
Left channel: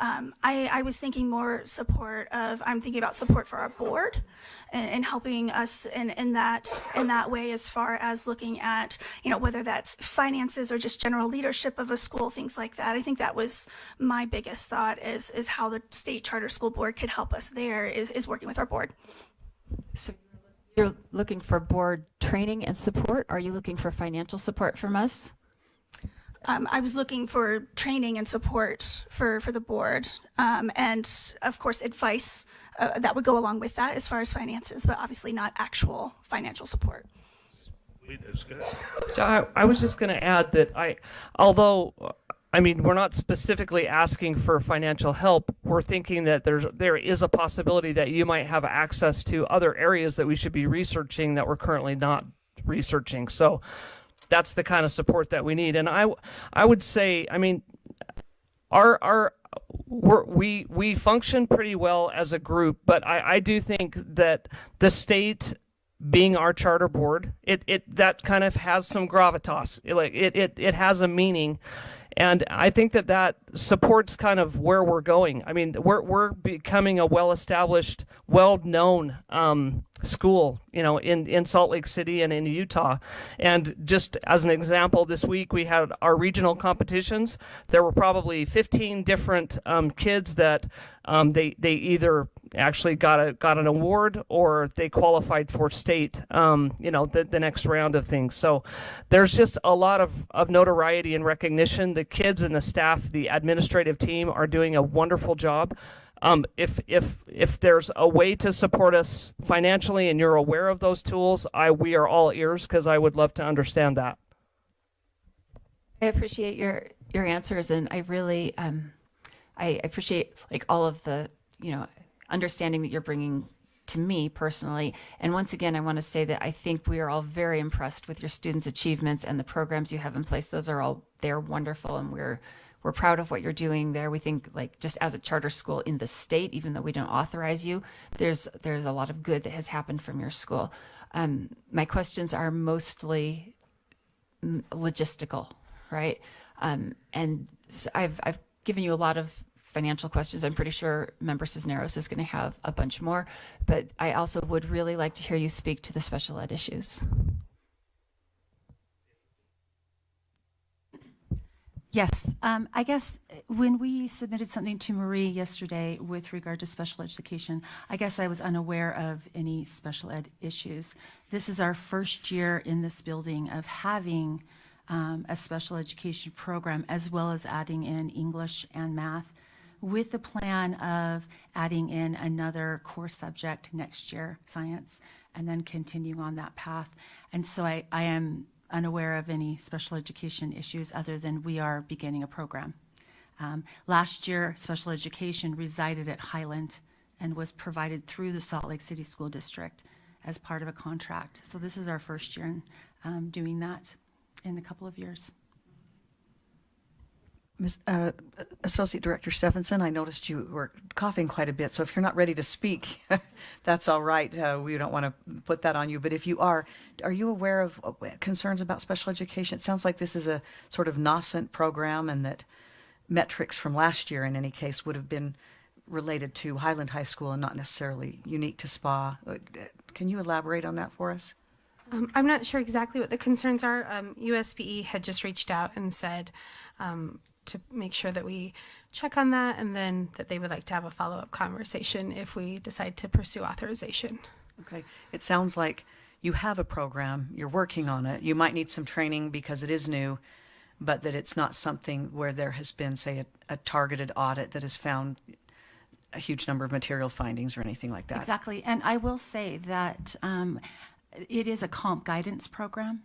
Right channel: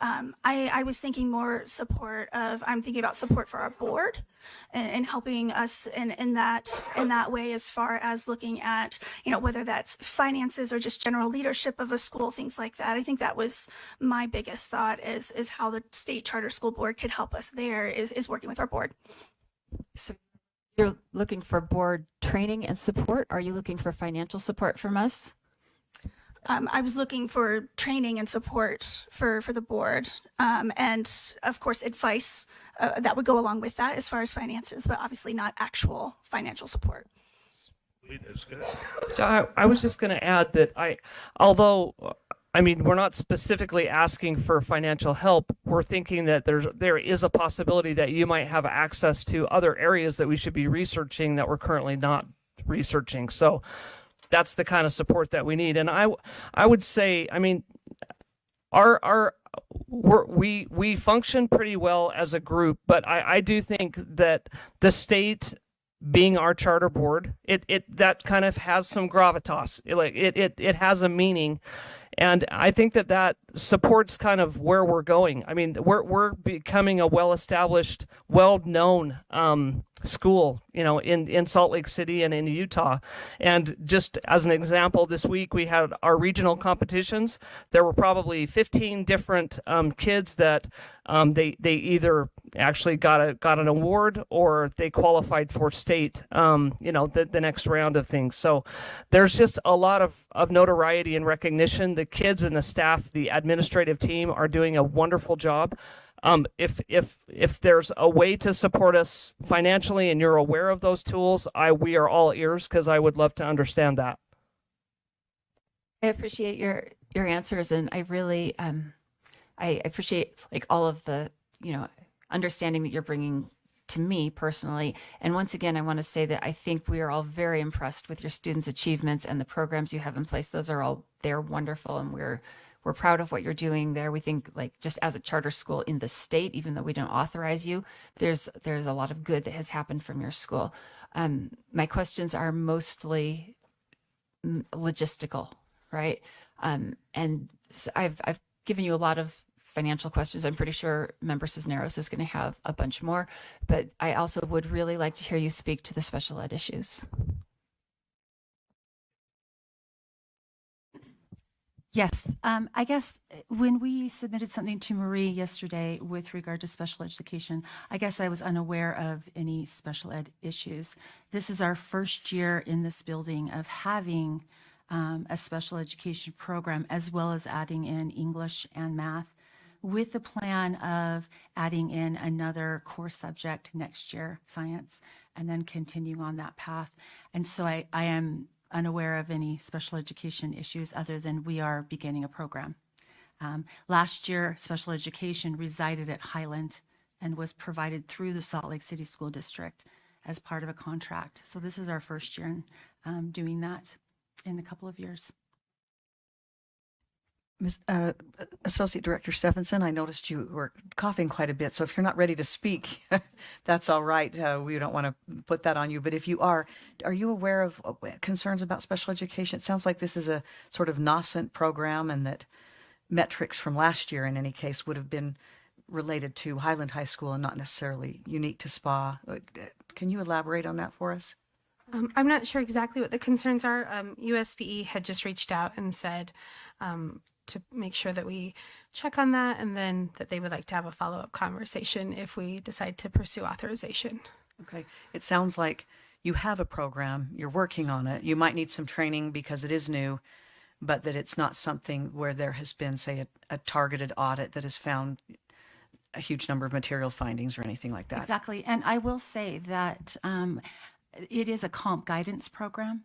I was thinking more I'm thinking about support for our board and helping us in that way, as far as looking at, whether that's finances or just general leadership of a school, things like that. I think that was my biggest thought, is how the state charter school board could help us there, is working with our board. So you're looking for board training and support? Are you looking for financial support from us? I was looking for training and support for the board, and of course advice that would go along with that as far as finances, but obviously not actual financial support. So I was just going to add that although we're not specifically asking for financial help, we're thinking that there is a possibility that you might have access to other areas that we should be researching that we're currently not researching. So that's the kind of support that we need. And I would say, we function pretty well as a group, but I do think that the state, being our charter board, that kind of has some gravitas. It has a meaning. And I think that supports kind of where we're going. We're becoming a well-established, well-known school, in Salt Lake City and in Utah. And just as an example, this week we had our regional competitions. There were probably 15 different kids that they either actually got an award or they qualified for state, the next round of things. So there's just a lot of notoriety and recognition. The kids and the staff, the administrative team are doing a wonderful job. If there's a way to support us financially and you're aware of those tools, we are all ears, because I would love to understand that. I appreciate your answers, and I really I appreciate all of the understanding that you're bringing to me personally. And once again, I want to say that I think we are all very impressed with your students' achievements and the programs you have in place. They're wonderful, and we're proud of what you're doing there. We think, just as a charter school in the state, even though we don't authorize you, there's a lot of good that has happened from your school. My questions are mostly logistical, right? And so I've given you a lot of financial questions. I'm pretty sure Member Cisneros is going to have a bunch more, but I also would really like to hear you speak to the special ed issues. Yes, I guess when we submitted something to Marie yesterday with regard to special education, I guess I was unaware of any special ed issues. This is our first year in this building of having a special education program, as well as adding in English and math, with the plan of adding in another core subject next year, science, and then continuing on that path. And so I am unaware of any special education issues, other than we are beginning a program. Last year, special education resided at Highland and was provided through the Salt Lake City School District as part of a contract. So this is our first year in doing that in a couple of years. Associate Director Stephenson, I noticed you were coughing quite a bit, so if you're not ready to speak, that's all right. We don't want to put that on you, but if you are you aware of concerns about special education? It sounds like this is a sort of nascent program, and that metrics from last year, in any case, would have been related to Highland High School and not necessarily unique to SPA. Can you elaborate on that for us? I'm not sure exactly what the concerns are. USBE had just reached out and said to make sure that we check on that, and then that they would like to have a follow-up conversation if we decide to pursue authorization. Okay. It sounds like you have a program, you're working on it. You might need some training because it is new, but that it's not something where there has been, say, a targeted audit that has found a huge number of material findings or anything like that. Exactly. And I will say that it is a comp guidance program.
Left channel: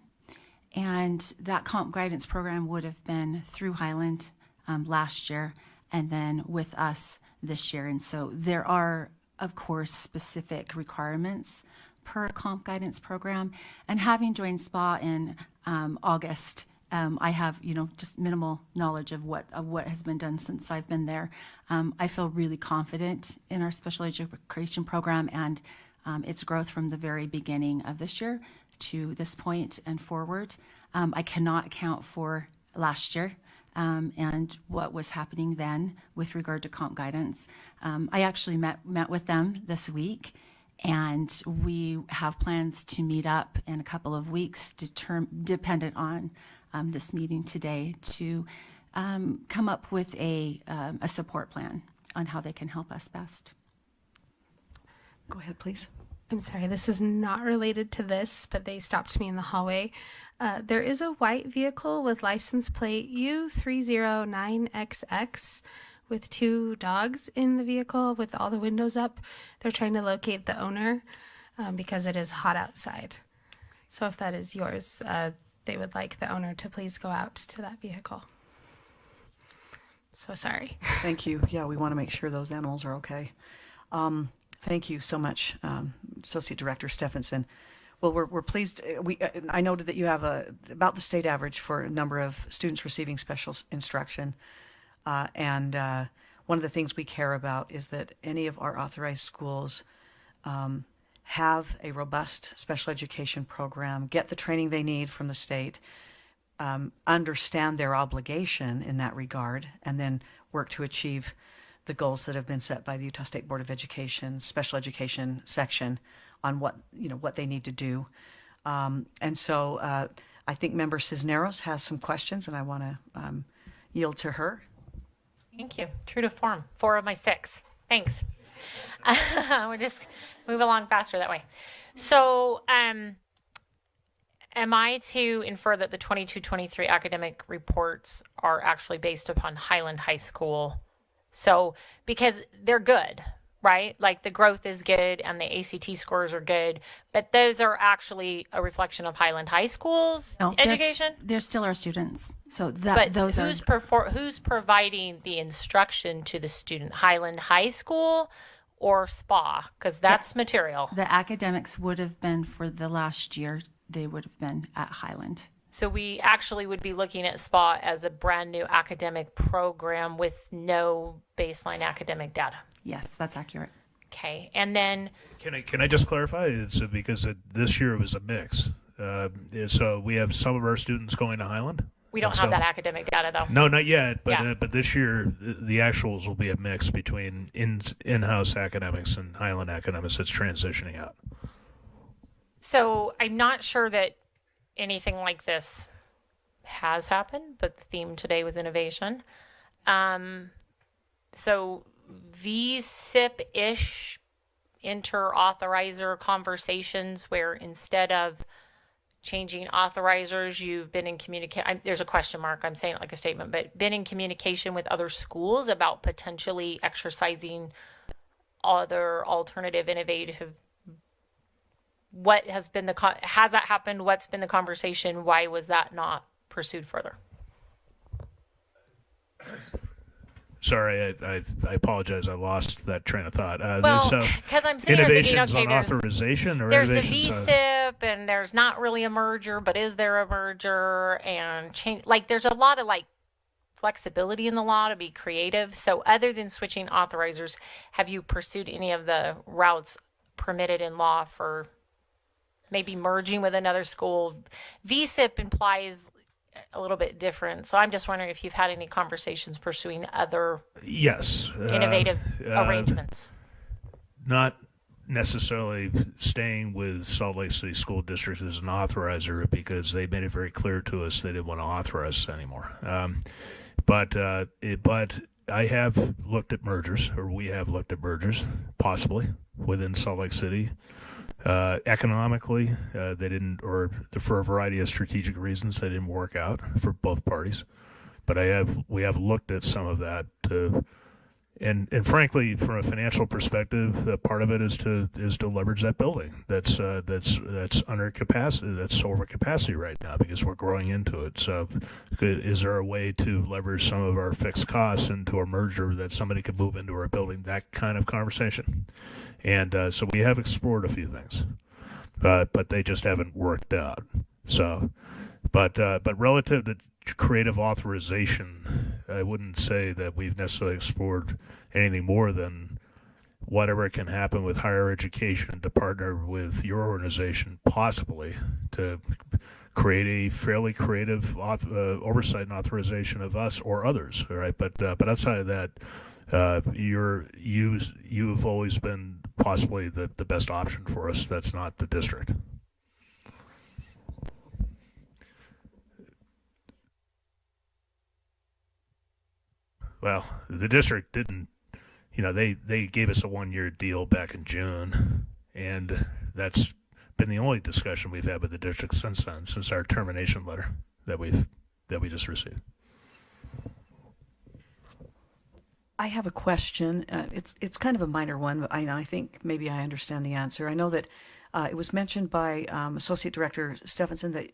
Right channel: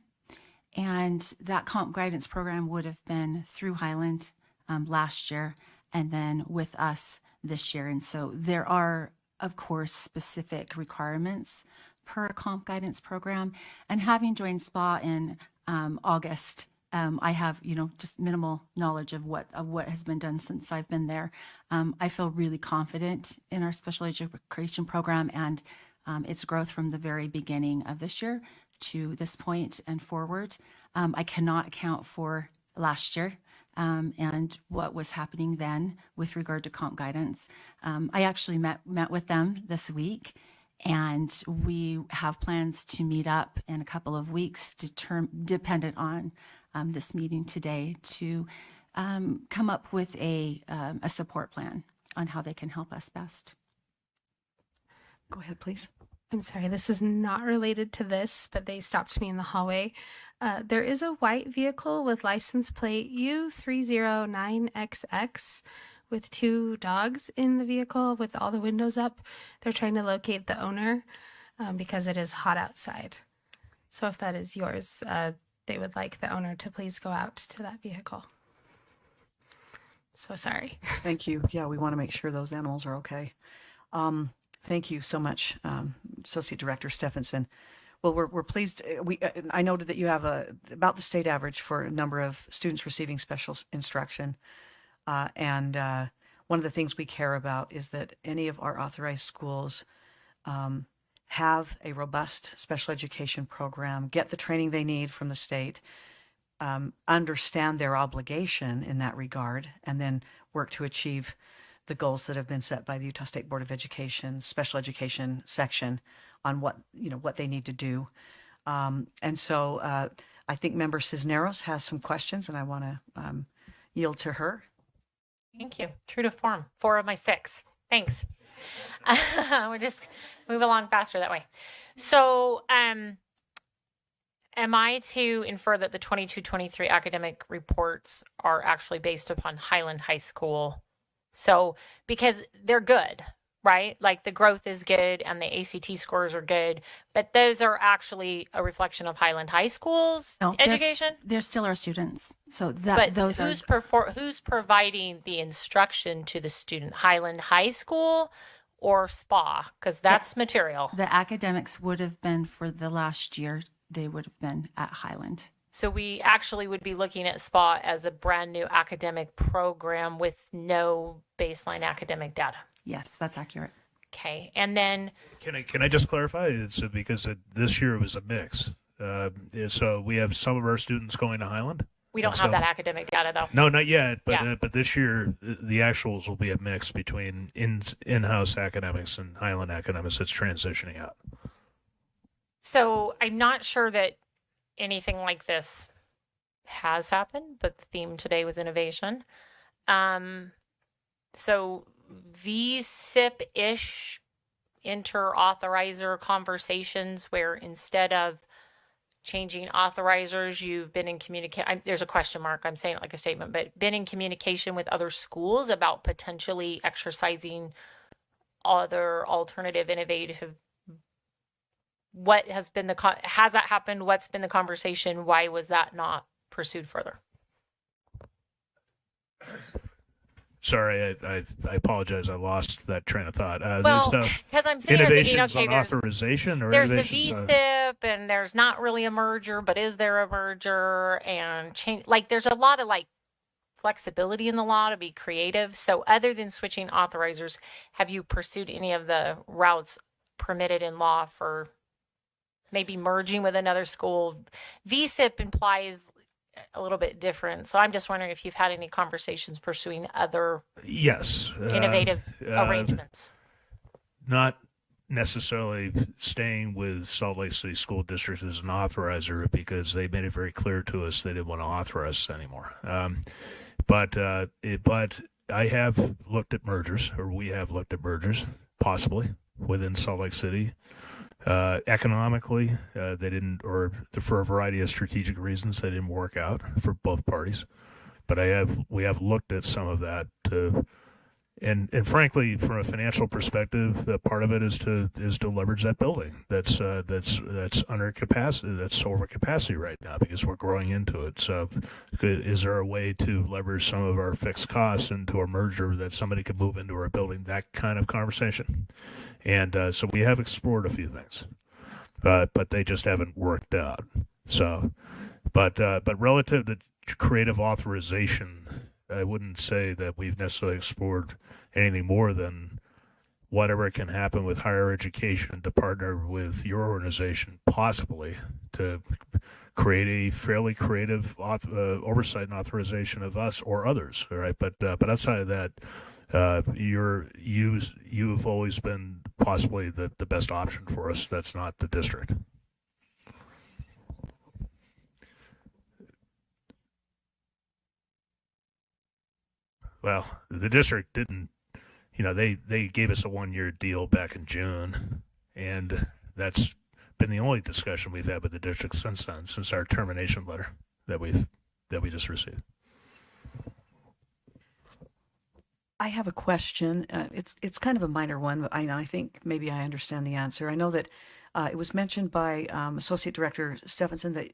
And that comp guidance program would have been through Highland last year, and then with us this year. And so there are of course, specific requirements per comp guidance program. And having joined SPA in August, I have, just minimal knowledge of what has been done since I've been there. I feel really confident in our special education program and its growth from the very beginning of this year to this point and forward. I cannot account for last year and what was happening then with regard to comp guidance. I actually met with them this week, and we have plans to meet up in a couple of weeks, dependent on this meeting today, to come up with a support plan on how they can help us best. Go ahead, please. I'm sorry, this is not related to this, but they stopped me in the hallway. There is a white vehicle with license plate U309XX with 2 dogs in the vehicle with all the windows up. They're trying to locate the owner because it is hot outside. So if that is yours, they would like the owner to please go out to that vehicle. So sorry. Thank you. Yeah, we want to make sure those animals are okay. Thank you so much, Associate Director Stephenson. Well, we're pleased. I noted that you have about the state average for a number of students receiving special instruction. And one of the things we care about is that any of our authorized schools have a robust special education program, get the training they need from the state, understand their obligation in that regard, and then work to achieve the goals that have been set by the Utah State Board of Education special education section on what they need to do. And so I think Member Cisneros has some questions, and I want to yield to her. Thank you. True to form. 4 of my 6. Thanks. We'll just move along faster that way. So, am I to infer that the 22-23 academic reports are actually based upon Highland High School? So, because they're good, right? Like the growth is good and the ACT scores are good, but those are actually a reflection of Highland High School's education? They're still our students. So who's providing the instruction to the student? Highland High School or SPA? Because that's material. The academics would have been for the last year. They would have been at Highland. So we actually would be looking at SPA as a brand new academic program with no baseline academic data. Yes, that's accurate. Okay, and then can I just clarify? It's because this year was a mix. So we have some of our students going to Highland. We don't have that academic data though. No, not yet. But but this year the actuals will be a mix between in-house academics and Highland academics. It's transitioning out. So I'm not sure that anything like this has happened, but the theme today was innovation. So VSIP-ish inter-authorizer conversations where instead of changing authorizers, you've been in communication. There's a question mark. I'm saying it like a statement, but been in communication with other schools about potentially exercising other alternative, innovative. What has been has that happened? What's been the conversation? Why was that not pursued further? Sorry, I apologize. I lost that train of thought. Because I'm sitting here thinking, okay, on authorization or there's the innovations VSIP, and there's not really a merger, but is there a merger? And change, like, there's a lot of flexibility in the law to be creative. So, other than switching authorizers, have you pursued any of the routes permitted in law for maybe merging with another school? VSIP implies a little bit different. So I'm just wondering if you've had any conversations pursuing other innovative arrangements. Not necessarily staying with Salt Lake City School District as an authorizer because they made it very clear to us they didn't want to authorize us anymore. But I have looked at mergers, or we have looked at mergers, possibly, within Salt Lake City. Economically, they didn't, or for a variety of strategic reasons, they didn't work out for both parties. But we have looked at some of that to and frankly, from a financial perspective, part of it is to leverage that building that's under capacity, that's over capacity right now because we're growing into it. So, is there a way to leverage some of our fixed costs into a merger that somebody could move into our building? That kind of conversation, and so we have explored a few things, but they just haven't worked out. So, but relative to creative authorization, I wouldn't say that we've necessarily explored anything more than whatever can happen with higher education to partner with your organization, possibly to create a fairly creative oversight and authorization of us or others. All right, but outside of that, you've always been possibly the best option for us. That's not the district. Well, the district didn't, they gave us a 1-year deal back in June, and that's been the only discussion we've had with the district since then, since our termination letter that we just received. I have a question. It's kind of a minor one, but I think maybe I understand the answer. I know that it was mentioned by Associate Director Stephenson that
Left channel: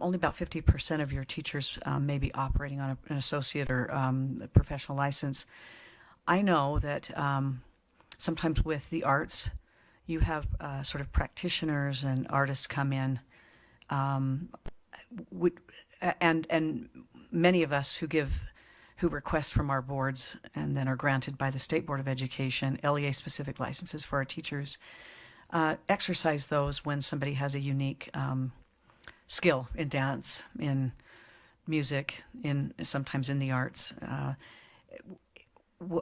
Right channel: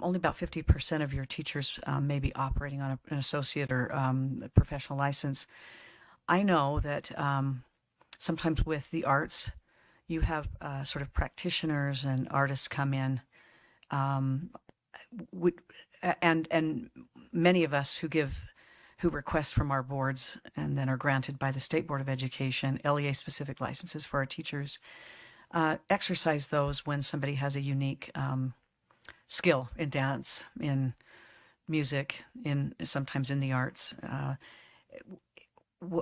only about 50% of your teachers may be operating on an associate or a professional license. I know that sometimes with the arts, you have sort of practitioners and artists come in, and many of us who request from our boards and then are granted by the State Board of Education LEA-specific licenses for our teachers, exercise those when somebody has a unique skill in dance, in music, sometimes in the arts.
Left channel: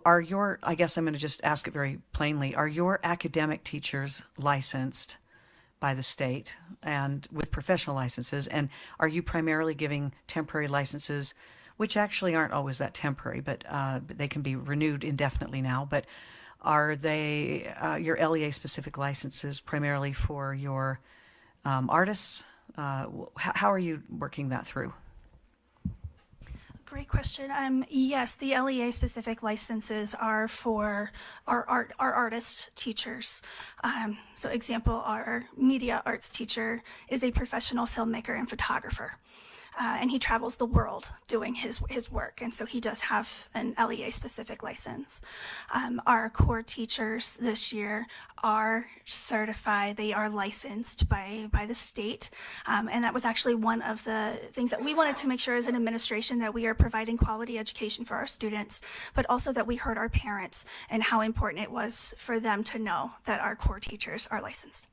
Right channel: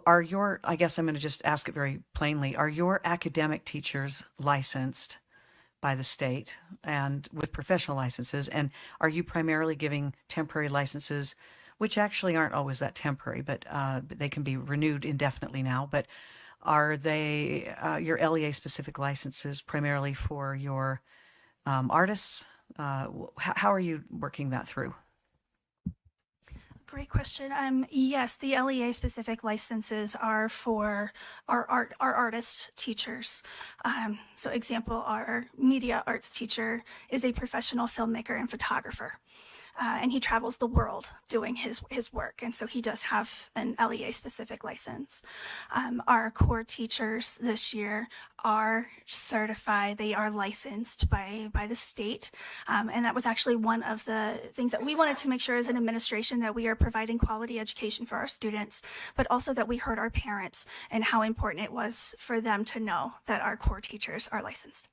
I guess I'm going to just ask it very plainly, are your academic teachers licensed by the state and with professional licenses? And are you primarily giving temporary licenses, which actually aren't always that temporary, but they can be renewed indefinitely now? But are they your LEA-specific licenses primarily for your artists? How are you working that through? Great question. Yes, the LEA specific licenses are for our artist teachers. So example, our media arts teacher is a professional filmmaker and photographer. And he travels the world doing his work, and so he does have an LEA-specific license. Our core teachers this year are certified, they are licensed by the state, and that was actually one of the things that we wanted to make sure as an administration, that we are providing quality education for our students, but also that we heard our parents and how important it was for them to know that our core teachers are licensed.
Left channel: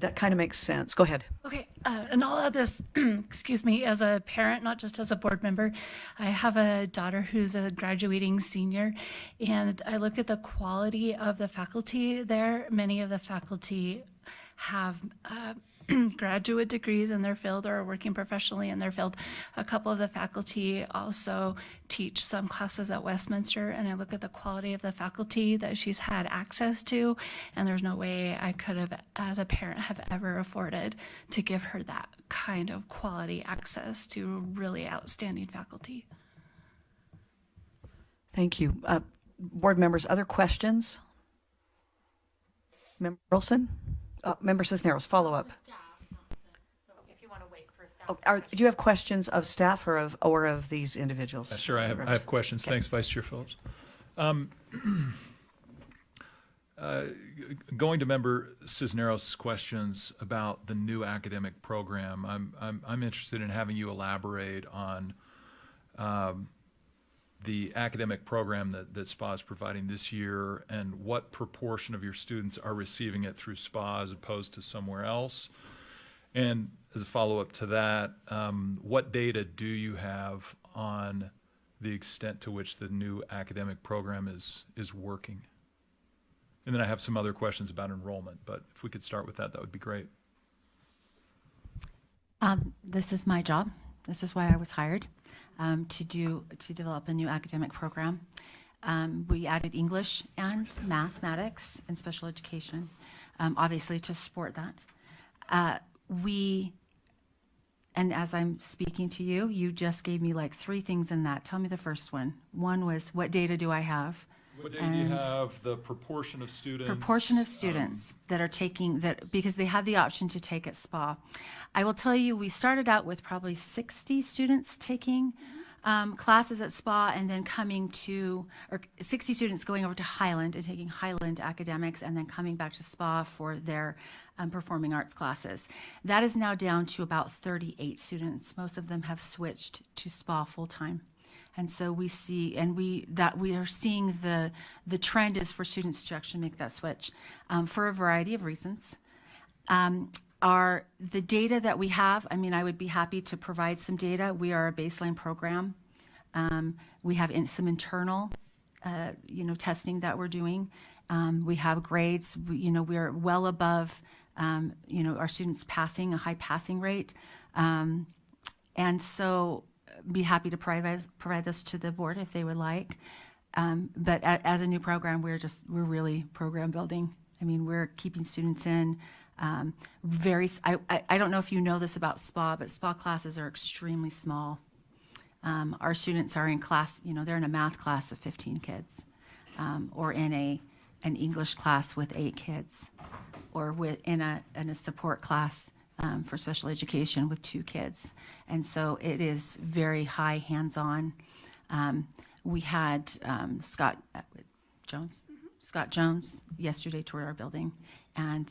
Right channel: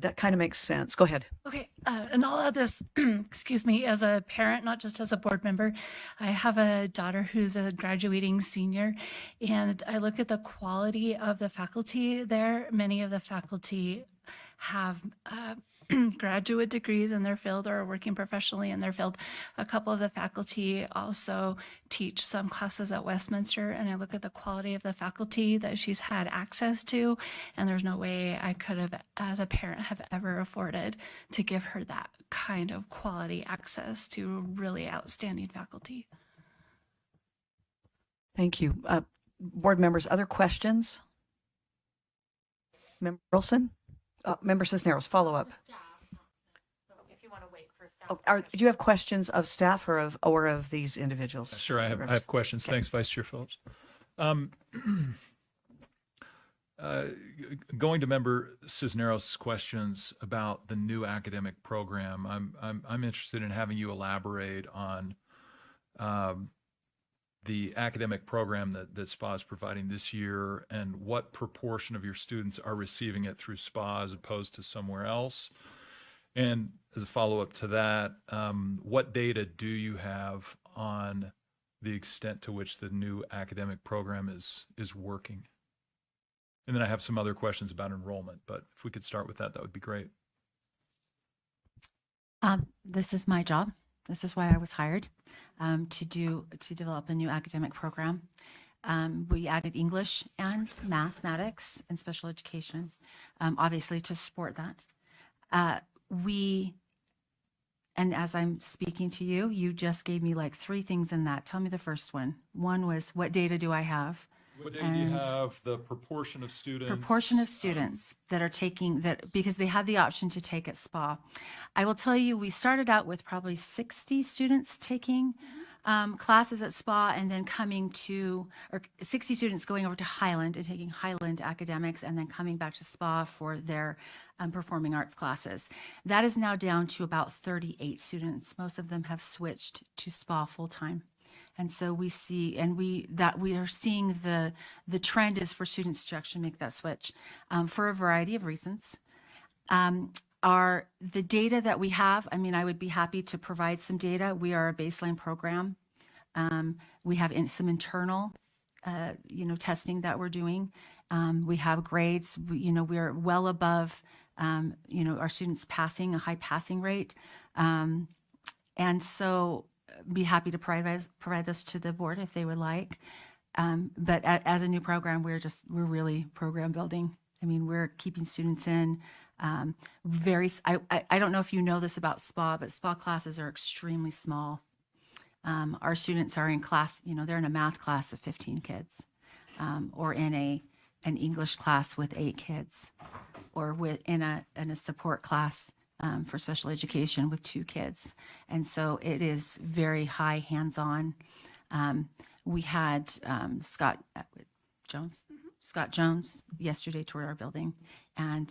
That kind of makes sense. Go ahead. Okay, and all of this, excuse me, as a parent, not just as a board member, I have a daughter who's a graduating senior, and I look at the quality of the faculty there. Many of the faculty have graduate degrees in their field or are working professionally in their field. A couple of the faculty also teach some classes at Westminster, and I look at the quality of the faculty that she's had access to, and there's no way I could have, as a parent, have ever afforded to give her that kind of quality access to really outstanding faculty. Thank you. Board members, other questions? Member Wilson? Member Cisneros, follow up. Do you have questions of staff or of these individuals? Sure, I have questions. Okay. Thanks, Vice Chair Phillips. Going to Member Cisneros' questions about the new academic program, I'm interested in having you elaborate on the academic program that SPA is providing this year, and what proportion of your students are receiving it through SPA as opposed to somewhere else. And as a follow-up to that, what data do you have on the extent to which the new academic program is working? And then I have some other questions about enrollment, but if we could start with that would be great. This is my job. This is why I was hired, to develop a new academic program. We added English and mathematics and special education, obviously to support that. We And as I'm speaking to you, you just gave me like 3 things in that. Tell me the first one. One was, what data do I have? What data do you have? The proportion of students? Proportion of students that are taking that, because they have the option to take at SPA. I will tell you, we started out with probably 60 students taking classes at SPA, and then coming to, or 60 students going over to Highland and taking Highland academics, and then coming back to SPA for their performing arts classes. That is now down to about 38 students. Most of them have switched to SPA full time. And so we see, and we are seeing the trend is for students to actually make that switch for a variety of reasons. The data that we have, I mean, I would be happy to provide some data. We are a baseline program. We have some internal, testing that we're doing. We have grades. We're well above, our students passing a high passing rate, and so be happy to provide this to the board if they would like. But as a new program, we're really program building. I mean, we're keeping students in. I don't know if you know this about SPA, but SPA classes are extremely small. Our students are in class, they're in a math class of 15 kids, or in an English class with 8 kids, or in a support class for special education with 2 kids. And so it is very high hands-on. We had Scott Jones yesterday toured our building, and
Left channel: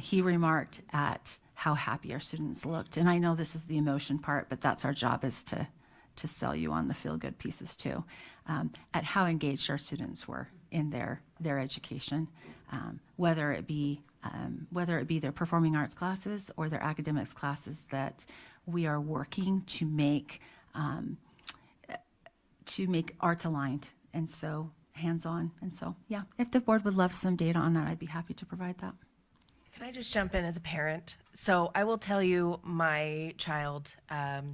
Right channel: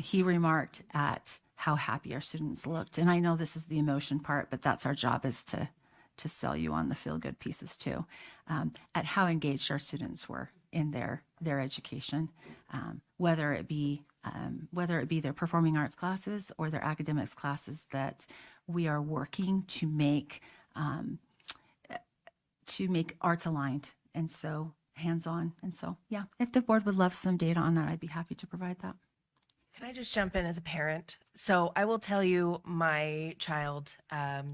he remarked at how happy our students looked. And I know this is the emotion part, but that's our job, is to sell you on the feel-good pieces too, at how engaged our students were in their education, whether it be their performing arts classes or their academics classes that we are working to make arts aligned, and so hands-on. And so, yeah, if the board would love some data on that, I'd be happy to provide that. Can I just jump in as a parent? So I will tell you, my child,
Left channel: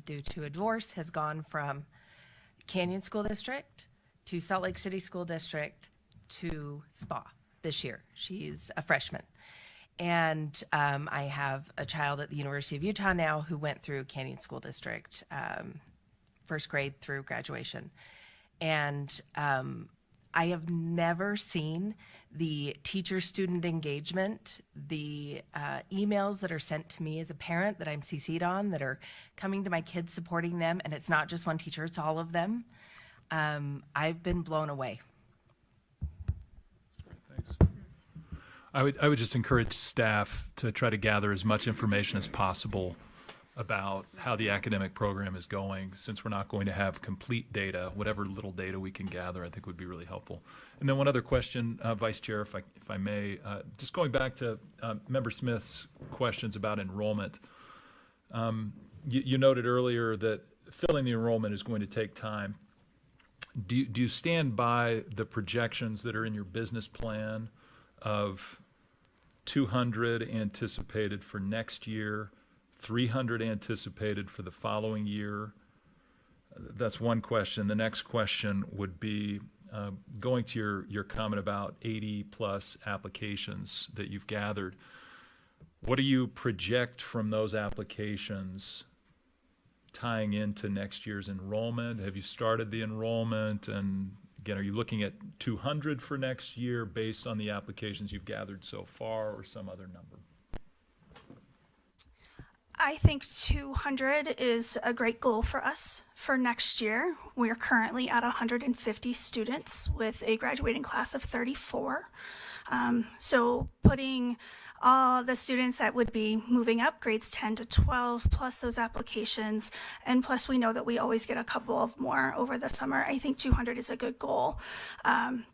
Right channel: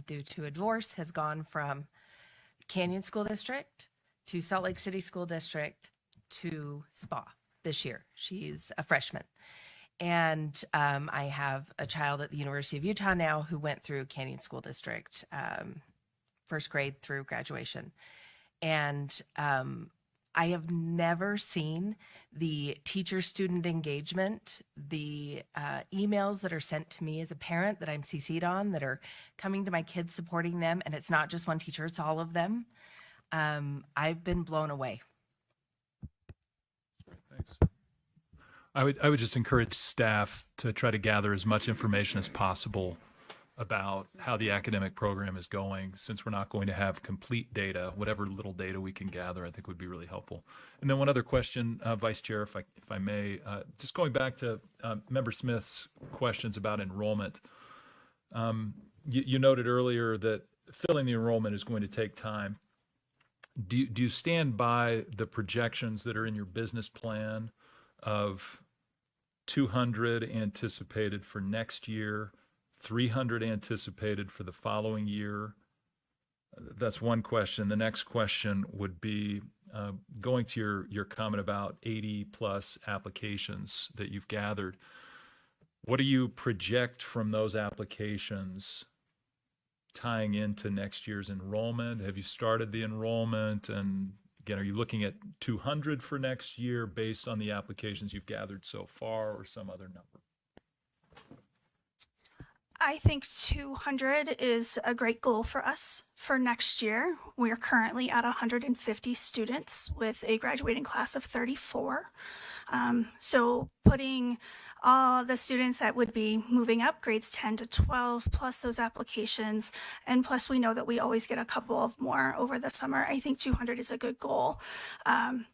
due to a divorce, has gone from Canyon School District to Salt Lake City School District to SPA this year. She's a freshman. And I have a child at the University of Utah now who went through Canyon School District, first grade through graduation. And I have never seen the teacher-student engagement, the emails that are sent to me as a parent that I'm CC'd on, that are coming to my kids, supporting them, and it's not just one teacher, it's all of them. I've been blown away. Thanks. I would just encourage staff to try to gather as much information as possible about how the academic program is going, since we're not going to have complete data. Whatever little data we can gather, I think would be really helpful. And then one other question, Vice Chair, if I may, just going back to Member Smith's questions about enrollment. You noted earlier that filling the enrollment is going to take time. Do you stand by the projections that are in your business plan of 200 anticipated for next year, 300 anticipated for the following year? That's one question. The next question would be going to your comment about 80 plus applications that you've gathered. What do you project from those applications tying into next year's enrollment? Have you started the enrollment? And again, are you looking at 200 for next year based on the applications you've gathered so far, or some other number? I think 200 is a great goal for us for next year. We're currently at 150 students with a graduating class of 34. So putting all the students that would be moving up, grades 10 to 12, plus those applications, and plus we know that we always get a couple of more over the summer. I think 200 is a good goal.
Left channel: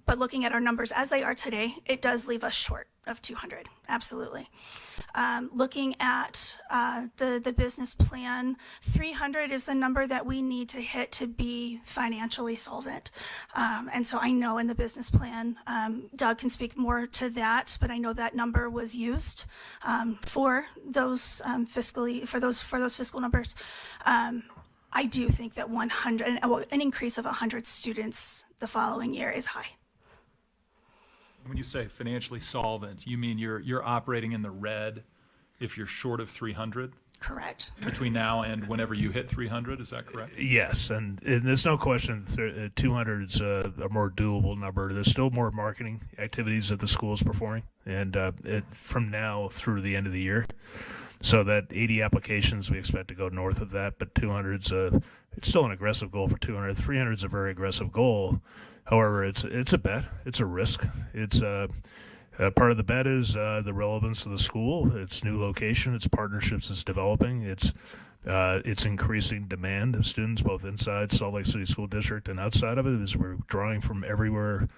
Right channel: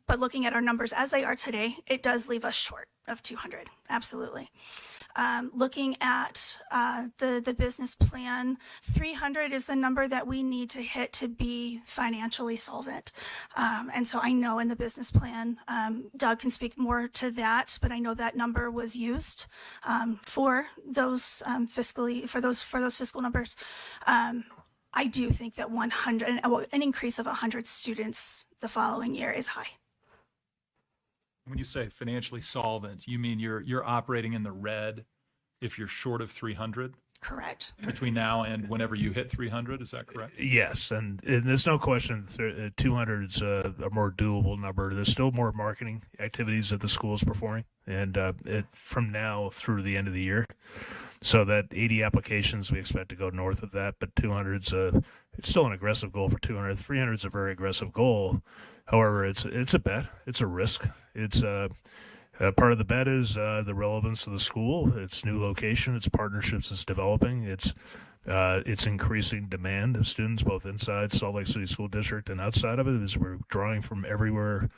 But looking at our numbers as they are today, it does leave us short of 200, absolutely. Looking at the business plan, 300 is the number that we need to hit to be financially solvent. And so I know in the business plan, Doug can speak more to that, but I know that number was used for those fiscal numbers. I do think that 100, an increase of 100 students the following year is high. When you say financially solvent, you mean you're operating in the red if you're short of 300? Correct. between now and whenever you hit 300. Is that correct? Yes, and there's no question 200 is a more doable number. There's still more marketing activities that the school is performing, and from now through the end of the year. So that 80 applications, we expect to go north of that, but 200's it's still an aggressive goal for 200. 300 is a very aggressive goal. However, it's a bet. It's a risk. It's part of the bet is the relevance of the school, its new location, its partnerships it's developing, its increasing demand of students both inside Salt Lake City School District and outside of it, as we're drawing from everywhere,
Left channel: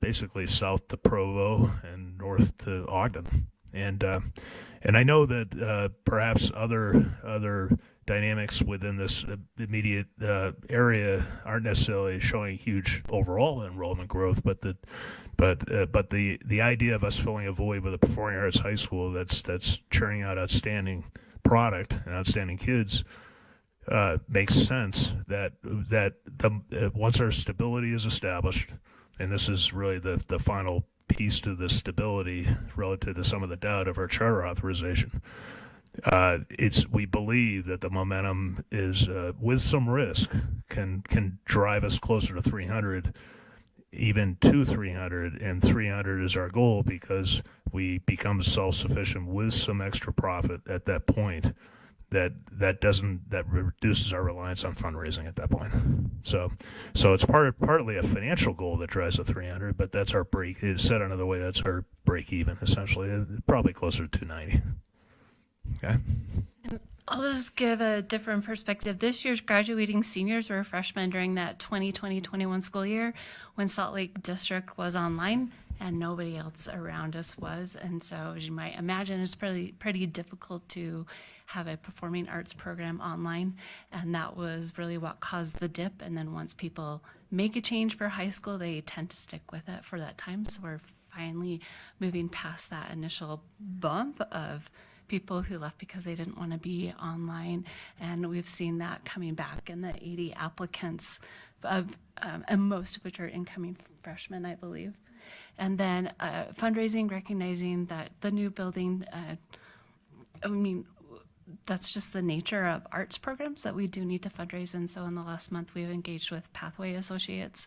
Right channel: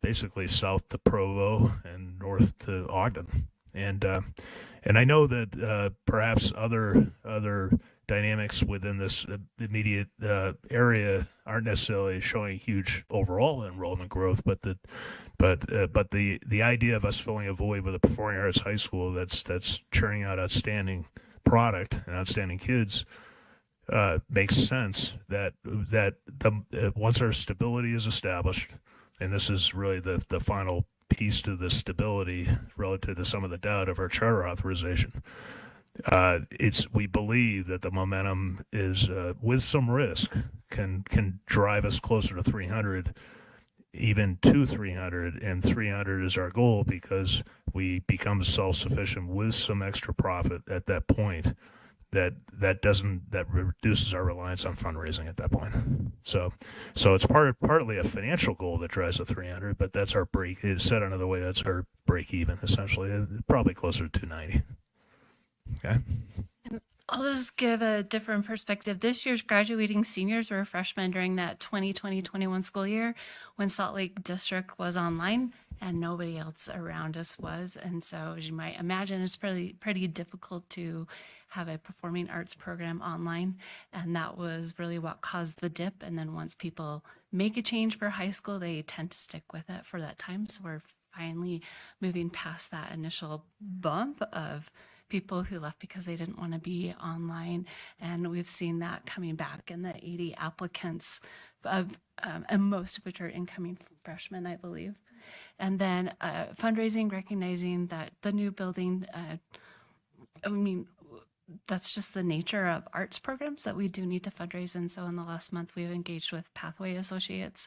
basically south to Provo and north to Ogden. And I know that perhaps other dynamics within this immediate area aren't necessarily showing huge overall enrollment growth, but the idea of us filling a void with a performing arts high school that's churning out outstanding product and outstanding kids makes sense. That once our stability is established, and this is really the final piece to the stability relative to some of the doubt of our charter authorization. We believe that the momentum is with some risk can drive us closer to 300, even to 300, and 300 is our goal because we become self-sufficient with some extra profit at that point. That reduces our reliance on fundraising at that point. So it's partly a financial goal that drives the 300, but that's our break. It's said another way, that's our break even essentially, probably closer to 290. Okay. I'll just give a different perspective. This year's graduating seniors were freshmen during that 2020-21 school year when Salt Lake District was online and nobody else around us was. And so, as you might imagine, it's pretty difficult to have a performing arts program online. And that was really what caused the dip. And then once people make a change for high school, they tend to stick with it for that time. So we're finally moving past that initial bump of people who left because they didn't want to be online, and we've seen that coming back in the 80 applicants, and most of which are incoming freshmen, I believe. And then fundraising, recognizing that the new building, that's just the nature of arts programs that we do need to fundraise. And so in the last month, we've engaged with Pathway Associates,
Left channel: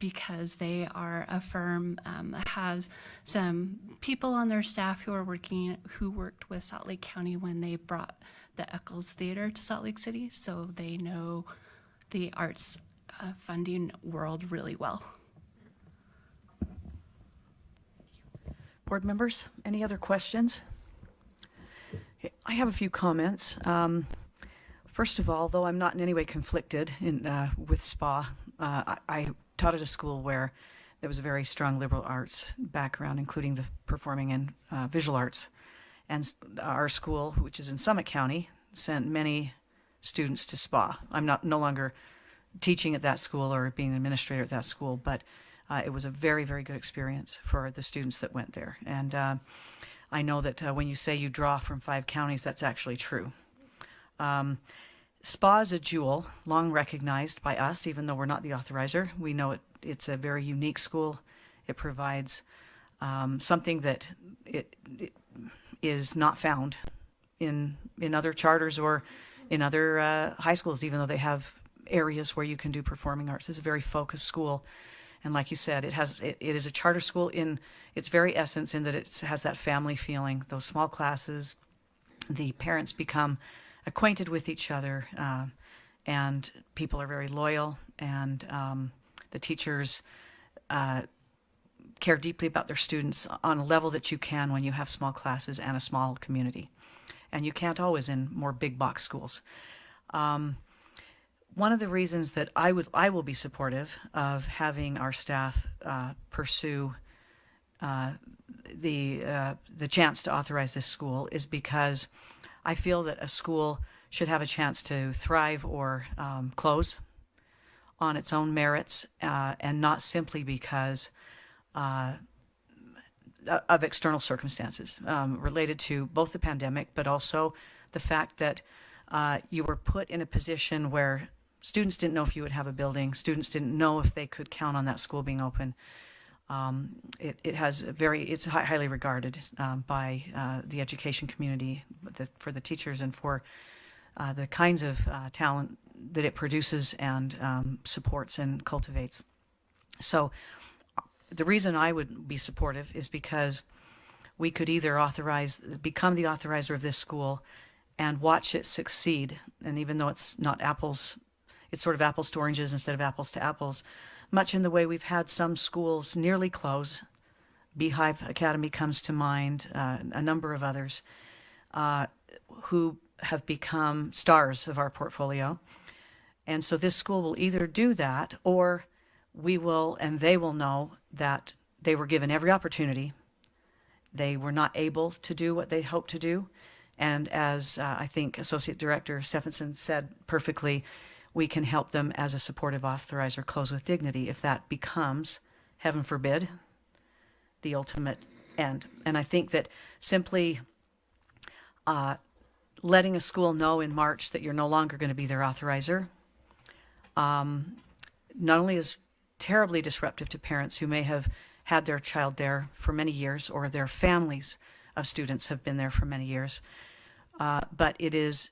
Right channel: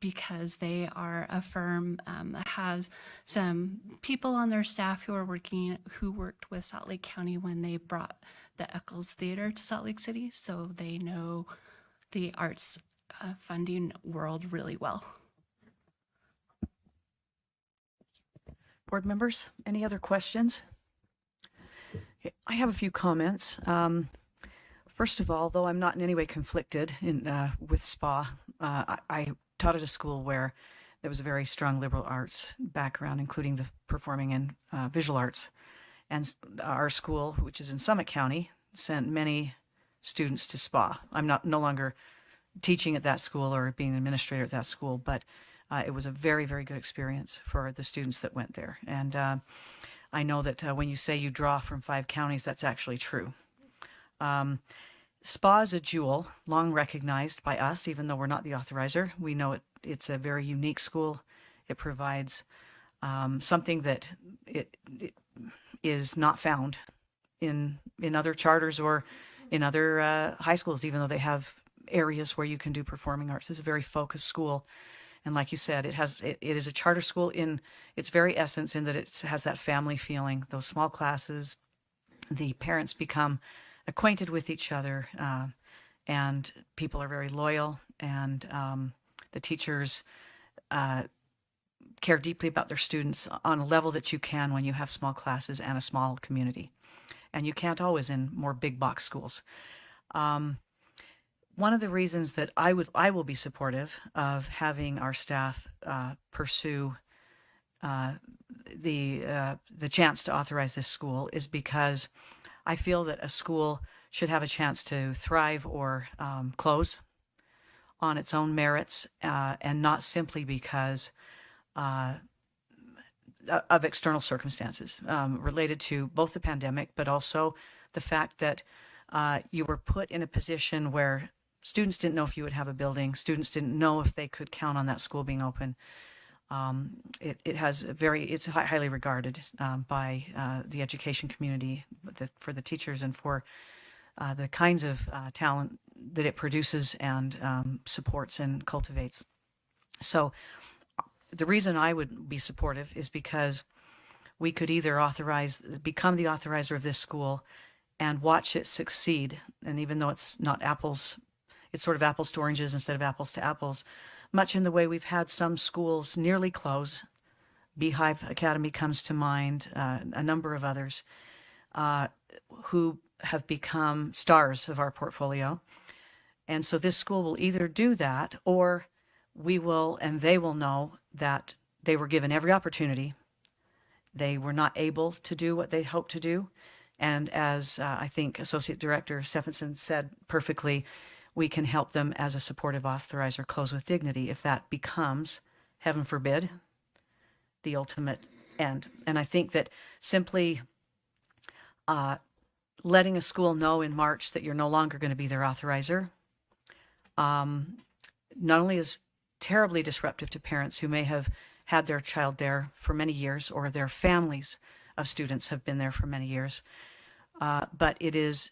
because they are a firm that has some people on their staff who worked with Salt Lake County when they brought the Eccles Theater to Salt Lake City, so they know the arts funding world really well. Board members, any other questions? I have a few comments. First of all, though I'm not in any way conflicted with SPA, I taught at a school where there was a very strong liberal arts background, including the performing and visual arts. And our school, which is in Summit County, sent many students to SPA. I'm no longer teaching at that school or being an administrator at that school, but it was a very, very good experience for the students that went there. And I know that when you say you draw from 5 counties, that's actually true. SPA is a jewel, long recognized by us, even though we're not the authorizer. We know it's a very unique school. It provides something that it is not found in other charters or in other high schools, even though they have areas where you can do performing arts. It's a very focused school. And like you said, it is a charter school in its very essence, in that it has that family feeling, those small classes. The parents become acquainted with each other, and people are very loyal, and the teachers care deeply about their students on a level that you can when you have small classes and a small community. And you can't always in more big box schools. One of the reasons that I will be supportive of having our staff pursue the chance to authorize this school is because I feel that a school should have a chance to thrive or close on its own merits, and not simply because of external circumstances related to both the pandemic, but also the fact that you were put in a position where students didn't know if you would have a building, students didn't know if they could count on that school being open. It has it's highly regarded by the education community for the teachers and for the kinds of talent that it produces and supports and cultivates. So the reason I would be supportive is because we could either become the authorizer of this school and watch it succeed. And even though it's not apples, it's sort of apples to oranges instead of apples to apples, much in the way we've had some schools nearly close. Beehive Academy comes to mind, a number of others who have become stars of our portfolio. And so this school will either do that, or we will, and they will know that they were given every opportunity. They were not able to do what they hoped to do. And as I think Associate Director Stephenson said perfectly, we can help them as a supportive authorizer close with dignity if that becomes, heaven forbid, the ultimate end. And I think that simply letting a school know in March that you're no longer going to be their authorizer not only is terribly disruptive to parents who may have had their child there for many years, or their families of students have been there for many years, but it is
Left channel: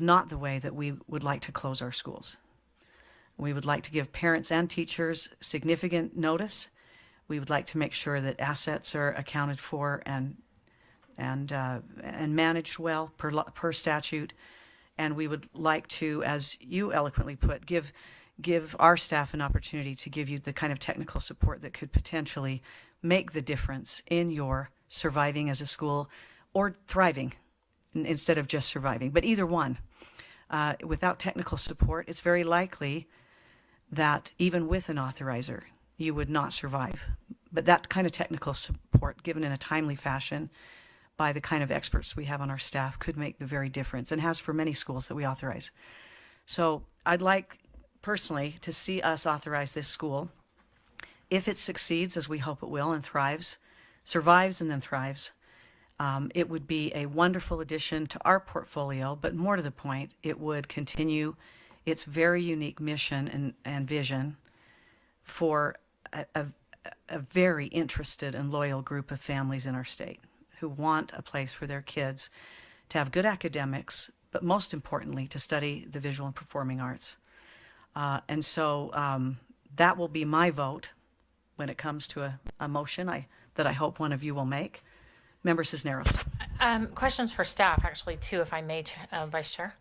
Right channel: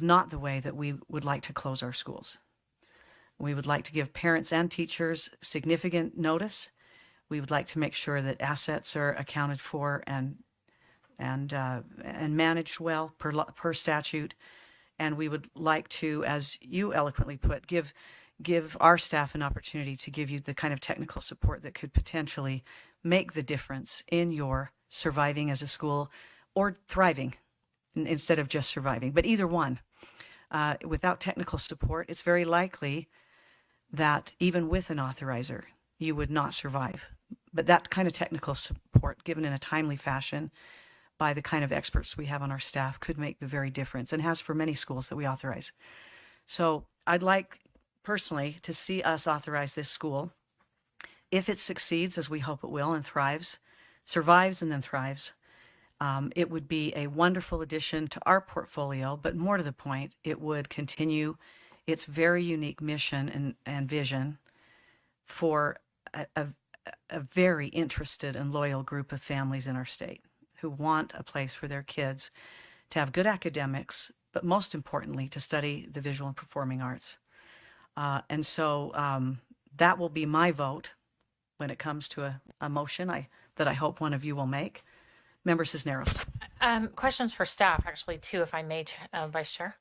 not the way that we would like to close our schools. We would like to give parents and teachers significant notice. We would like to make sure that assets are accounted for and managed well per statute. And we would like to, as you eloquently put, give our staff an opportunity to give you the kind of technical support that could potentially make the difference in your surviving as a school or thriving instead of just surviving. But either one, without technical support, it's very likely that even with an authorizer, you would not survive. But that kind of technical support, given in a timely fashion by the kind of experts we have on our staff, could make the very difference, and has for many schools that we authorize. So I'd like personally to see us authorize this school. If it succeeds, as we hope it will, and thrives, survives and then thrives, it would be a wonderful addition to our portfolio, but more to the point, it would continue its very unique mission and vision for a very interested and loyal group of families in our state who want a place for their kids to have good academics, but most importantly, to study the visual and performing arts. And so that will be my vote when it comes to a motion that I hope one of you will make. Member Cisneros. Questions for staff, actually, too, if I may, Vice Chair.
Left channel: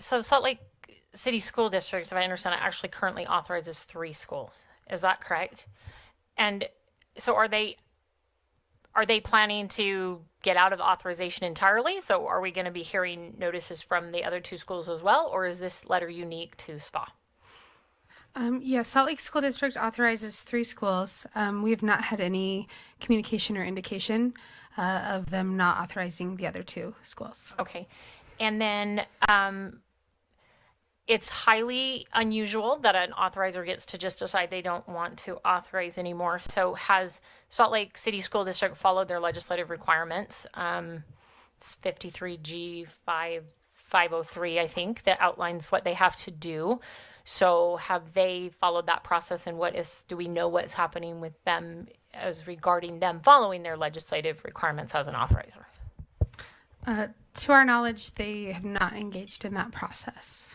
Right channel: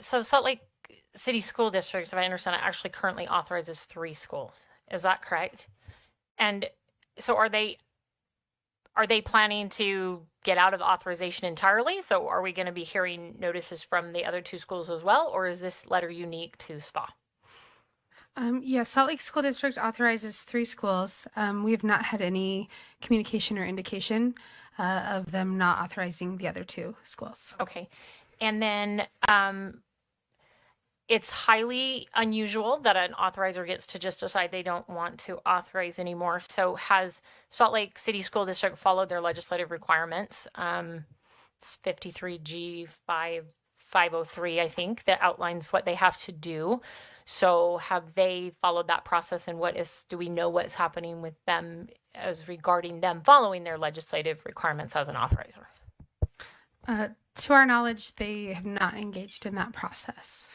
So Salt Lake City School District, if I understand it, actually currently authorizes 3 schools. Is that correct? And so are they planning to get out of authorization entirely? So are we going to be hearing notices from the other 2 schools as well, or is this letter unique to SPA? Yes, Salt Lake School District authorizes 3 schools. We have not had any communication or indication of them not authorizing the other 2 schools. Okay. And then it's highly unusual that an authorizer gets to just decide they don't want to authorize anymore. So has Salt Lake City School District followed their legislative requirements? It's 53G 503, I think, that outlines what they have to do. So have they followed that process, and do we know what is happening with them as regarding them following their legislative requirements as an authorizer? To our knowledge, they have not engaged in that process.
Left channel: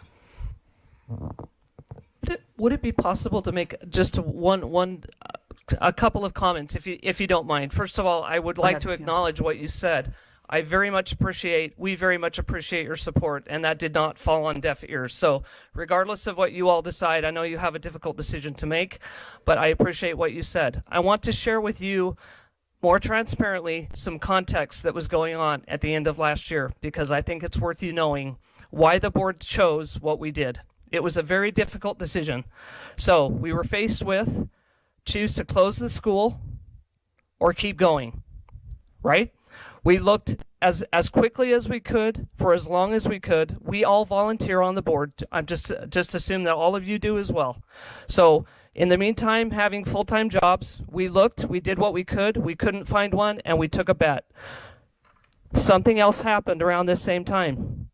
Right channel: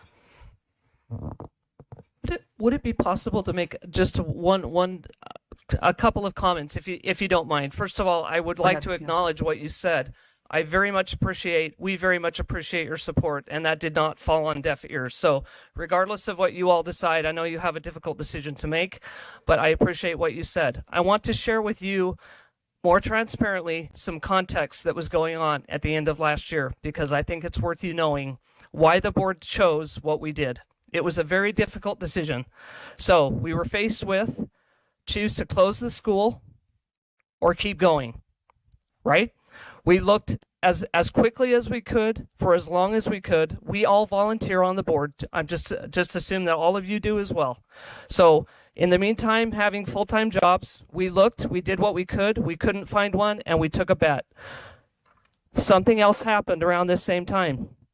Would it be possible to make just a couple of comments, if you don't mind? First of all, I would like to acknowledge what you said. We very much appreciate your support, and that did not fall on deaf ears. So regardless of what you all decide, I know you have a difficult decision to make, but I appreciate what you said. I want to share with you more transparently some context that was going on at the end of last year, because I think it's worth you knowing why the board chose what we did. It was a very difficult decision. So we were faced with choose to close the school or keep going, right? We looked as quickly as we could for as long as we could. We all volunteer on the board. I'm just assume that all of you do as well. So in the meantime, having full-time jobs, we looked, we did what we could. We couldn't find one, and we took a bet. Something else happened around this same time.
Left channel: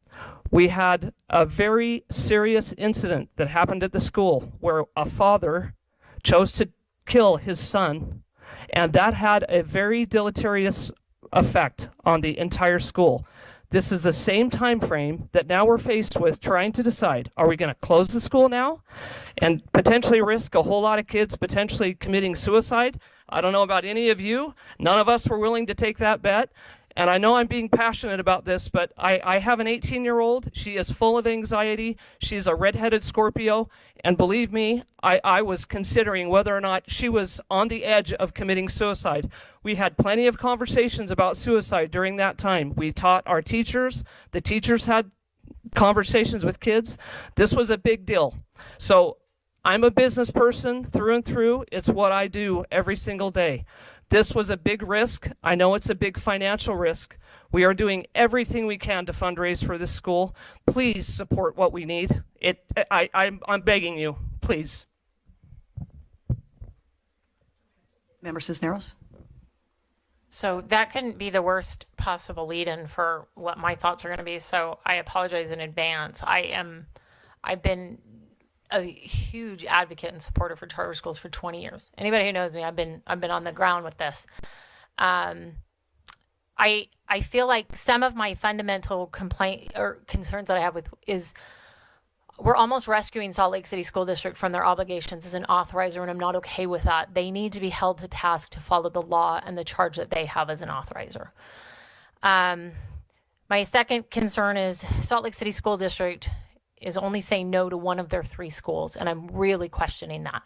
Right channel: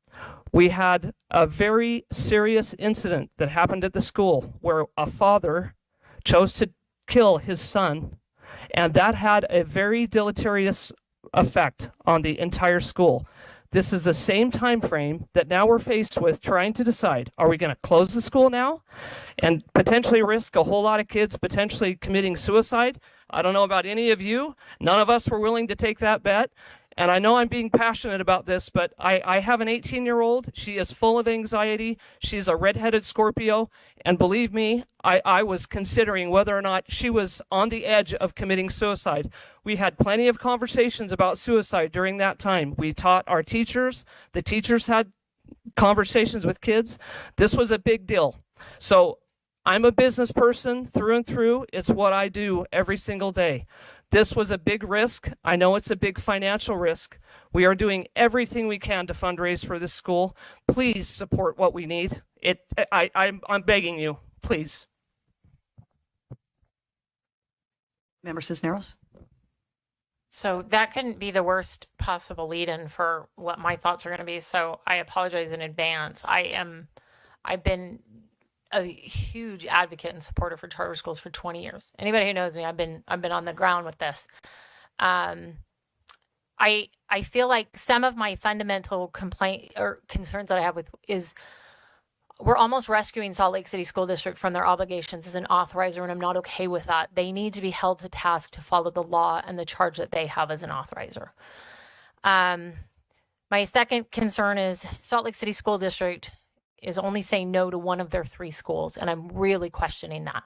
We had a very serious incident that happened at the school where a father chose kill his son, and that had a very deleterious effect on the entire school. This is the same time frame that now we're faced with trying to decide, are we going to close the school now and potentially risk a whole lot of kids potentially committing suicide? I don't know about any of you. None of us were willing to take that bet. And I know I'm being passionate about this, but I have an 18-year-old. She is full of anxiety. She's a redheaded Scorpio. And believe me, I was considering whether or not she was on the edge of committing suicide. We had plenty of conversations about suicide during that time. We taught our teachers. The teachers had conversations with kids. This was a big deal. So I'm a business person through and through. It's what I do every single day. This was a big risk. I know it's a big financial risk. We are doing everything we can to fundraise for this school. Please support what we need. I'm begging you, please. Member Cisneros? So that couldn't be the worst possible lead-in for what my thoughts are going to be. So I apologize in advance. I've been a huge advocate and supporter for charter schools for 20 years. Anybody who knows me, I've been on the ground with this. I feel like some of my fundamental complaint or concerns that I have with is we're almost rescuing Salt Lake City School District from their obligations as an authorizer, and I'm not okay with that. They need to be held to task to follow the law and the charge that they have as an authorizer. My second concern is Salt Lake City School District is only saying no to one of their 3 schools, and I'm really questioning that.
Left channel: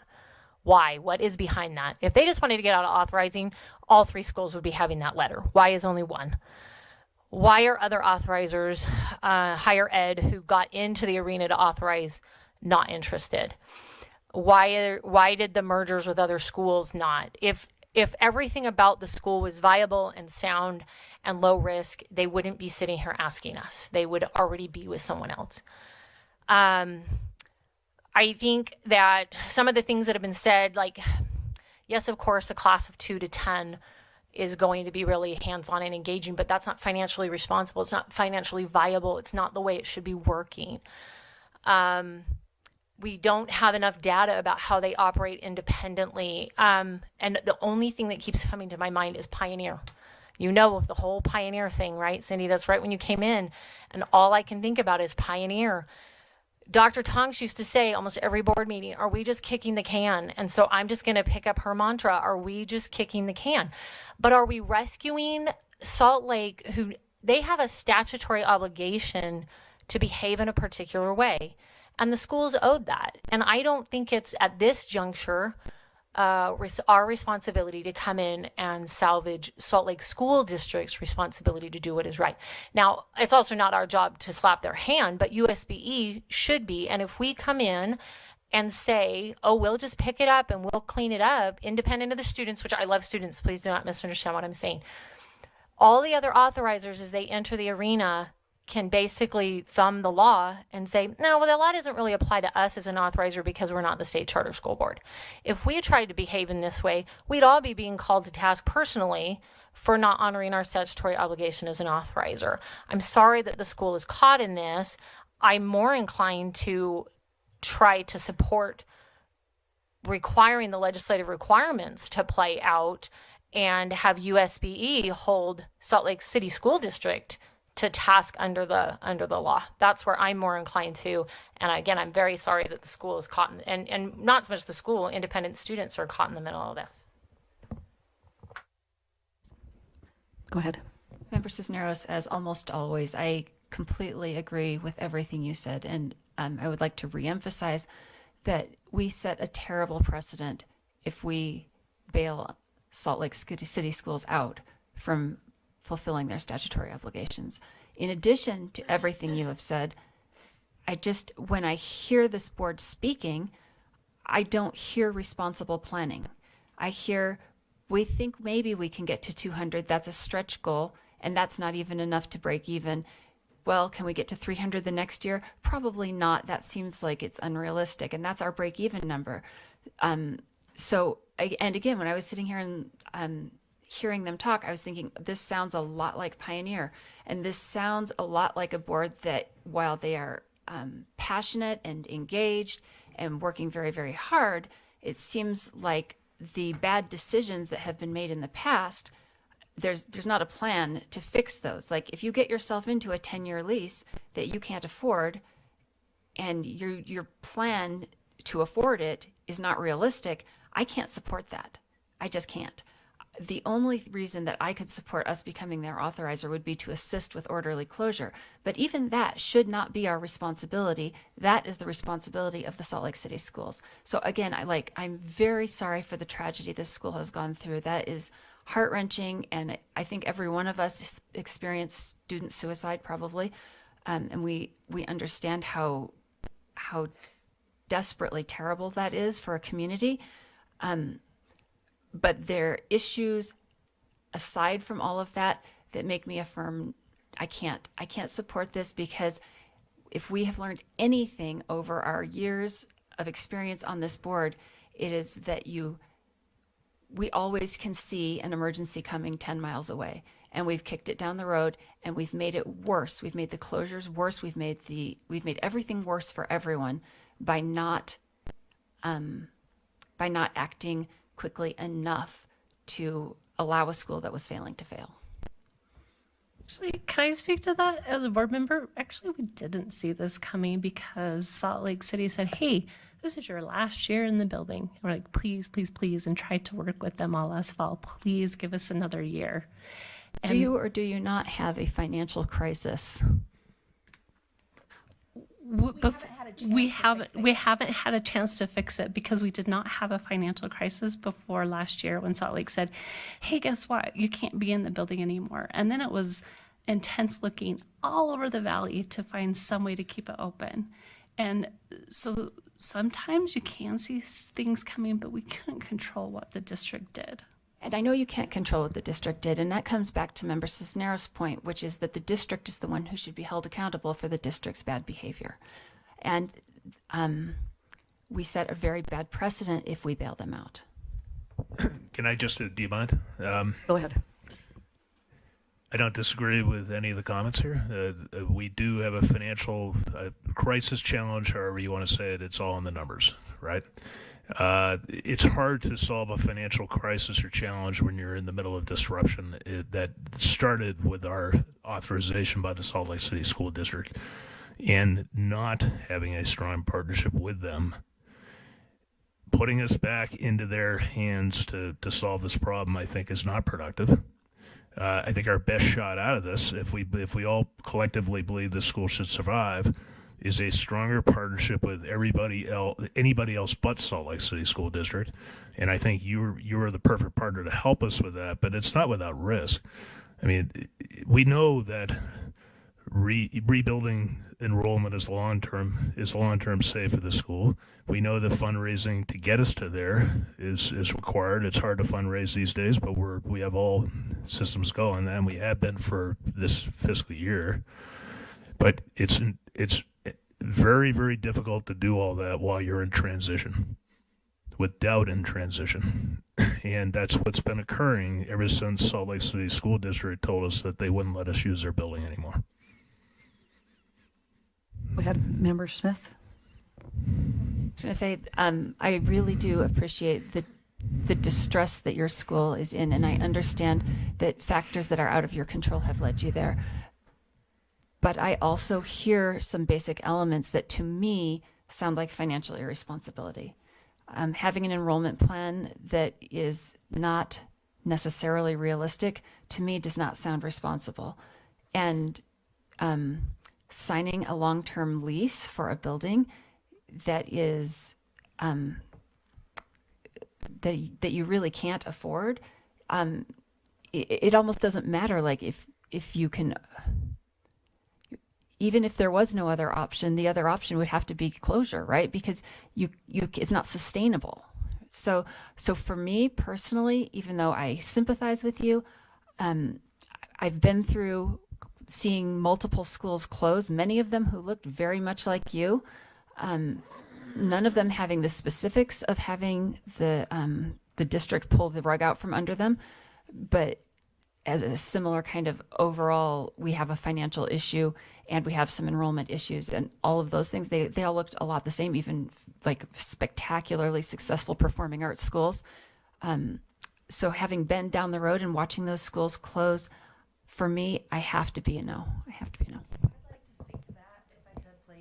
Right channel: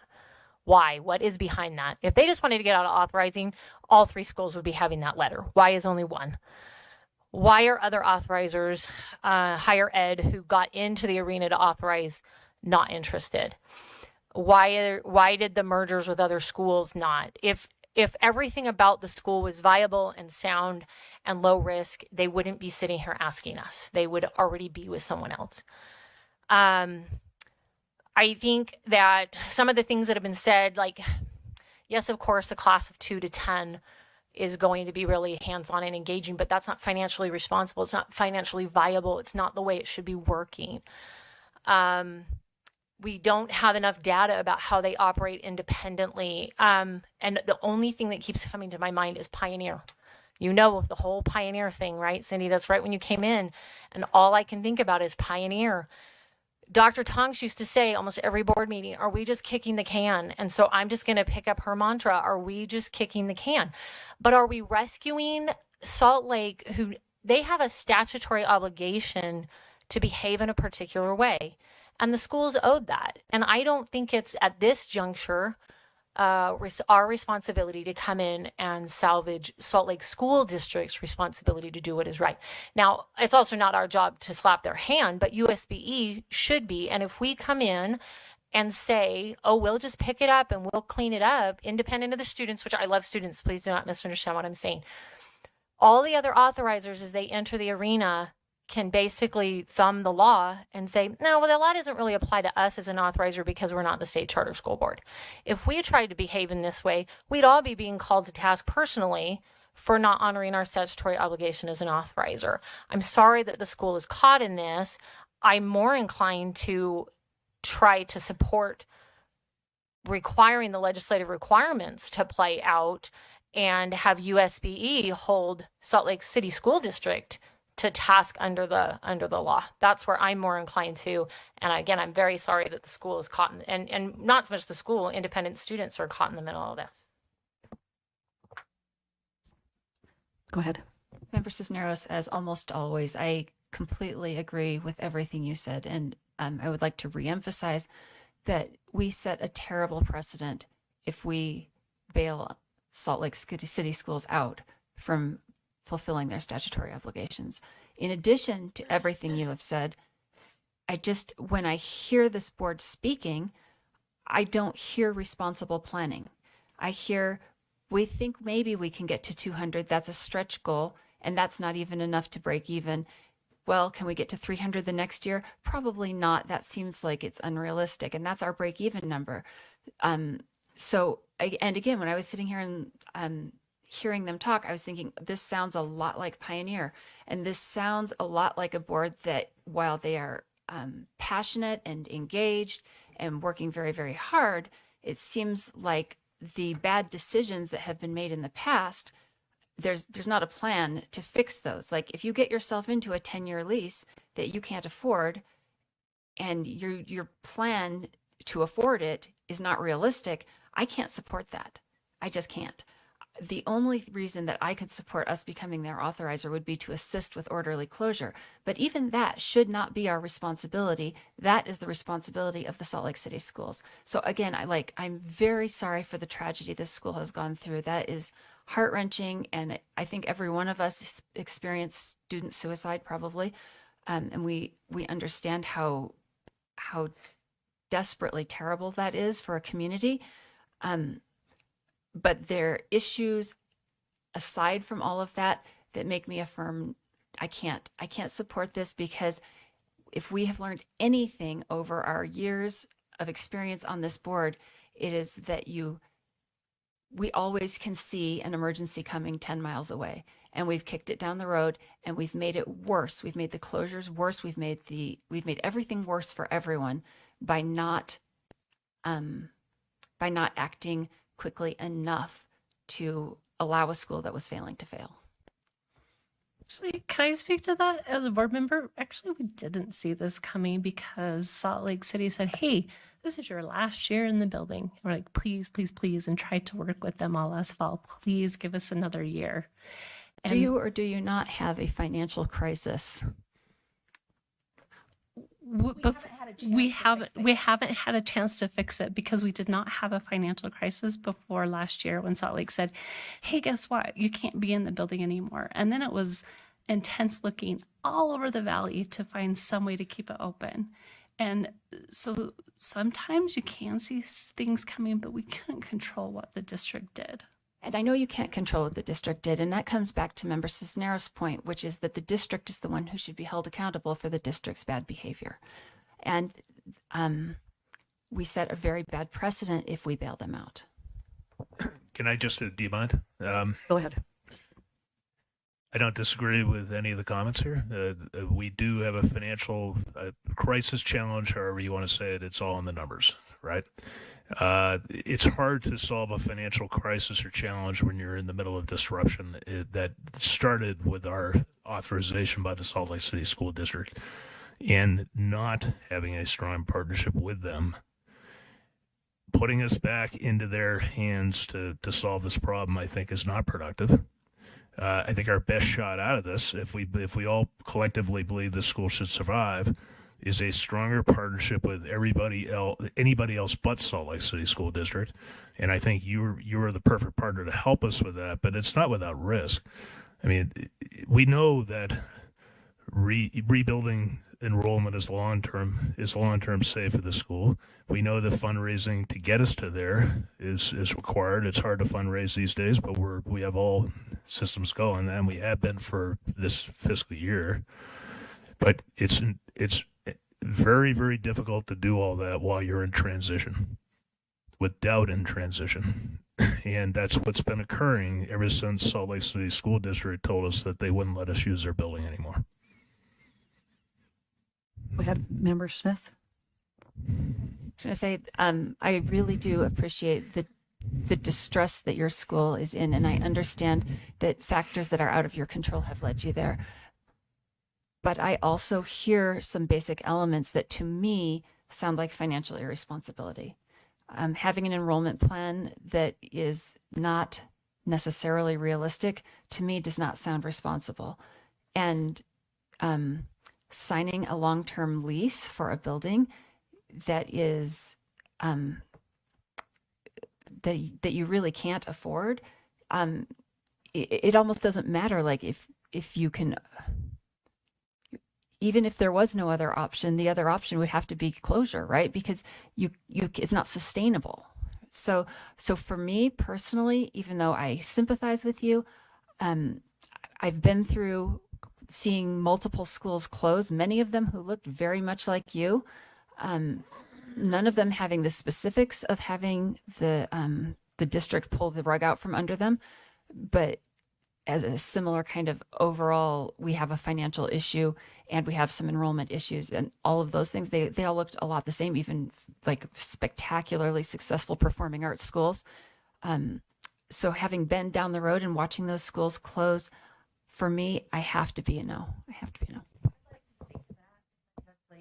Why? What is behind that? If they just wanted to get out of authorizing, all 3 schools would be having that letter. Why is only one? Why are other authorizers, higher ed, who got into the arena to authorize, not interested? Why did the mergers with other schools not? If everything about the school was viable and sound and low risk, they wouldn't be sitting here asking us. They would already be with someone else. I think that some of the things that have been said, like, yes, of course, a class of 2 to 10 is going to be really hands-on and engaging, but that's not financially responsible. It's not financially viable. It's not the way it should be working. We don't have enough data about how they operate independently. And the only thing that keeps coming to my mind is Pioneer. You know the whole Pioneer thing, right, Cindy? That's right when you came in. And all I can think about is Pioneer. Dr. Tonks used to say almost every board meeting, are we just kicking the can? And so I'm just going to pick up her mantra, are we just kicking the can? But are we rescuing Salt Lake, who they have a statutory obligation to behave in a particular way? And the schools owed that. And I don't think it's at this juncture our responsibility to come in and salvage Salt Lake School District's responsibility to do what is right. Now, it's also not our job to slap their hand, but USBE should be. And if we come in and say, oh, we'll just pick it up and we'll clean it up, independent of the students, which I love students, please do not misunderstand what I'm saying. All the other authorizers, as they enter the arena, can basically thumb the law and say, no, well, the law doesn't really apply to us as an authorizer because we're not the state charter school board. If we had tried to behave in this way, we'd all be being called to task personally for not honoring our statutory obligation as an authorizer. I'm sorry that the school is caught in this. I'm more inclined to try to support requiring the legislative requirements to play out and have USBE hold Salt Lake City School District to task under the law. That's where I'm more inclined to. And again, I'm very sorry that the school is caught in, and not so much the school, independent students are caught in the middle of this. Go ahead. Member Cisneros, as almost always, I completely agree with everything you said. And I would like to reemphasize that we set a terrible precedent if we bail Salt Lake City schools out from fulfilling their statutory obligations. In addition to everything you have said, when I hear this board speaking, I don't hear responsible planning. I hear, we think maybe we can get to 200, that's a stretch goal, and that's not even enough to break even. Well, can we get to 300 the next year? Probably not. That seems like it's unrealistic, and that's our break even number. And again, when I was sitting here and hearing them talk, I was thinking, this sounds a lot like Pioneer, and this sounds a lot like a board that, while they are passionate and engaged and working very, very hard, it seems like the bad decisions that have been made in the past, there's not a plan to fix those. Like if you get yourself into a 10-year lease that you can't afford, and your plan to afford it is not realistic, I can't support that. I just can't. The only reason that I could support us becoming their authorizer would be to assist with orderly closure. But even that should not be our responsibility. That is the responsibility of the Salt Lake City schools. So again, I'm very sorry for the tragedy this school has gone through. That is heart-wrenching, and I think every one of us experienced student suicide probably. And we understand how desperately terrible that is for a community. But there are issues aside from all of that that make me affirm I can't support this, because if we have learned anything over our years of experience on this board, it is that we always can see an emergency coming 10 miles away, and we've kicked it down the road, and we've made it worse. We've made the closures worse. We've made everything worse for everyone by not acting quickly enough to allow a school that was failing to fail. Actually, can I speak to that as a board member? Actually, we didn't see this coming because Salt Lake City said, hey, this is your last year in the building. And we're like, please, please, please, and tried to work with them all last fall. Please give us another year. Do you or do you not have a financial crisis? We haven't had a chance to fix it because we did not have a financial crisis before last year when Salt Lake said, hey, guess what? You can't be in the building anymore. And then it was intense looking all over the valley to find some way to keep it open. And so sometimes you can see things coming, but we couldn't control what the district did. And I know you can't control what the district did, and that comes back to Member Cisneros' point, which is that the district is the one who should be held accountable for the district's bad behavior. And we set a very bad precedent if we bail them out. Can I just, do you mind? Go ahead. I don't disagree with any of the comments here. We do have a financial crisis challenge, however you want to say it. It's all in the numbers, right? It's hard to solve a financial crisis or challenge when you're in the middle of disruption. That started with our authorization by the Salt Lake City School District, and not having a strong partnership with them, putting us back into their hands to solve this problem, I think is not productive. I think our best shot out of this, if we all collectively believe the school should survive, is a stronger partnership with anybody else but Salt Lake City School District. And I think you are the perfect partner to help us with that, but it's not without risk. I mean, we know that rebuilding enrollment is long-term safe for the school. We know the fundraising to get us to there is required. It's hard to fundraise these days, but we have all systems going, and we have been for this fiscal year. But it's very, very difficult to do all that while you're in transition, with doubt in transition. And that's what's been occurring ever since Salt Lake City School District told us that they wouldn't let us use their building anymore. We have Member Smith. I was going to say, I really do appreciate the distress that your school is in, and I understand that factors that are out of your control have led you there. But I also hear some basic elements that to me sound like financial irresponsibility. Having an enrollment plan that is not necessarily realistic, to me, does not sound responsible. And signing a long-term lease for a building that is that you really can't afford, it almost doesn't matter. Like if you can, even if there was no other option, the other option would have to be closure, right? Because it's not sustainable. So for me personally, even though I sympathize with you, I've been through seeing multiple schools close, many of them who looked very much like you, none of them having the specifics of having the district pull the rug out from under them, but as a similar kind of overall, we have a financial issue and we have some enrollment issues, and all of those things, they all looked a lot the same, even like spectacularly successful performing arts schools. So having been down the road and watching those schools close, for me, I have to be a no. I have to be a no.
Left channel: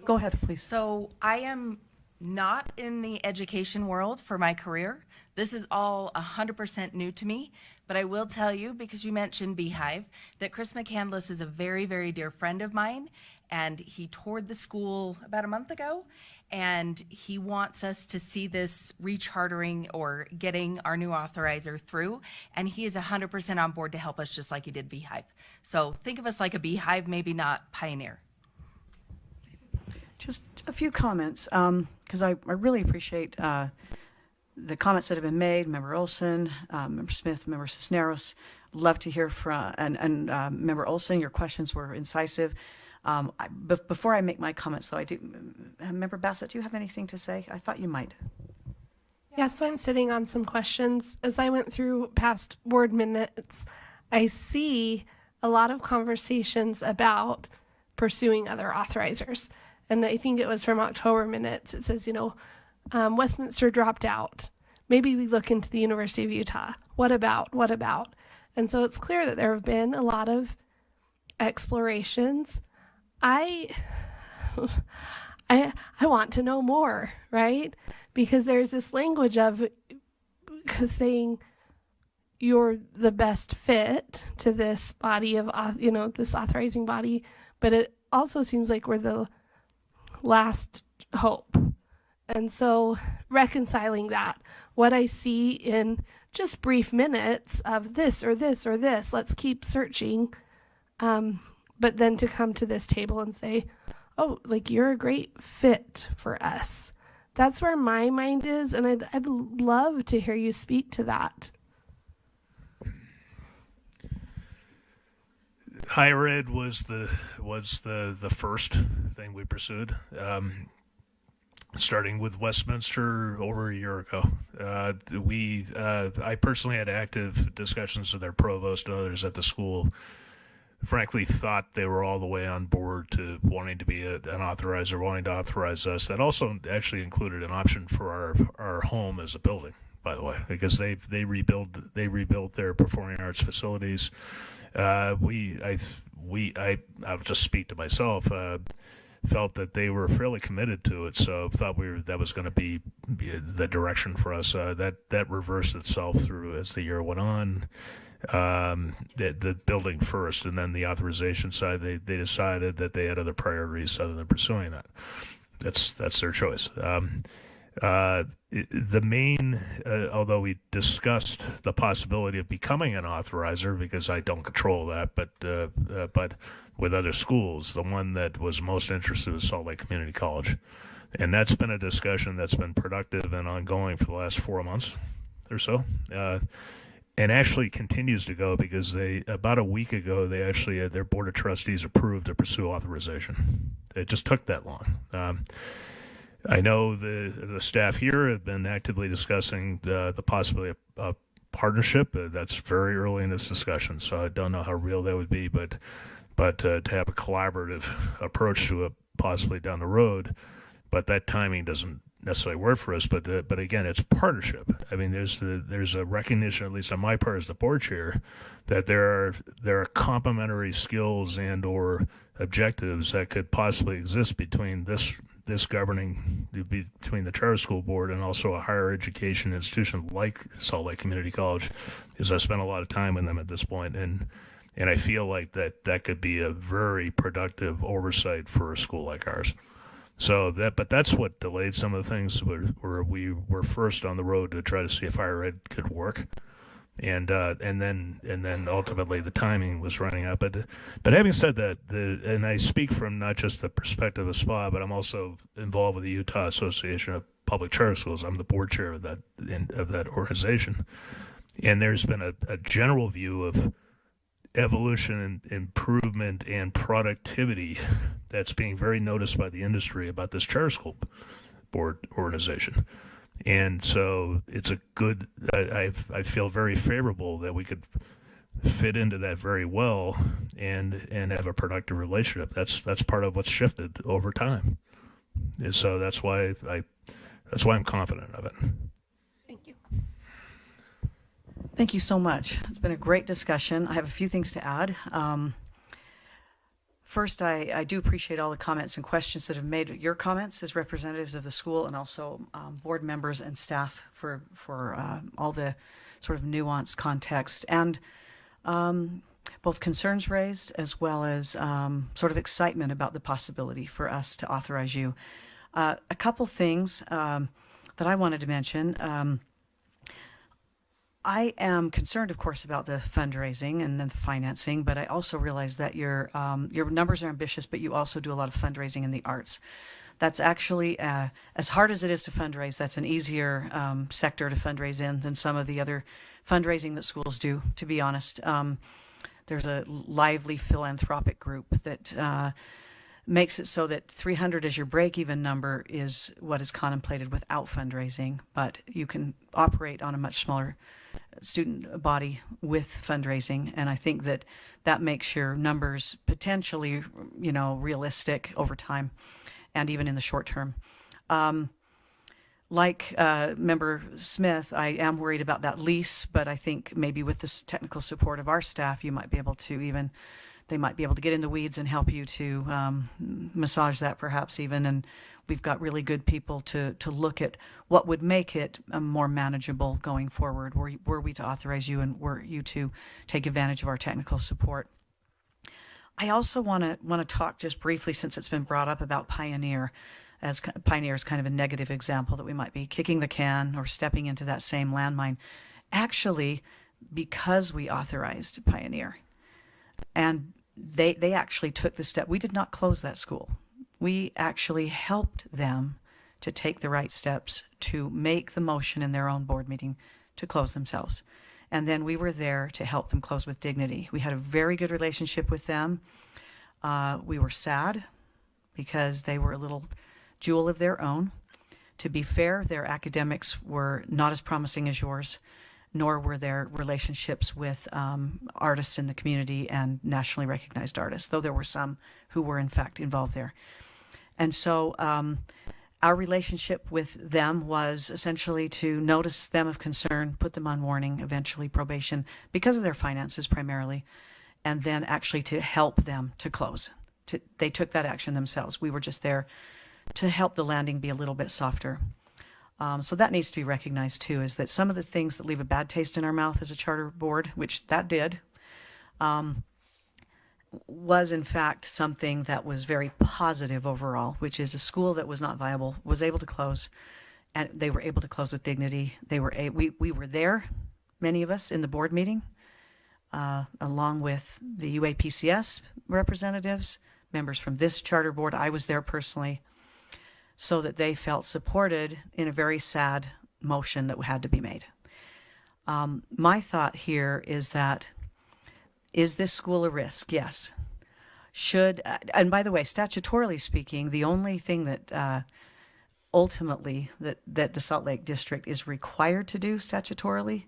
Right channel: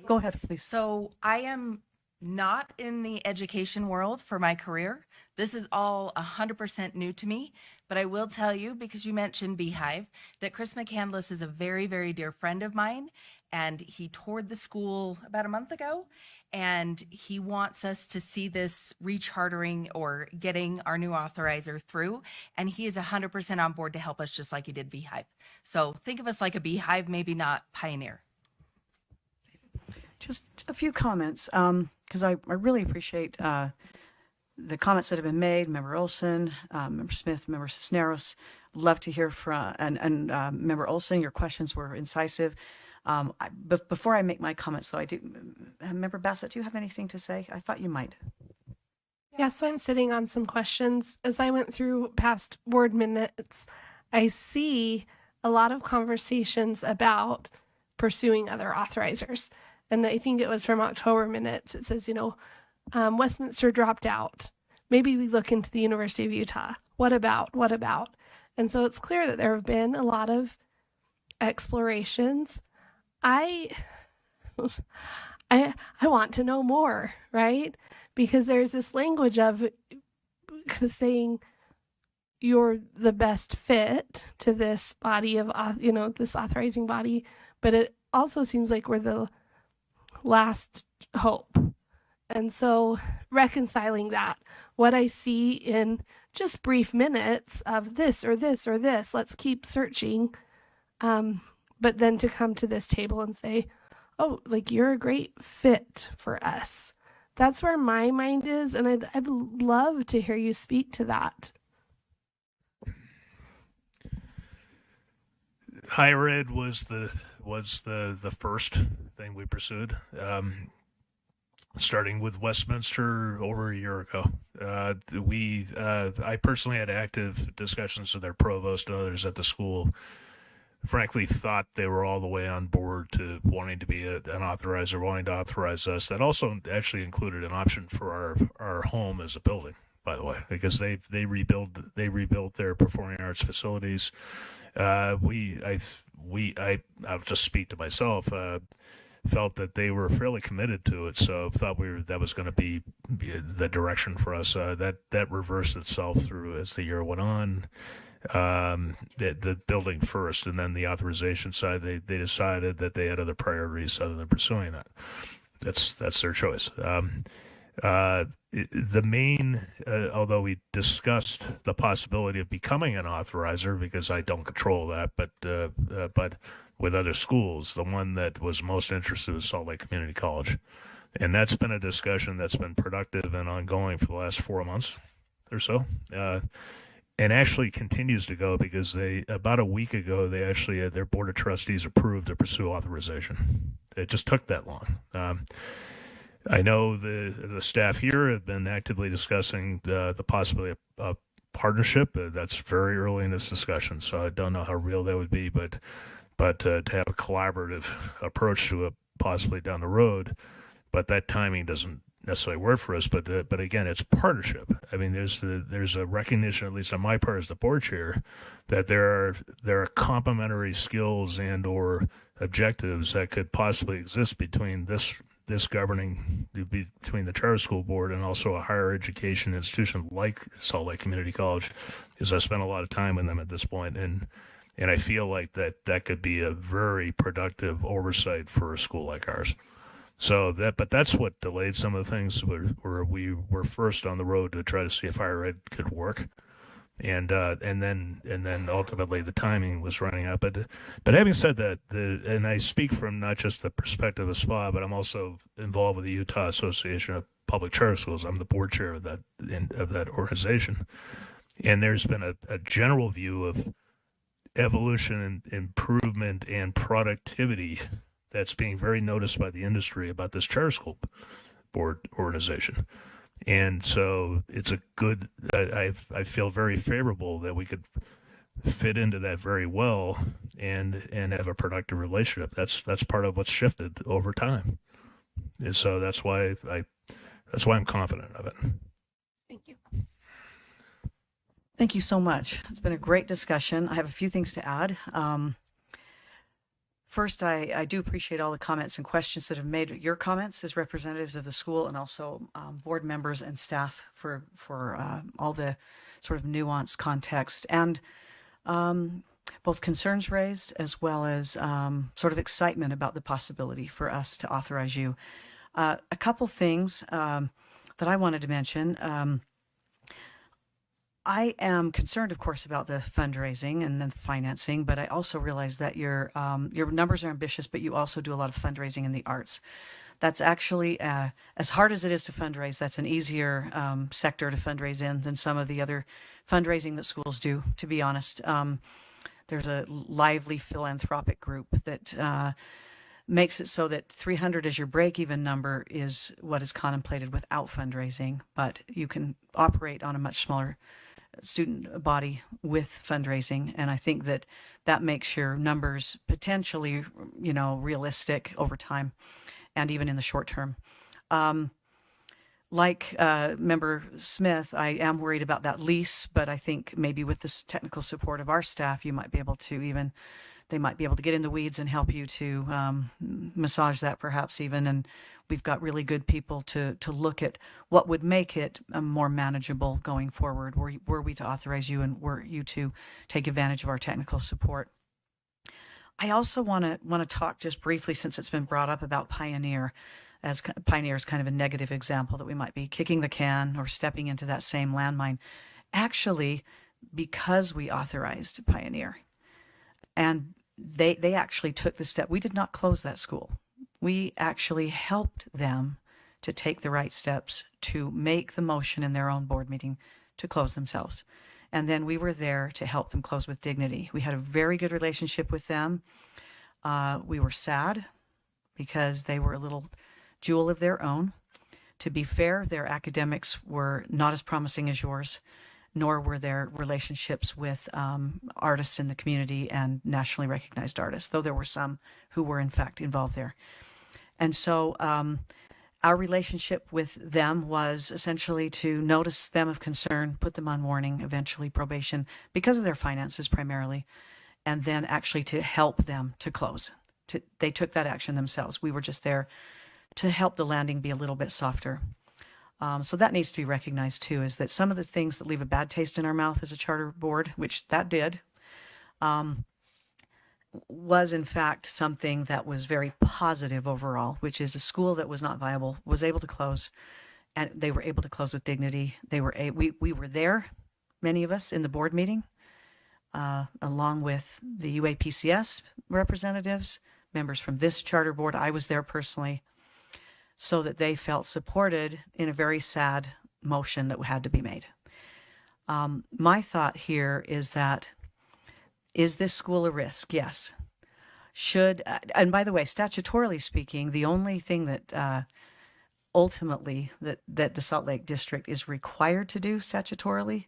Go ahead, please. So I am not in the education world for my career. This is all 100% new to me, but I will tell you, because you mentioned Beehive, that Chris McCandless is a very, very dear friend of mine, and he toured the school about a month ago, and he wants us to see this rechartering or getting our new authorizer through, and he is 100% on board to help us just like he did Beehive. So think of us like a Beehive, maybe not Pioneer. Just a few comments, because I really appreciate the comments that have been made. Member Olson, Member Smith, Member Cisneros. Love to hear from, and Member Olson, your questions were incisive. Before I make my comments, though, I do, Member Bassett, do you have anything to say? I thought you might. Yeah, so I'm sitting on some questions. As I went through past board minutes, I see a lot of conversations about pursuing other authorizers. And I think it was from October minutes. It says, Westminster dropped out. Maybe we look into the University of Utah. What about? And so it's clear that there have been a lot of explorations. I want to know more, right? Because there's this language of saying you're the best fit to this body of, this authorizing body, but it also seems like we're the last hope. And so reconciling that, what I see in just brief minutes of this or this or this, let's keep searching, but then to come to this table and say, oh, like, you're a great fit for us. That's where my mind is, and I'd love to hear you speak to that. Higher ed was the first thing we pursued, starting with Westminster over a year ago. I personally had active discussions with their provost and others at the school. Frankly, thought they were all the way on board to wanting to be an authorizer, wanting to authorize us. That also actually included an option for our home as a building, by the way, because they rebuilt their performing arts facilities. I'll just speak to myself, felt that they were fairly committed to it, so thought that was going to be the direction for us. That reversed itself through as the year went on. The building first, and then the authorization side, they decided that they had other priorities other than pursuing that. That's their choice. The main, although we discussed the possibility of becoming an authorizer, because I don't control that, but with other schools, the one that was most interested was Salt Lake Community College. And that's been a discussion that's been productive and ongoing for the last 4 months or so. And actually continues to go, because about a week ago, their board of trustees approved to pursue authorization. It just took that long. I know the staff here have been actively discussing the possibility of partnership. That's very early in this discussion, so I don't know how real that would be, but to have a collaborative approach to it possibly down the road, but that timing doesn't necessarily work for us. But again, it's partnership. I mean, there's a recognition, at least on my part as the board chair, that there are complementary skills and or objectives that could possibly exist between this governing, between the charter school board and also a higher education institution like Salt Lake Community College, because I spent a lot of time with them at this point, and I feel like that could be a very productive oversight for a school like ours. So but that's what delayed some of the things where we were first on the road to try to see if higher ed could work. And then ultimately the timing was running out. But having said that, and I speak from not just the perspective of SPA, but I'm also involved with the Utah Association of Public Charter Schools. I'm the board chair of that organization, and there's been a general view of evolution and improvement and productivity that's being very noticed by the industry about this charter school board organization. And so it's a good, I feel very favorable that we could fit into that very well and have a productive relationship. That's part of what's shifted over time. And so that's why I'm confident of it. Thank you. Thank you so much. It's been a great discussion. I have a few things to add. First, I do appreciate all the comments and questions that have made your comments as representatives of the school, and also board members and staff for all the sort of nuanced context and both concerns raised as well as sort of excitement about the possibility for us to authorize you. A couple things that I wanted to mention. I am concerned, of course, about the fundraising and the financing, but I also realize that your numbers are ambitious, but you also do a lot of fundraising in the arts. That's actually, as hard as it is to fundraise, that's an easier sector to fundraise in than some of the other fundraising that schools do, to be honest. There's a lively philanthropic group that makes it so that 300 as your break-even number is what is contemplated without fundraising, but you can operate on a much smaller student body with fundraising, and I think that that makes your numbers potentially, realistic over time and even in the short term. Like Member Smith, I am worried about that lease, but I think maybe with this technical support of our staff, you might be able to they might be able to get in the weeds and help you to massage that perhaps even. And we've got really good people to look at what would make it more manageable going forward were we to authorize you and were you to take advantage of our technical support. I also want to talk just briefly, since it's been brought up, about Pioneer, as Pioneer is kind of a negative example that we might be kicking the can or stepping into that same landmine. Actually, because we authorized Pioneer, and they actually took the step. We did not close that school. We actually helped them to take the right steps to make the motion in their own board meeting to close themselves. And then we were there to help them close with dignity. We had a very good relationship with them. We were sad because they were a little jewel of their own. To be fair, their academics were not as promising as yours, nor were their relationships with artists in the community and nationally recognized artists, though there were some who were in fact involved there. And so our relationship with them was essentially to notice them of concern, put them on warning, eventually probation, because of their finances primarily, and then actually to help them to close. They took that action themselves. We were just there to help the landing be a little bit softer. So that needs to be recognized too, is that some of the things that leave a bad taste in our mouth as a charter board, which that did, was in fact something that was very positive overall, which is a school that was not viable was able to close, and they were able to close with dignity. We were there, many of us, in the board meeting, along with the UAPCS representatives, members from this charter board. I was there personally, so that they felt supported in a very sad motion that had to be made. My thought here is that, is this school a risk? Yes. And by the way, statutorily speaking, the only thing that ultimately that the Salt Lake District is required to do statutorily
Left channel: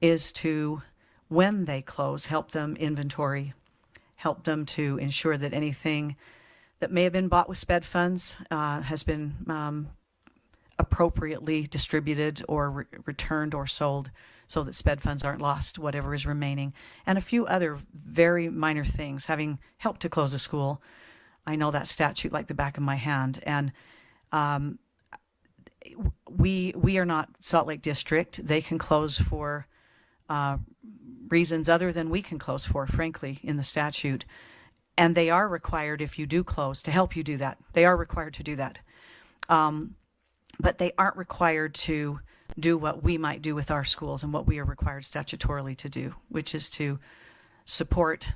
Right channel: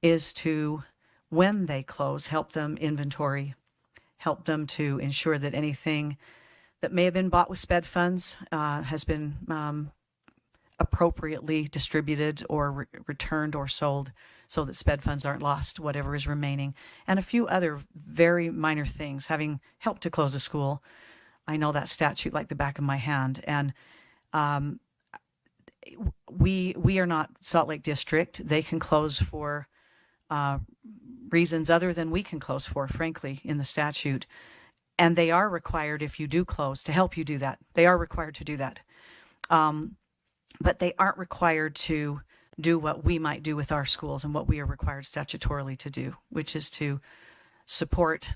is to, when they close, help them inventory, help them to ensure that anything that may have been bought with SPED funds has been appropriately distributed or returned or sold, so that SPED funds aren't lost, whatever is remaining, and a few other very minor things. Having helped to close a school, I know that statute like the back of my hand, and we are not Salt Lake District. They can close for reasons other than we can close for, frankly, in the statute. And they are required, if you do close, to help you do that. They are required to do that. But they aren't required to do what we might do with our schools and what we are required statutorily to do, which is to support,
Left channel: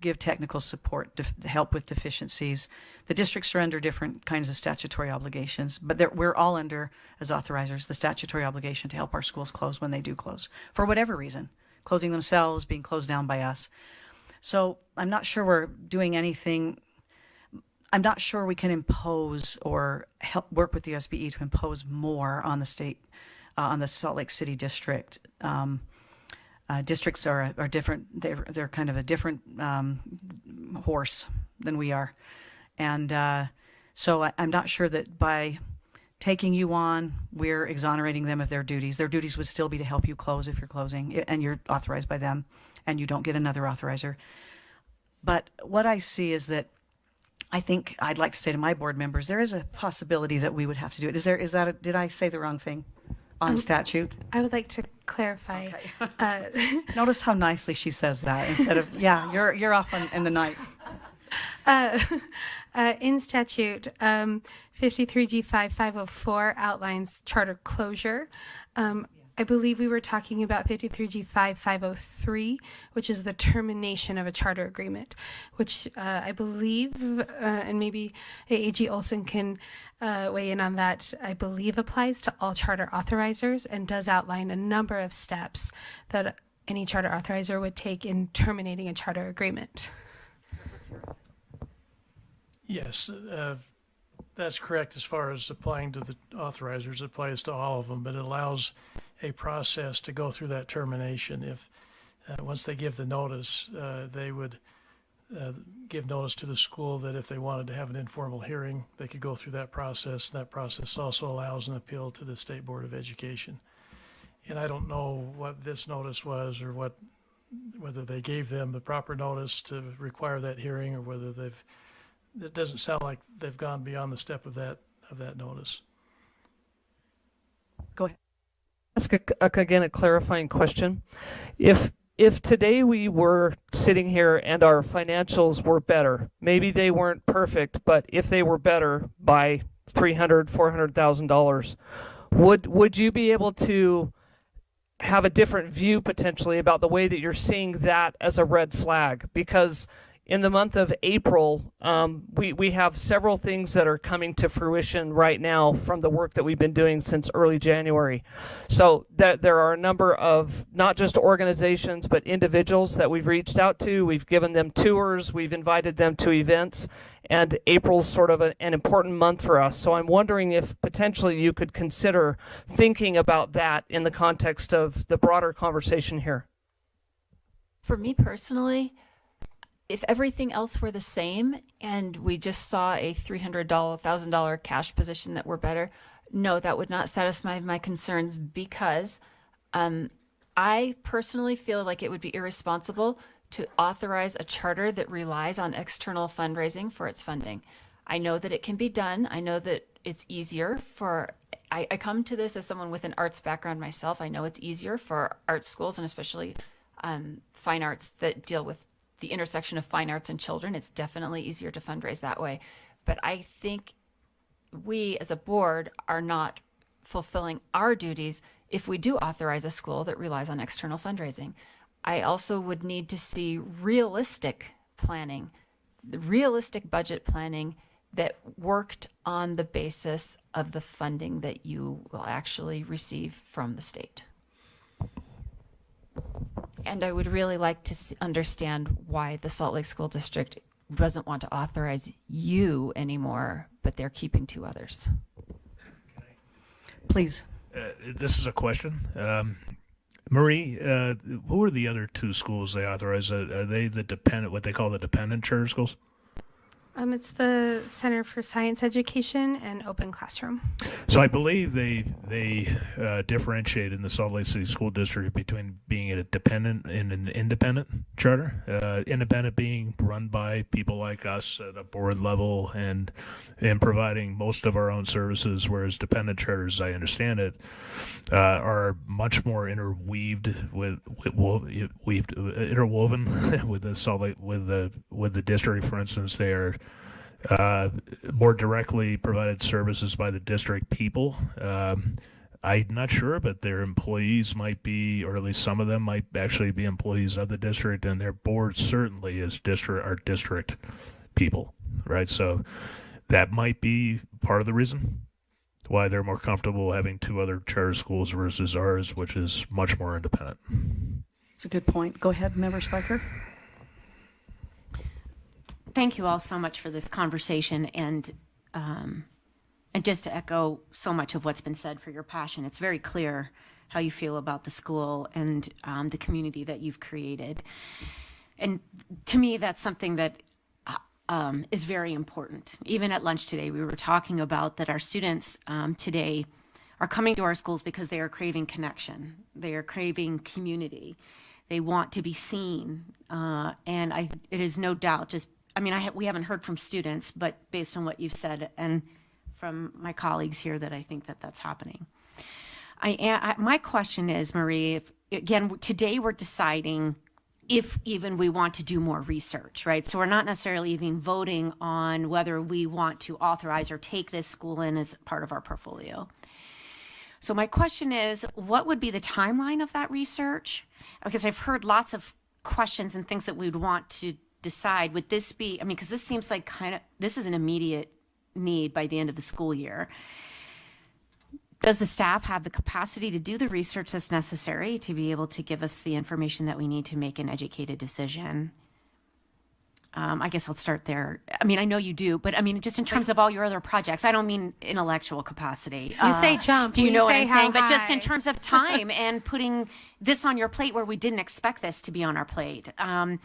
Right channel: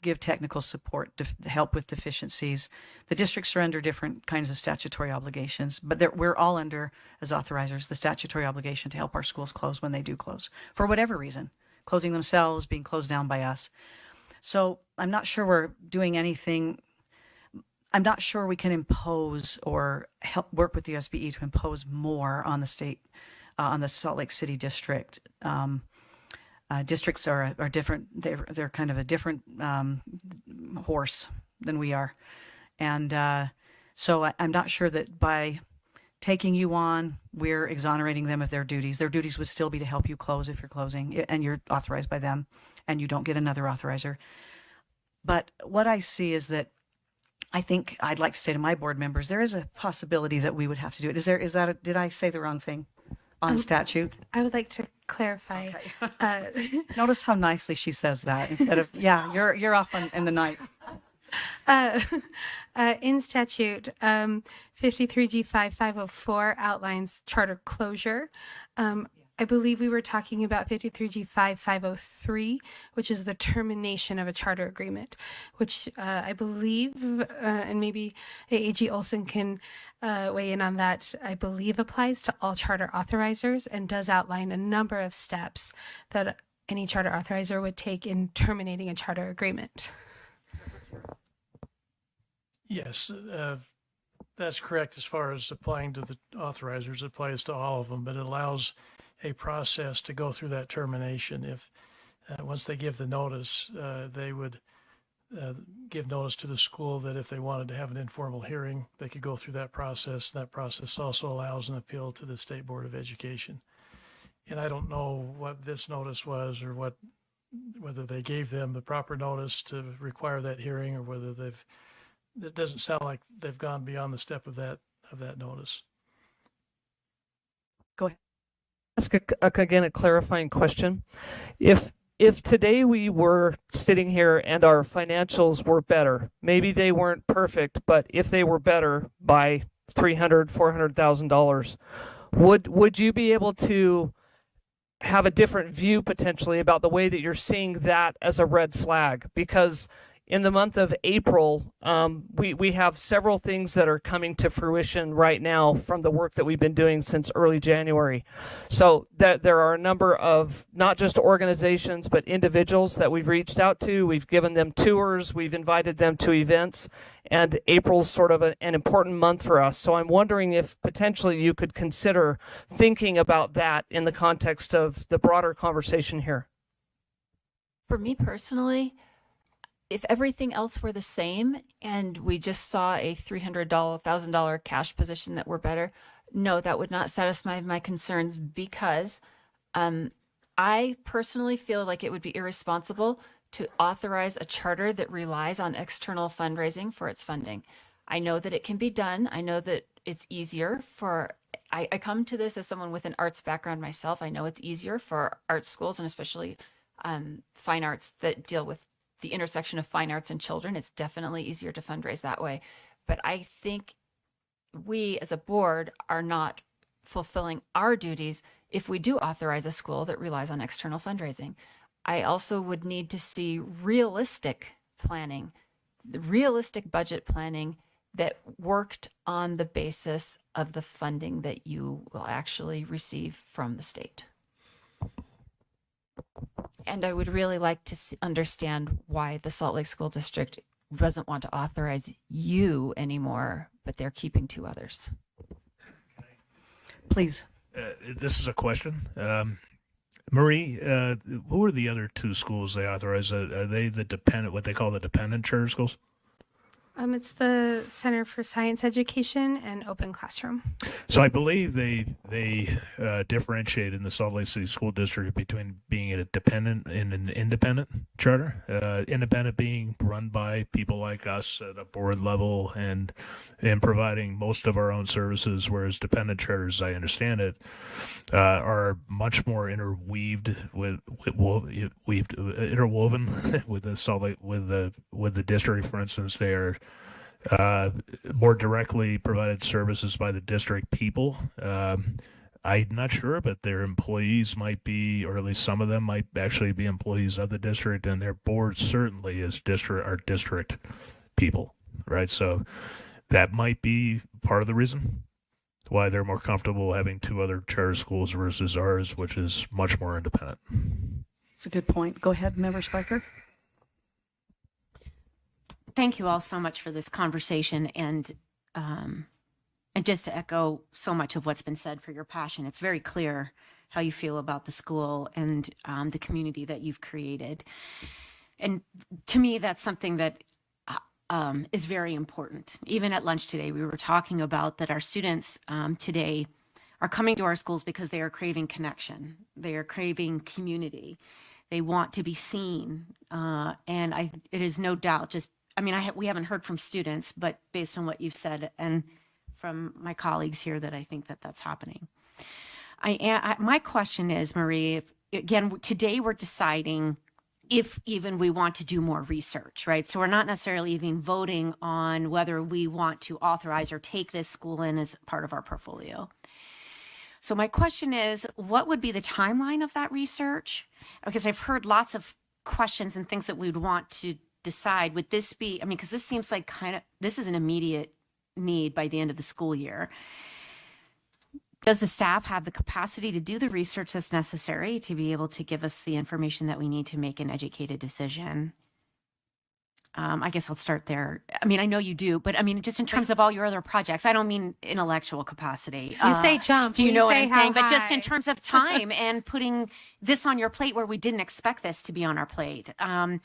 give technical support, help with deficiencies. The districts are under different kinds of statutory obligations, but we're all under, as authorizers, the statutory obligation to help our schools close when they do close, for whatever reason, closing themselves, being closed down by us. So I'm not sure we're doing anything. I'm not sure we can impose or help work with the USBE to impose more on the state, on the Salt Lake City district. Districts are different. They're kind of a different horse than we are, and so I'm not sure that by taking you on, we're exonerating them of their duties. Their duties would still be to help you close if you're closing, and you're authorized by them, and you don't get another authorizer. But what I see is that I think I'd like to say to my board members, there is a possibility that we would have to do it. Did I say the wrong thing on statute? I would like to clarify. Notice how nicely she says that instead of, yeah, you're off in the night. In statute, 53G5504 outlines charter closure. I believe we were talking about 53G5503, which is the termination of a charter agreement, which I believe, and maybe AG Olson can weigh in on that, I believe applies to all charter authorizers and does outline a number of steps that any charter authorizer would take in terminating a charter agreement. Yes, that's correct as far as applying to the authorizers. It applies to all of them, but it allows a process to go through that termination. If once they give the notice, they would give notice to the school that if they wanted to have an informal hearing, they could go through that process. That process also allows an appeal to the State Board of Education. And I don't know what this notice was, or whether they gave them the proper notice to require that hearing, or whether it doesn't sound like they've gone beyond the step of that notice. Go ahead. Ask again a clarifying question. If today we were sitting here and our financials were better, maybe they weren't perfect, but if they were better by $300,000-$400,000, would you be able to have a different view potentially about the way that you're seeing that as a red flag? Because in the month of April, we have several things that are coming to fruition right now from the work that we've been doing since early January. So that there are a number of not just organizations, but individuals that we've reached out to. We've given them tours. We've invited them to events. And April's sort of an important month for us. So I'm wondering if potentially you could consider thinking about that in the context of the broader conversation here. For me personally, if everything else were the same and we just saw a $300,000 cash position that were better, no, that would not satisfy my concerns, because I personally feel like it would be irresponsible to authorize a charter that relies on external fundraising for its funding. I know that it can be done. I know that it's easier I come to this as someone with an arts background myself. I know it's easier for art schools, and especially fine arts that deal with the intersection of fine arts and children. It's definitely easier to fundraise that way. But I think we as a board are not fulfilling our duties if we do authorize a school that relies on external fundraising. I also would need to see realistic planning, the realistic budget planning that worked on the basis of the funding that you will actually receive from the state. And I would really like to understand why the Salt Lake School District doesn't want to authorize you anymore, but they're keeping 2 others. Please. This is a question. Marie, who are the other 2 schools they authorize? Are they what they call the dependent charter schools? It's the Center for Science Education and Open Classroom. So I believe they differentiate in the Salt Lake City School District between being a dependent and an independent charter. Independent being run by people like us at a board level and providing most of our own services, whereas dependent charters, as I understand it, are much more interwoven with the Salt Lake, with the district. For instance, they are more directly provided services by the district people. I'm not sure, but their employees might be, or at least some of them might actually be employees of the district, and their board certainly is are district people, right? So that might be part of the reason why they're more comfortable having 2 other charter schools versus ours, which is much more independent. That's a good point. Go ahead, Member Sparker. Thank you all so much for this conversation, and just to echo so much of what's been said, for your passion. It's very clear how you feel about the school and the community that you've created. And to me, that's something that is very important. Even at lunch today, we were talking about that our students today are coming to our schools because they are craving connection. They are craving community. They want to be seen. And it is no doubt just, we haven't heard from students, but based on what you've said and from my colleagues here that I think that that's happening. My question is, Marie, again, today we're deciding if even we want to do more research, right? So we're not necessarily even voting on whether we want to authorize or take this school in as part of our portfolio. So my question is, what would be the timeline of that research? Because I've heard lots of questions and things that we would want to decide. Would this be, because this seems like this is an immediate need by the end of the school year. Does the staff have the capacity to do the research that's necessary to be able to give us the information that we need to make an educated decision? I guess I'll start there. I know you do, but just in terms of all your other projects, I don't mean intellectual capacity. You say jump. Do you we know what say I'm how saying? But just in high. terms of time and putting this on your plate where we didn't expect this to be on our plate, and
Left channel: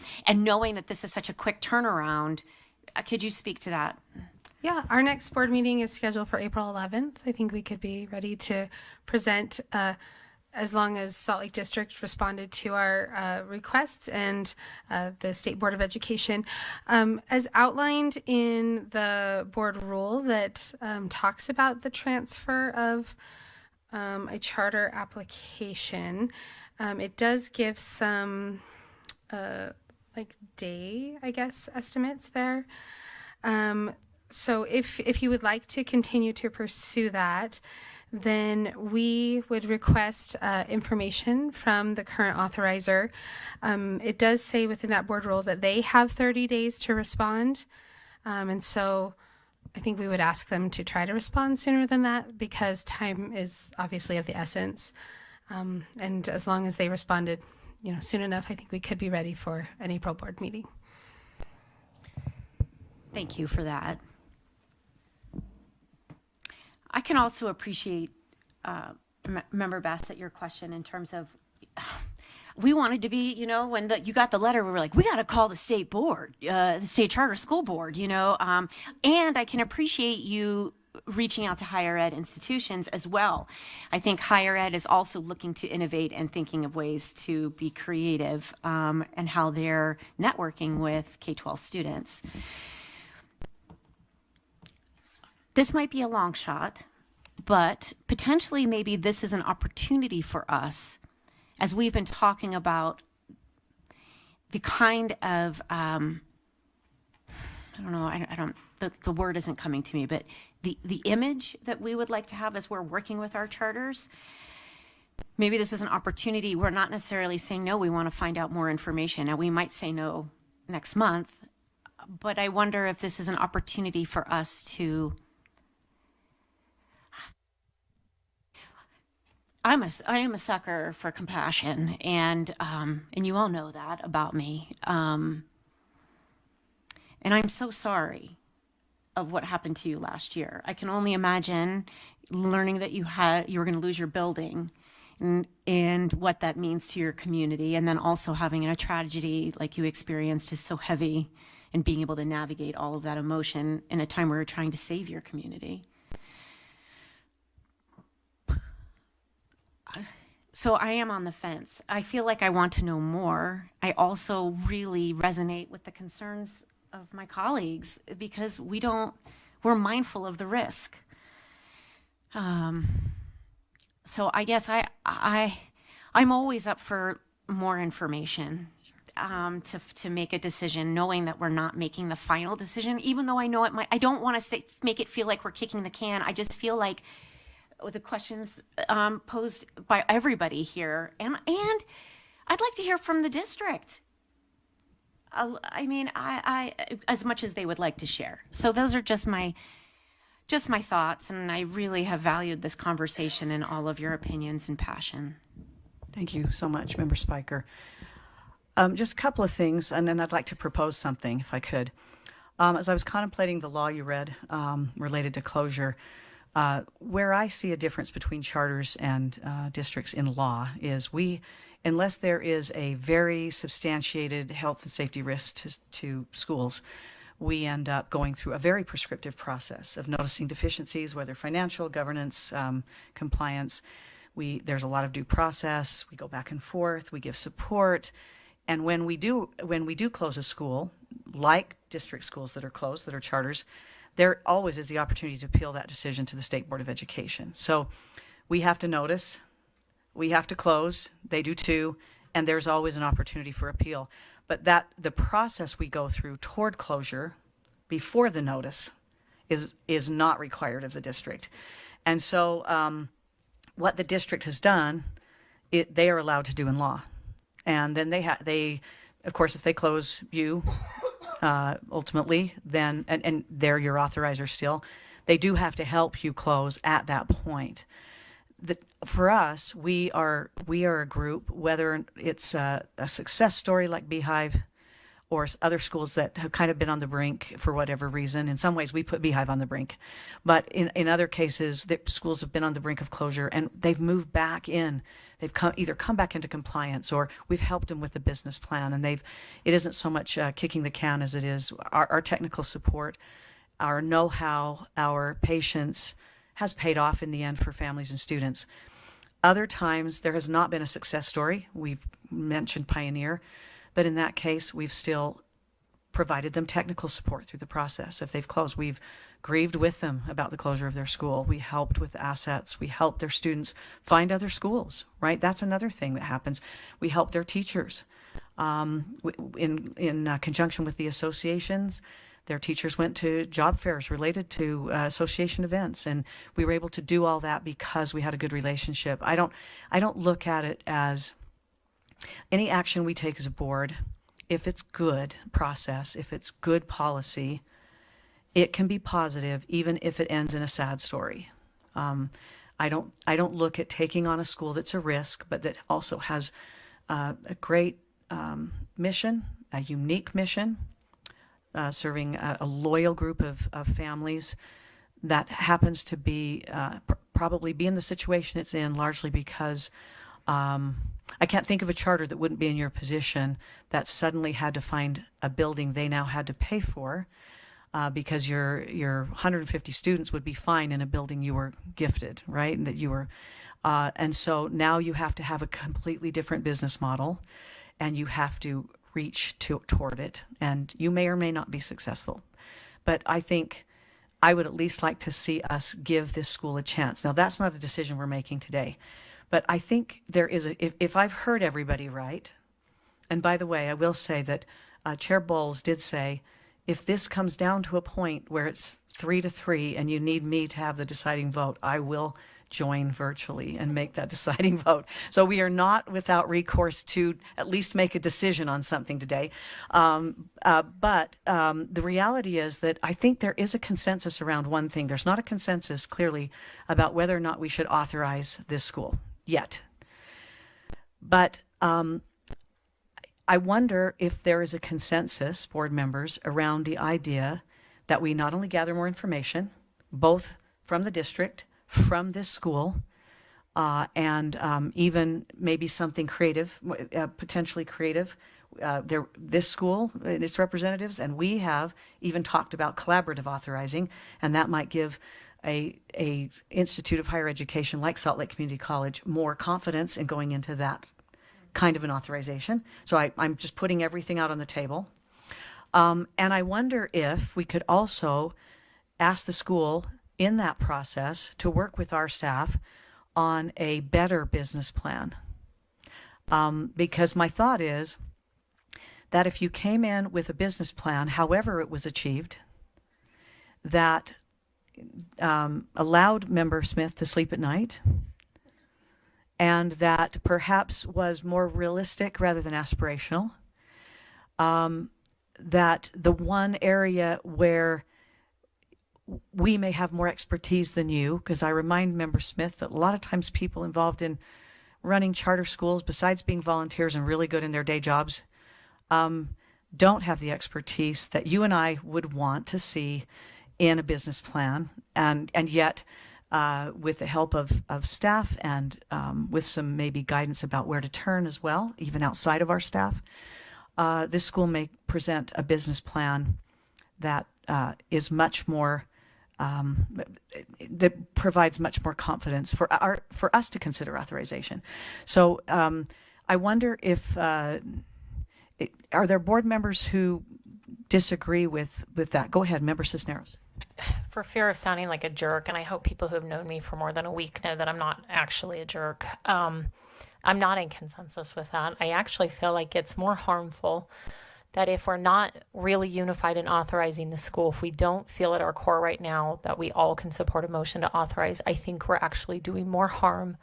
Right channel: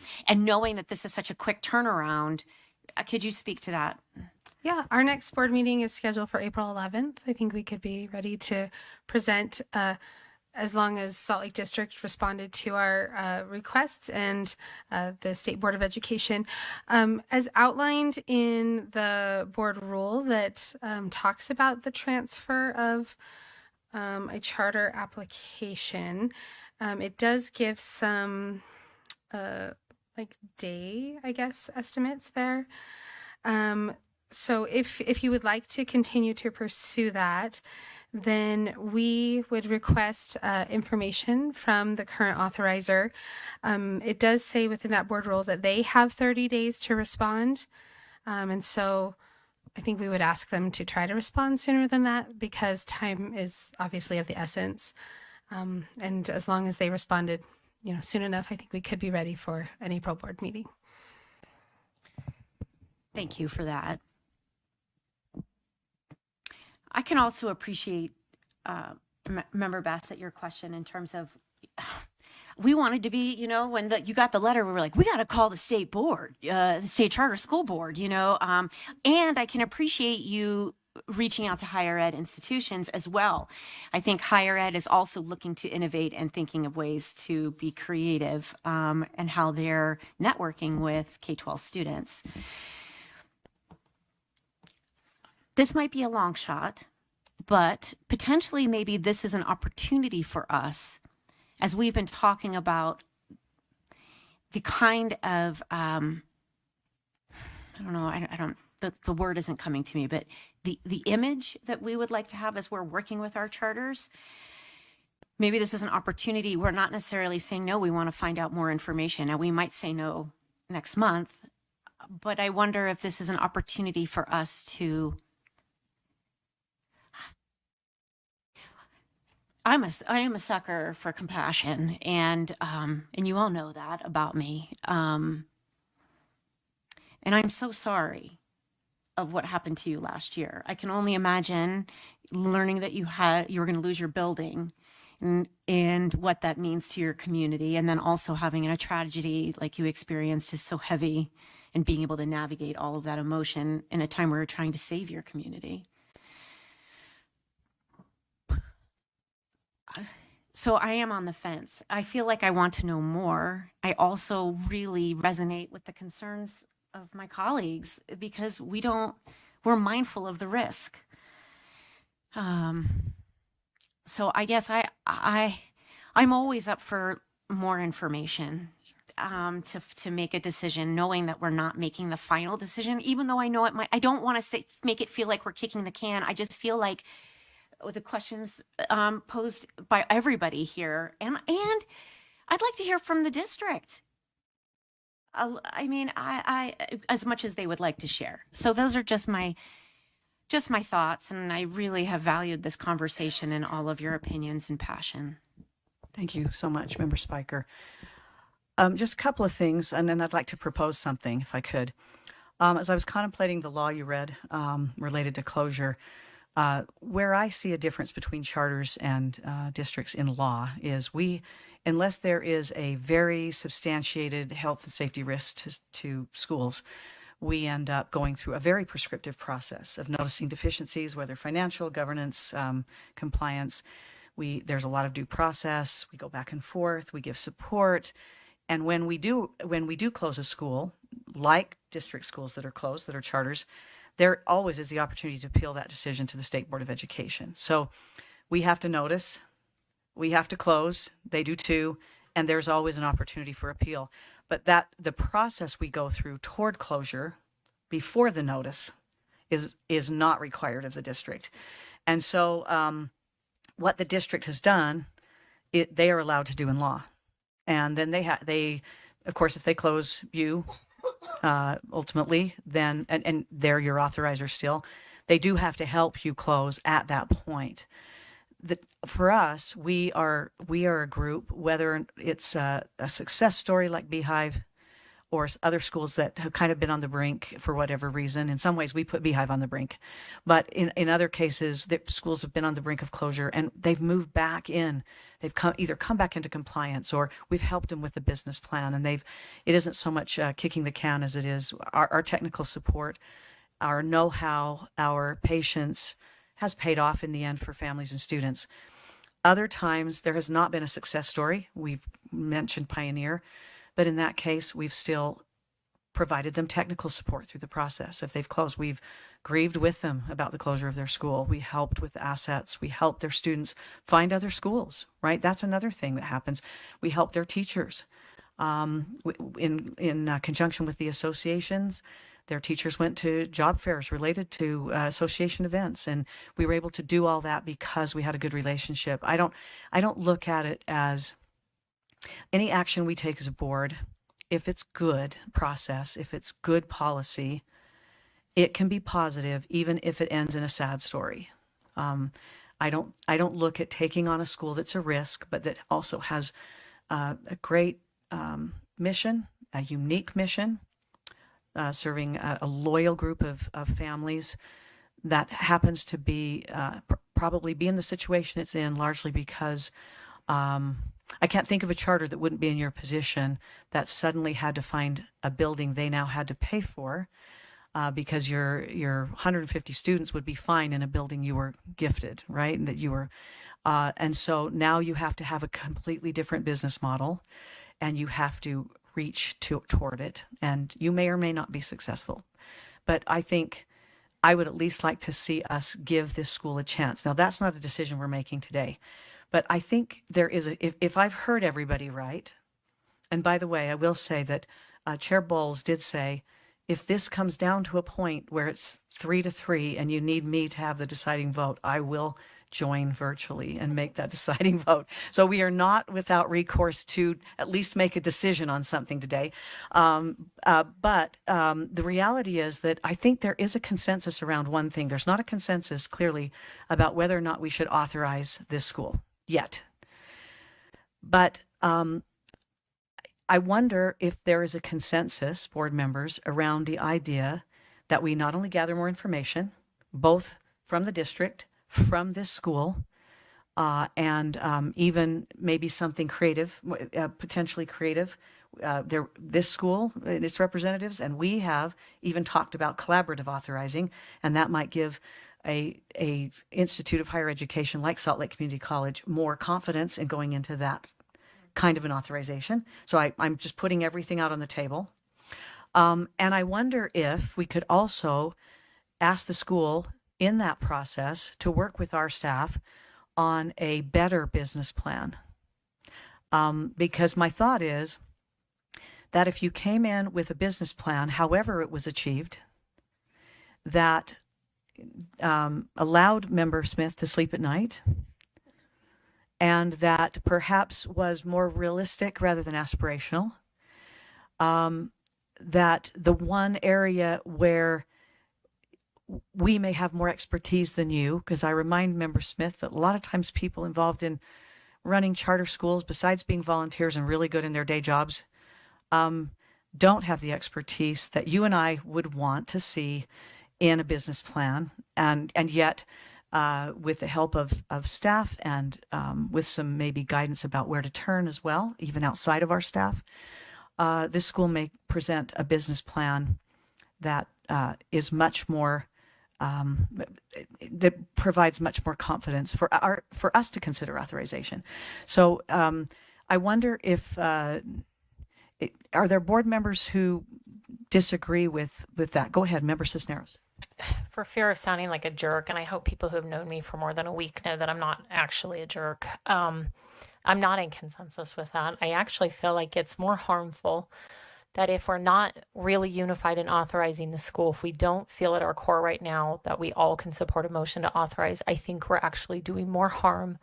knowing that this is such a quick turnaround, could you speak to that? Yeah, our next board meeting is scheduled for April 11th. I think we could be ready to present as long as Salt Lake District responded to our requests and the State Board of Education. As outlined in the board rule that talks about the transfer of a charter application, it does give some day, I guess, estimates there. So if you would like to continue to pursue that, then we would request information from the current authorizer. It does say within that board rule that they have 30 days to respond. And so I think we would ask them to try to respond sooner than that because time is obviously of the essence. And as long as they responded, soon enough, I think we could be ready for an April board meeting. Thank you for that. I can also appreciate Member Bassett, your question in terms of we wanted to be, when you got the letter, we were like, we got to call the state board, the state charter school board, and I can appreciate you reaching out to higher ed institutions as well. I think higher ed is also looking to innovate and thinking of ways to be creative and how they're networking with K-12 students. This might be a long shot, but potentially maybe this is an opportunity for us as we've been talking about the kind of, the word isn't coming to me, but the image that we would like to have as we're working with our charters. Maybe this is an opportunity. We're not necessarily saying, no, we want to find out more information. Now, we might say no next month, but I wonder if this is an opportunity for us to I am a sucker for compassion, and you all know that about me. And I'm so sorry of what happened to you last year. I can only imagine learning that you were going to lose your building, and what that means to your community, and then also having a tragedy like you experienced is so heavy, and being able to navigate all of that emotion in a time where you're trying to save your community. So I am on the fence. I feel like I want to know more. I also really resonate with the concerns of my colleagues because we're mindful of the risk. So I guess I'm always up for more information to make a decision, knowing that we're not making the final decision, even though I know it might. I don't want to make it feel like we're kicking the can. I just feel like the questions posed by everybody here, and I'd like to hear from the district. I as much as they would like to share. So those are just my thoughts, and I really have valued this conversation and all of your opinions and passion. Thank you so much, Member Spiker. Just a couple of things, and then I'd like to propose something, if I could. As I was contemplating the law you read related to closure, where I see a difference between charters and districts in law is unless there is a very substantiated health and safety risk to schools, we end up going through a very prescriptive process of noticing deficiencies, whether financial, governance, compliance. There's a lot of due process. We go back and forth. We give support. And when we do close a school, like district schools that are closed, that are charters, there always is the opportunity to appeal that decision to the State Board of Education. So we have to notice, we have to close, they do too, and there's always an opportunity for appeal. But the process we go through toward closure before the notice is not required of the district. And so what the district has done, they are allowed to do in law. And then they of course, if they close you, ultimately, then, and they're your authorizer still, they do have to help you close at that point. For us, we are a group, whether it's a success story like Beehive or other schools that have kind of been on the brink for whatever reason. In some ways, we put Beehive on the brink. But in other cases, the schools have been on the brink of closure, and they've moved back in. They've either come back into compliance, or we've helped them with the business plan. And it isn't so much kicking the can as it is our technical support, our know-how, our patience has paid off in the end for families and students. Other times, there has not been a success story. We've mentioned Pioneer, but in that case, we've still provided them technical support through the process. If they've closed, we've grieved with them about the closure of their school. We helped with assets. We helped their students find other schools, right? That's another thing that happens. We help their teachers. In conjunction with the associations, their teachers went to job fairs related to association events, and we were able to do all that because we had a good relationship. I don't look at it as any action we take as a board. If it's good process, if it's good policy, it can be positive, even if it ends in a sad story. I don't look at taking on a school that's a risk, but that also has a great mission, a unique mission, serving a loyal group of families that happens to be probably be in the situation it's in largely because I can't think of a charter that wouldn't be in your position that suddenly had to find a building they now had to pay for because your 150 students would be fine in a building you were gifted, right? And that you were, and so now you have to have a completely different business model, and you have to reach toward it, and you may or may not be successful. But I think I would at least like to see us give this school a chance. Now, that's not a decision we're making today. But I think there is if I've heard everybody right, and by the way, I will say that Chair Bowles did say, if this comes down to a point where it's 3-3 and you need me to have the deciding vote, I will join virtually and make that deciding vote. So we are not without recourse to at least make a decision on something today. But the reality is that I think there is a consensus around one thing. There's not a consensus clearly about whether or not we should authorize this school yet. But I wonder if there is a consensus, board members, around the idea that we not only gather more information, both from the district, from this school, and even maybe something creative, potentially creative. This school, its representatives, and we have even talked about collaborative authorizing, and that might give a institute of higher education like Salt Lake Community College more confidence in going into that kind of an authorization. So I'm just putting everything out on the table. And I wonder if we could also ask the school in that process to work with our staff on a better business plan. Because my thought is that if you came in with a business plan, however it was achieved, that allowed Member Smith to sleep at night, and that perhaps was more realistic rather than aspirational, that the one area where we may have more expertise than you, because I remind Member Smith that a lot of times people involved in running charter schools, besides being volunteers and really good in their day jobs, don't have the expertise that you and I would want to see in a business plan. And yet, with the help of staff and with some maybe guidance about where to turn as well, even outside of our staff, this school may present a business plan that is much more that provides much more confidence for us to consider authorization. So I wonder if are there board members who disagree with that? Go ahead, Member Cisneros. For fear of sounding like a jerk, and I hope people who have known me for more than a week know that I'm not actually a jerk. I'm not in consensus with that. I actually feel like it's more harmful that if we're not really unified in authorizing the school, if we don't feel at our core right now that we all can support a motion to authorize, I think we're actually doing more harm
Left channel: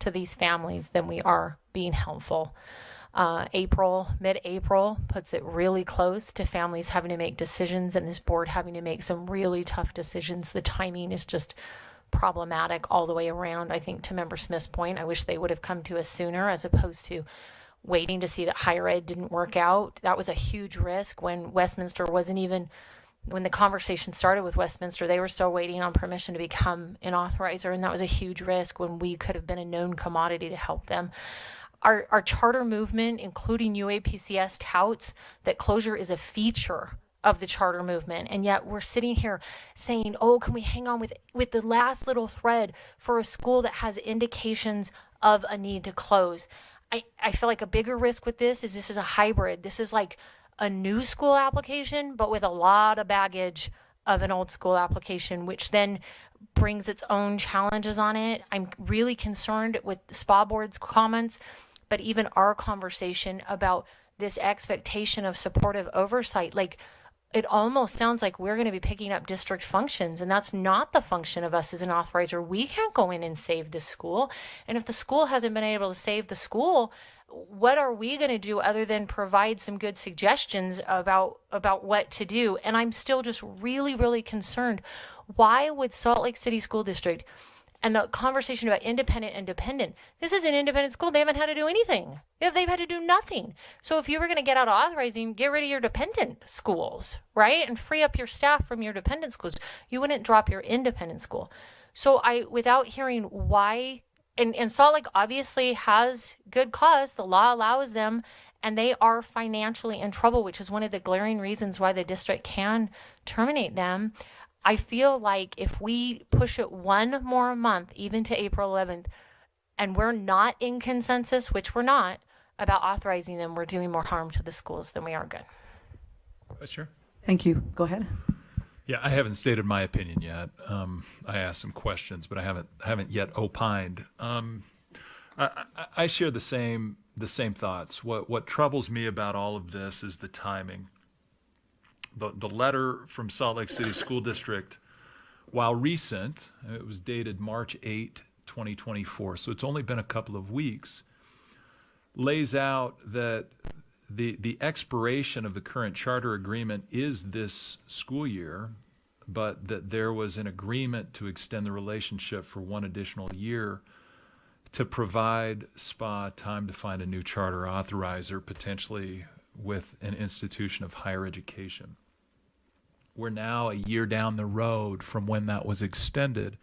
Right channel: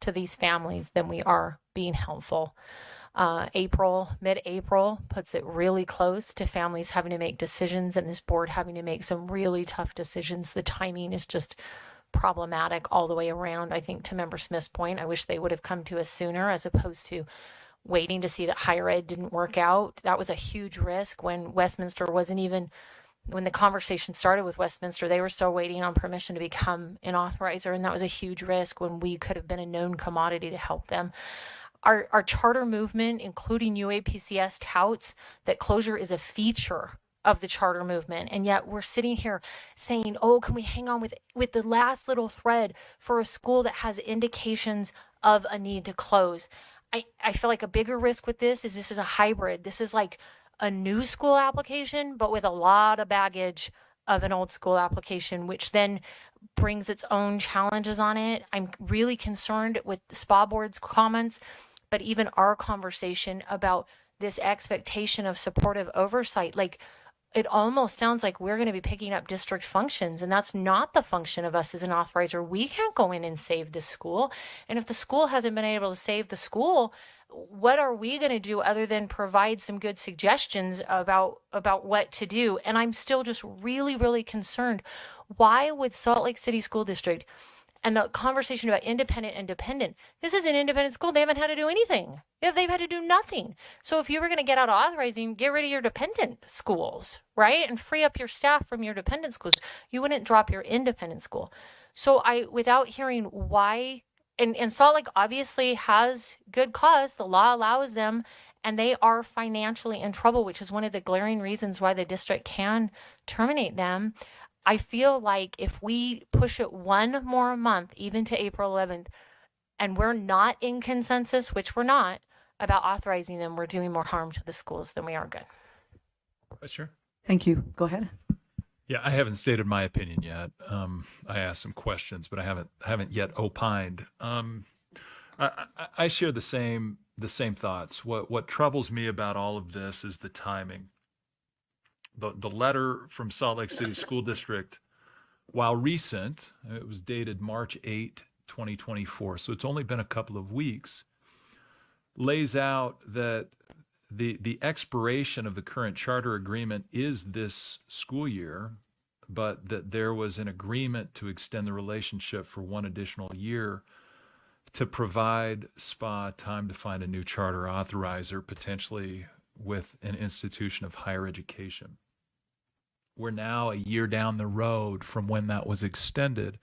to these families than we are being helpful. Mid-April puts it really close to families having to make decisions and this board having to make some really tough decisions. The timing is just problematic all the way around. I think to Member Smith's point, I wish they would have come to us sooner as opposed to waiting to see that higher ed didn't work out. That was a huge risk when Westminster wasn't even, when the conversation started with Westminster, they were still waiting on permission to become an authorizer, and that was a huge risk when we could have been a known commodity to help them. Our charter movement, including UAPCS, touts that closure is a feature of the charter movement, and yet we're sitting here saying, oh, can we hang on with the last little thread for a school that has indications of a need to close? I feel like a bigger risk with this is a hybrid. This is like a new school application, but with a lot of baggage of an old school application, which then brings its own challenges on it. I'm really concerned with the SPA board's comments, but even our conversation about this expectation of supportive oversight. Like, it almost sounds like we're going to be picking up district functions, and that's not the function of us as an authorizer. We can't go in and save the school. And if the school hasn't been able to save the school, what are we going to do other than provide some good suggestions about what to do? And I'm still just really, really concerned. Why would Salt Lake City School District, and the conversation about independent and dependent, this is an independent school. They haven't had to do anything. They've had to do nothing. So if you were going to get out of authorizing, get rid of your dependent schools, right? And free up your staff from your dependent schools. You wouldn't drop your independent school. So without hearing why, and Salt Lake obviously has good cause. The law allows them, and they are financially in trouble, which is one of the glaring reasons why the district can terminate them. I feel like if we push it one more month, even to April 11th, and we're not in consensus, which we're not, about authorizing them, we're doing more harm to the schools than we are good. Sure. Thank you. Go ahead. Yeah, I haven't stated my opinion yet. I asked some questions, but I haven't yet opined. I share the same thoughts. What troubles me about all of this is the timing. The letter from Salt Lake City School District, while recent, it was dated March 8, 2024, so it's only been a couple of weeks, lays out that the expiration of the current charter agreement is this school year, but that there was an agreement to extend the relationship for one additional year to provide SPA time to find a new charter authorizer, potentially with an institution of higher education. We're now a year down the road from when that was extended.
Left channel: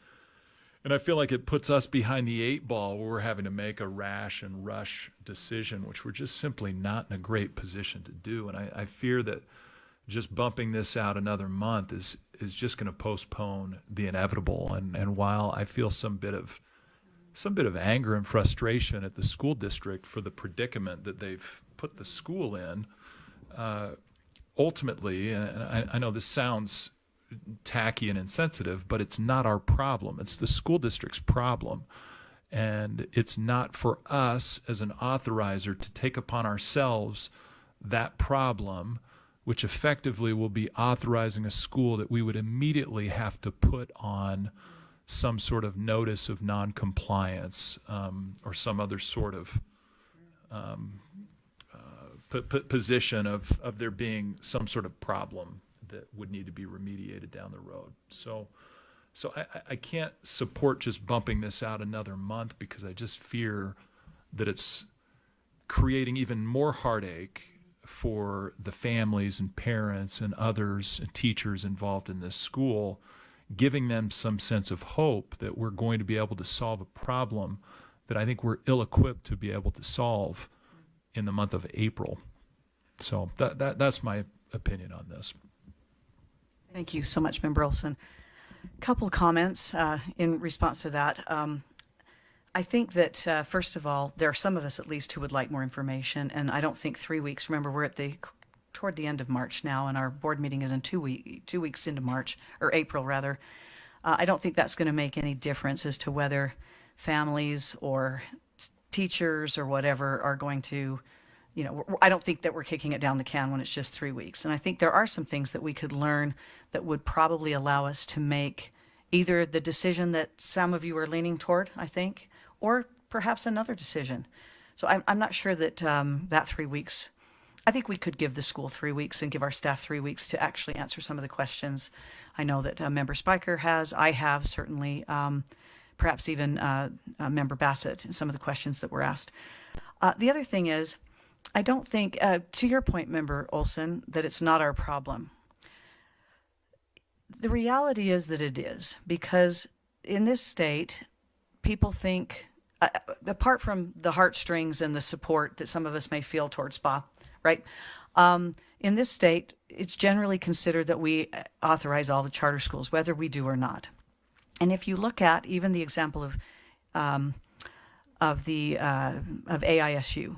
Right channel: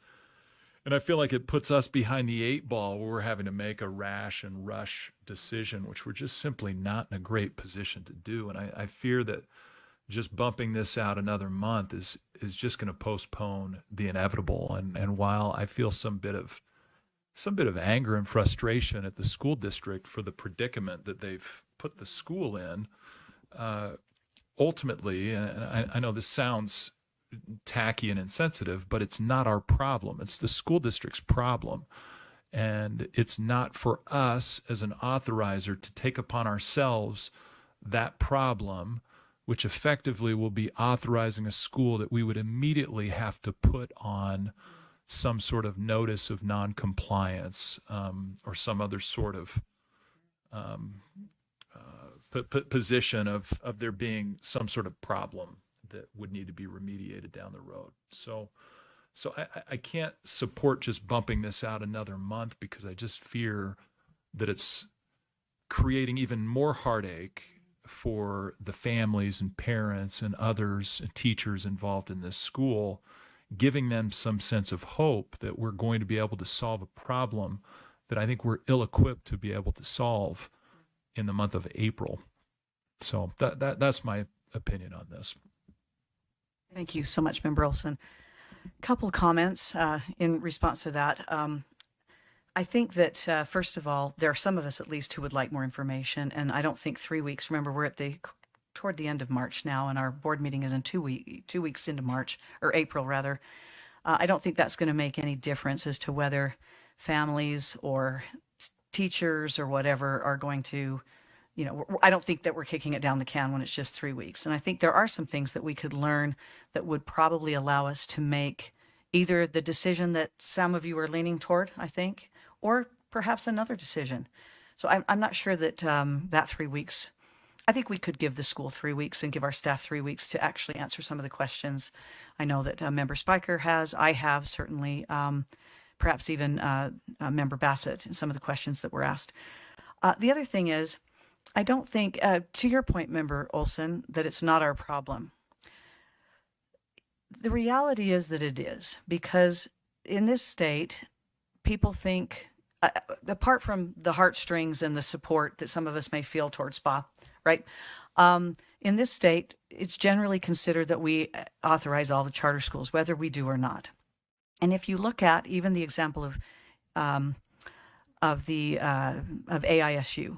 And I feel like it puts us behind the eight ball where we're having to make a rash and rush decision, which we're just simply not in a great position to do. And I fear that just bumping this out another month is just going to postpone the inevitable. And while I feel some bit of anger and frustration at the school district for the predicament that they've put the school in, ultimately, and I know this sounds tacky and insensitive, but it's not our problem. It's the school district's problem. And it's not for us as an authorizer to take upon ourselves that problem, which effectively will be authorizing a school that we would immediately have to put on some sort of notice of noncompliance, or some other sort of position of there being some sort of problem that would need to be remediated down the road. So I can't support just bumping this out another month, because I just fear that it's creating even more heartache for the families and parents and others and teachers involved in this school, giving them some sense of hope that we're going to be able to solve a problem that I think we're ill-equipped to be able to solve in the month of April. So that's my opinion on this. Thank you so much, Member Olson. Couple comments in response to that. I think that, first of all, there are some of us at least who would like more information, and I don't think 3 weeks. Remember, we're at toward the end of March now, and our board meeting is in 2 weeks into March, or April rather. I don't think that's going to make any difference as to whether families or teachers or whatever are going to, I don't think that we're kicking it down the can when it's just 3 weeks. And I think there are some things that we could learn that would probably allow us to make either the decision that some of you are leaning toward, I think, or perhaps another decision. So I'm not sure that that 3 weeks, I think we could give the school 3 weeks and give our staff 3 weeks to actually answer some of the questions. I know that Member Spiker has, I have certainly, perhaps even Member Bassett and some of the questions that were asked. The other thing is, I don't think, to your point, Member Olson, that it's not our problem. The reality is that it is, because in this state, people think, apart from the heartstrings and the support that some of us may feel towards SPA, right? In this state, it's generally considered that we authorize all the charter schools, whether we do or not. And if you look at even the example of AISU,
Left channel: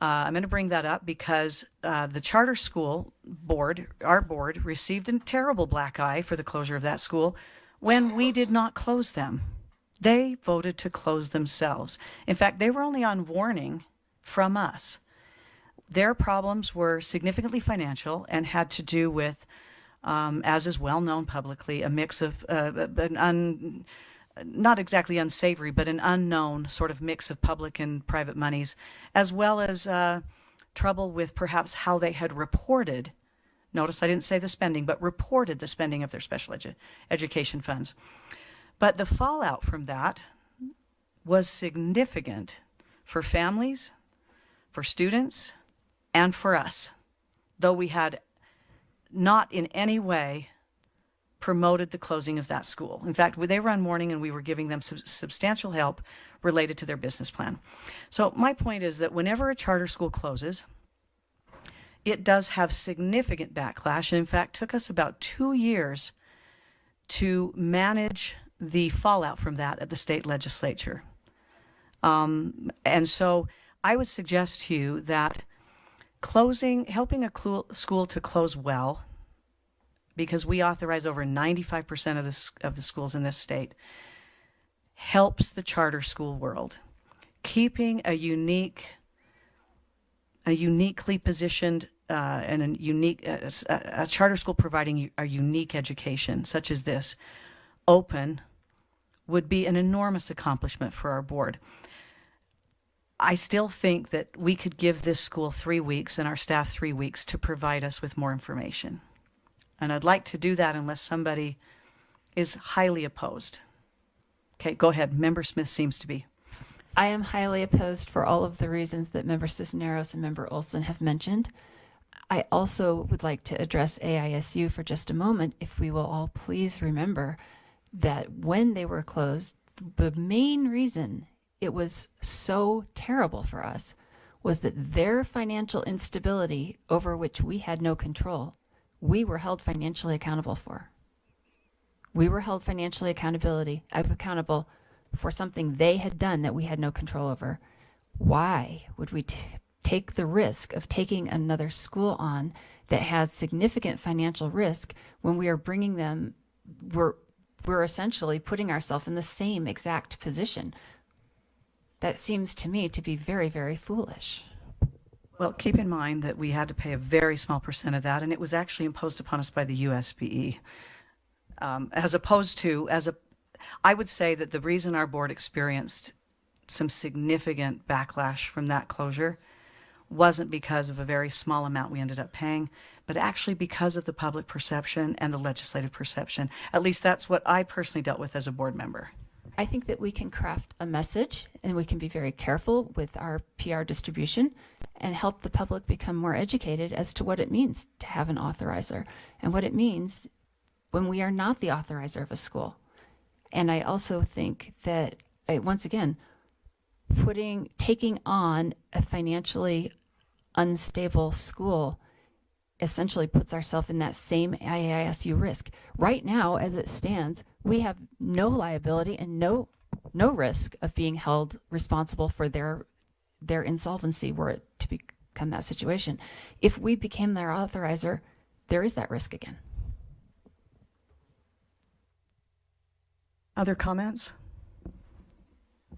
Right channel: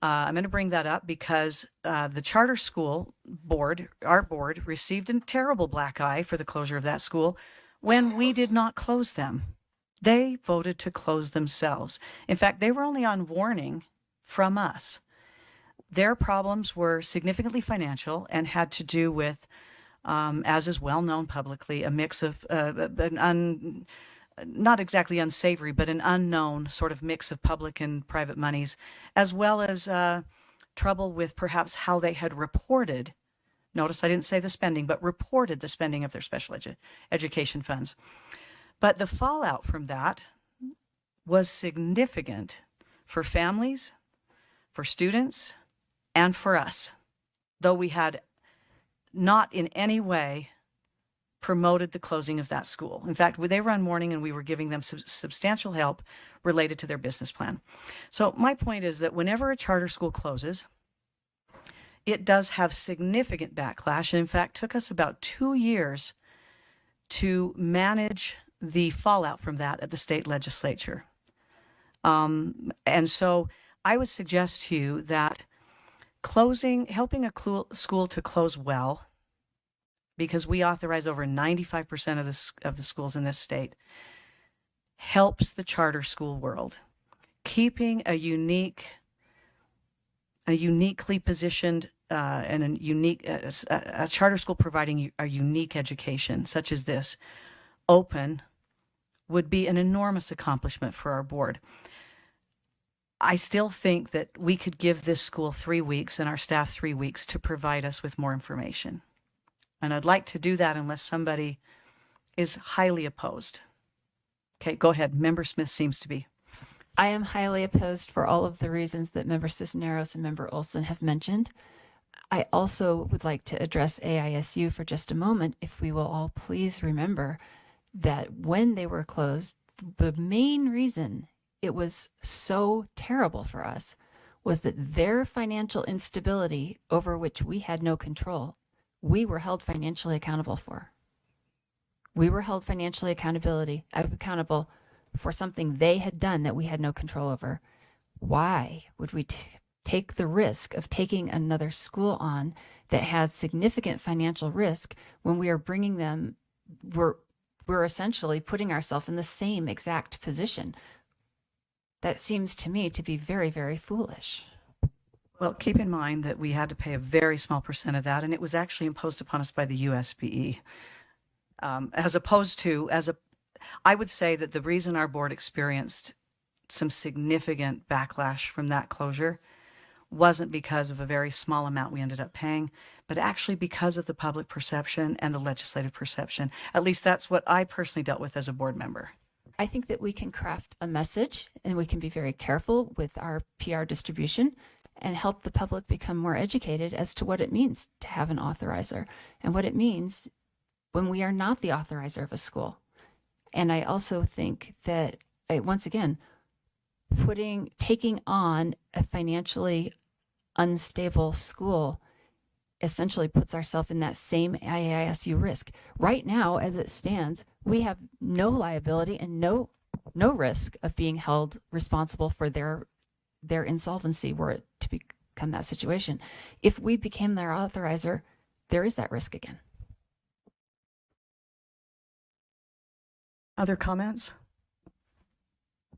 I'm going to bring that up because the charter school board, our board, received a terrible black eye for the closure of that school when we did not close them. They voted to close themselves. In fact, they were only on warning from us. Their problems were significantly financial and had to do with, as is well known publicly, a mix of not exactly unsavory, but an unknown sort of mix of public and private monies, as well as trouble with perhaps how they had reported. Notice I didn't say the spending, but reported the spending of their special education funds. But the fallout from that was significant for families, for students, and for us, though we had not in any way promoted the closing of that school. In fact, they were on warning and we were giving them substantial help related to their business plan. So my point is that whenever a charter school closes, it does have significant backlash, and in fact took us about 2 years to manage the fallout from that at the state legislature. And so I would suggest to you that helping a school to close well, because we authorize over 95% of the schools in this state, helps the charter school world. Keeping a uniquely positioned and a charter school providing a unique education such as this open would be an enormous accomplishment for our board. I still think that we could give this school 3 weeks and our staff 3 weeks to provide us with more information. And I'd like to do that unless somebody is highly opposed. Okay, go ahead. Member Smith seems to be. I am highly opposed for all of the reasons that Member Cisneros and Member Olson have mentioned. I also would like to address AISU for just a moment, if we will all please remember that when they were closed, the main reason it was so terrible for us was that their financial instability, over which we had no control, we were held financially accountable for. We were held financially accountable for something they had done that we had no control over. Why would we take the risk of taking another school on that has significant financial risk when we are bringing them, we're essentially putting ourselves in the same exact position? That seems to me to be very, very foolish. Well, keep in mind that we had to pay a very small percent of that, and it was actually imposed upon us by the USBE. As opposed to, I would say that the reason our board experienced some significant backlash from that closure wasn't because of a very small amount we ended up paying, but actually because of the public perception and the legislative perception. At least that's what I personally dealt with as a board member. I think that we can craft a message and we can be very careful with our PR distribution and help the public become more educated as to what it means to have an authorizer and what it means when we are not the authorizer of a school. And I also think that, once again, taking on a financially unstable school essentially puts ourselves in that same IAISU risk. Right now, as it stands, we have no liability and no risk of being held responsible for their insolvency were it to become that situation. If we became their authorizer, there is that risk again. Other comments?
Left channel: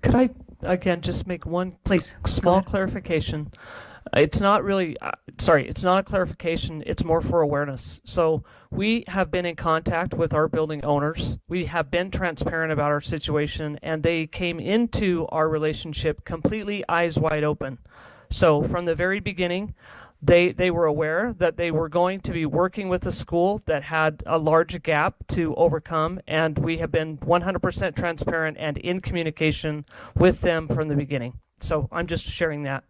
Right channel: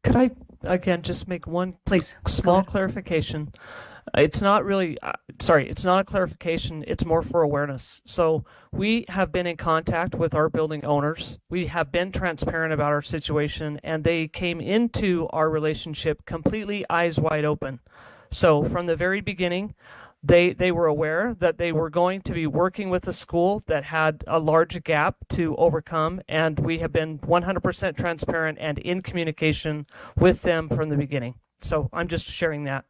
Could I again just make one small clarification? It's not really, it's not a clarification, it's more for awareness. So we have been in contact with our building owners. We have been transparent about our situation, and they came into our relationship completely eyes wide open. So from the very beginning, they were aware that they were going to be working with a school that had a large gap to overcome, and we have been 100% transparent and in communication with them from the beginning. So I'm just sharing that.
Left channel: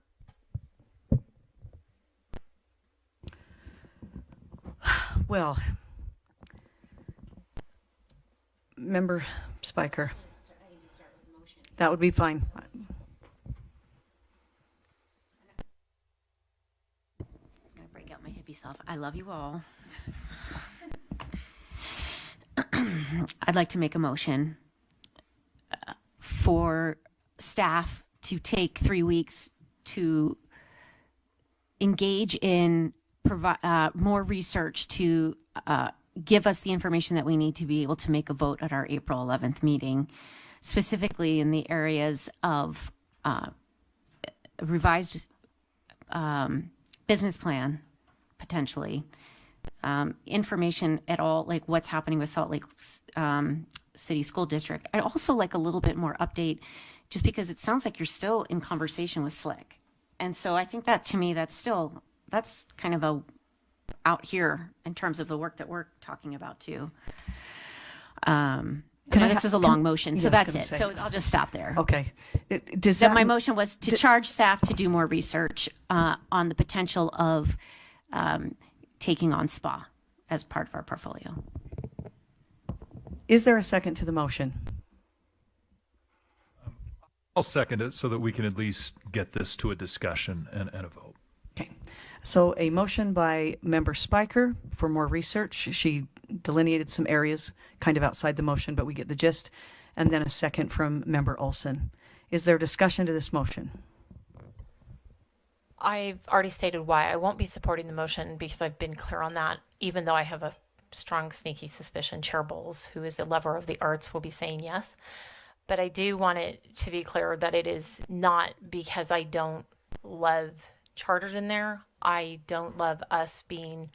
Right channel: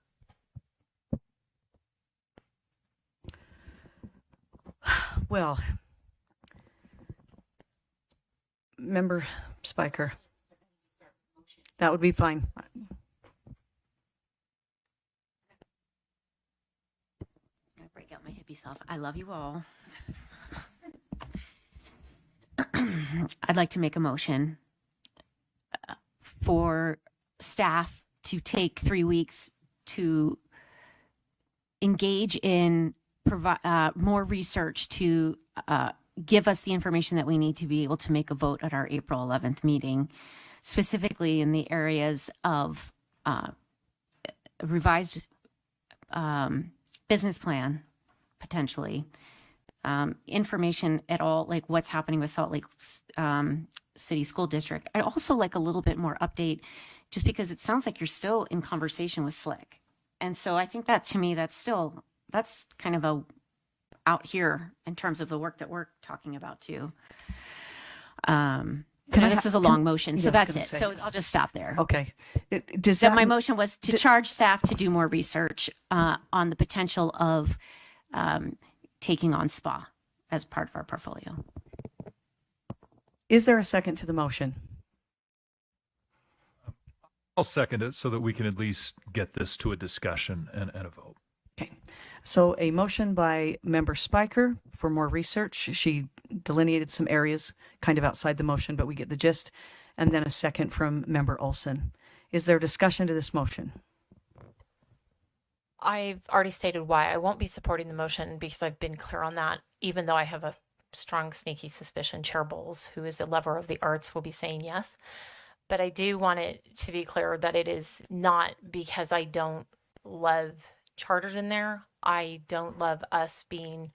Well, Member Spiker, that would be fine. Break out my hippie self. I love you all. I'd like to make a motion for staff to take 3 weeks to engage in more research to give us the information that we need to be able to make a vote at our April 11th meeting, specifically in the areas of revised business plan, potentially, information at all, like what's happening with Salt Lake City School District, and also like a little bit more update, just because it sounds like you're still in conversation with Slick. And so I think that, to me, that's kind of out here in terms of the work that we're talking about too. This is a long motion, so that's it. So I'll just stop there. Okay. My motion was to charge staff to do more research on the potential of taking on SPA as part of our portfolio. Is there a second to the motion? I'll second it so that we can at least get this to a discussion and a vote. Okay. So a motion by Member Spiker for more research. She delineated some areas kind of outside the motion, but we get the gist. And then a second from Member Olson. Is there discussion to this motion? I've already stated why I won't be supporting the motion, because I've been clear on that, even though I have a strong, sneaky suspicion Chair Bowles, who is a lover of the arts, will be saying yes. But I do want it to be clear that it is not because I don't love charters in there. I don't love us being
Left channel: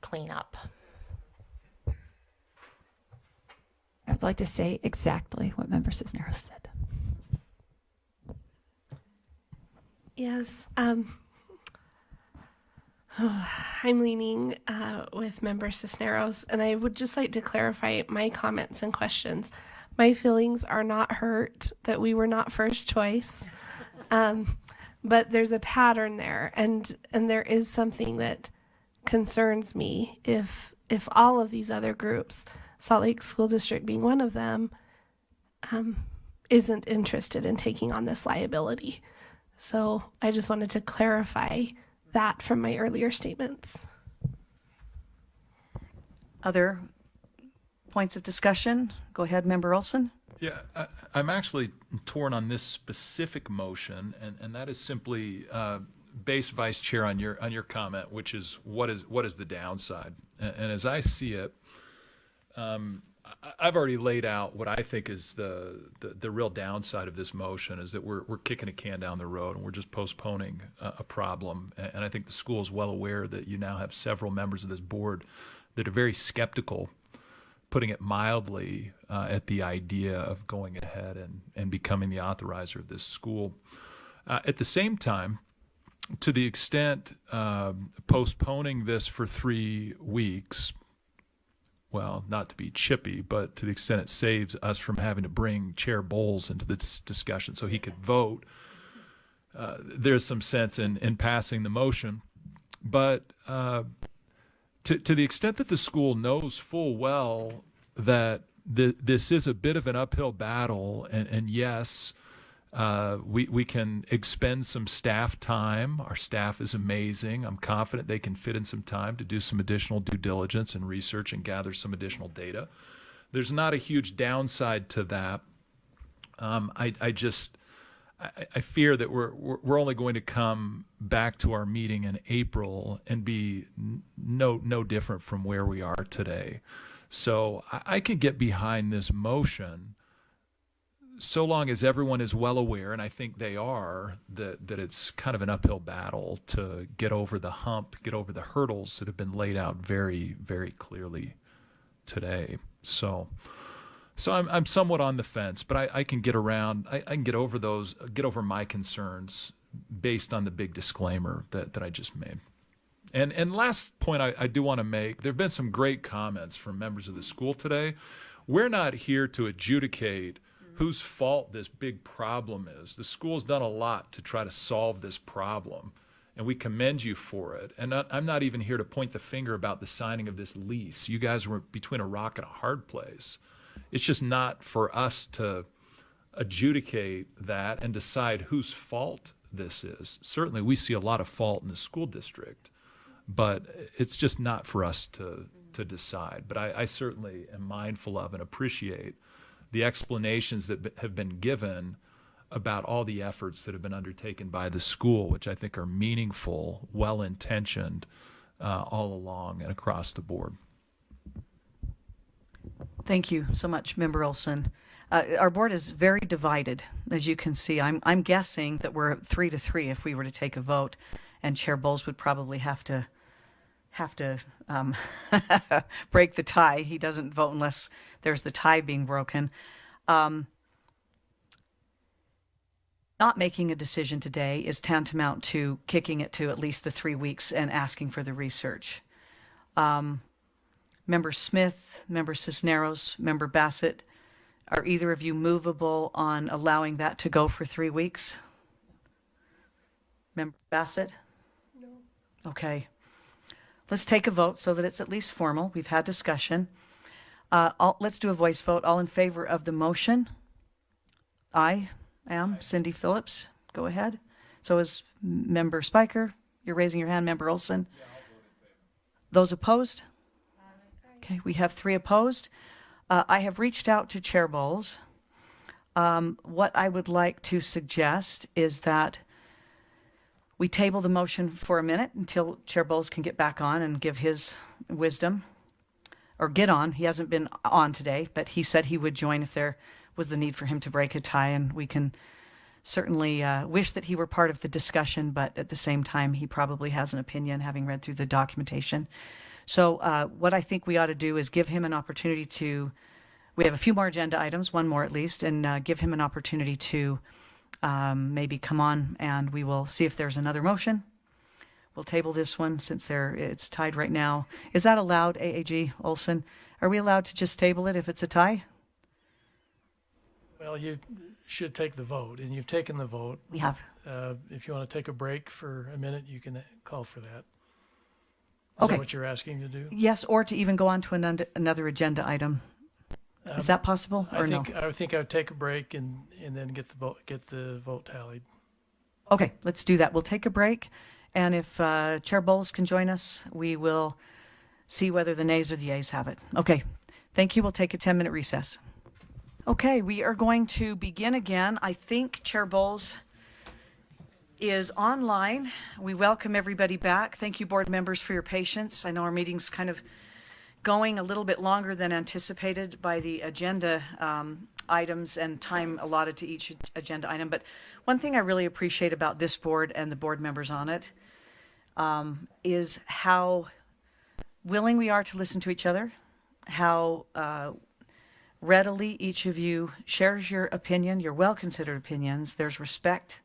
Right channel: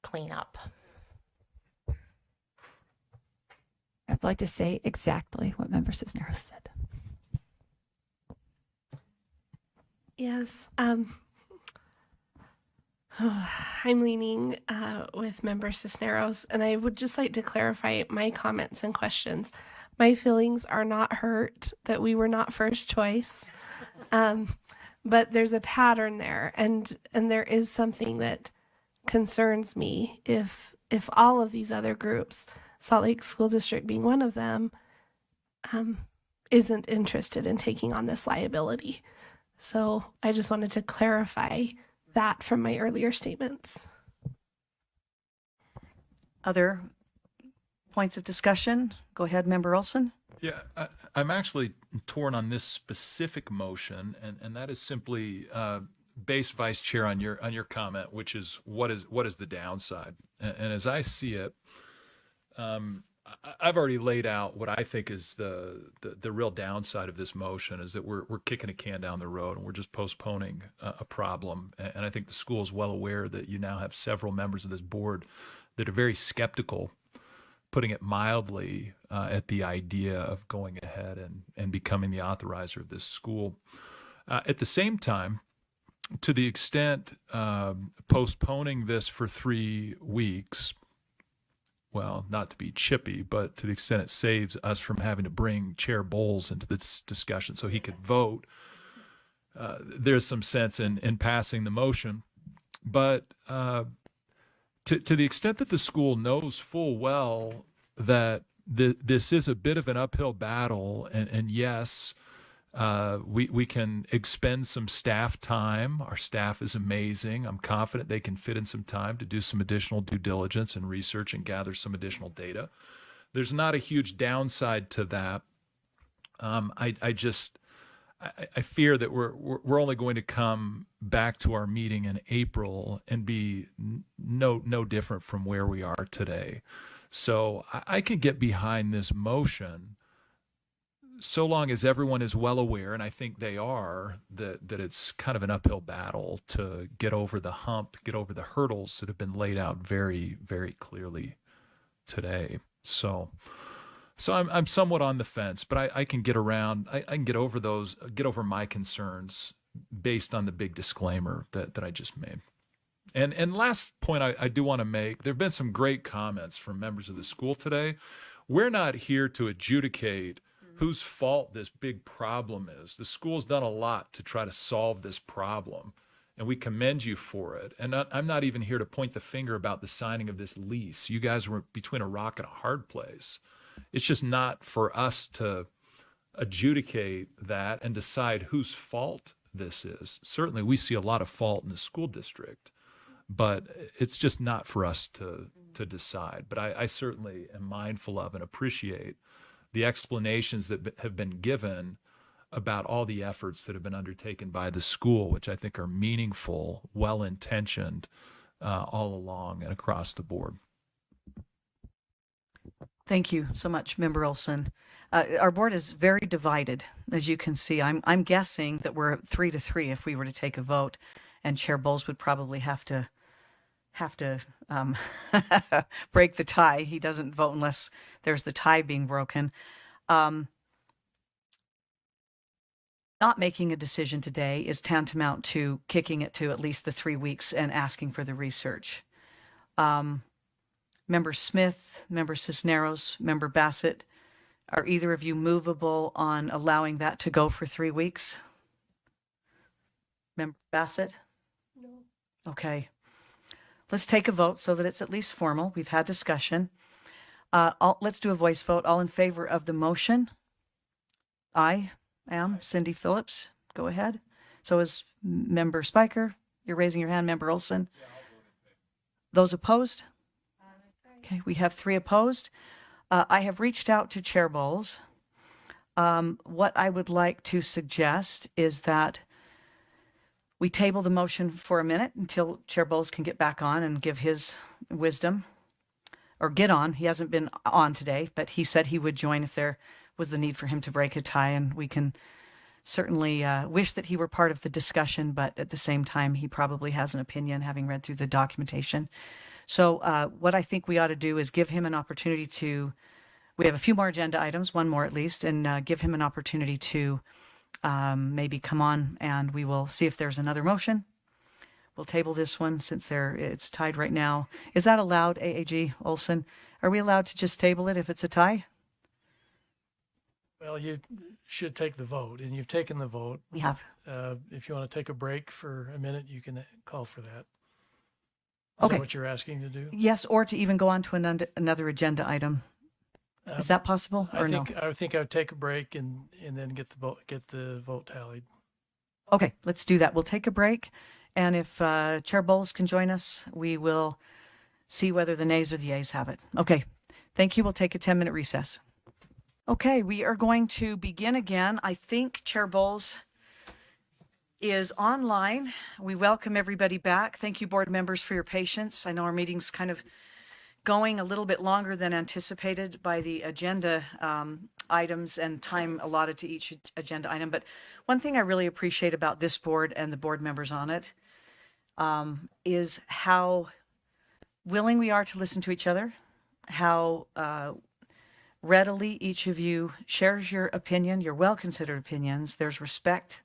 cleanup. I'd like to say exactly what Member Cisneros said. Yes, I'm leaning with Member Cisneros, and I would just like to clarify my comments and questions. My feelings are not hurt that we were not first choice, but there's a pattern there, and there is something that concerns me if all of these other groups, Salt Lake School District being one of them, isn't interested in taking on this liability. So I just wanted to clarify that from my earlier statements. Other points of discussion? Go ahead, Member Olson. Yeah, I'm actually torn on this specific motion, and that is simply based, Vice Chair, on your comment, which is what is the downside? And as I see it, I've already laid out what I think is the real downside of this motion, is that we're kicking a can down the road and we're just postponing a problem. And I think the school is well aware that you now have several members of this board that are very skeptical, putting it mildly, at the idea of going ahead and becoming the authorizer of this school. At the same time, to the extent postponing this for 3 weeks, well, not to be chippy, but to the extent it saves us from having to bring Chair Bowles into this discussion so he could vote, there's some sense in passing the motion. But to the extent that the school knows full well that this is a bit of an uphill battle, and yes, We can expend some staff time. Our staff is amazing. I'm confident they can fit in some time to do some additional due diligence and research and gather some additional data. There's not a huge downside to that. I fear that we're only going to come back to our meeting in April and be no different from where we are today. So I can get behind this motion so long as everyone is well aware, and I think they are, that it's kind of an uphill battle to get over the hump, get over the hurdles that have been laid out very, very clearly today. So I'm somewhat on the fence, but I can get around, I can get over my concerns based on the big disclaimer that I just made. And last point I do want to make, there have been some great comments from members of the school today. We're not here to adjudicate whose fault this big problem is. The school's done a lot to try to solve this problem, and we commend you for it. And I'm not even here to point the finger about the signing of this lease. You guys were between a rock and a hard place. It's just not for us to adjudicate that and decide whose fault this is. Certainly we see a lot of fault in the school district, but it's just not for us to decide. But I certainly am mindful of and appreciate the explanations that have been given about all the efforts that have been undertaken by the school, which I think are meaningful, well-intentioned all along and across the board. Thank you so much, Member Olson. Our board is very divided, as you can see. I'm guessing that we're 3-3 if we were to take a vote, and Chair Bowles would probably have to break the tie. He doesn't vote unless there's the tie being broken. Not making a decision today is tantamount to kicking it to at least the 3 weeks and asking for the research. Member Smith, Member Cisneros, Member Bassett, are either of you movable on allowing that to go for 3 weeks? Member Bassett? No. Okay. Let's take a vote so that it's at least formal. We've had discussion. Let's do a voice vote. All in favor of the motion? I am Cindy Phillips. Go ahead. So is Member Spiker. You're raising your hand. Member Olson. Those opposed? Okay, we have 3 opposed. I have reached out to Chair Bowles. What I would like to suggest is that we table the motion for a minute until Chair Bowles can get back on and give his wisdom, or get on. He hasn't been on today, but he said he would join if there was the need for him to break a tie, and we can certainly wish that he were part of the discussion, but at the same time, he probably has an opinion, having read through the documentation. So what I think we ought to do is give him an opportunity to, we have a few more agenda items, one more at least, and give him an opportunity to maybe come on, and we will see if there's another motion. We'll table this one since it's tied right now. Is that allowed, AAG Olson? Are we allowed to just table it if it's a tie? Well, you should take the vote, and you've taken the vote. We have. If you want to take a break for a minute, you can call for that. Okay. Is that what you're asking to do? Yes, or to even go on to another agenda item. Is that possible, or no? I think I would take a break and then get the vote tallied. Okay, let's do that. We'll take a break, and if Chair Bowles can join us, we will see whether the nays or the yeas have it. Okay, thank you. We'll take a 10-minute recess. Okay, we are going to begin again. I think Chair Bowles is online. We welcome everybody back. Thank you, board members, for your patience. I know our meeting's kind of going a little bit longer than anticipated by the agenda items and time allotted to each agenda item. But one thing I really appreciate about this board and the board members on it is how willing we are to listen to each other, how readily each of you shares your opinion, your well-considered opinions. There's respect.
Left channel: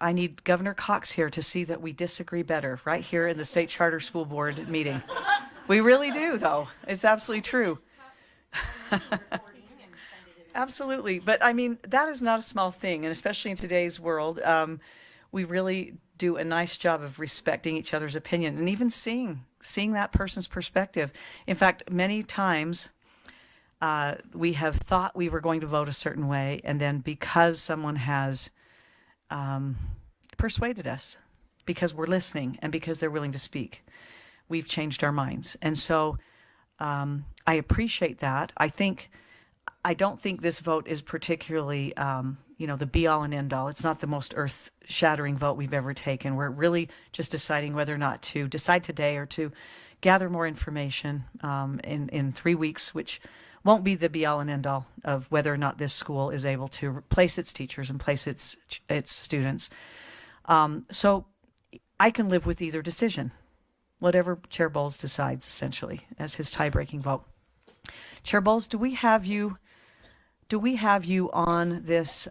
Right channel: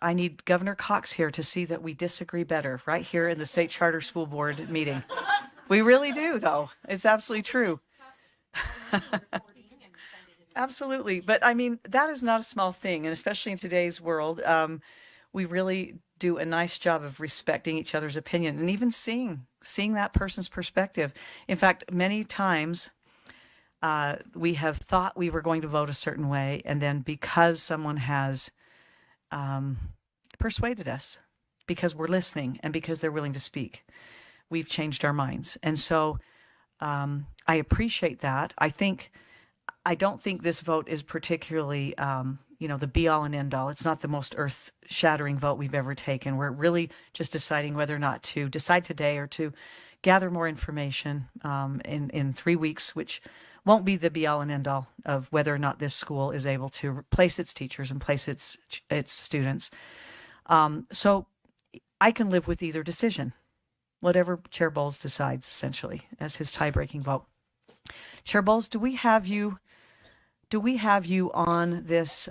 I need Governor Cox here to see that we disagree better right here in the State Charter School Board meeting. We really do, though. It's absolutely true. Absolutely. But I mean, that is not a small thing, and especially in today's world, we really do a nice job of respecting each other's opinion and even seeing that person's perspective. In fact, many times we have thought we were going to vote a certain way, and then because someone has persuaded us, because we're listening and because they're willing to speak, we've changed our minds. And so I appreciate that. I don't think this vote is particularly, the be-all and end-all. It's not the most earth-shattering vote we've ever taken. We're really just deciding whether or not to decide today or to gather more information in 3 weeks, which won't be the be-all and end-all of whether or not this school is able to replace its teachers and place its students. So I can live with either decision, whatever Chair Bowles decides, essentially, as his tie-breaking vote. Chair Bowles, do we have you on this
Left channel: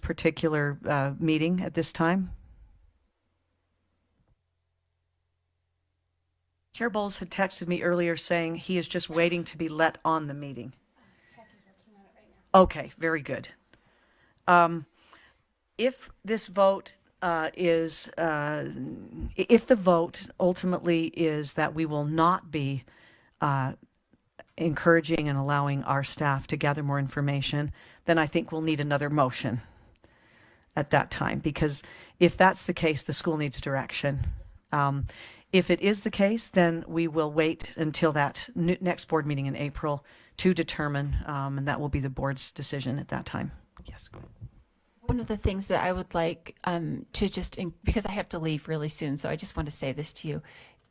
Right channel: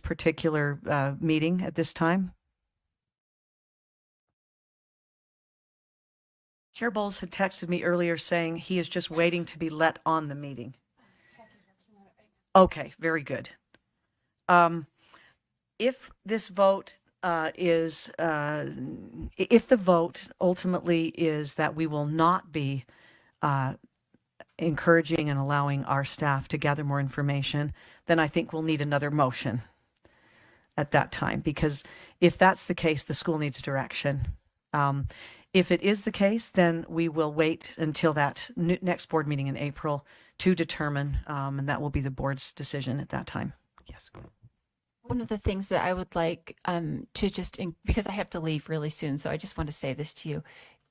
particular meeting at this time? Chair Bowles had texted me earlier saying he is just waiting to be let on the meeting. Okay, very good. If this vote if the vote ultimately is that we will not be encouraging and allowing our staff to gather more information, then I think we'll need another motion at that time, because if that's the case, the school needs direction. If it is the case, then we will wait until that next board meeting in April to determine, and that will be the board's decision at that time. Yes. One of the things that I would like to because I have to leave really soon, so I just want to say this to you.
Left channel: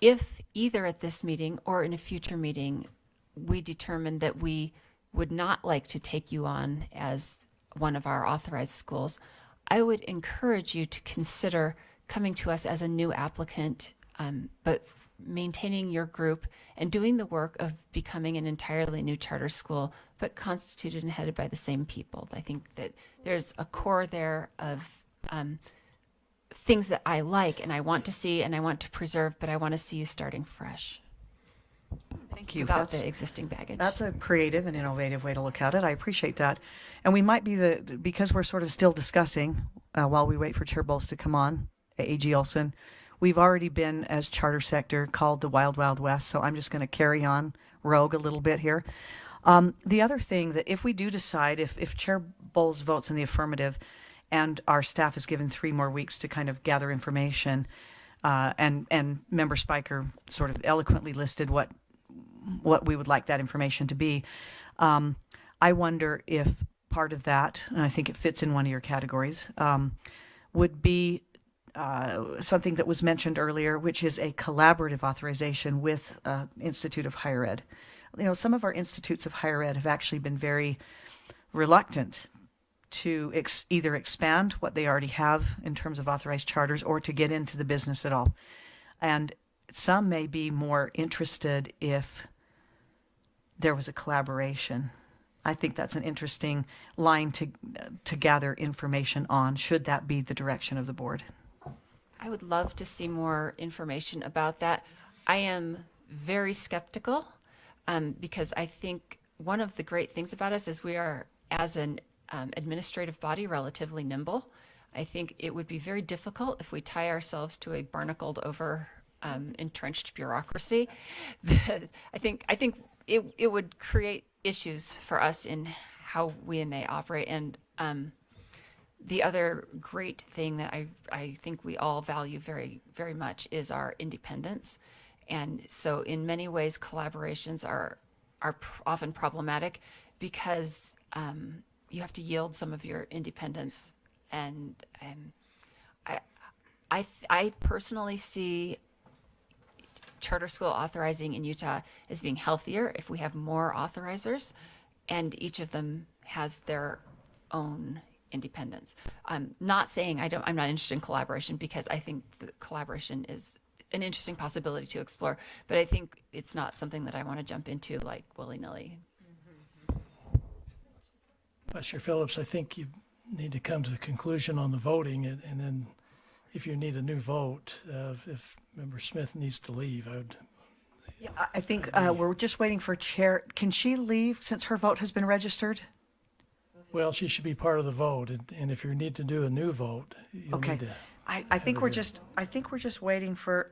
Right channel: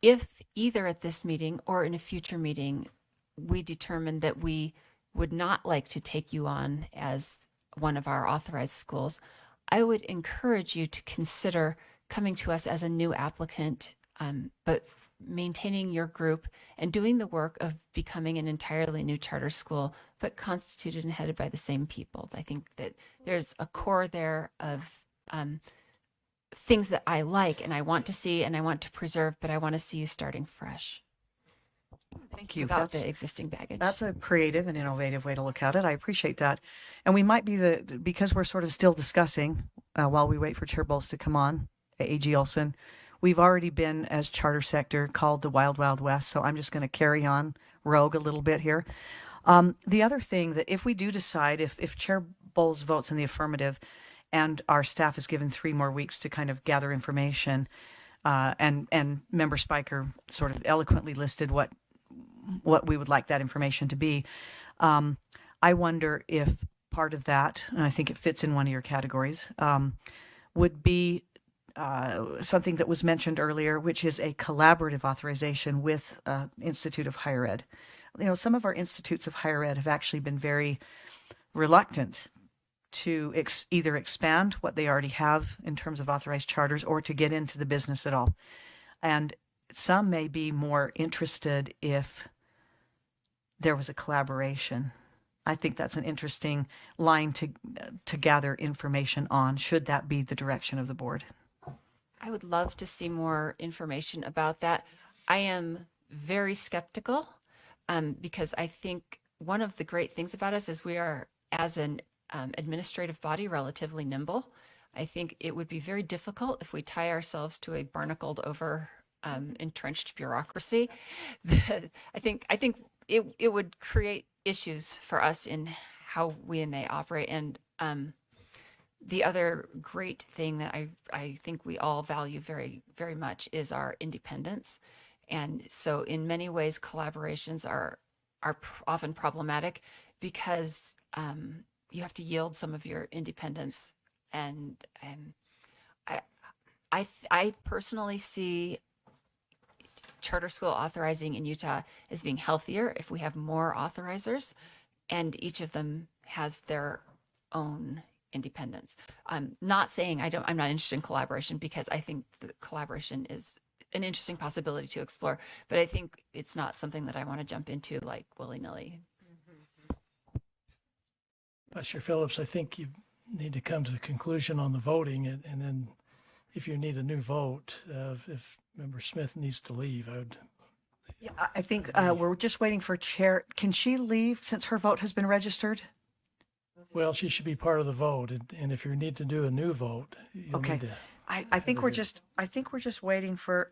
If either at this meeting or in a future meeting, we determine that we would not like to take you on as one of our authorized schools, I would encourage you to consider coming to us as a new applicant, but maintaining your group and doing the work of becoming an entirely new charter school, but constituted and headed by the same people. I think that there's a core there of things that I like and I want to see and I want to preserve, but I want to see you starting fresh. Thank you. Without the existing baggage. That's a creative and innovative way to look at it. I appreciate that. And we might be because we're sort of still discussing while we wait for Chair Bowles to come on, A.G. Olson, we've already been, as charter sector, called the Wild Wild West, so I'm just going to carry on rogue a little bit here. The other thing that if we do decide, if Chair Bowles votes in the affirmative and our staff is given 3 more weeks to kind of gather information, and Member Spiker sort of eloquently listed what we would like that information to be, I wonder if part of that, and I think it fits in one of your categories, would be something that was mentioned earlier, which is a collaborative authorization with Institute of Higher Ed. Some of our institutes of higher ed have actually been very reluctant to either expand what they already have in terms of authorized charters or to get into the business at all. And some may be more interested if there was a collaboration. I think that's an interesting line to gather information on, should that be the direction of the board. I would love to see more information about that. I am very skeptical because I think one of the great things about us is we are, as an administrative body, relatively nimble. I think it would be very difficult if we tie ourselves to a barnacled over entrenched bureaucracy. I think it would create issues for us in how we and they operate. And the other great thing that I think we all value very, very much is our independence. And so in many ways, collaborations are often problematic because you have to yield some of your independence. And I personally see charter school authorizing in Utah as being healthier if we have more authorizers, and each of them has their own independence. I'm not saying I'm not interested in collaboration, because I think the collaboration is an interesting possibility to explore, but I think it's not something that I want to jump into like willy-nilly. Mr. Phillips, I think you need to come to the conclusion on the voting, and then if you need a new vote, if Member Smith needs to leave, I would... Yeah, I think we're just waiting for Chair. Can she leave since her vote has been registered? Well, she should be part of the vote, and if you need to do a new vote, you'll need to... I think we're just waiting for.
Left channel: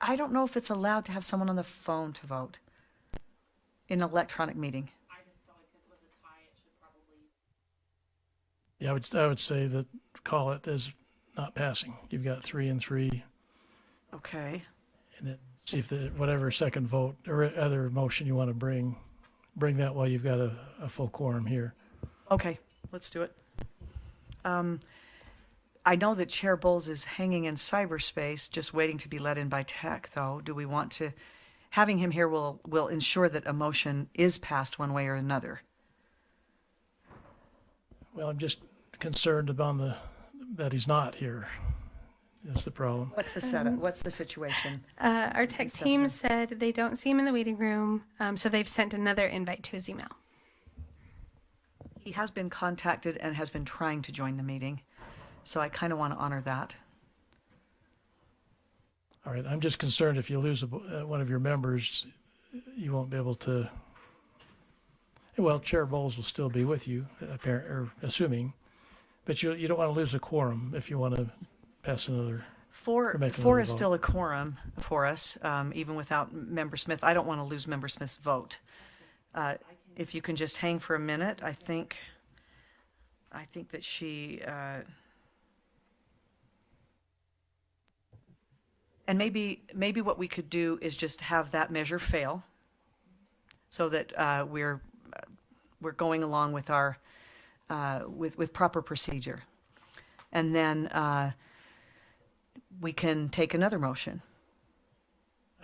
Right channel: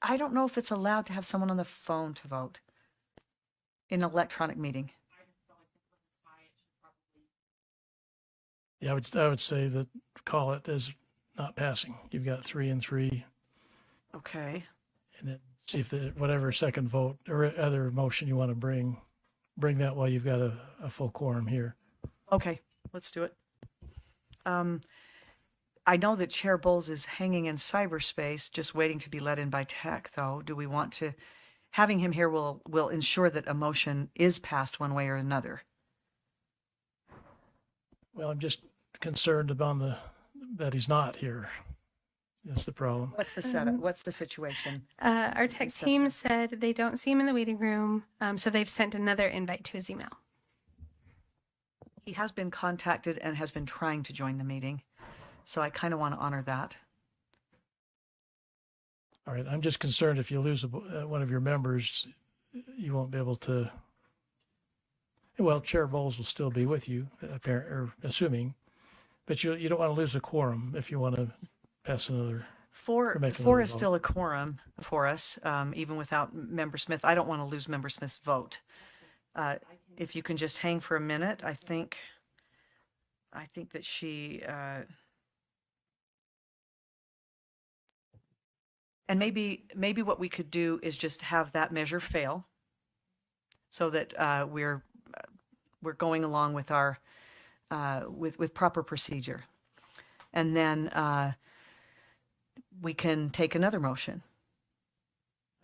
I don't know if it's allowed to have someone on the phone to vote. in electronic meeting. Yeah, I would say that call it as not passing. You've got 3 and 3, Okay. and then see if whatever second vote or other motion you want to bring that while you've got a full quorum here. Okay, let's do it. I know that Chair Bowles is hanging in cyberspace, just waiting to be let in by tech, though. Do we want to, having him here will ensure that a motion is passed one way or another? Well, I'm just concerned about that he's not here. Is the problem. What's the setup? What's the situation? Our tech team said they don't see him in the waiting room, so they've sent another invite to his email. He has been contacted and has been trying to join the meeting, so I kind of want to honor that. All right, I'm just concerned if you lose one of your members, you won't be able to. Well, Chair Bowles will still be with you, assuming, but you don't want to lose a quorum if you want to pass another. Four vote. is still a quorum for us, even without Member Smith. I don't want to lose Member Smith's vote. If you can just hang for a minute, I think that she. And maybe what we could do is just have that measure fail, so that we're going along with our with proper procedure, and then we can take another motion.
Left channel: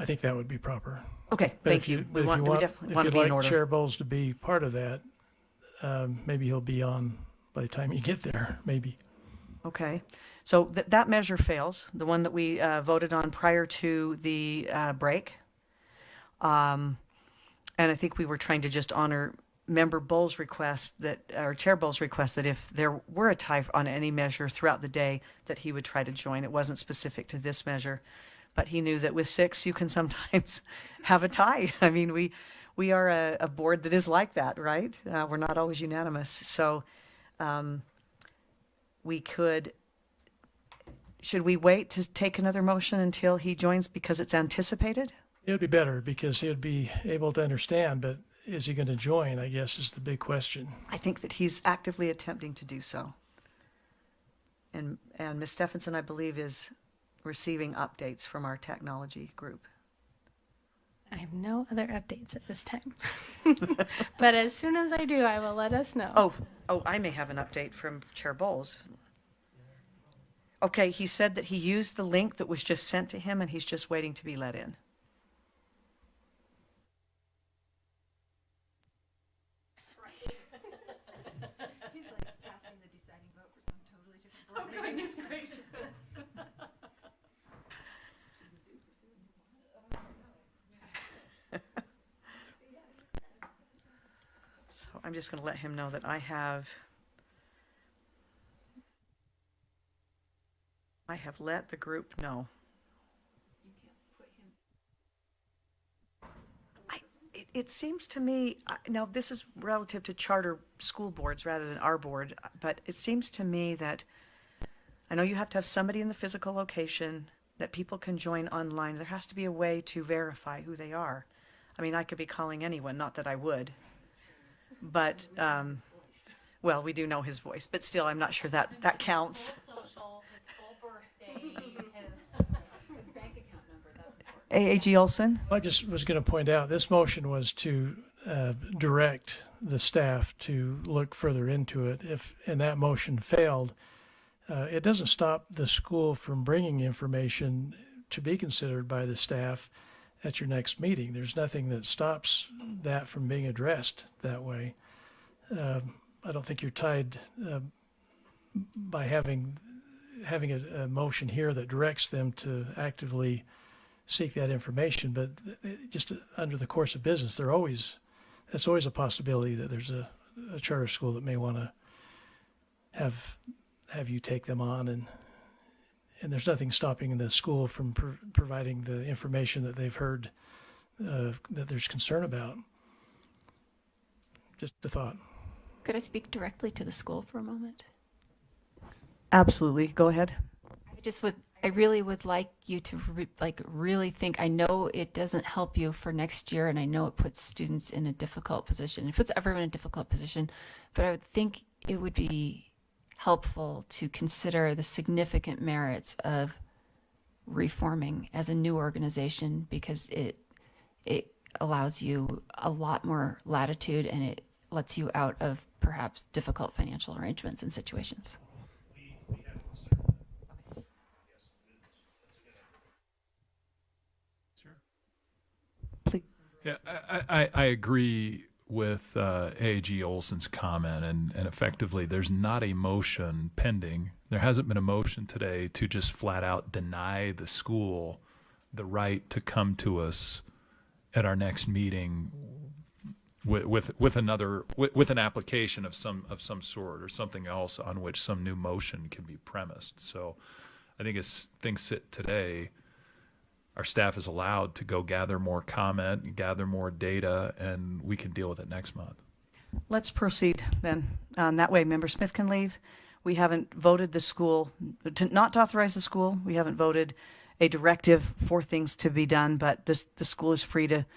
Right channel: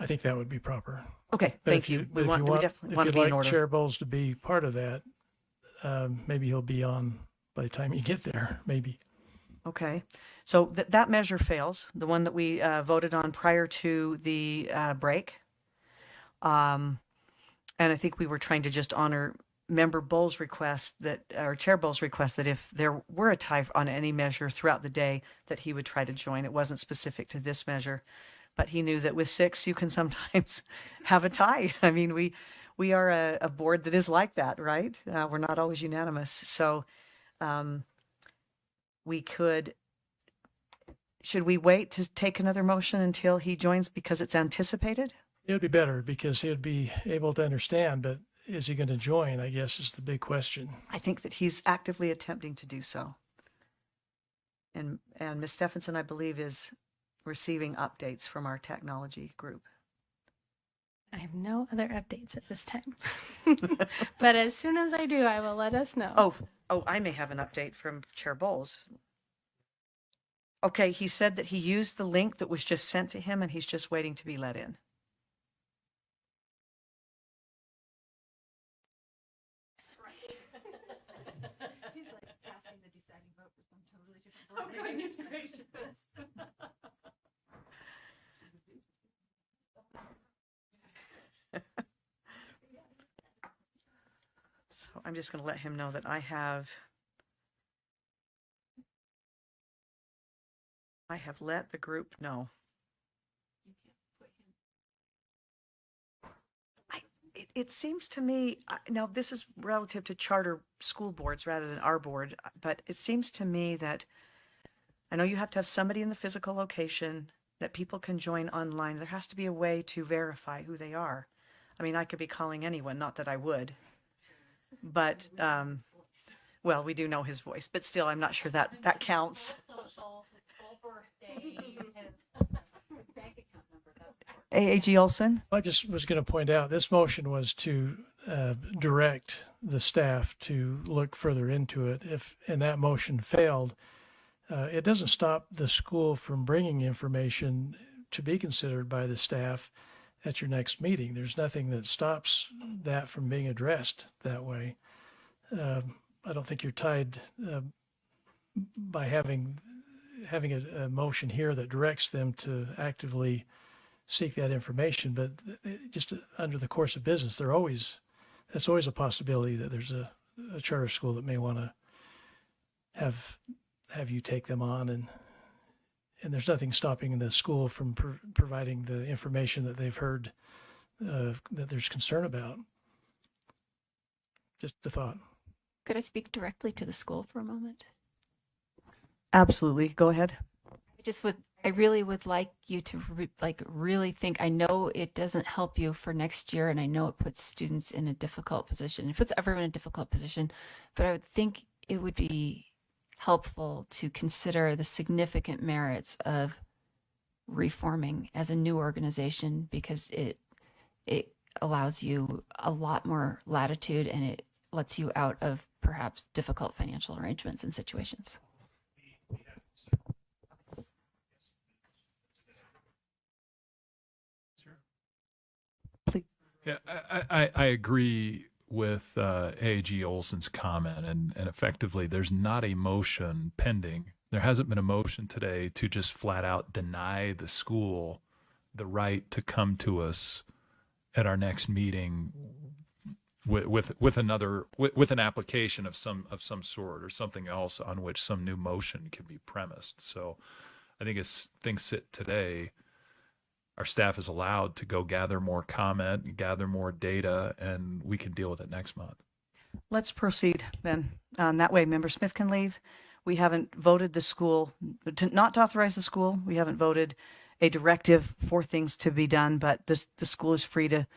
I think that would be proper. Okay, But thank if you. But We want to if be you'd in like order. Chair Bowles to be part of that, maybe he'll be on by the time you get there. Maybe. Okay, so that measure fails, the one that we voted on prior to the break. And I think we were trying to just honor Member Bowles' request or Chair Bowles' request that if there were a tie on any measure throughout the day, that he would try to join. It wasn't specific to this measure, but he knew that with 6, you can sometimes have a tie. I mean, we are a board that is like that, right? We're not always unanimous. So should we wait to take another motion until he joins because it's anticipated? It would be better because he'd be able to understand, but is he going to join, I guess, is the big question. I think that he's actively attempting to do so. And Ms. Stephenson, I believe, is receiving updates from our technology group. I have no other updates at this time. But as soon as I do, I will let us know. Oh, I may have an update from Chair Bowles. Okay, he said that he used the link that was just sent to him and he's just waiting to be let in. He's like casting the deciding vote for some totally different board. Oh, goodness gracious. So I'm just going to let him know that I have let the group know. It seems to me, now this is relative to charter school boards rather than our board, but it seems to me that I know you have to have somebody in the physical location that people can join online. There has to be a way to verify who they are. I mean, I could be calling anyone, not that I would, but, well, we do know his voice, but still, I'm not sure that counts. AAG Olson? I just was going to point out this motion was to direct the staff to look further into it. And that motion failed, it doesn't stop the school from bringing information to be considered by the staff at your next meeting. There's nothing that stops that from being addressed that way. I don't think you're tied by having a motion here that directs them to actively seek that information, but just under the course of business, that's always a possibility that there's a charter school that may want to have you take them on, and there's nothing stopping the school from providing the information that they've heard that there's concern about. Just a thought. Could I speak directly to the school for a moment? Absolutely. Go ahead. I really would like you to really think. I know it doesn't help you for next year, and I know it puts students in a difficult position. It puts everyone in a difficult position, but I would think it would be helpful to consider the significant merits of reforming as a new organization, because it allows you a lot more latitude, and it lets you out of perhaps difficult financial arrangements and situations. Yeah, I agree with AAG Olson's comment, and effectively there's not a motion pending. There hasn't been a motion today to just flat out deny the school the right to come to us at our next meeting with an application of some sort, or something else on which some new motion can be premised. So I think as things sit today, our staff is allowed to go gather more comment, gather more data, and we can deal with it next month. Let's proceed then. That way Member Smith can leave. We haven't voted the school, not to authorize the school. We haven't voted a directive for things to be done, but the school is free to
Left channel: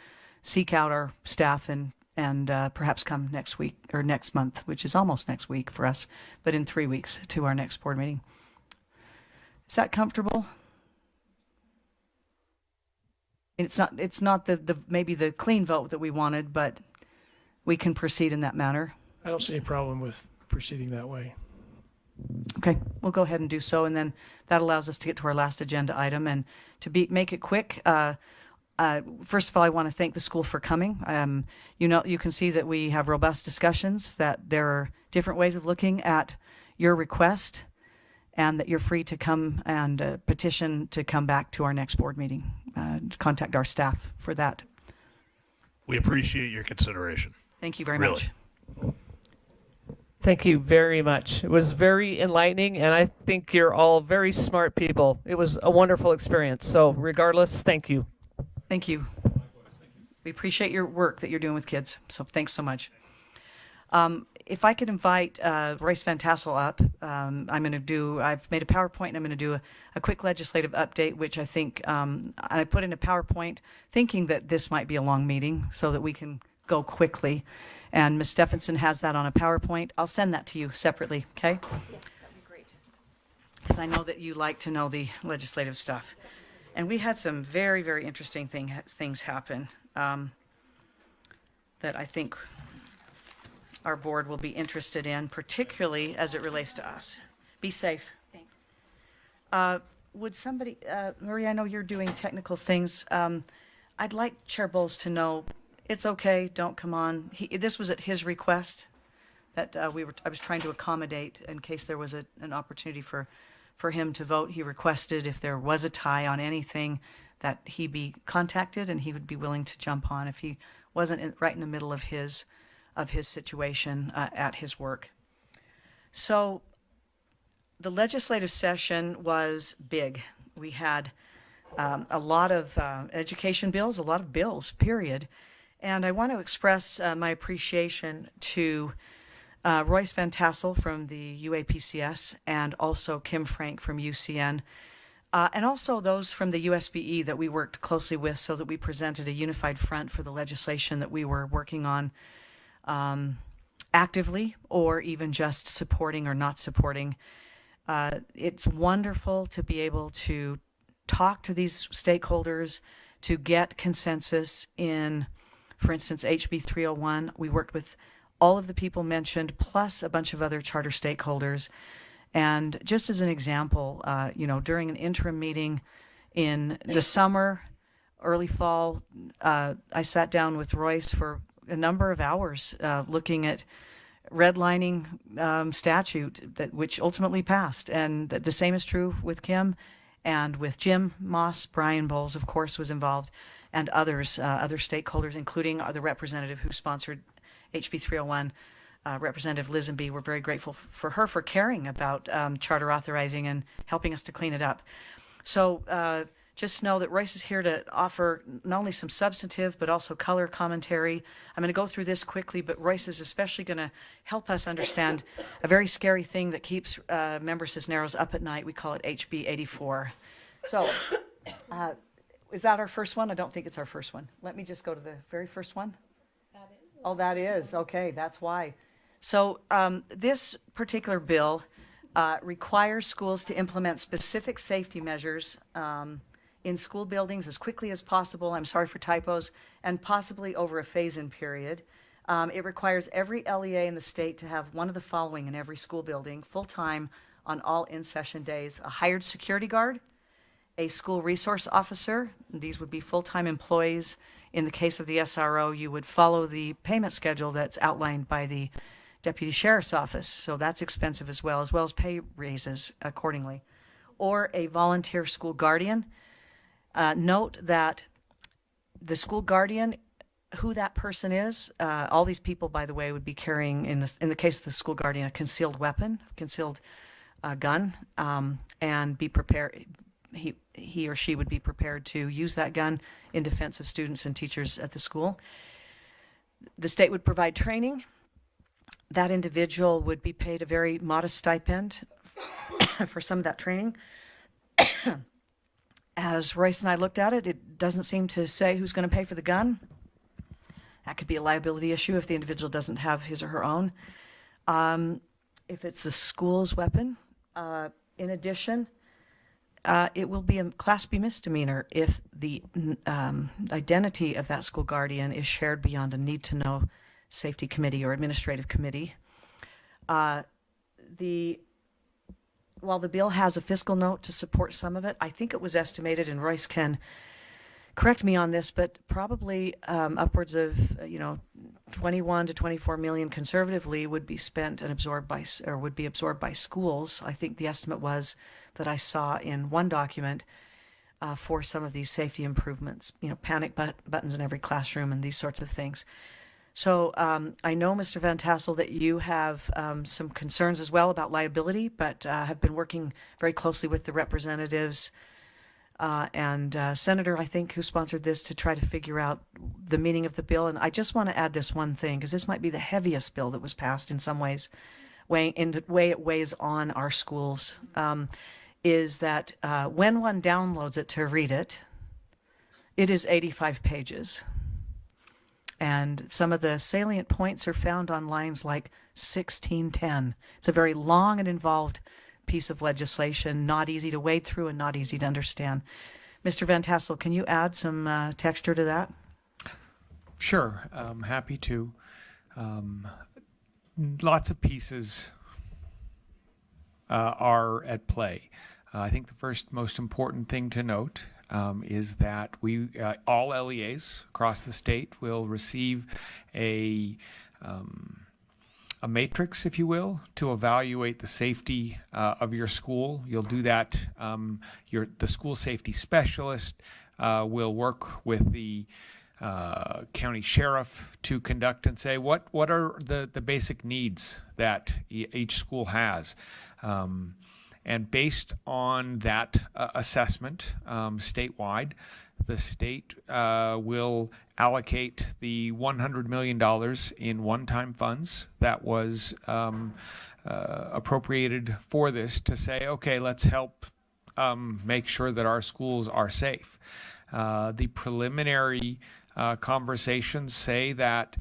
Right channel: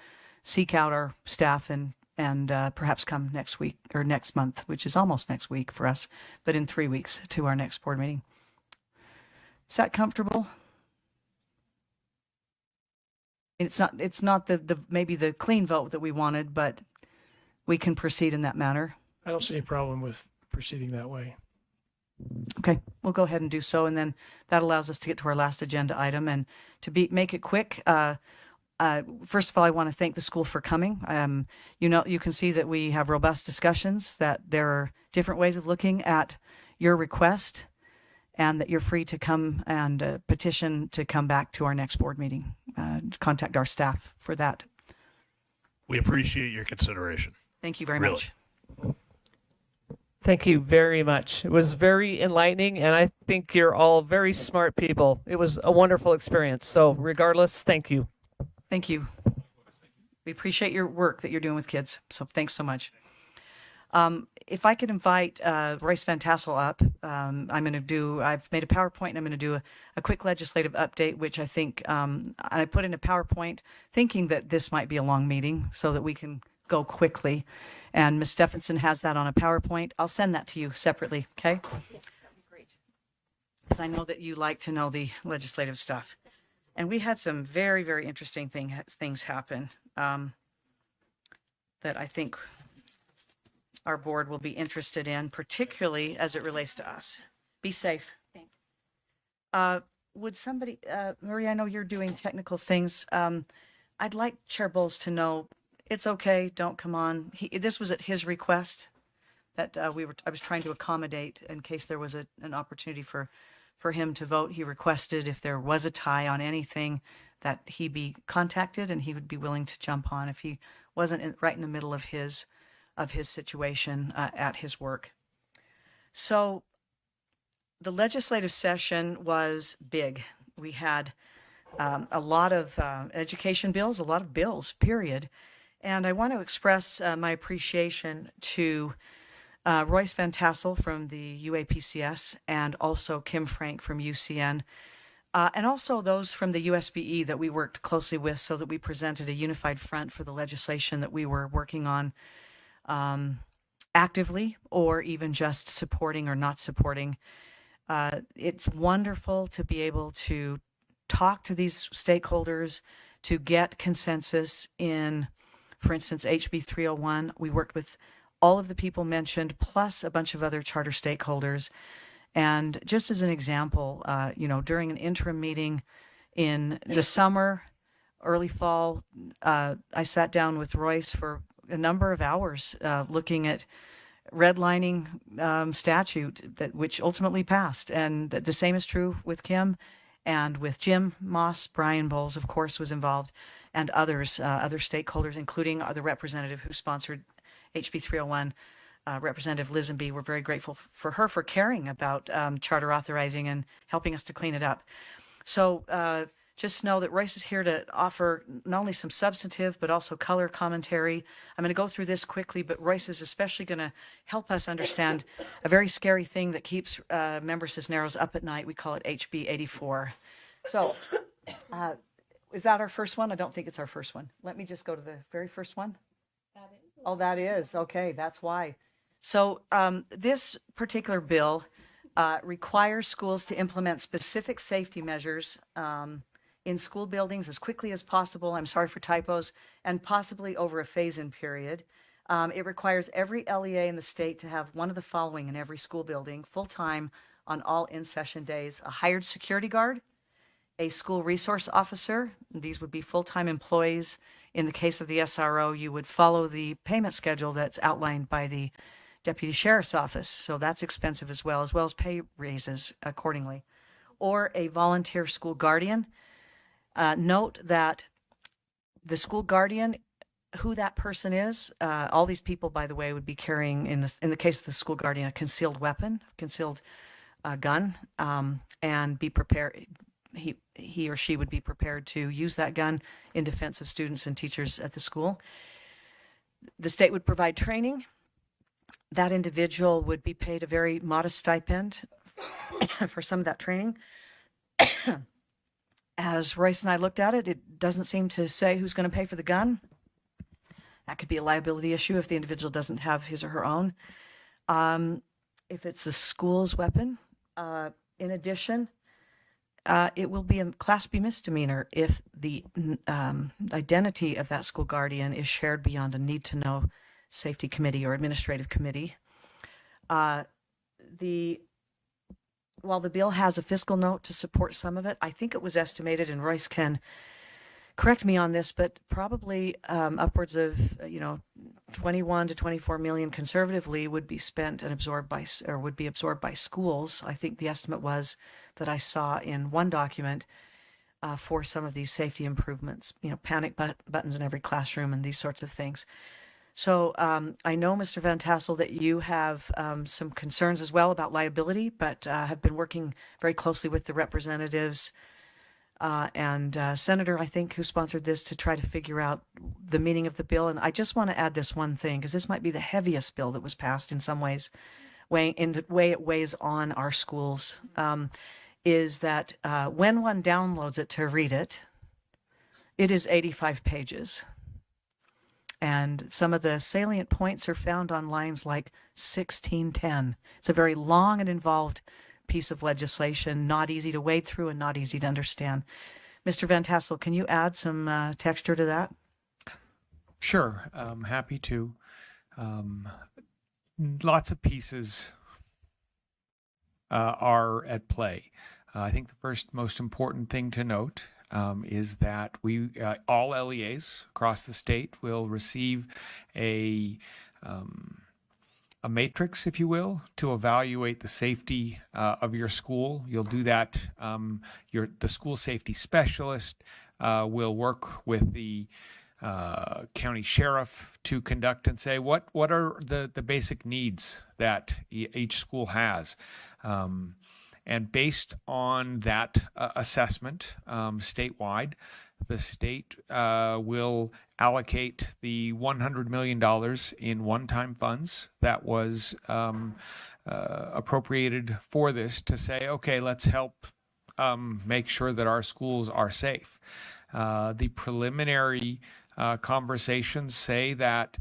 seek out our staff and perhaps come next week or next month, which is almost next week for us, but in 3 weeks to our next board meeting. Is that comfortable? It's not the maybe the clean vote that we wanted, but we can proceed in that manner. I don't see any problem with proceeding that way. Okay, we'll go ahead and do so, and then that allows us to get to our last agenda item. And to make it quick, first of all, I want to thank the school for coming. You can see that we have robust discussions, that there are different ways of looking at your request, and that you're free to come and petition to come back to our next board meeting. Contact our staff for that. We appreciate your consideration. Thank you very Really. much. Thank you very much. It was very enlightening, and I think you're all very smart people. It was a wonderful experience. So regardless, thank you. Thank you. We appreciate your work that you're doing with kids. So thanks so much. If I could invite Royce Van Tassel up, I've made a PowerPoint, and I'm going to do a quick legislative update, which I think I put in a PowerPoint thinking that this might be a long meeting so that we can go quickly. And Ms. Stephenson has that on a PowerPoint. I'll send that to you separately, okay? Yes, that'd be great. Because I know that you like to know the legislative stuff. And we had some very, very interesting things happen that I think our board will be interested in, particularly as it relates to us. Be safe. Thanks. Would somebody, Marie, I know you're doing technical things. I'd like Chair Bowles to know it's okay, don't come on. This was at his request that I was trying to accommodate in case there was an opportunity for him to vote. He requested if there was a tie on anything that he be contacted, and he would be willing to jump on if he wasn't right in the middle of his situation at his work. So the legislative session was big. We had a lot of education bills, a lot of bills, period. And I want to express my appreciation to Royce Van Tassel from the UAPCS, and also Kim Frank from UCN, and also those from the USBE that we worked closely with, so that we presented a unified front for the legislation that we were working on actively, or even just supporting or not supporting. It's wonderful to be able to talk to these stakeholders, to get consensus in, for instance, HB 301. We worked with all of the people mentioned, plus a bunch of other charter stakeholders. And just as an example, during an interim meeting in the summer, early fall, I sat down with Royce for a number of hours looking at redlining statute which ultimately passed. And the same is true with Kim and with Jim Moss. Brian Bowles, of course, was involved, and others, other stakeholders, including the representative who sponsored HB 301, Representative Lisenby. We're very grateful for her for caring about charter authorizing and helping us to clean it up. So just know that Royce is here to offer not only some substantive, but also color commentary. I'm going to go through this quickly, but Royce is especially going to help us understand a very scary thing that keeps member Cisneros up at night. We call it HB 84. So, is that our first one? I don't think it's our first one. Let me just go to the very first one. Oh, that is. Okay, that's why. So, this particular bill requires schools to implement specific safety measures in school buildings as quickly as possible. I'm sorry for typos, and possibly over a phase-in period. It requires every LEA in the state to have one of the following in every school building, full-time on all in-session days: a hired security guard, a school resource officer. These would be full-time employees. In the case of the SRO, you would follow the payment schedule that's outlined by the Deputy Sheriff's Office, so that's expensive as well as pay raises accordingly. Or a volunteer school guardian. Note that the school guardian, who that person is, all these people, by the way, would be carrying, in the case of the school guardian, a concealed weapon, concealed gun, and be prepared. He or she would be prepared to use that gun in defense of students and teachers at the school. The state would provide training. That individual would be paid a very modest stipend for some of that training. As Royce and I looked at it, it doesn't seem to say who's going to pay for the gun. That could be a liability issue if the individual doesn't have his or her own. If it's the school's weapon, in addition, it will be a Class B misdemeanor if the identity of that school guardian is shared beyond a need-to-know safety committee or administrative committee. While the bill has a fiscal note to support some of it, I think it was estimated, and Royce can correct me on this, but probably upwards of 21 to 24 million conservatively would be spent and absorbed by, or would be absorbed by schools. I think the estimate was that I saw in one document for some of these safety improvements, panic buttons in every classroom and these sorts of things. So I know, Mr. Van Tassel, that you have some concerns as well about liability, but have been working very closely with the representatives and Senator, I think, who sponsored this to try to figure out the meaning of the bill. And I just want to add this one thing, because this might be the heaviest bill that was passed in some ways, in the way it weighs on our schools, is that when one downloads it to read it, it is 85 pages. And some of the salient points are found on lines like 1610. It's a very long and involved piece of legislation, not easy to wade through and not easy to understand. Mr. Van Tassel, can you add some texture to that? Sure, I'm happy to. Lots of pieces are at play. I think the first most important thing to note is that we all LEAs across the state will receive a matrix, if you will, to evaluate the safety of your school. You'll do that. The school safety specialist will work with the county sheriff to conduct and say what are the basic needs that each school has. And based on that assessment statewide, the state will allocate the $100 million in one-time funds that was appropriated for this to say, okay, let's help make sure that our schools are safe. The preliminary conversations say that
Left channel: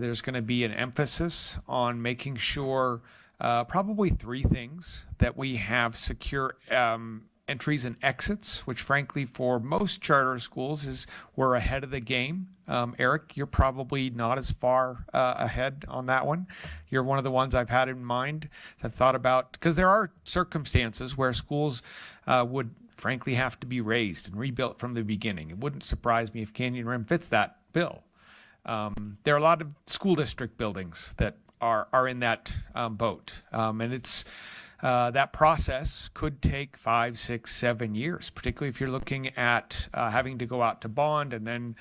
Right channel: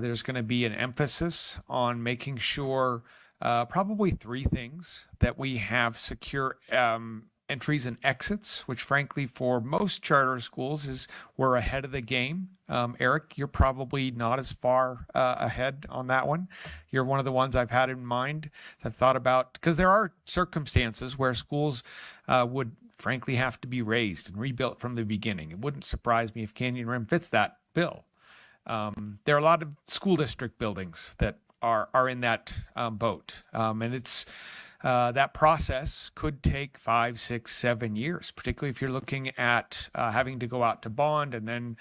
there's going to be an emphasis on making sure probably three things: that we have secure entries and exits, which frankly for most charter schools we're ahead of the game. Eric, you're probably not as far ahead on that one. You're one of the ones I've had in mind. I've thought about, because there are circumstances where schools would frankly have to be raised and rebuilt from the beginning. It wouldn't surprise me if Canyon Rim fits that bill. There are a lot of school district buildings that are in that boat, and it's that process could take 5, 6, 7 years, particularly if you're looking at having to go out to bond and then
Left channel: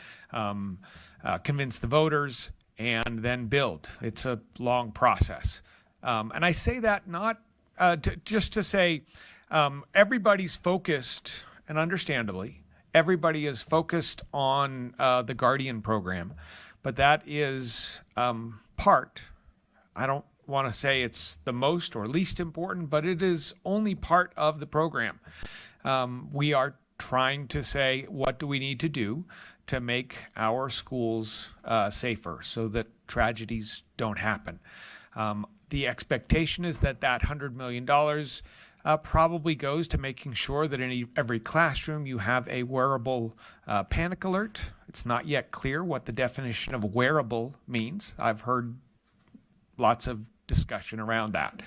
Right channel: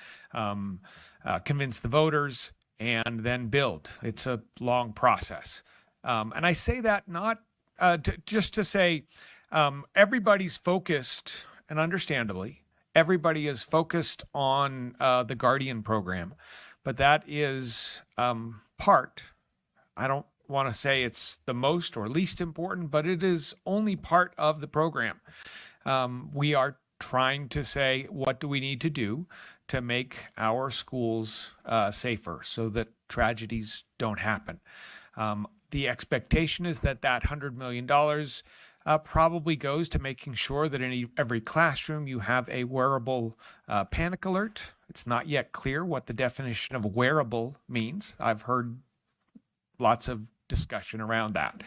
convince the voters and then build. It's a long process, and I say that not just to say everybody's focused, and understandably, everybody is focused on the Guardian program, but that is part. I don't want to say it's the most or least important, but it is only part of the program. We are trying to say, what do we need to do to make our schools safer so that tragedies don't happen? The expectation is that $100 million probably goes to making sure that in every classroom you have a wearable panic alert. It's not yet clear what the definition of wearable means. I've heard lots of discussion around that.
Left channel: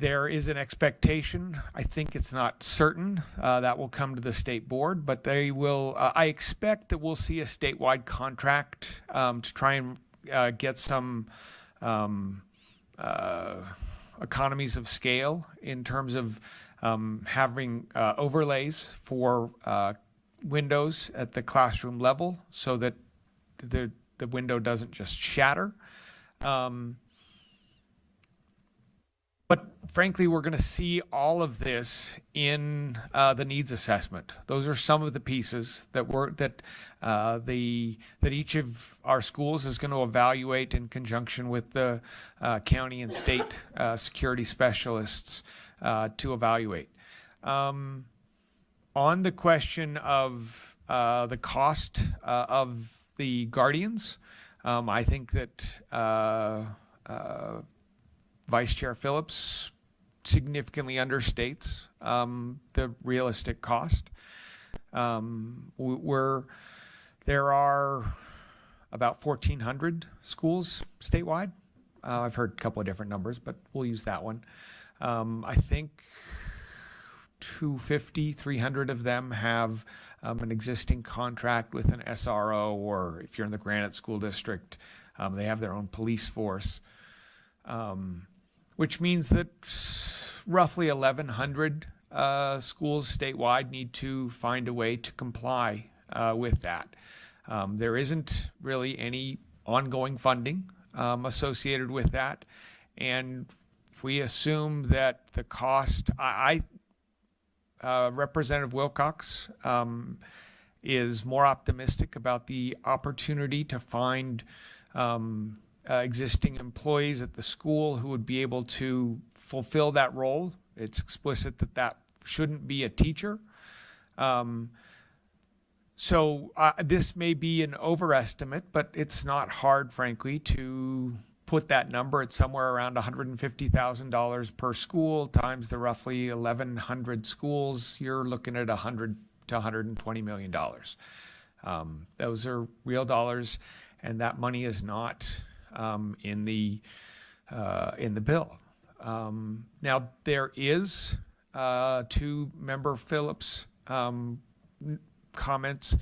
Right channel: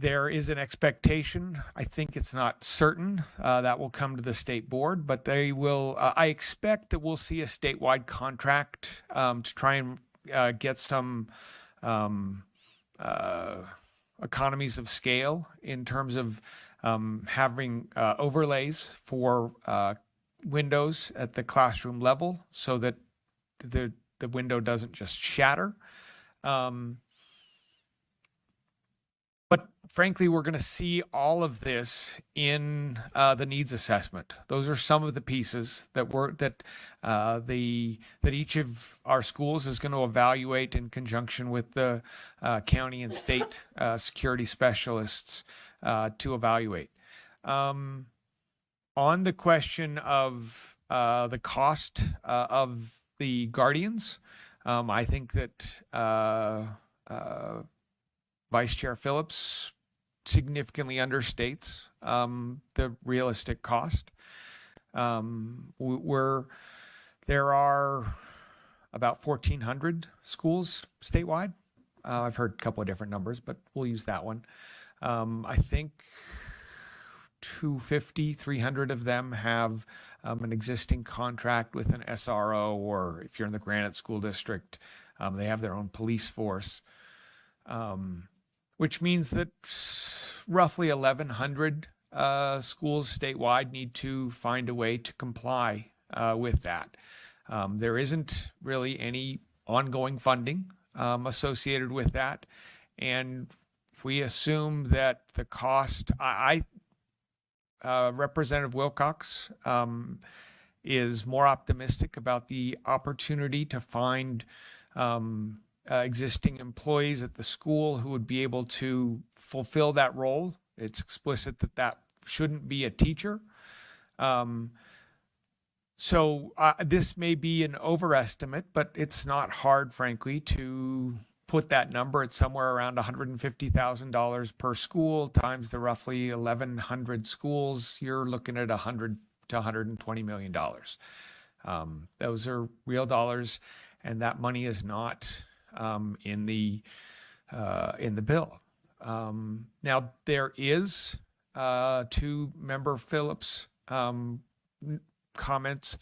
There is an expectation, I think it's not certain, that will come to the state board, but they will, I expect that we'll see a statewide contract to try and get some economies of scale in terms of having overlays for windows at the classroom level so that the window doesn't just shatter. But frankly, we're going to see all of this in the needs assessment. Those are some of the pieces that each of our schools is going to evaluate in conjunction with the county and state security specialists to evaluate. On the question of the cost of the Guardians, I think that Vice Chair Phillips significantly understates the realistic cost. There are about 1,400 schools statewide. I've heard a couple of different numbers, but we'll use that one. I think 250, 300 of them have an existing contract with an SRO, or if you're in the Granite School District, they have their own police force. Which means that roughly 1,100 schools statewide need to find a way to comply with that. There isn't really any ongoing funding associated with that, and if we assume that the cost, Representative Wilcox is more optimistic about the opportunity to find existing employees at the school who would be able to fulfill that role. It's explicit that shouldn't be a teacher. So this may be an overestimate, but it's not hard, frankly, to put that number at somewhere around $150,000 per school times the roughly 1,100 schools. You're looking at $100 to $120 million. Those are real dollars, and that money is not in the bill. Now there is to Member Phillips' comments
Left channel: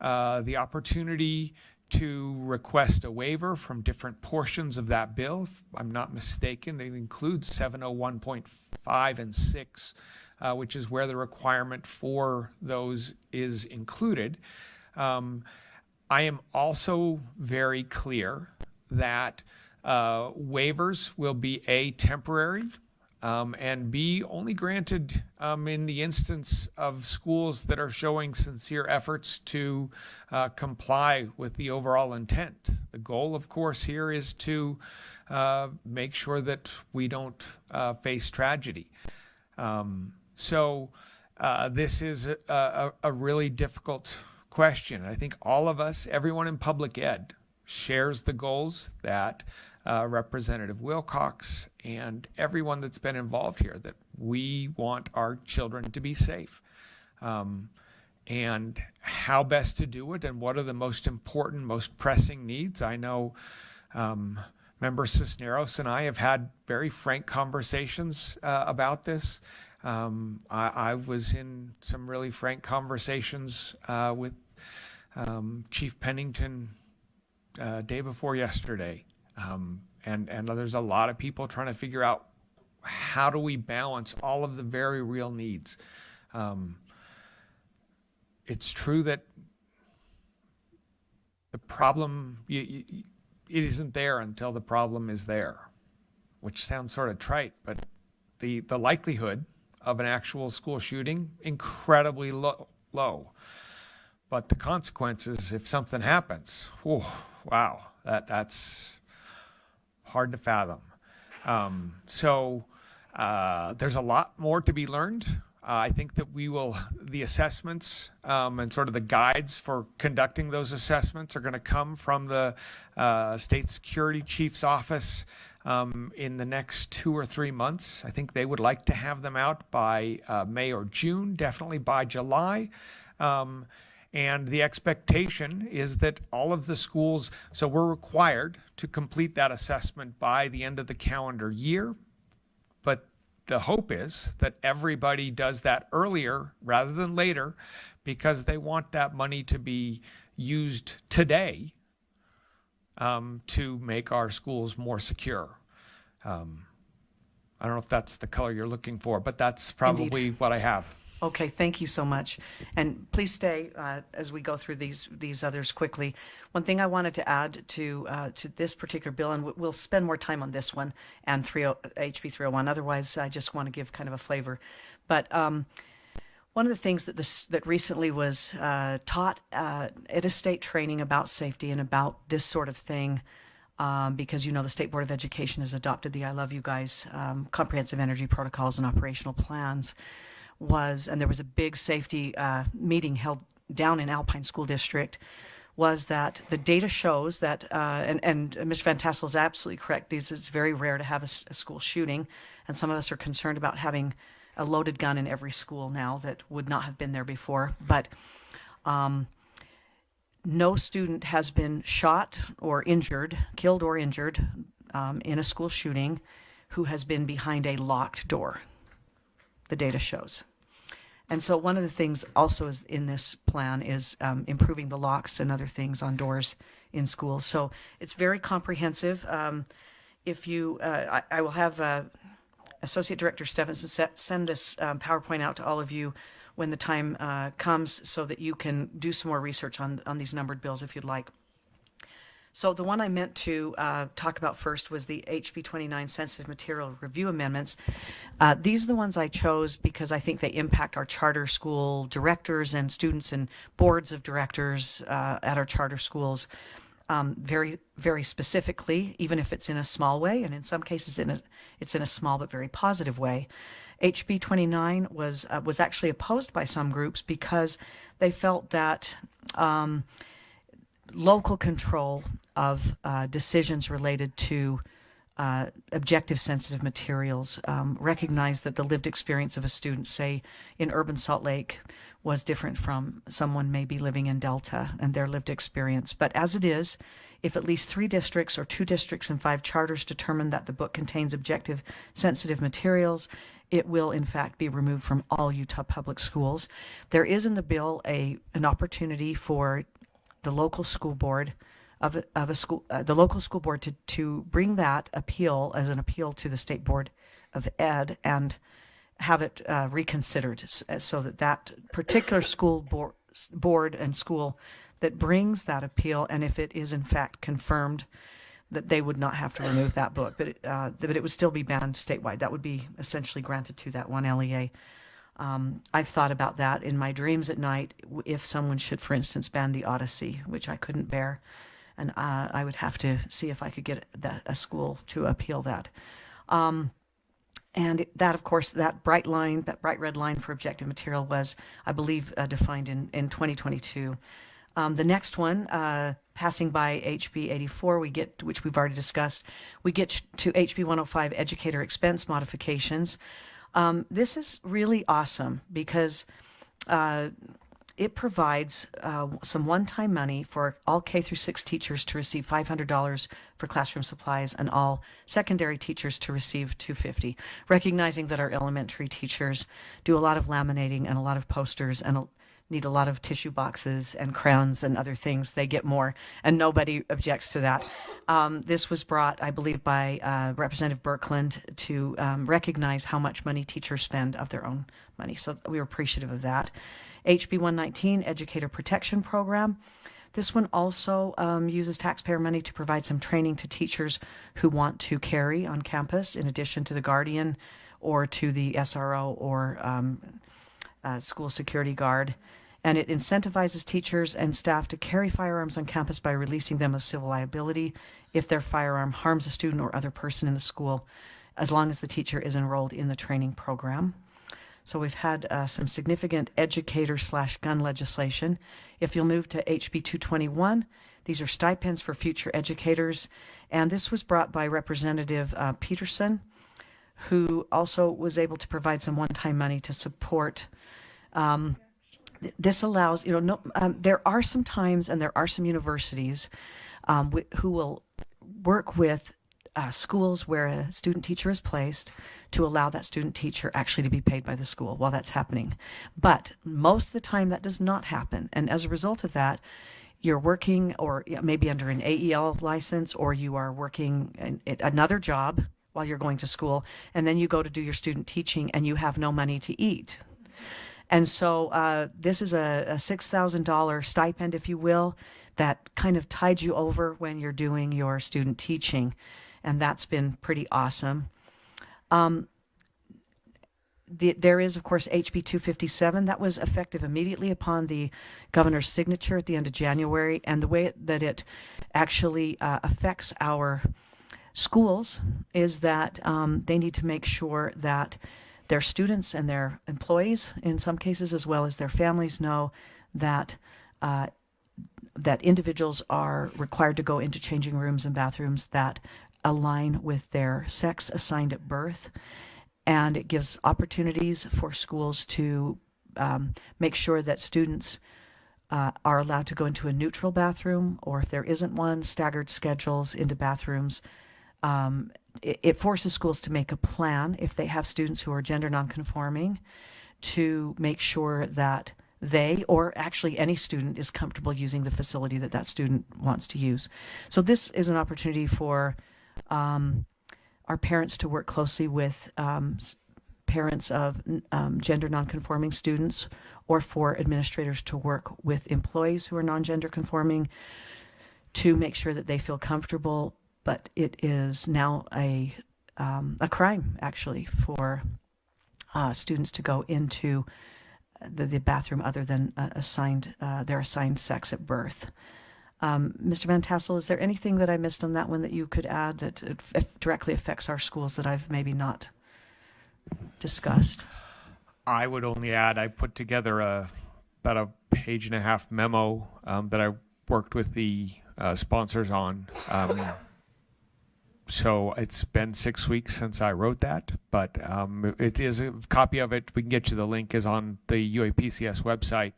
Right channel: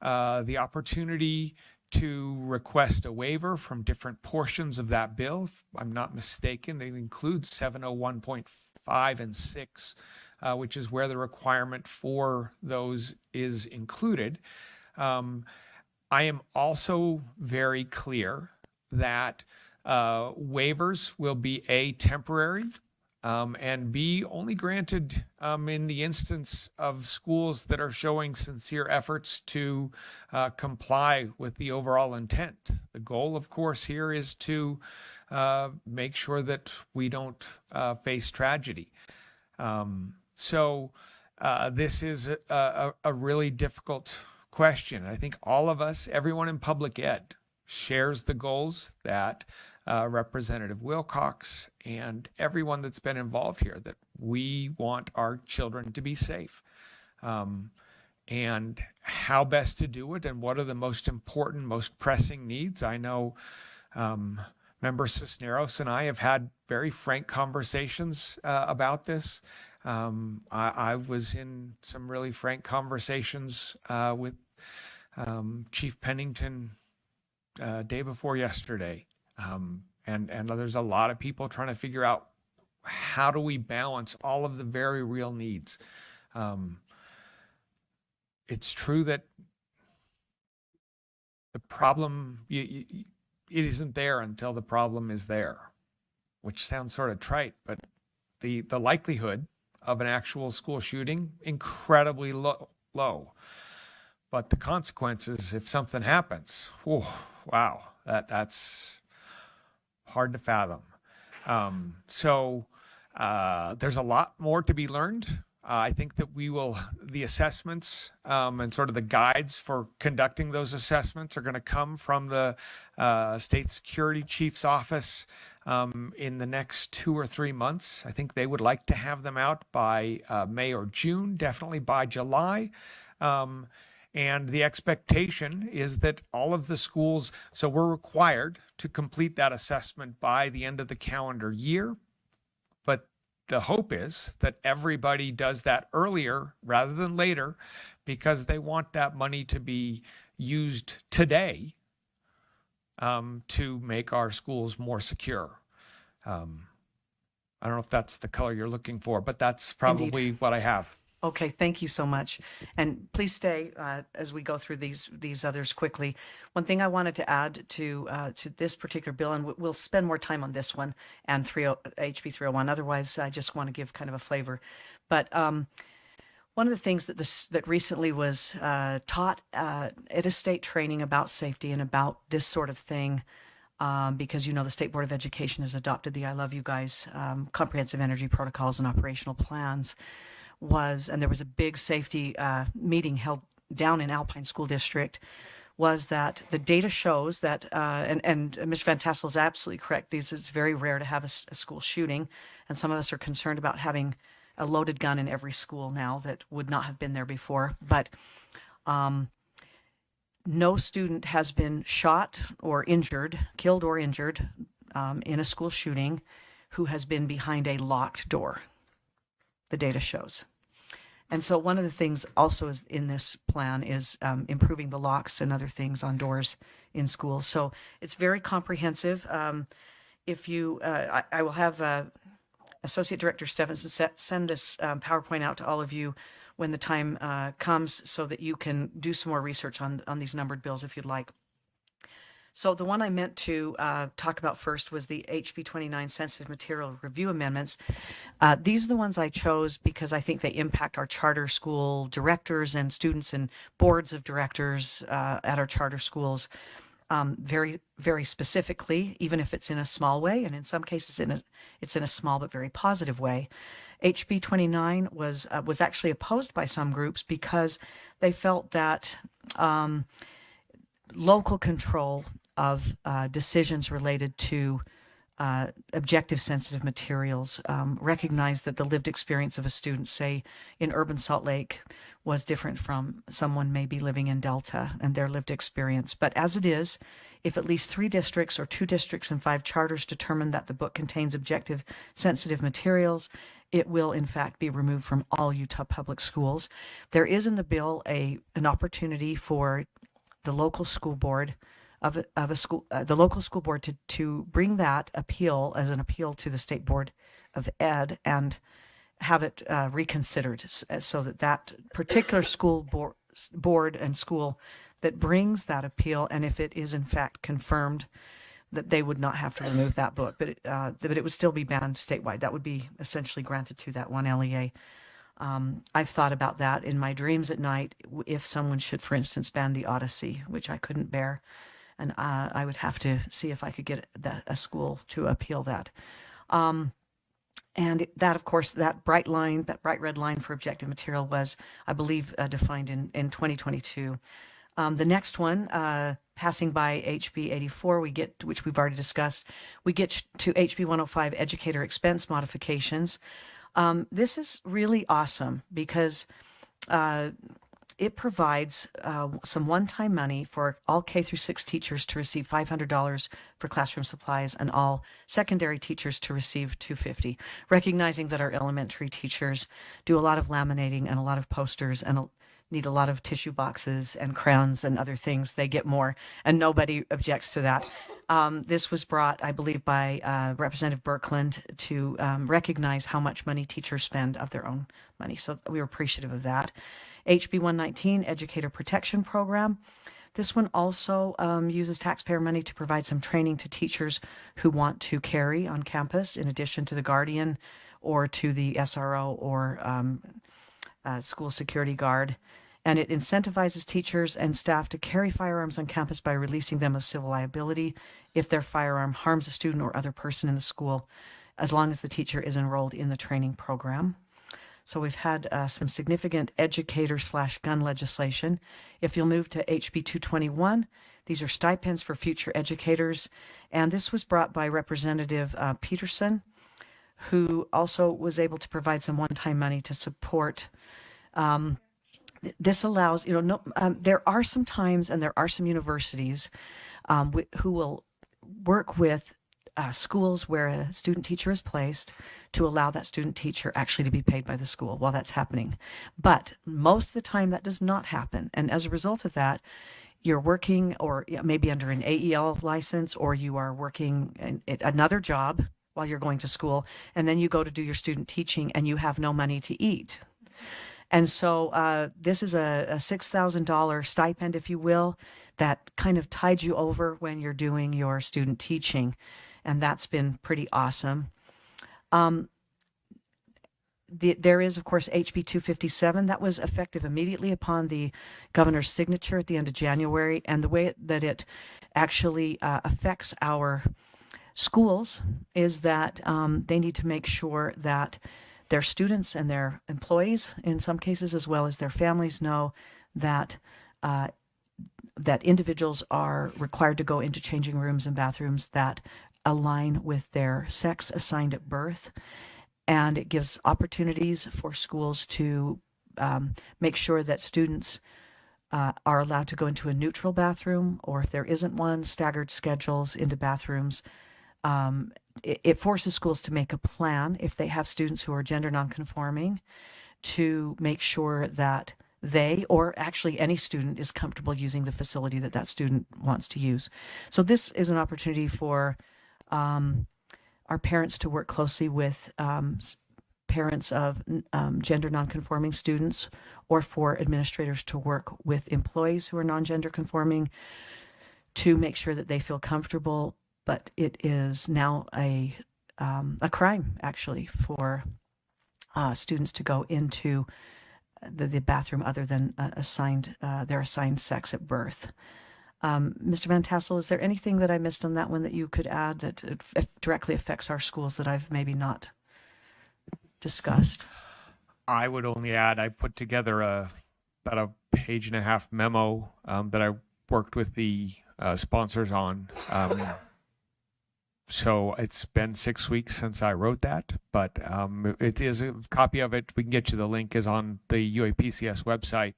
the opportunity to request a waiver from different portions of that bill. If I'm not mistaken, they include 701.5 and 6, which is where the requirement for those is included. I am also very clear that waivers will be A, temporary, and B, only granted in the instance of schools that are showing sincere efforts to comply with the overall intent. The goal, of course, here is to make sure that we don't face tragedy. So this is a really difficult question. I think all of us, everyone in public ed, shares the goals that Representative Wilcox and everyone that's been involved here, that we want our children to be safe. And how best to do it and what are the most important, most pressing needs. I know Member Cisneros and I have had very frank conversations about this. I was in some really frank conversations with Chief Pennington day before yesterday. And there's a lot of people trying to figure out how do we balance all of the very real needs. It's true that the problem, it isn't there until the problem is there, which sounds sort of trite, but the likelihood of an actual school shooting, incredibly low. But the consequences, if something happens, whew, wow, that's hard to fathom. There's a lot more to be learned. I think that the assessments and sort of the guides for conducting those assessments are going to come from the State Security Chief's office in the next 2 or 3 months. I think they would like to have them out by May or June, definitely by July. And the expectation is that all of the schools, so we're required to complete that assessment by the end of the calendar year. But the hope is that everybody does that earlier rather than later, because they want that money to be used today to make our schools more secure. I don't know if that's the color you're looking for, but that's probably Indeed. what I have. Okay, thank you so much. And please stay as we go through these others quickly. One thing I wanted to add to this particular bill, and we'll spend more time on this one and HB 301. Otherwise, I just want to give kind of a flavor. But one of the things that recently was taught at a state training about safety and about this sort of thing, because the State Board of Education has adopted the I Love You Guys comprehensive energy protocols and operational plans. And there was a big safety meeting held down in Alpine School District, was that the data shows that, and Mr. Van Tassel is absolutely correct, it's very rare to have a school shooting, and some of us are concerned about having a loaded gun in every school now that would not have been there before. But no student has been shot or injured, killed or injured in a school shooting who has been behind a locked door, the data shows. And so one of the things also is in this plan is improving the locks and other things on doors in schools. So it's very comprehensive. If you, I will have Associate Director Stephenson send this PowerPoint out to all of you when the time comes, so that you can do some more research on these numbered bills if you'd like. So the one I meant to talk about first was the HB 29 Sensitive Material Review Amendments. These are the ones I chose because I think they impact our charter school directors and students and boards of directors at our charter schools very, very specifically, even if it's in a small way, and in some cases it's in a small but very positive way. HB 29 was actually opposed by some groups because they felt that local control of decisions related to objective sensitive materials, recognize that the lived experience of a student, say in urban Salt Lake, was different from someone maybe living in Delta and their lived experience. But as it is, if at least 3 districts or 2 districts and 5 charters determine that the book contains objective sensitive materials, it will in fact be removed from all Utah public schools. There is in the bill an opportunity for the local school board of a school, the local school board to bring that appeal as an appeal to the State Board of Ed and have it reconsidered, so that particular school board and school that brings that appeal, and if it is in fact confirmed, that they would not have to remove that book, but it would still be banned statewide. That would be essentially granted to that one LEA. I've thought about that in my dreams at night, if someone should, for instance, ban the Odyssey, which I couldn't bear, and I would have to see if I could get a school to appeal that. And that, of course, that bright red line for objective material was, I believe, defined in 2022. The next one, passing by HB 84, which we've already discussed, we get to HB 105, educator expense modifications. This is really awesome because it provides some one-time money for all K through 6 teachers to receive $500 for classroom supplies and all secondary teachers to receive $250, recognizing that our elementary teachers do a lot of laminating and a lot of posters and need a lot of tissue boxes and crayons and other things. They get more, and nobody objects to that. This was brought, I believe, by Representative Birkeland to recognize how much money teachers spend of their own money. So we were appreciative of that. HB 119, Educator Protection Program. This one also uses taxpayer money to provide some training to teachers who want to carry on campus, in addition to the guardian or to the SRO or school security guard. And it incentivizes teachers and staff to carry firearms on campus by releasing them of civil liability if their firearm harms a student or other person in the school, as long as the teacher is enrolled in the training program. So we've had some significant educator/gun legislation. If you'll move to HB 221, these are stipends for future educators. And this was brought by Representative Peterson, who also was able to provide some one-time money to support. This allows, there are some times and there are some universities who will work with schools where a student teacher is placed to allow that student teacher actually to be paid by the school while that's happening. But most of the time that does not happen. And as a result of that, you're working or maybe under an AEL license, or you are working another job while you're going to school, and then you go to do your student teaching and you have no money to eat. And so this is a $6,000 stipend, if you will, that kind of tides you over when you're doing your student teaching. And that's been pretty awesome. There is, of course, HB 257. That was effective immediately upon the governor's signature at the end of January. And the way that it actually affects our schools is that they need to make sure that their students and their employees, in some cases, as well as their families, know that that individuals are required to go into changing rooms and bathrooms that align with their sex assigned at birth. And it gives opportunities for schools to make sure that students are allowed to go into a neutral bathroom, or if there isn't one, staggered schedules into bathrooms. It forces schools to make a plan if they have students who are gender nonconforming to make sure that they, or actually any student, is comfortable using the facility that that student wants to use. So this is an opportunity for our parents to work closely with parents of gender nonconforming students, or for administrators to work with employees who are non-gender conforming to make sure that they feel comfortable. But it is now a crime, actually, for students to go into the bathroom other than their assigned sex at birth. Mr. Van Tassel, is there anything that I missed on that one that you could add that directly affects our schools that I've maybe not discussed? I would only add, I put together about a page-and-a-half memo that I worked with the sponsors on. So it's been 6 weeks since I wrote that, but it is a copy of it. We can get you the link, is on the UAPCS website,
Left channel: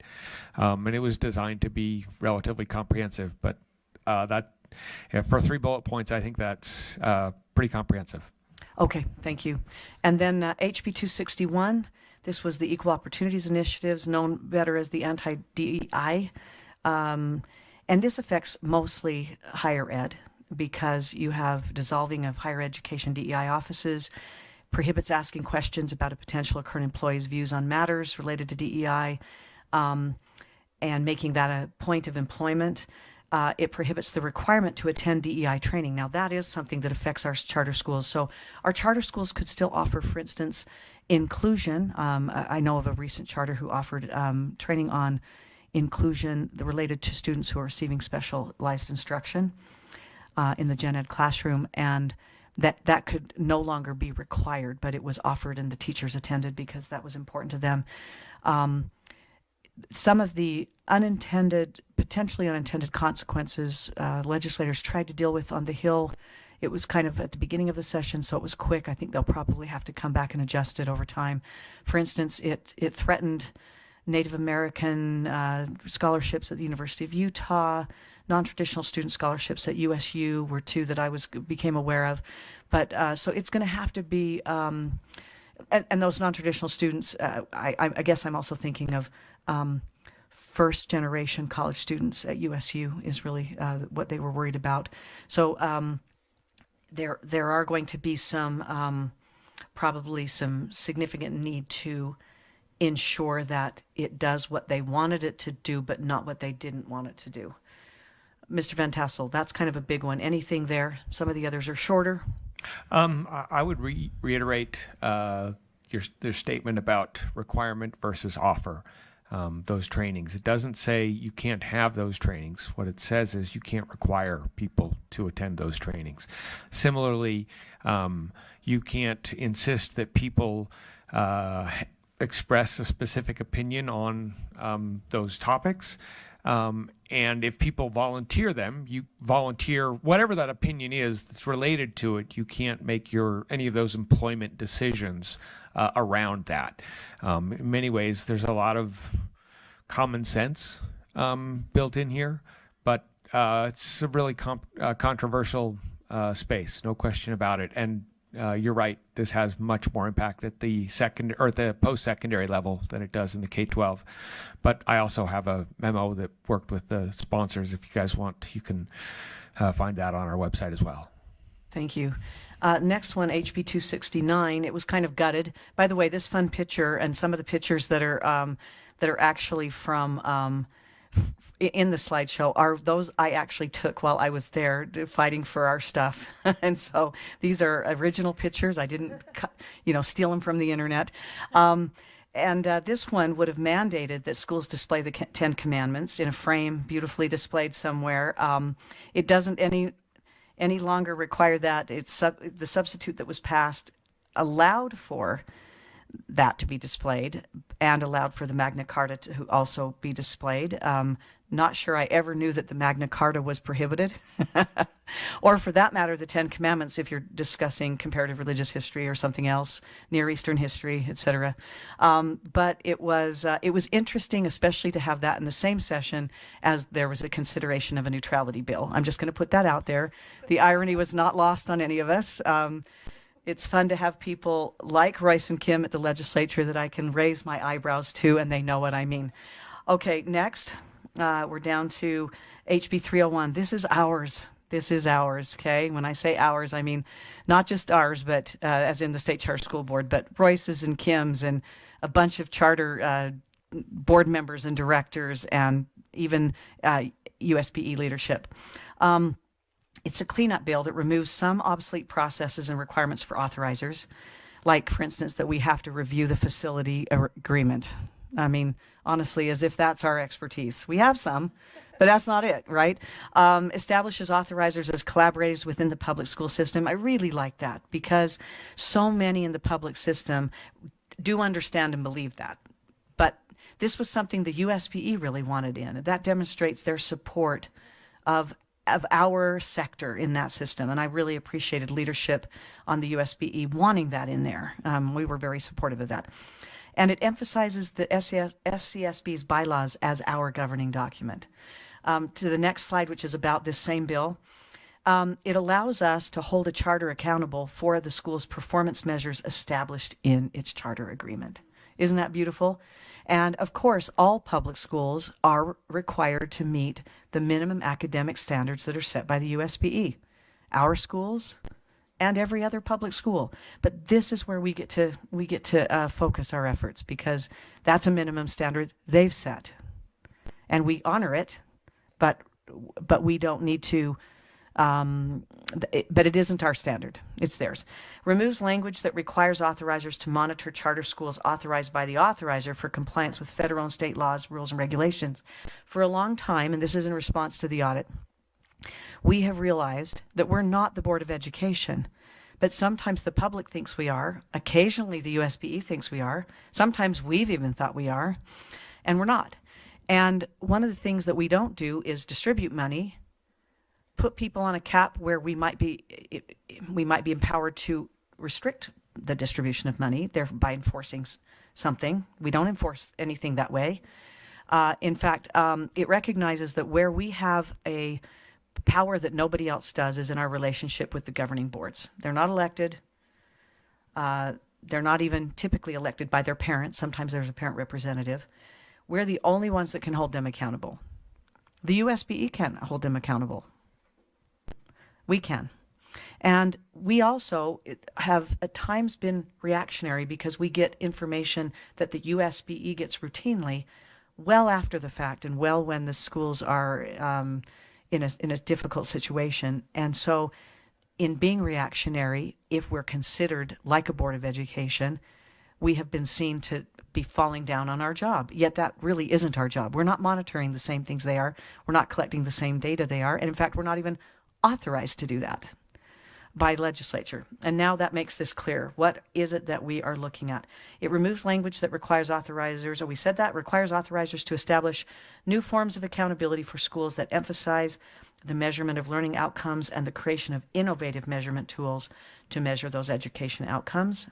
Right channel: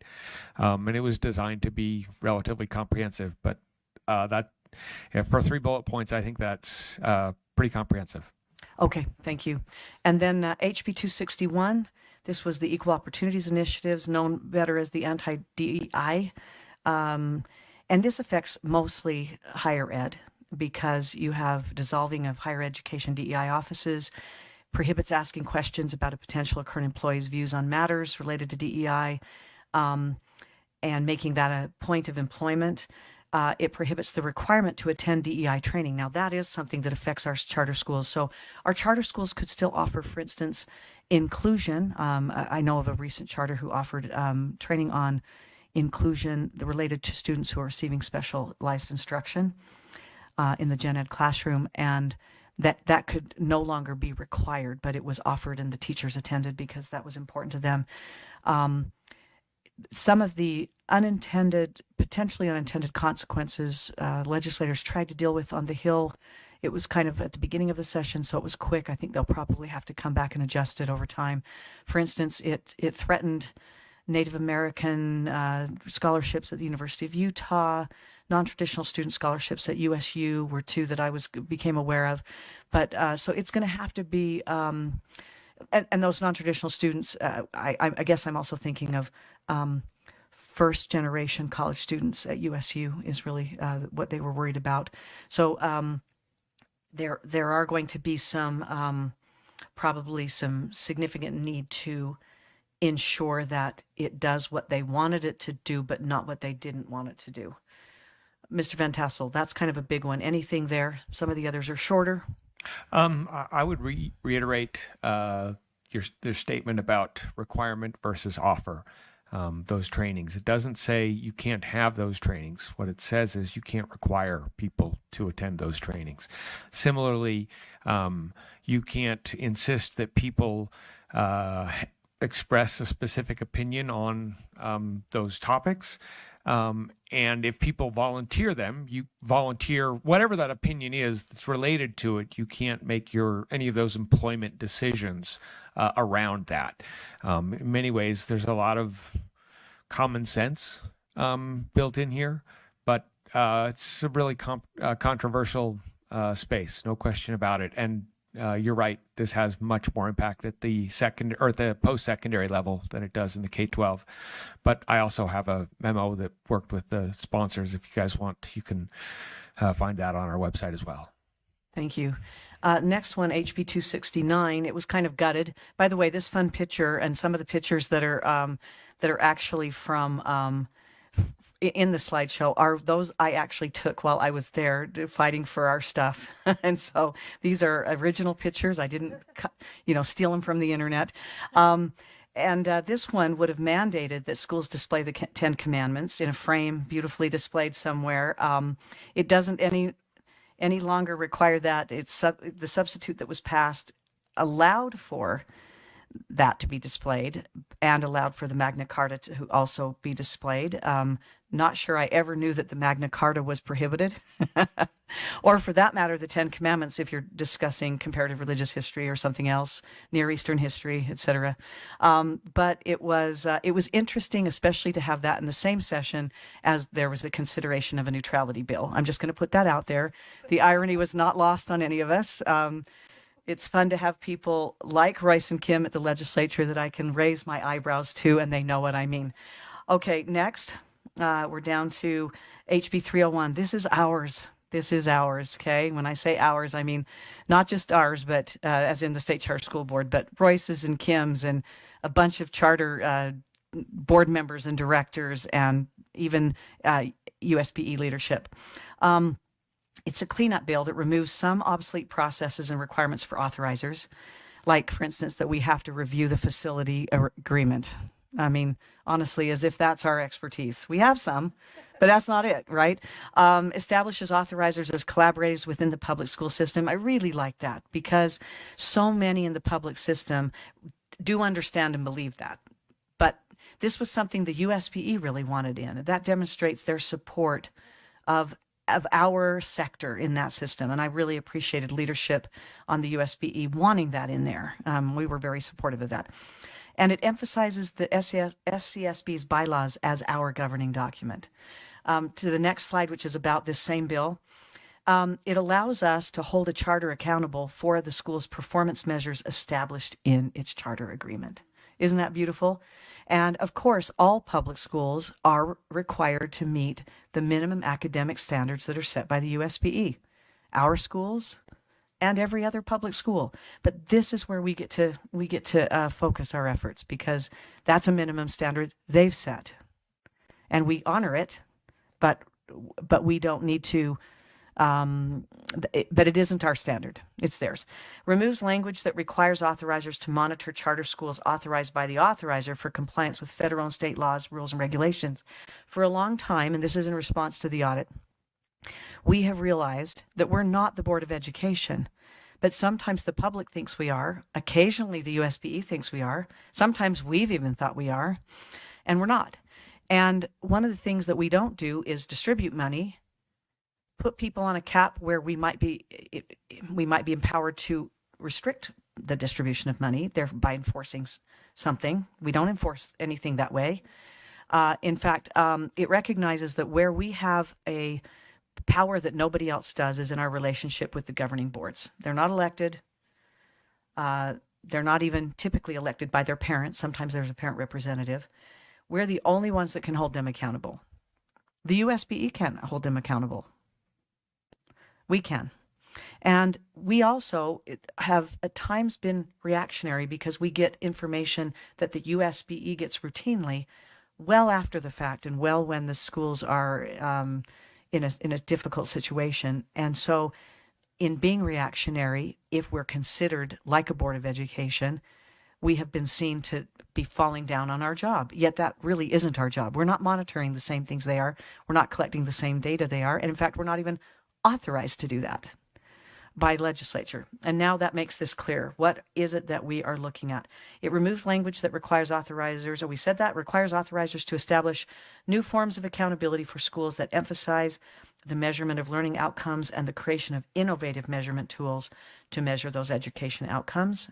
and it was designed to be relatively comprehensive. But for 3 bullet points, I think that's pretty comprehensive. Okay, thank you. And then HB 261. This was the Equal Opportunities Initiatives, known better as the anti-DEI, and this affects mostly higher ed, because you have dissolving of higher education DEI offices, prohibits asking questions about a potential or current employee's views on matters related to DEI, and making that a point of employment. It prohibits the requirement to attend DEI training. Now, that is something that affects our charter schools. So our charter schools could still offer, for instance, inclusion. I know of a recent charter who offered training on inclusion related to students who are receiving specialized instruction in the gen ed classroom, and that could no longer be required, but it was offered and the teachers attended because that was important to them. Some of the potentially unintended consequences legislators tried to deal with on the Hill. It was kind of at the beginning of the session, so it was quick. I think they'll probably have to come back and adjust it over time. For instance, it threatened Native American scholarships at the University of Utah. Non-traditional student scholarships at USU were 2 that I became aware of. But so it's going to have to be, and those non-traditional students, I guess I'm also thinking of first-generation college students at USU is really what they were worried about. So there are going to be probably some significant need to ensure that it does what they wanted it to do, but not what they didn't want it to do. Mr. Van Tassel, that's kind of a big one. Anything there? Some of the others are shorter. I would reiterate your statement about requirement versus offer. Those trainings. It doesn't say you can't have those trainings. What it says is you can't require people to attend those trainings. Similarly, you can't insist that people express a specific opinion on those topics. And if people volunteer them, you volunteer whatever that opinion is that's related to it. You can't make any of those employment decisions around that. In many ways, there's a lot of common sense built in here, but it's a really controversial space, no question about it. And you're right, this has much more impact at the the post-secondary level than it does in the K-12. But I also have a memo that worked with the sponsors. If you guys want, you can find that on our website as well. Thank you. Next one, HB 269. It was kind of gutted. By the way, this fun picture and some of the pictures that are actually from in the slideshow are those I actually took while I was there fighting for our stuff. And so these are original pictures. I didn't, steal them from the internet. And this one would have mandated that schools display the Ten Commandments in a frame, beautifully displayed somewhere. It doesn't any longer require that. The substitute that was passed allowed for that to be displayed and allowed for the Magna Carta to also be displayed. Not sure I ever knew that the Magna Carta was prohibited, or for that matter, the Ten Commandments if you're discussing comparative religious history or something else, Near Eastern history, etc. But it was interesting, especially to have that in the same session as there was a consideration of a neutrality bill. I'm just going to put that out there. The irony was not lost on any of us. It's fun to have people like Royce and Kim at the legislature that I can raise my eyebrows to, and they know what I mean. Okay, next. We're down to HB 301. This is ours. This is ours, okay? When I say ours, I mean not just ours, but as in the State Charter School Board, but Royce's and Kim's and a bunch of charter board members and directors and even USPE leadership. It's a cleanup bill that removes some obsolete processes and requirements for authorizers, like, for instance, that we have to review the facility agreement. I mean, honestly, as if that's our expertise. We have some, but that's not it, right? Establishes authorizers as collaborators within the public school system. I really like that because so many in the public system do understand and believe that. But this was something the USPE really wanted in. That demonstrates their support of our sector in that system. And I really appreciated leadership on the USPE wanting that in there. We were very supportive of that. And it emphasizes the SCSB's bylaws as our governing document. To the next slide, which is about this same bill, it allows us to hold a charter accountable for the school's performance measures established in its charter agreement. Isn't that beautiful? And of course, all public schools are required to meet the minimum academic standards that are set by the USPE. Our schools and every other public school. But this is where we get to focus our efforts because that's a minimum standard they've set, and we honor it. But we don't need to. But it isn't our standard; it's theirs. Removes language that requires authorizers to monitor charter schools authorized by the authorizer for compliance with federal and state laws, rules, and regulations. For a long time, and this is in response to the audit, we have realized that we're not the Board of Education, but sometimes the public thinks we are. Occasionally the USPE thinks we are. Sometimes we've even thought we are, and we're not. And one of the things that we don't do is distribute money, put people on a cap where we might be empowered to restrict the distribution of money, thereby enforcing something. We don't enforce anything that way. In fact, it recognizes that where we have a power that nobody else does is in our relationship with the governing boards. They're not elected. They're not even typically elected by their parents. Sometimes there's a parent representative. We're the only ones that can hold them accountable. The USPE can't hold them accountable. We can. And we also have at times been reactionary because we get information that the USPE gets routinely well after the fact and well when the schools are in a difficult situation. And so in being reactionary, if we're considered like a Board of Education, we have been seen to be falling down on our job. Yet that really isn't our job. We're not monitoring the same things they are. We're not collecting the same data they are. And in fact, we're not even authorized to do that by legislature. And now that makes this clear. What is it that we are looking at? It removes language that requires authorizers, or we said that, requires authorizers to establish new forms of accountability for schools that emphasize the measurement of learning outcomes and the creation of innovative measurement tools to measure those education outcomes.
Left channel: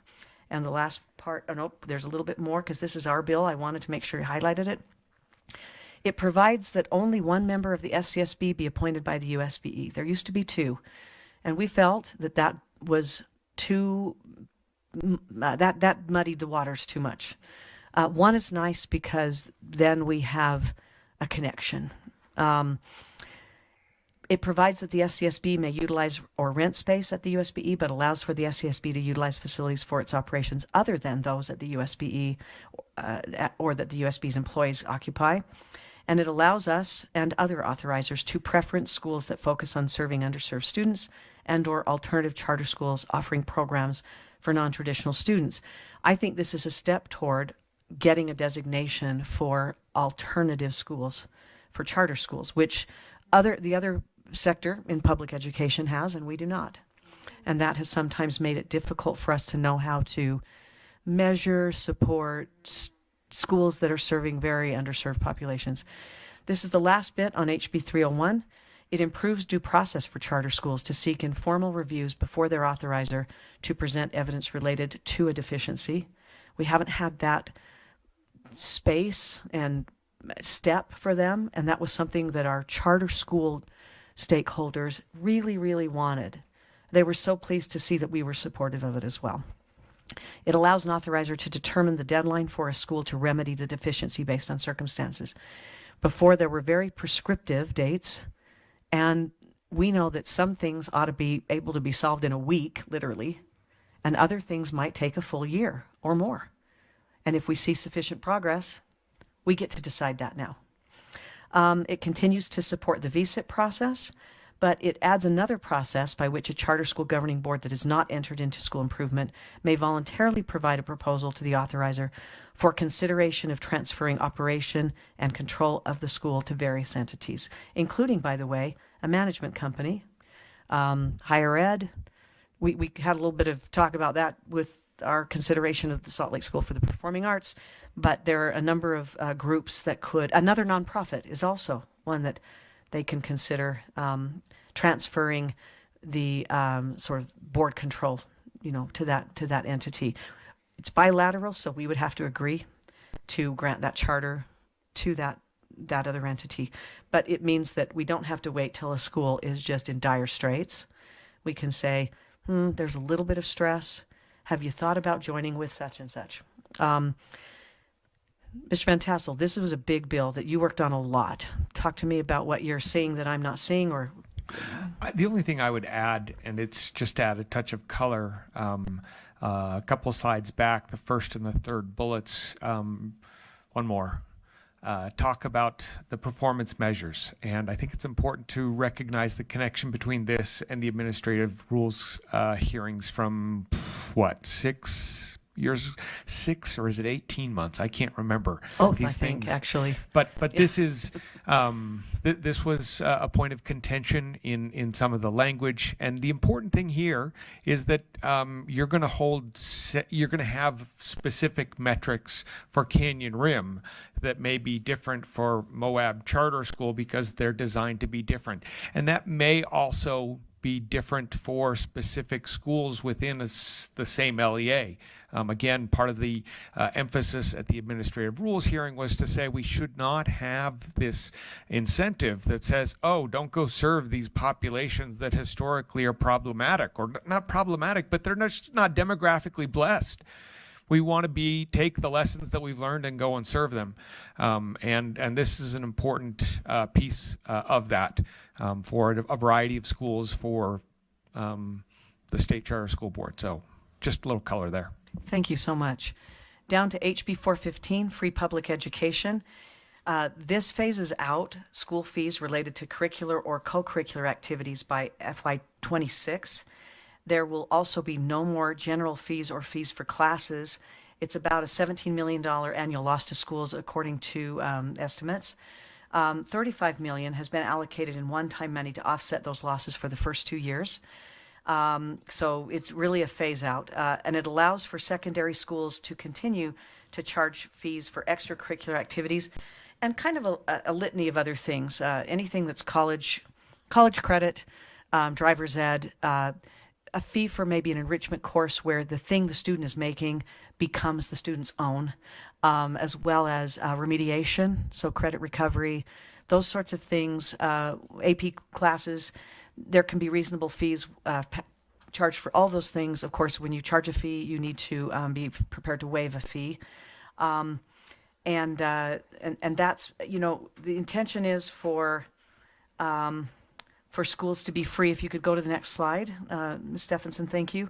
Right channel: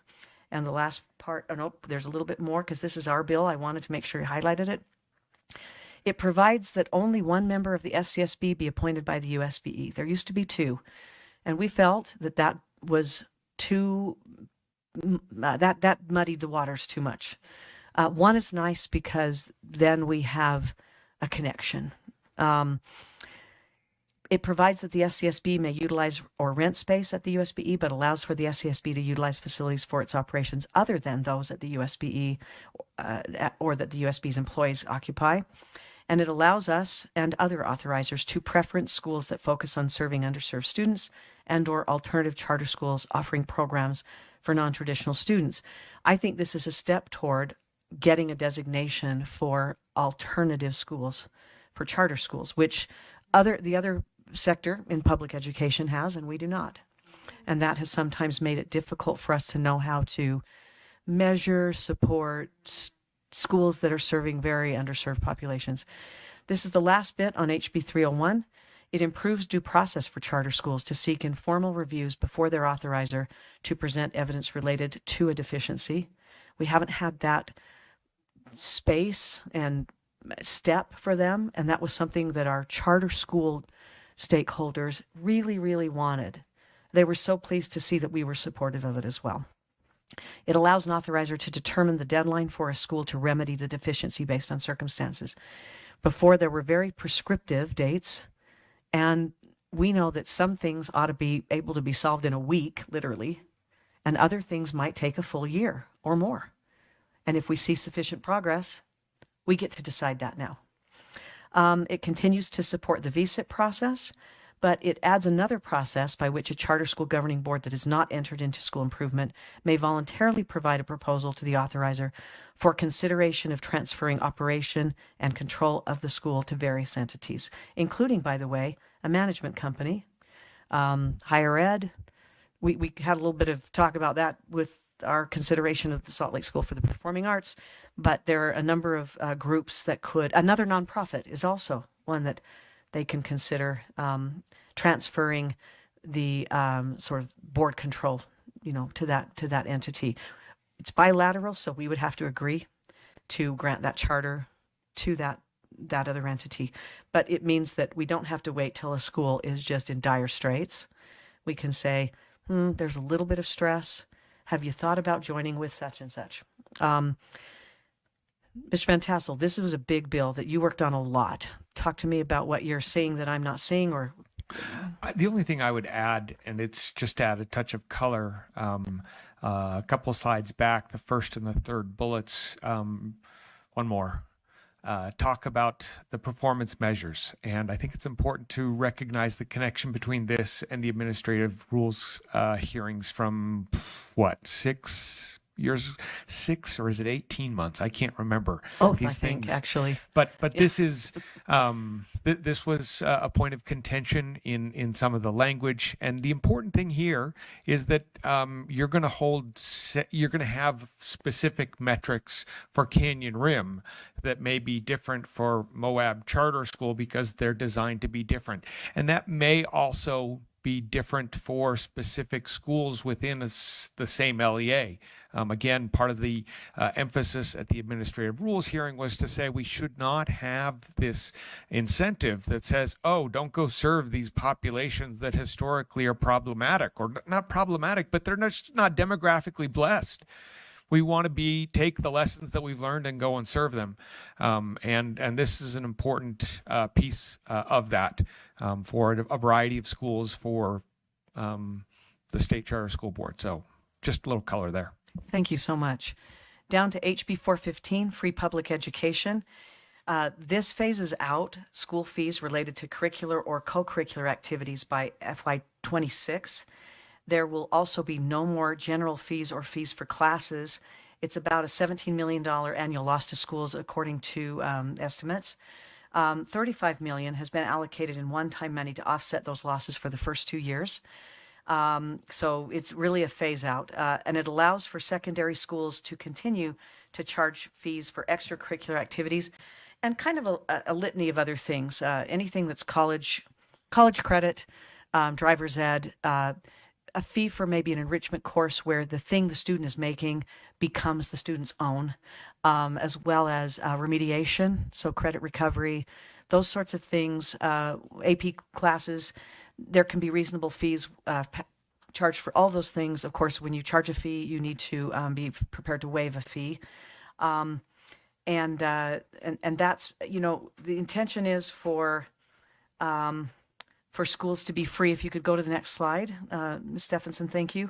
And the last part, oh nope, there's a little bit more because this is our bill. I wanted to make sure I highlighted it. It provides that only one member of the SCSB be appointed by the USBE. There used to be two. And we felt that that was too, that muddied the waters too much. One is nice because then we have a connection. It provides that the SCSB may utilize or rent space at the USBE, but allows for the SCSB to utilize facilities for its operations other than those at the USBE or that the USBE's employees occupy. And it allows us and other authorizers to preference schools that focus on serving underserved students and or alternative charter schools offering programs for non-traditional students. I think this is a step toward getting a designation for alternative schools, for charter schools, which the other sector in public education has, and we do not. And that has sometimes made it difficult for us to know how to measure, support schools that are serving very underserved populations. This is the last bit on HB 301. It improves due process for charter schools to seek informal reviews before their authorizer to present evidence related to a deficiency. We haven't had that space and step for them, and that was something that our charter school stakeholders really, really wanted. They were so pleased to see that we were supportive of it as well. It allows an authorizer to determine the deadline for a school to remedy the deficiency based on circumstances. Before, there were very prescriptive dates, and we know that some things ought to be able to be solved in a week, literally, and other things might take a full year or more. And if we see sufficient progress, we get to decide that now. It continues to support the VSIP process, but it adds another process by which a charter school governing board that is not entered into school improvement may voluntarily provide a proposal to the authorizer for consideration of transferring operation and control of the school to various entities, including, by the way, a management company, higher ed. We had a little bit of talk about that with our consideration of the Salt Lake School for the Performing Arts, but there are a number of groups that could, another nonprofit is also one that they can consider transferring the sort of board control, to that entity. It's bilateral, so we would have to agree to grant that charter to that other entity. But it means that we don't have to wait till a school is just in dire straits. We can say, there's a little bit of stress. Have you thought about joining with such and such? Mr. Van Tassel, this was a big bill that you worked on a lot. Talk to me about what you're seeing that I'm not seeing, or the only thing I would add, and it's just to add a touch of color, a couple of slides back, the first and the third bullets, one more, talk about the performance measures. And I think it's important to recognize the connection between this and the administrative rules hearings from, 6 or is it 18 months? I can't remember. Both, these I think, things. Actually. But this is this was a point of contention in some of the language, and the important thing here is that you're going to have specific metrics for Canyon Rim that may be different for Moab Charter School because they're designed to be different, and that may also be different for specific schools within the same LEA. Again, part of the emphasis at the administrative rules hearing was to say we should not have this incentive that says, oh, don't go serve these populations that historically are problematic, or not problematic, but they're not demographically blessed. We want to take the lessons that we've learned and go and serve them. And this is an important piece of that for a variety of schools for the State Charter School Board. So just a little color there. Thank you so much. Down to HB 415, free public education. This phases out school fees related to curricular or co-curricular activities by FY26. There will also be no more general fees or fees for classes. It's about a $17 million annual loss to schools according to estimates. $35 million has been allocated in one-time money to offset those losses for the first 2 years. So it's really a phase out, and it allows for secondary schools to continue to charge fees for extracurricular activities and kind of a litany of other things. Anything that's college credit, driver's ed, a fee for maybe an enrichment course where the thing the student is making becomes the student's own, as well as remediation, so credit recovery, those sorts of things, AP classes. There can be reasonable fees charged for all those things. Of course, when you charge a fee, you need to be prepared to waive a fee. And that's, the intention is for schools to be free. If you could go to the next slide, Ms. Stephenson, thank you.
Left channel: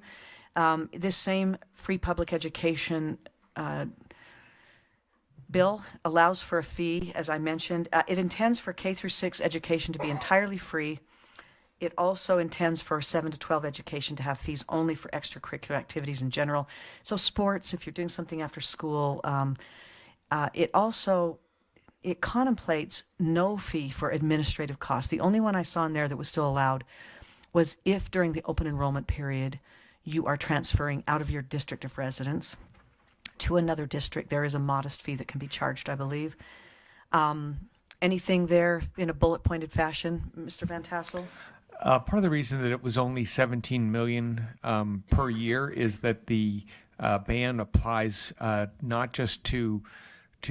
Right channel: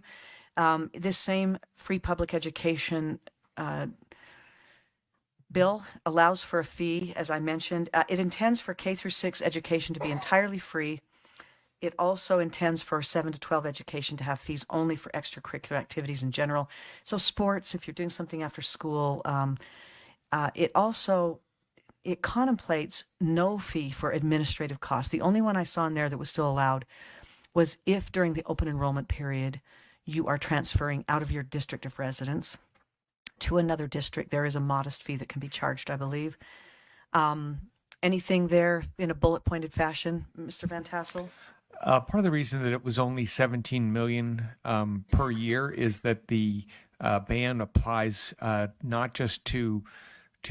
This same free public education bill allows for a fee, as I mentioned. It intends for K through 6 education to be entirely free. It also intends for 7 to 12 education to have fees only for extracurricular activities in general. So sports, if you're doing something after school. It contemplates no fee for administrative costs. The only one I saw in there that was still allowed was if during the open enrollment period you are transferring out of your district of residence to another district, there is a modest fee that can be charged, I believe. Anything there in a bullet pointed fashion, Mr. Van Tassel? Part of the reason that it was only $17 million per year is that the ban applies not just to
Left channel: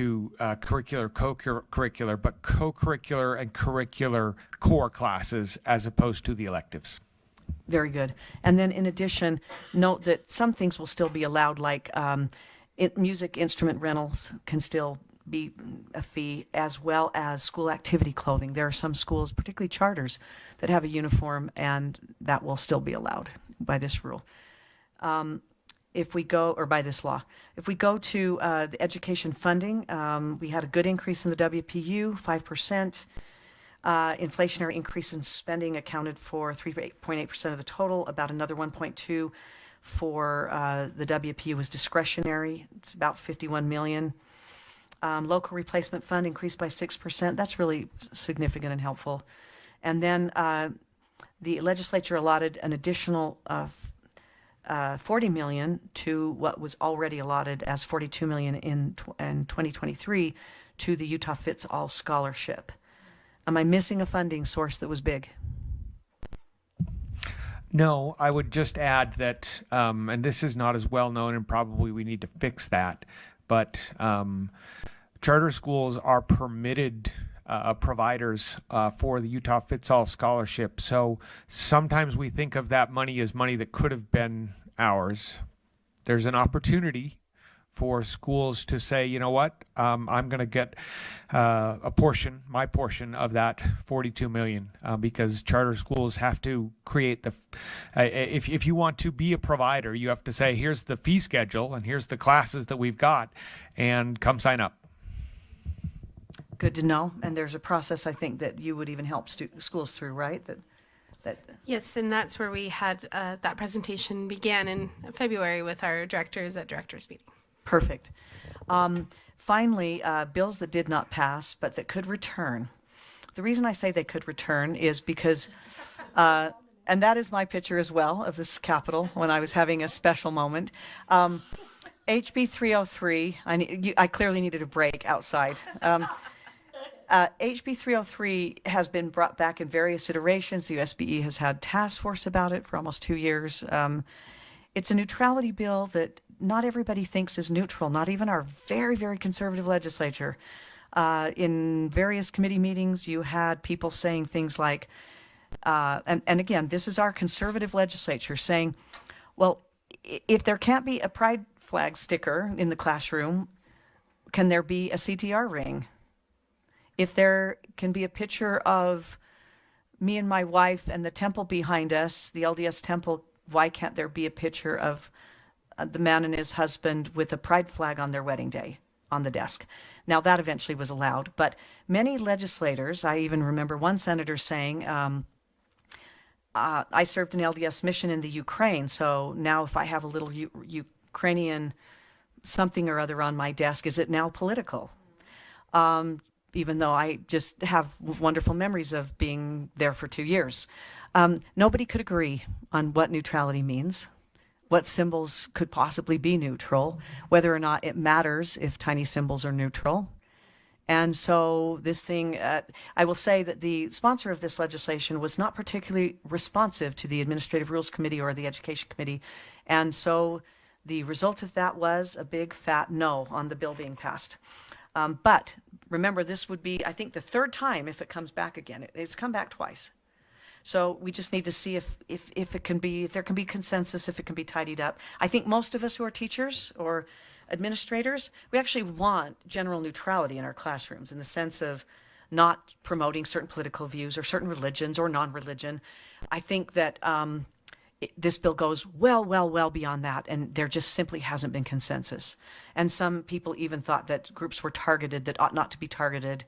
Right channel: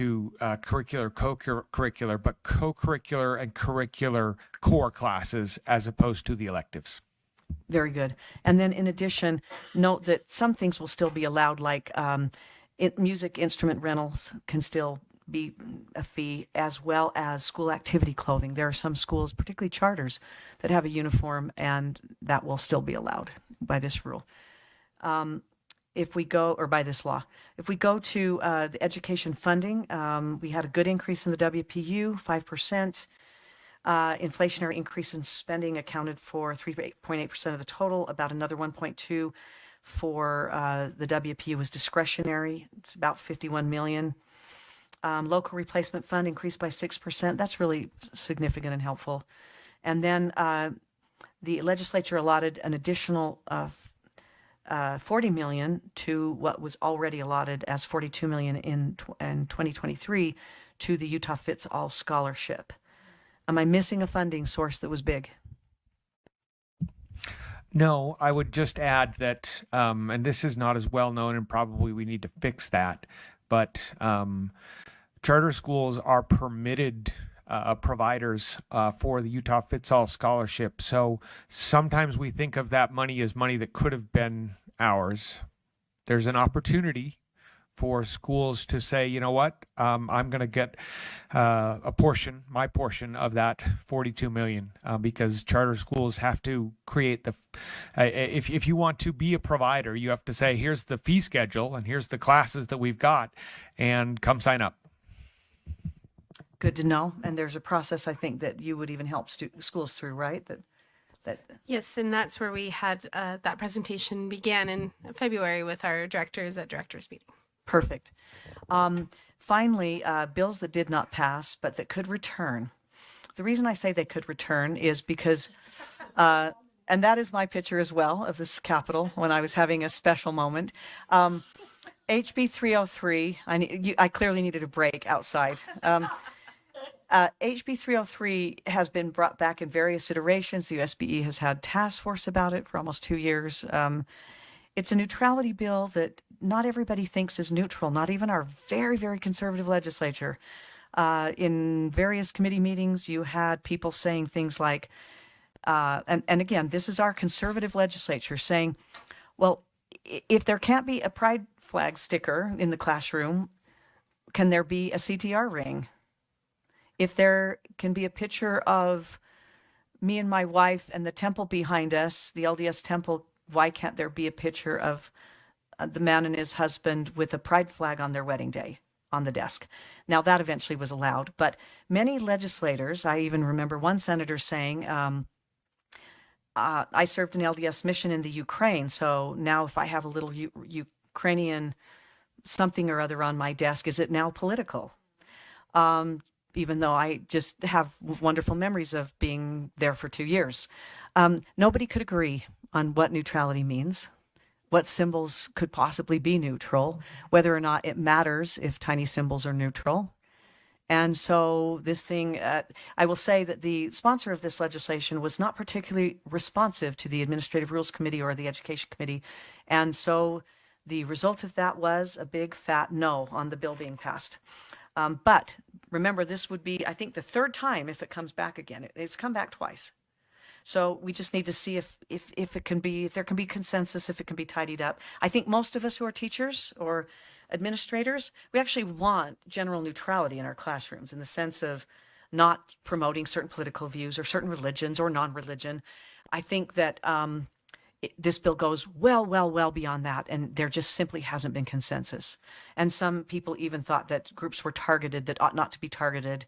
curricular, co-curricular, but co-curricular and curricular core classes as opposed to the electives. Very good. And then in addition, note that some things will still be allowed, like music instrument rentals can still be a fee, as well as school activity clothing. There are some schools, particularly charters, that have a uniform, and that will still be allowed by this rule. If we go, or by this law, if we go to the education funding, we had a good increase in the WPU, 5%. Inflationary increase in spending accounted for 3.8% of the total. About another 1.2 for the WPU was discretionary. It's about $51 million. Local replacement fund increased by 6%. That's really significant and helpful. And then the legislature allotted an additional $40 million to what was already allotted as $42 million in 2023 to the Utah Fits All Scholarship. Am I missing a funding source that was big? No, I would just add that, and this is not as well known, and probably we need to fix that, but charter schools are permitted providers for the Utah Fits All Scholarship. So sometimes we think of that money as money that could have been ours. There's an opportunity for schools to say, you know what, I'm going to get my portion of that $42 million, because charter schools have to create if you want to be a provider, you have to say, here's the fee schedule and here's the classes that we've got, and come sign up. Good to know. And there's a process, I think, that you would even help schools through, right? Yes, and that's where we had that presentation began in February with our directors at directors meeting. Perfect. Finally, bills that did not pass but that could return. The reason I say they could return is because, and that is my picture as well of this Capitol when I was having a special moment. HB 303, I clearly needed a break outside. HB 303 has been brought back in various iterations. The USBE has had task force about it for almost 2 years. It's a neutrality bill that not everybody thinks is neutral, not even our very, very conservative legislature. In various committee meetings, you had people saying things like, and again, this is our conservative legislature saying, well, if there can't be a pride flag sticker in the classroom, can there be a CTR ring? If there can be a picture of me and my wife and the temple behind us, the LDS temple, why can't there be a picture of the man and his husband with a pride flag on their wedding day? on the desk. Now, that eventually was allowed, but many legislators, I even remember one senator saying, I served an LDS mission in the Ukraine, so now if I have a little Ukrainian something or other on my desk, is it now political? Even though I just have wonderful memories of being there for 2 years. Nobody could agree on what neutrality means, what symbols could possibly be neutral, whether or not it matters if tiny symbols are neutral. And so this thing, I will say that the sponsor of this legislation was not particularly responsive to the Administrative Rules Committee or the Education Committee. And so the result of that was a big fat no on the bill being passed. But remember, this would be, I think, the third time if it comes back again. It's come back twice. So we just need to see if there can be consensus, if it can be tidied up. I think most of us who are teachers or administrators, we actually want general neutrality in our classrooms in the sense of not promoting certain political views or certain religions or non-religion. I think that this bill goes well beyond that, and there just simply hasn't been consensus. And some people even thought that groups were targeted that ought not to be targeted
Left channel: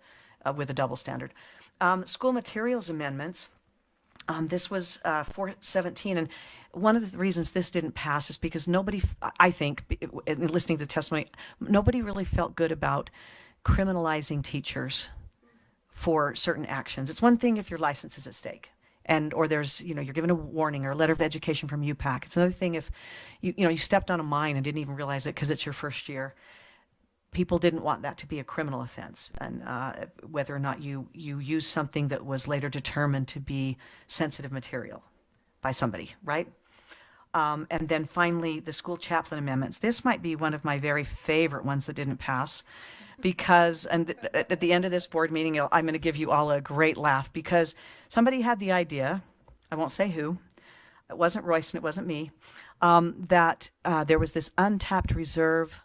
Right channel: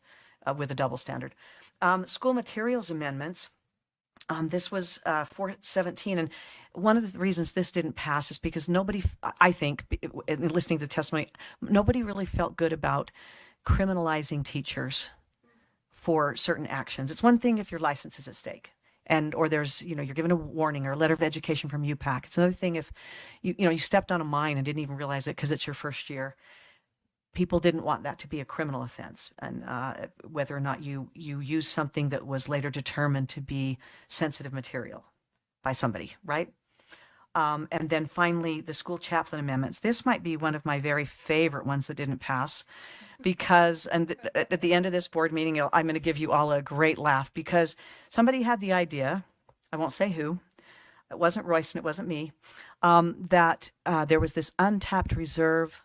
with a double standard. School materials amendments, this was 417, and one of the reasons this didn't pass is because nobody, I think, in listening to the testimony, nobody really felt good about criminalizing teachers for certain actions. It's one thing if your license is at stake, or there's, you're given a warning or a letter of education from UPAC. It's another thing if you stepped on a mine and didn't even realize it because it's your first year. People didn't want that to be a criminal offense, and whether or not you use something that was later determined to be sensitive material by somebody, right? And then finally, the school chaplain amendments. This might be one of my very favorite ones that didn't pass because, and at the end of this board meeting, I'm going to give you all a great laugh because somebody had the idea, I won't say who, it wasn't Royce and it wasn't me, that there was this untapped reserve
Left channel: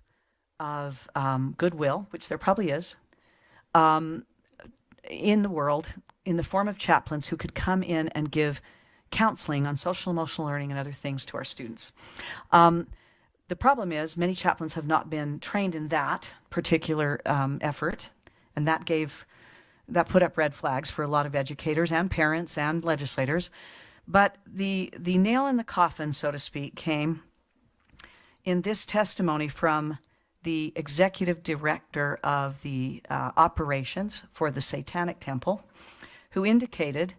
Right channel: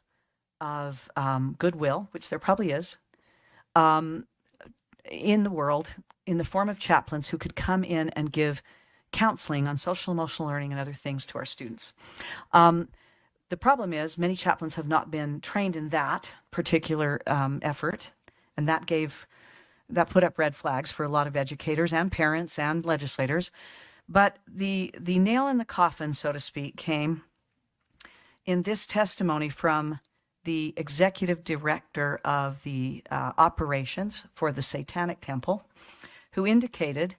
of goodwill, which there probably is, in the world, in the form of chaplains who could come in and give counseling on social emotional learning and other things to our students. The problem is many chaplains have not been trained in that particular effort, and that put up red flags for a lot of educators and parents and legislators. But the nail in the coffin, so to speak, came in this testimony from the executive director of the operations for the Satanic Temple, who indicated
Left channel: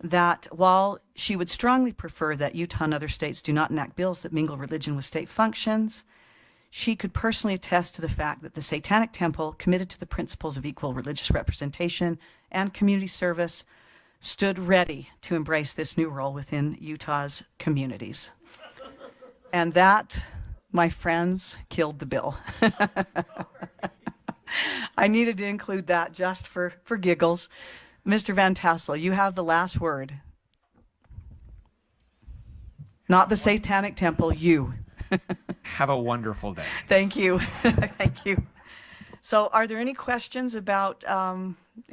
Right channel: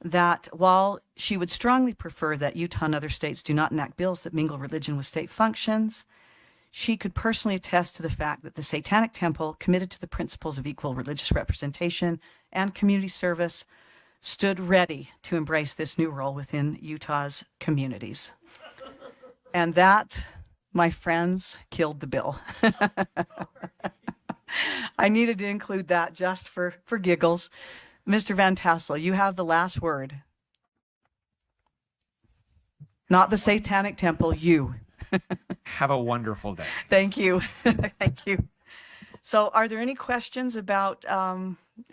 that while she would strongly prefer that Utah and other states do not enact bills that mingle religion with state functions, she could personally attest to the fact that the Satanic Temple, committed to the principles of equal religious representation and community service, stood ready to embrace this new role within Utah's communities. And that, my friends, killed the bill. I needed to include that just for giggles. Mr. Van Tassel, you have the last word. Not the Satanic Temple, you. Have a wonderful day. Thank you. Thank you. So are there any questions about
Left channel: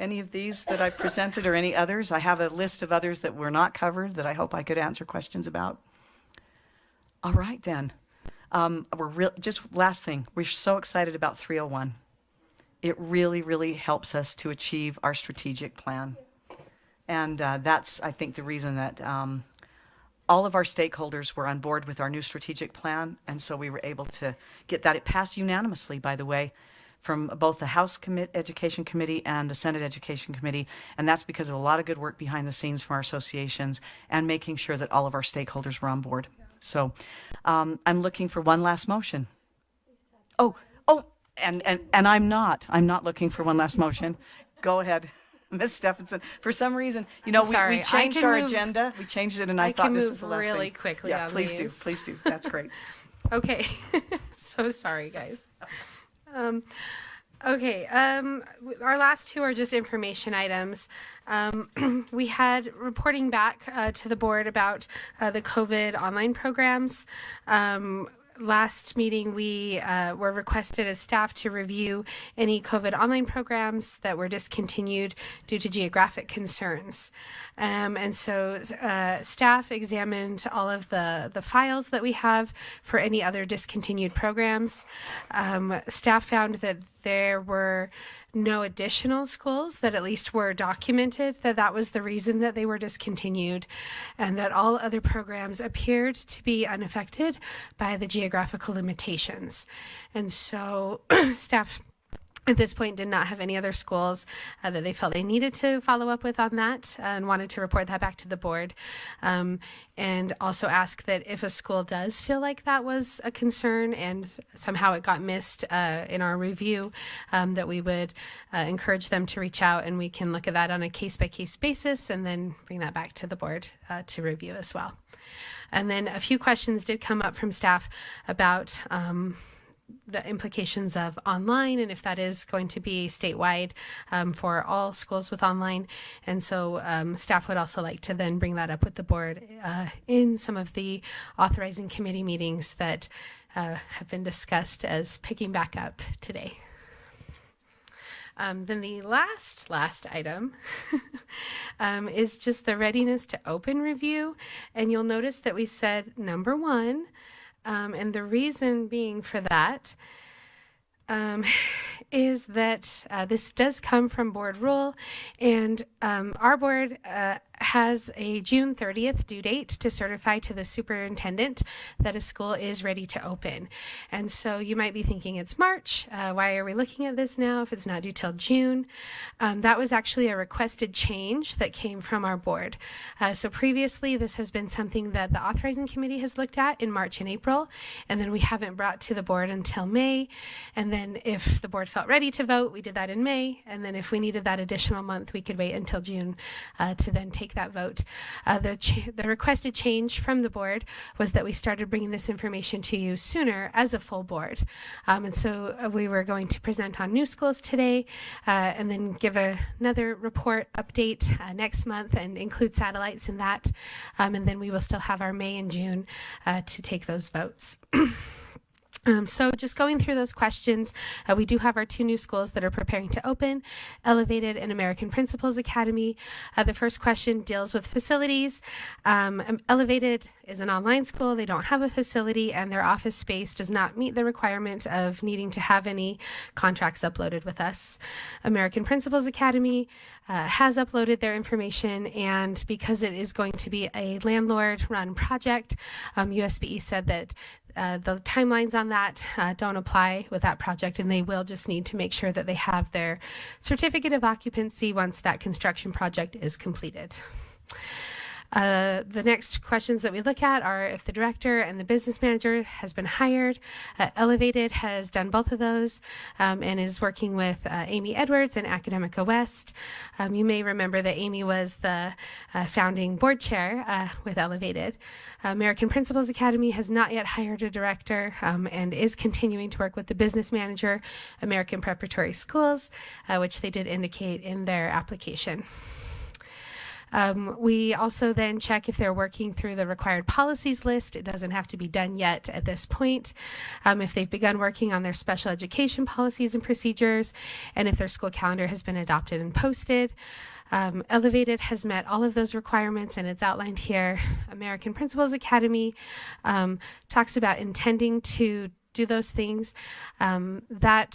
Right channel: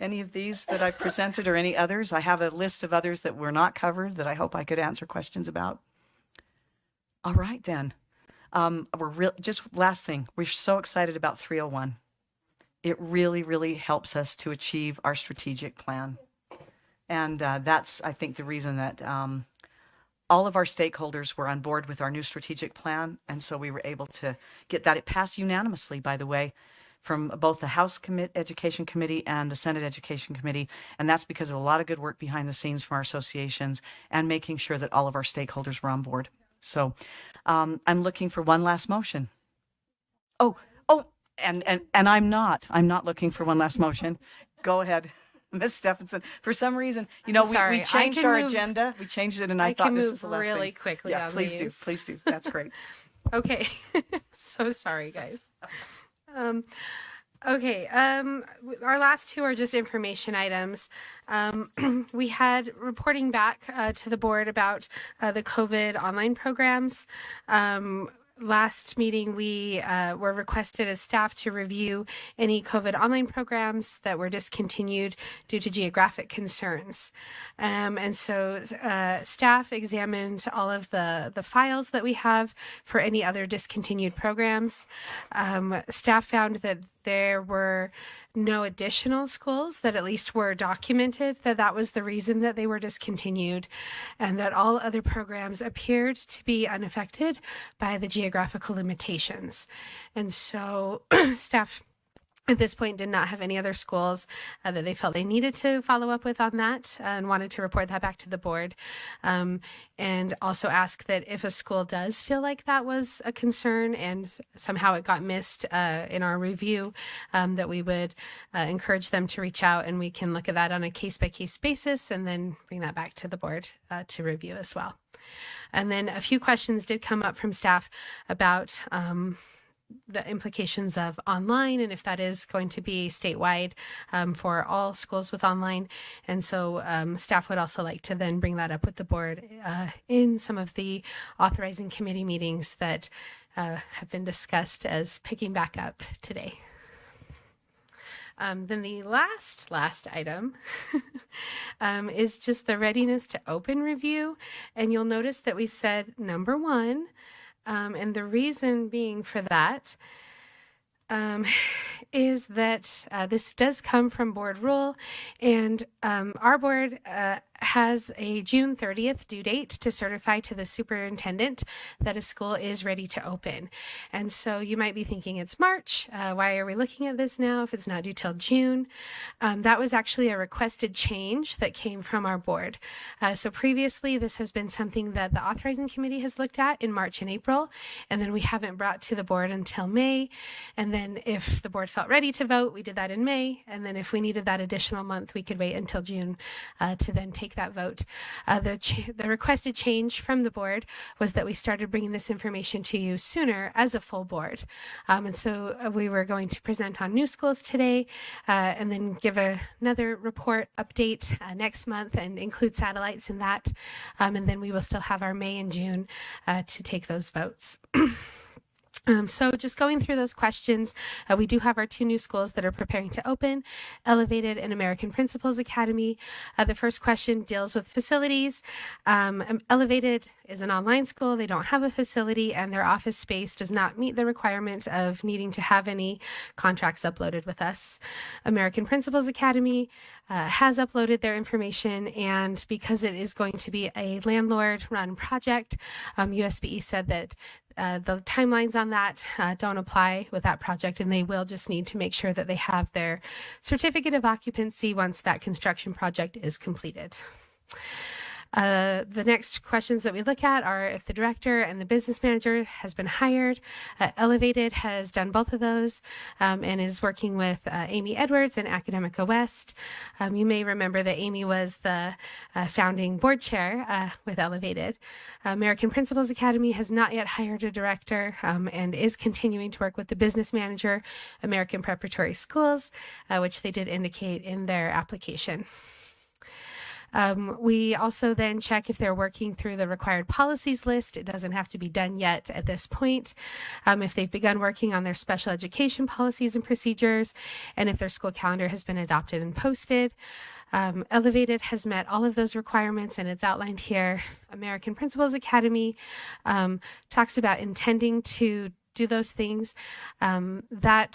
any of these that I presented or any others? I have a list of others that were not covered that I hope I could answer questions about. All right, then. Just last thing, we're so excited about 301. It really helps us to achieve our strategic plan. And that's, I think, the reason that all of our stakeholders were on board with our new strategic plan. And so we were able to get that. It passed unanimously, by the way, from both the House Education Committee and the Senate Education Committee. And that's because of a lot of good work behind the scenes from our associations and making sure that all of our stakeholders were on board. So I'm looking for one last motion. And I'm not looking for one last motion. Go ahead, Ms. Stephenson. For some reason, we changed our agenda. We changed it, and I thought this was the last thing. really quickly. Yeah, on please these. do. Please do. That's great. Okay. So sorry, guys. Okay. Our last two are just information items. We had reporting back to the board about the COVID online programs. Last meeting, we were requested as staff to review any COVID online programs that were discontinued due to geographic concerns. And so staff examined all of the files that we have for any other discontinued programs. Staff found that there were no additional schools that at least were documented that was the reason that they were discontinued, and that all other programs appeared to be unaffected by the geographical limitations. And so staff at this point did not have any other schools that they felt they needed to follow up with on that, and wanted to report that back to the board, and also ask that if a school does feel like that was a concern and somehow it got missed in our review, that we would encourage them to reach out, and we can look at that on a case-by-case basis and then bring that back to the board to review as well. And then a few questions did come up from staff about the implications of online, and if that is going to be statewide for all schools with online. And so staff would also like to then bring that up with the board in some of the authorizing committee meetings that have been discussed as picking back up today. Then the last item is just the readiness to open review. And you'll notice that we said number 1. And the reason being for that is that this does come from board rule, and our board has a June 30th due date to certify to the superintendent that a school is ready to open. And so you might be thinking it's March. Why are we looking at this now if it's not due till June? That was actually a requested change that came from our board. So previously this has been something that the authorizing committee has looked at in March and April, and then we haven't brought to the board until May. And then if the board felt ready to vote, we did that in May. And then if we needed that additional month, we could wait until June to then take that vote. The requested change from the board was that we started bringing this information to you sooner as a full board. And so we were going to present on new schools today, and then give another report update next month and include satellites in that. And then we will still have our May and June to take those votes. So just going through those questions, we do have our 2 new schools that are preparing to open, Elevated and American Principals Academy. The first question deals with facilities. Elevated is an online school. They don't have a facility, and their office space does not meet the requirement of needing to have any contracts uploaded with us. American Principals Academy has uploaded their information, and because it is going to be a landlord-run project, USBE said that the timelines on that don't apply with that project, and they will just need to make sure that they have their certificate of occupancy once that construction project is completed. The next questions that we look at are if the director and the business manager has been hired. Elevated has done both of those, and is working with Amy Edwards and Academica West. You may remember that Amy was the founding board chair with Elevated. American Principals Academy has not yet hired a director, and is continuing to work with the business manager, American Preparatory Schools, which they did indicate in their application. We also then check if they're working through the required policies list. It doesn't have to be done yet at this point. If they've begun working on their special education policies and procedures, and if their school calendar has been adopted and posted. Elevated has met all of those requirements, and it's outlined here. American Principals Academy talks about intending to do those things. That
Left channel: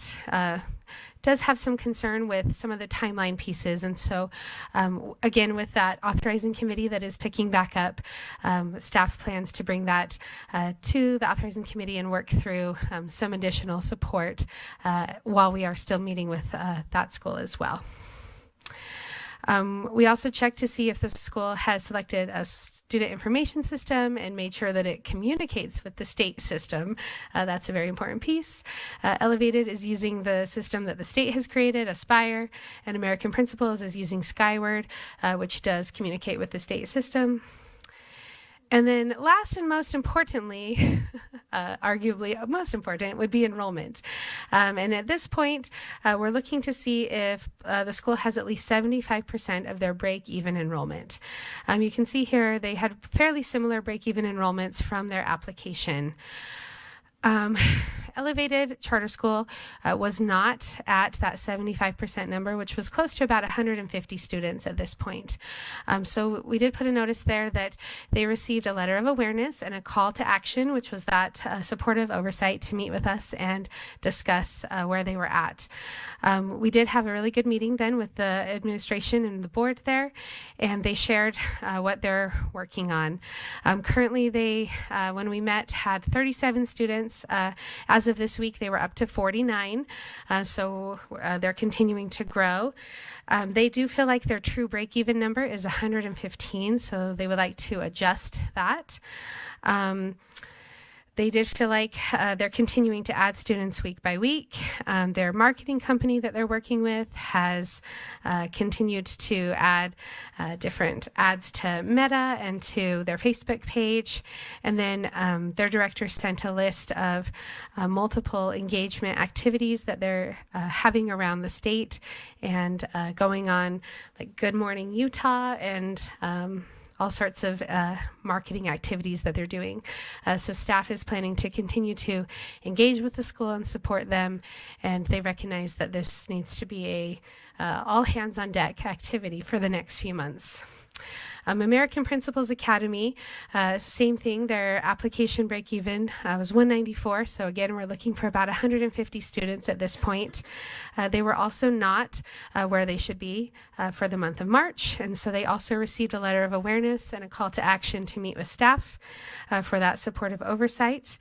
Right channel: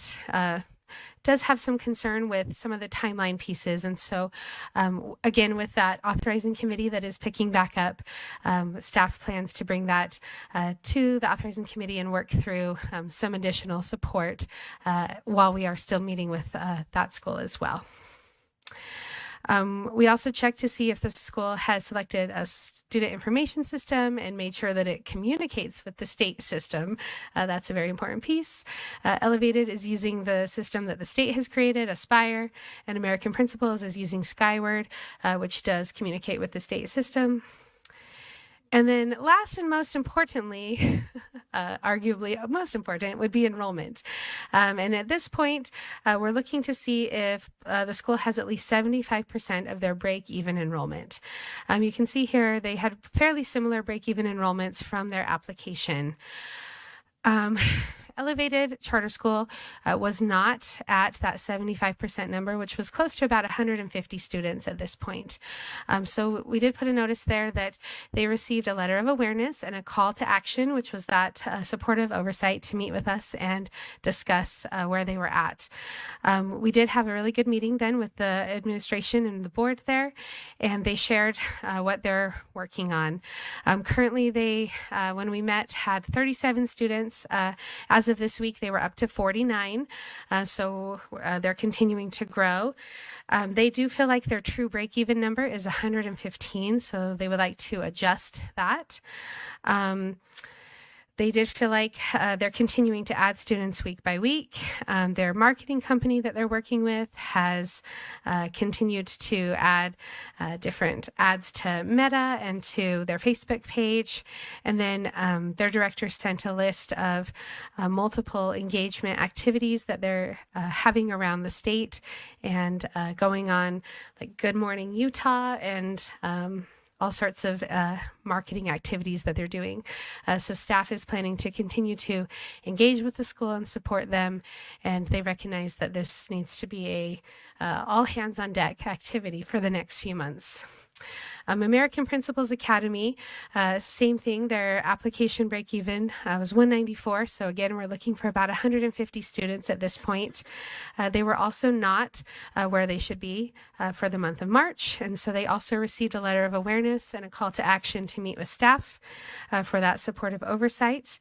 does have some concern with some of the timeline pieces, and so again, with that authorizing committee that is picking back up, staff plans to bring that to the authorizing committee and work through some additional support while we are still meeting with that school as well. We also check to see if the school has selected a student information system and made sure that it communicates with the state system. That's a very important piece. Elevated is using the system that the state has created, Aspire, and American Principals is using Skyward, which does communicate with the state system. And then last and most importantly, arguably most important, would be enrollment. And at this point, we're looking to see if the school has at least 75% of their break-even enrollment. You can see here they had fairly similar break-even enrollments from their application. elevated charter school was not at that 75% number, which was close to about 150 students at this point. So we did put a notice there that they received a letter of awareness and a call to action, which was that supportive oversight to meet with us and discuss where they were at. We did have a really good meeting then with the administration and the board there, and they shared what they're working on. Currently, they, when we met, had 37 students. As of this week, they were up to 49, so they're continuing to grow. They do feel like their true break-even number is 115, so they would like to adjust that. They did feel like they're continuing to add students week by week. Their marketing company that they're working with has continued to add different ads to Meta and to their Facebook page. And then their director sent a list of multiple engagement activities that they're having around the state and going on, like Good Morning Utah and all sorts of marketing activities that they're doing. So staff is planning to continue to engage with the school and support them, and they recognize that this needs to be a all hands on deck activity for the next few months. American Principals Academy, same thing, their application break-even was 194, so again, we're looking for about 150 students at this point. They were also not where they should be for the month of March, and so they also received a letter of awareness and a call to action to meet with staff for that supportive oversight.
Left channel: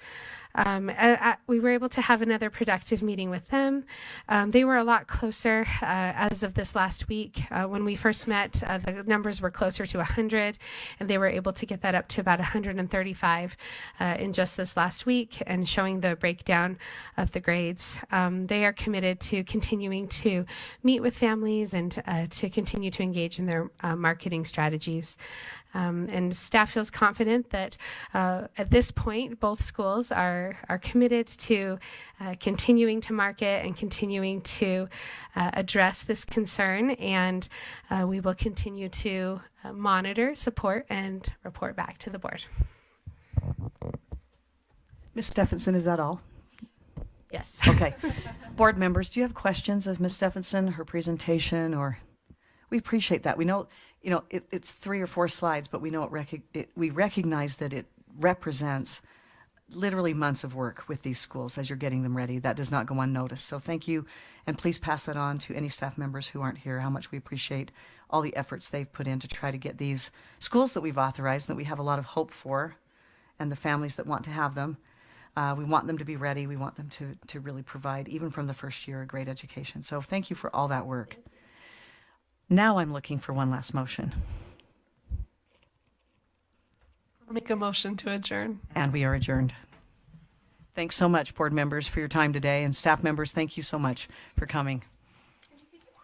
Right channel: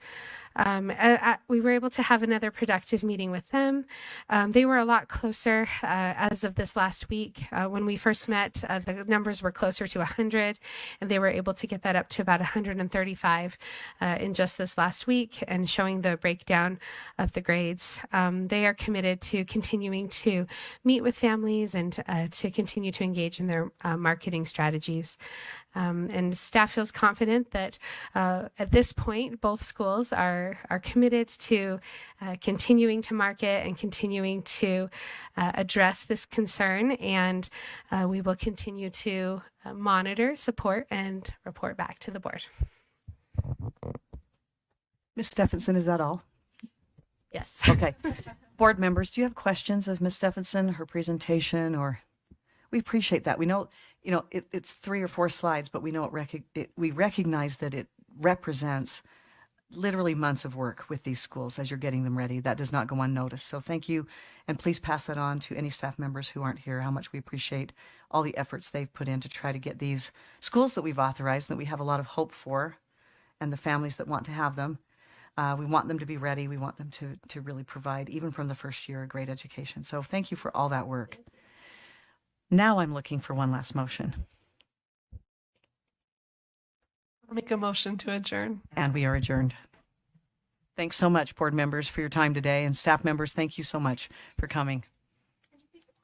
We were able to have another productive meeting with them. They were a lot closer as of this last week. When we first met, the numbers were closer to 100, and they were able to get that up to about 135 in just this last week, and showing the breakdown of the grades. They are committed to continuing to meet with families and to continue to engage in their marketing strategies. And staff feels confident that at this point, both schools are committed to continuing to market and continuing to address this concern, and we will continue to monitor, support, and report back to the board. Ms. Stephenson, is that all? Yes. Okay. Board members, do you have questions of Ms. Stephenson, her presentation, or? We appreciate that. We know, it's 3 or 4 slides, but we know we recognize that it represents literally months of work with these schools as you're getting them ready. That does not go unnoticed. So thank you, and please pass that on to any staff members who aren't here, how much we appreciate all the efforts they've put in to try to get these schools that we've authorized, that we have a lot of hope for, and the families that want to have them. We want them to be ready. We want them to really provide, even from the first year, a great education. So thank you for all that work. Now I'm looking for one last motion. Make a motion to adjourn. And we are adjourned. Thanks so much, board members, for your time today, and staff members, thank you so much for coming.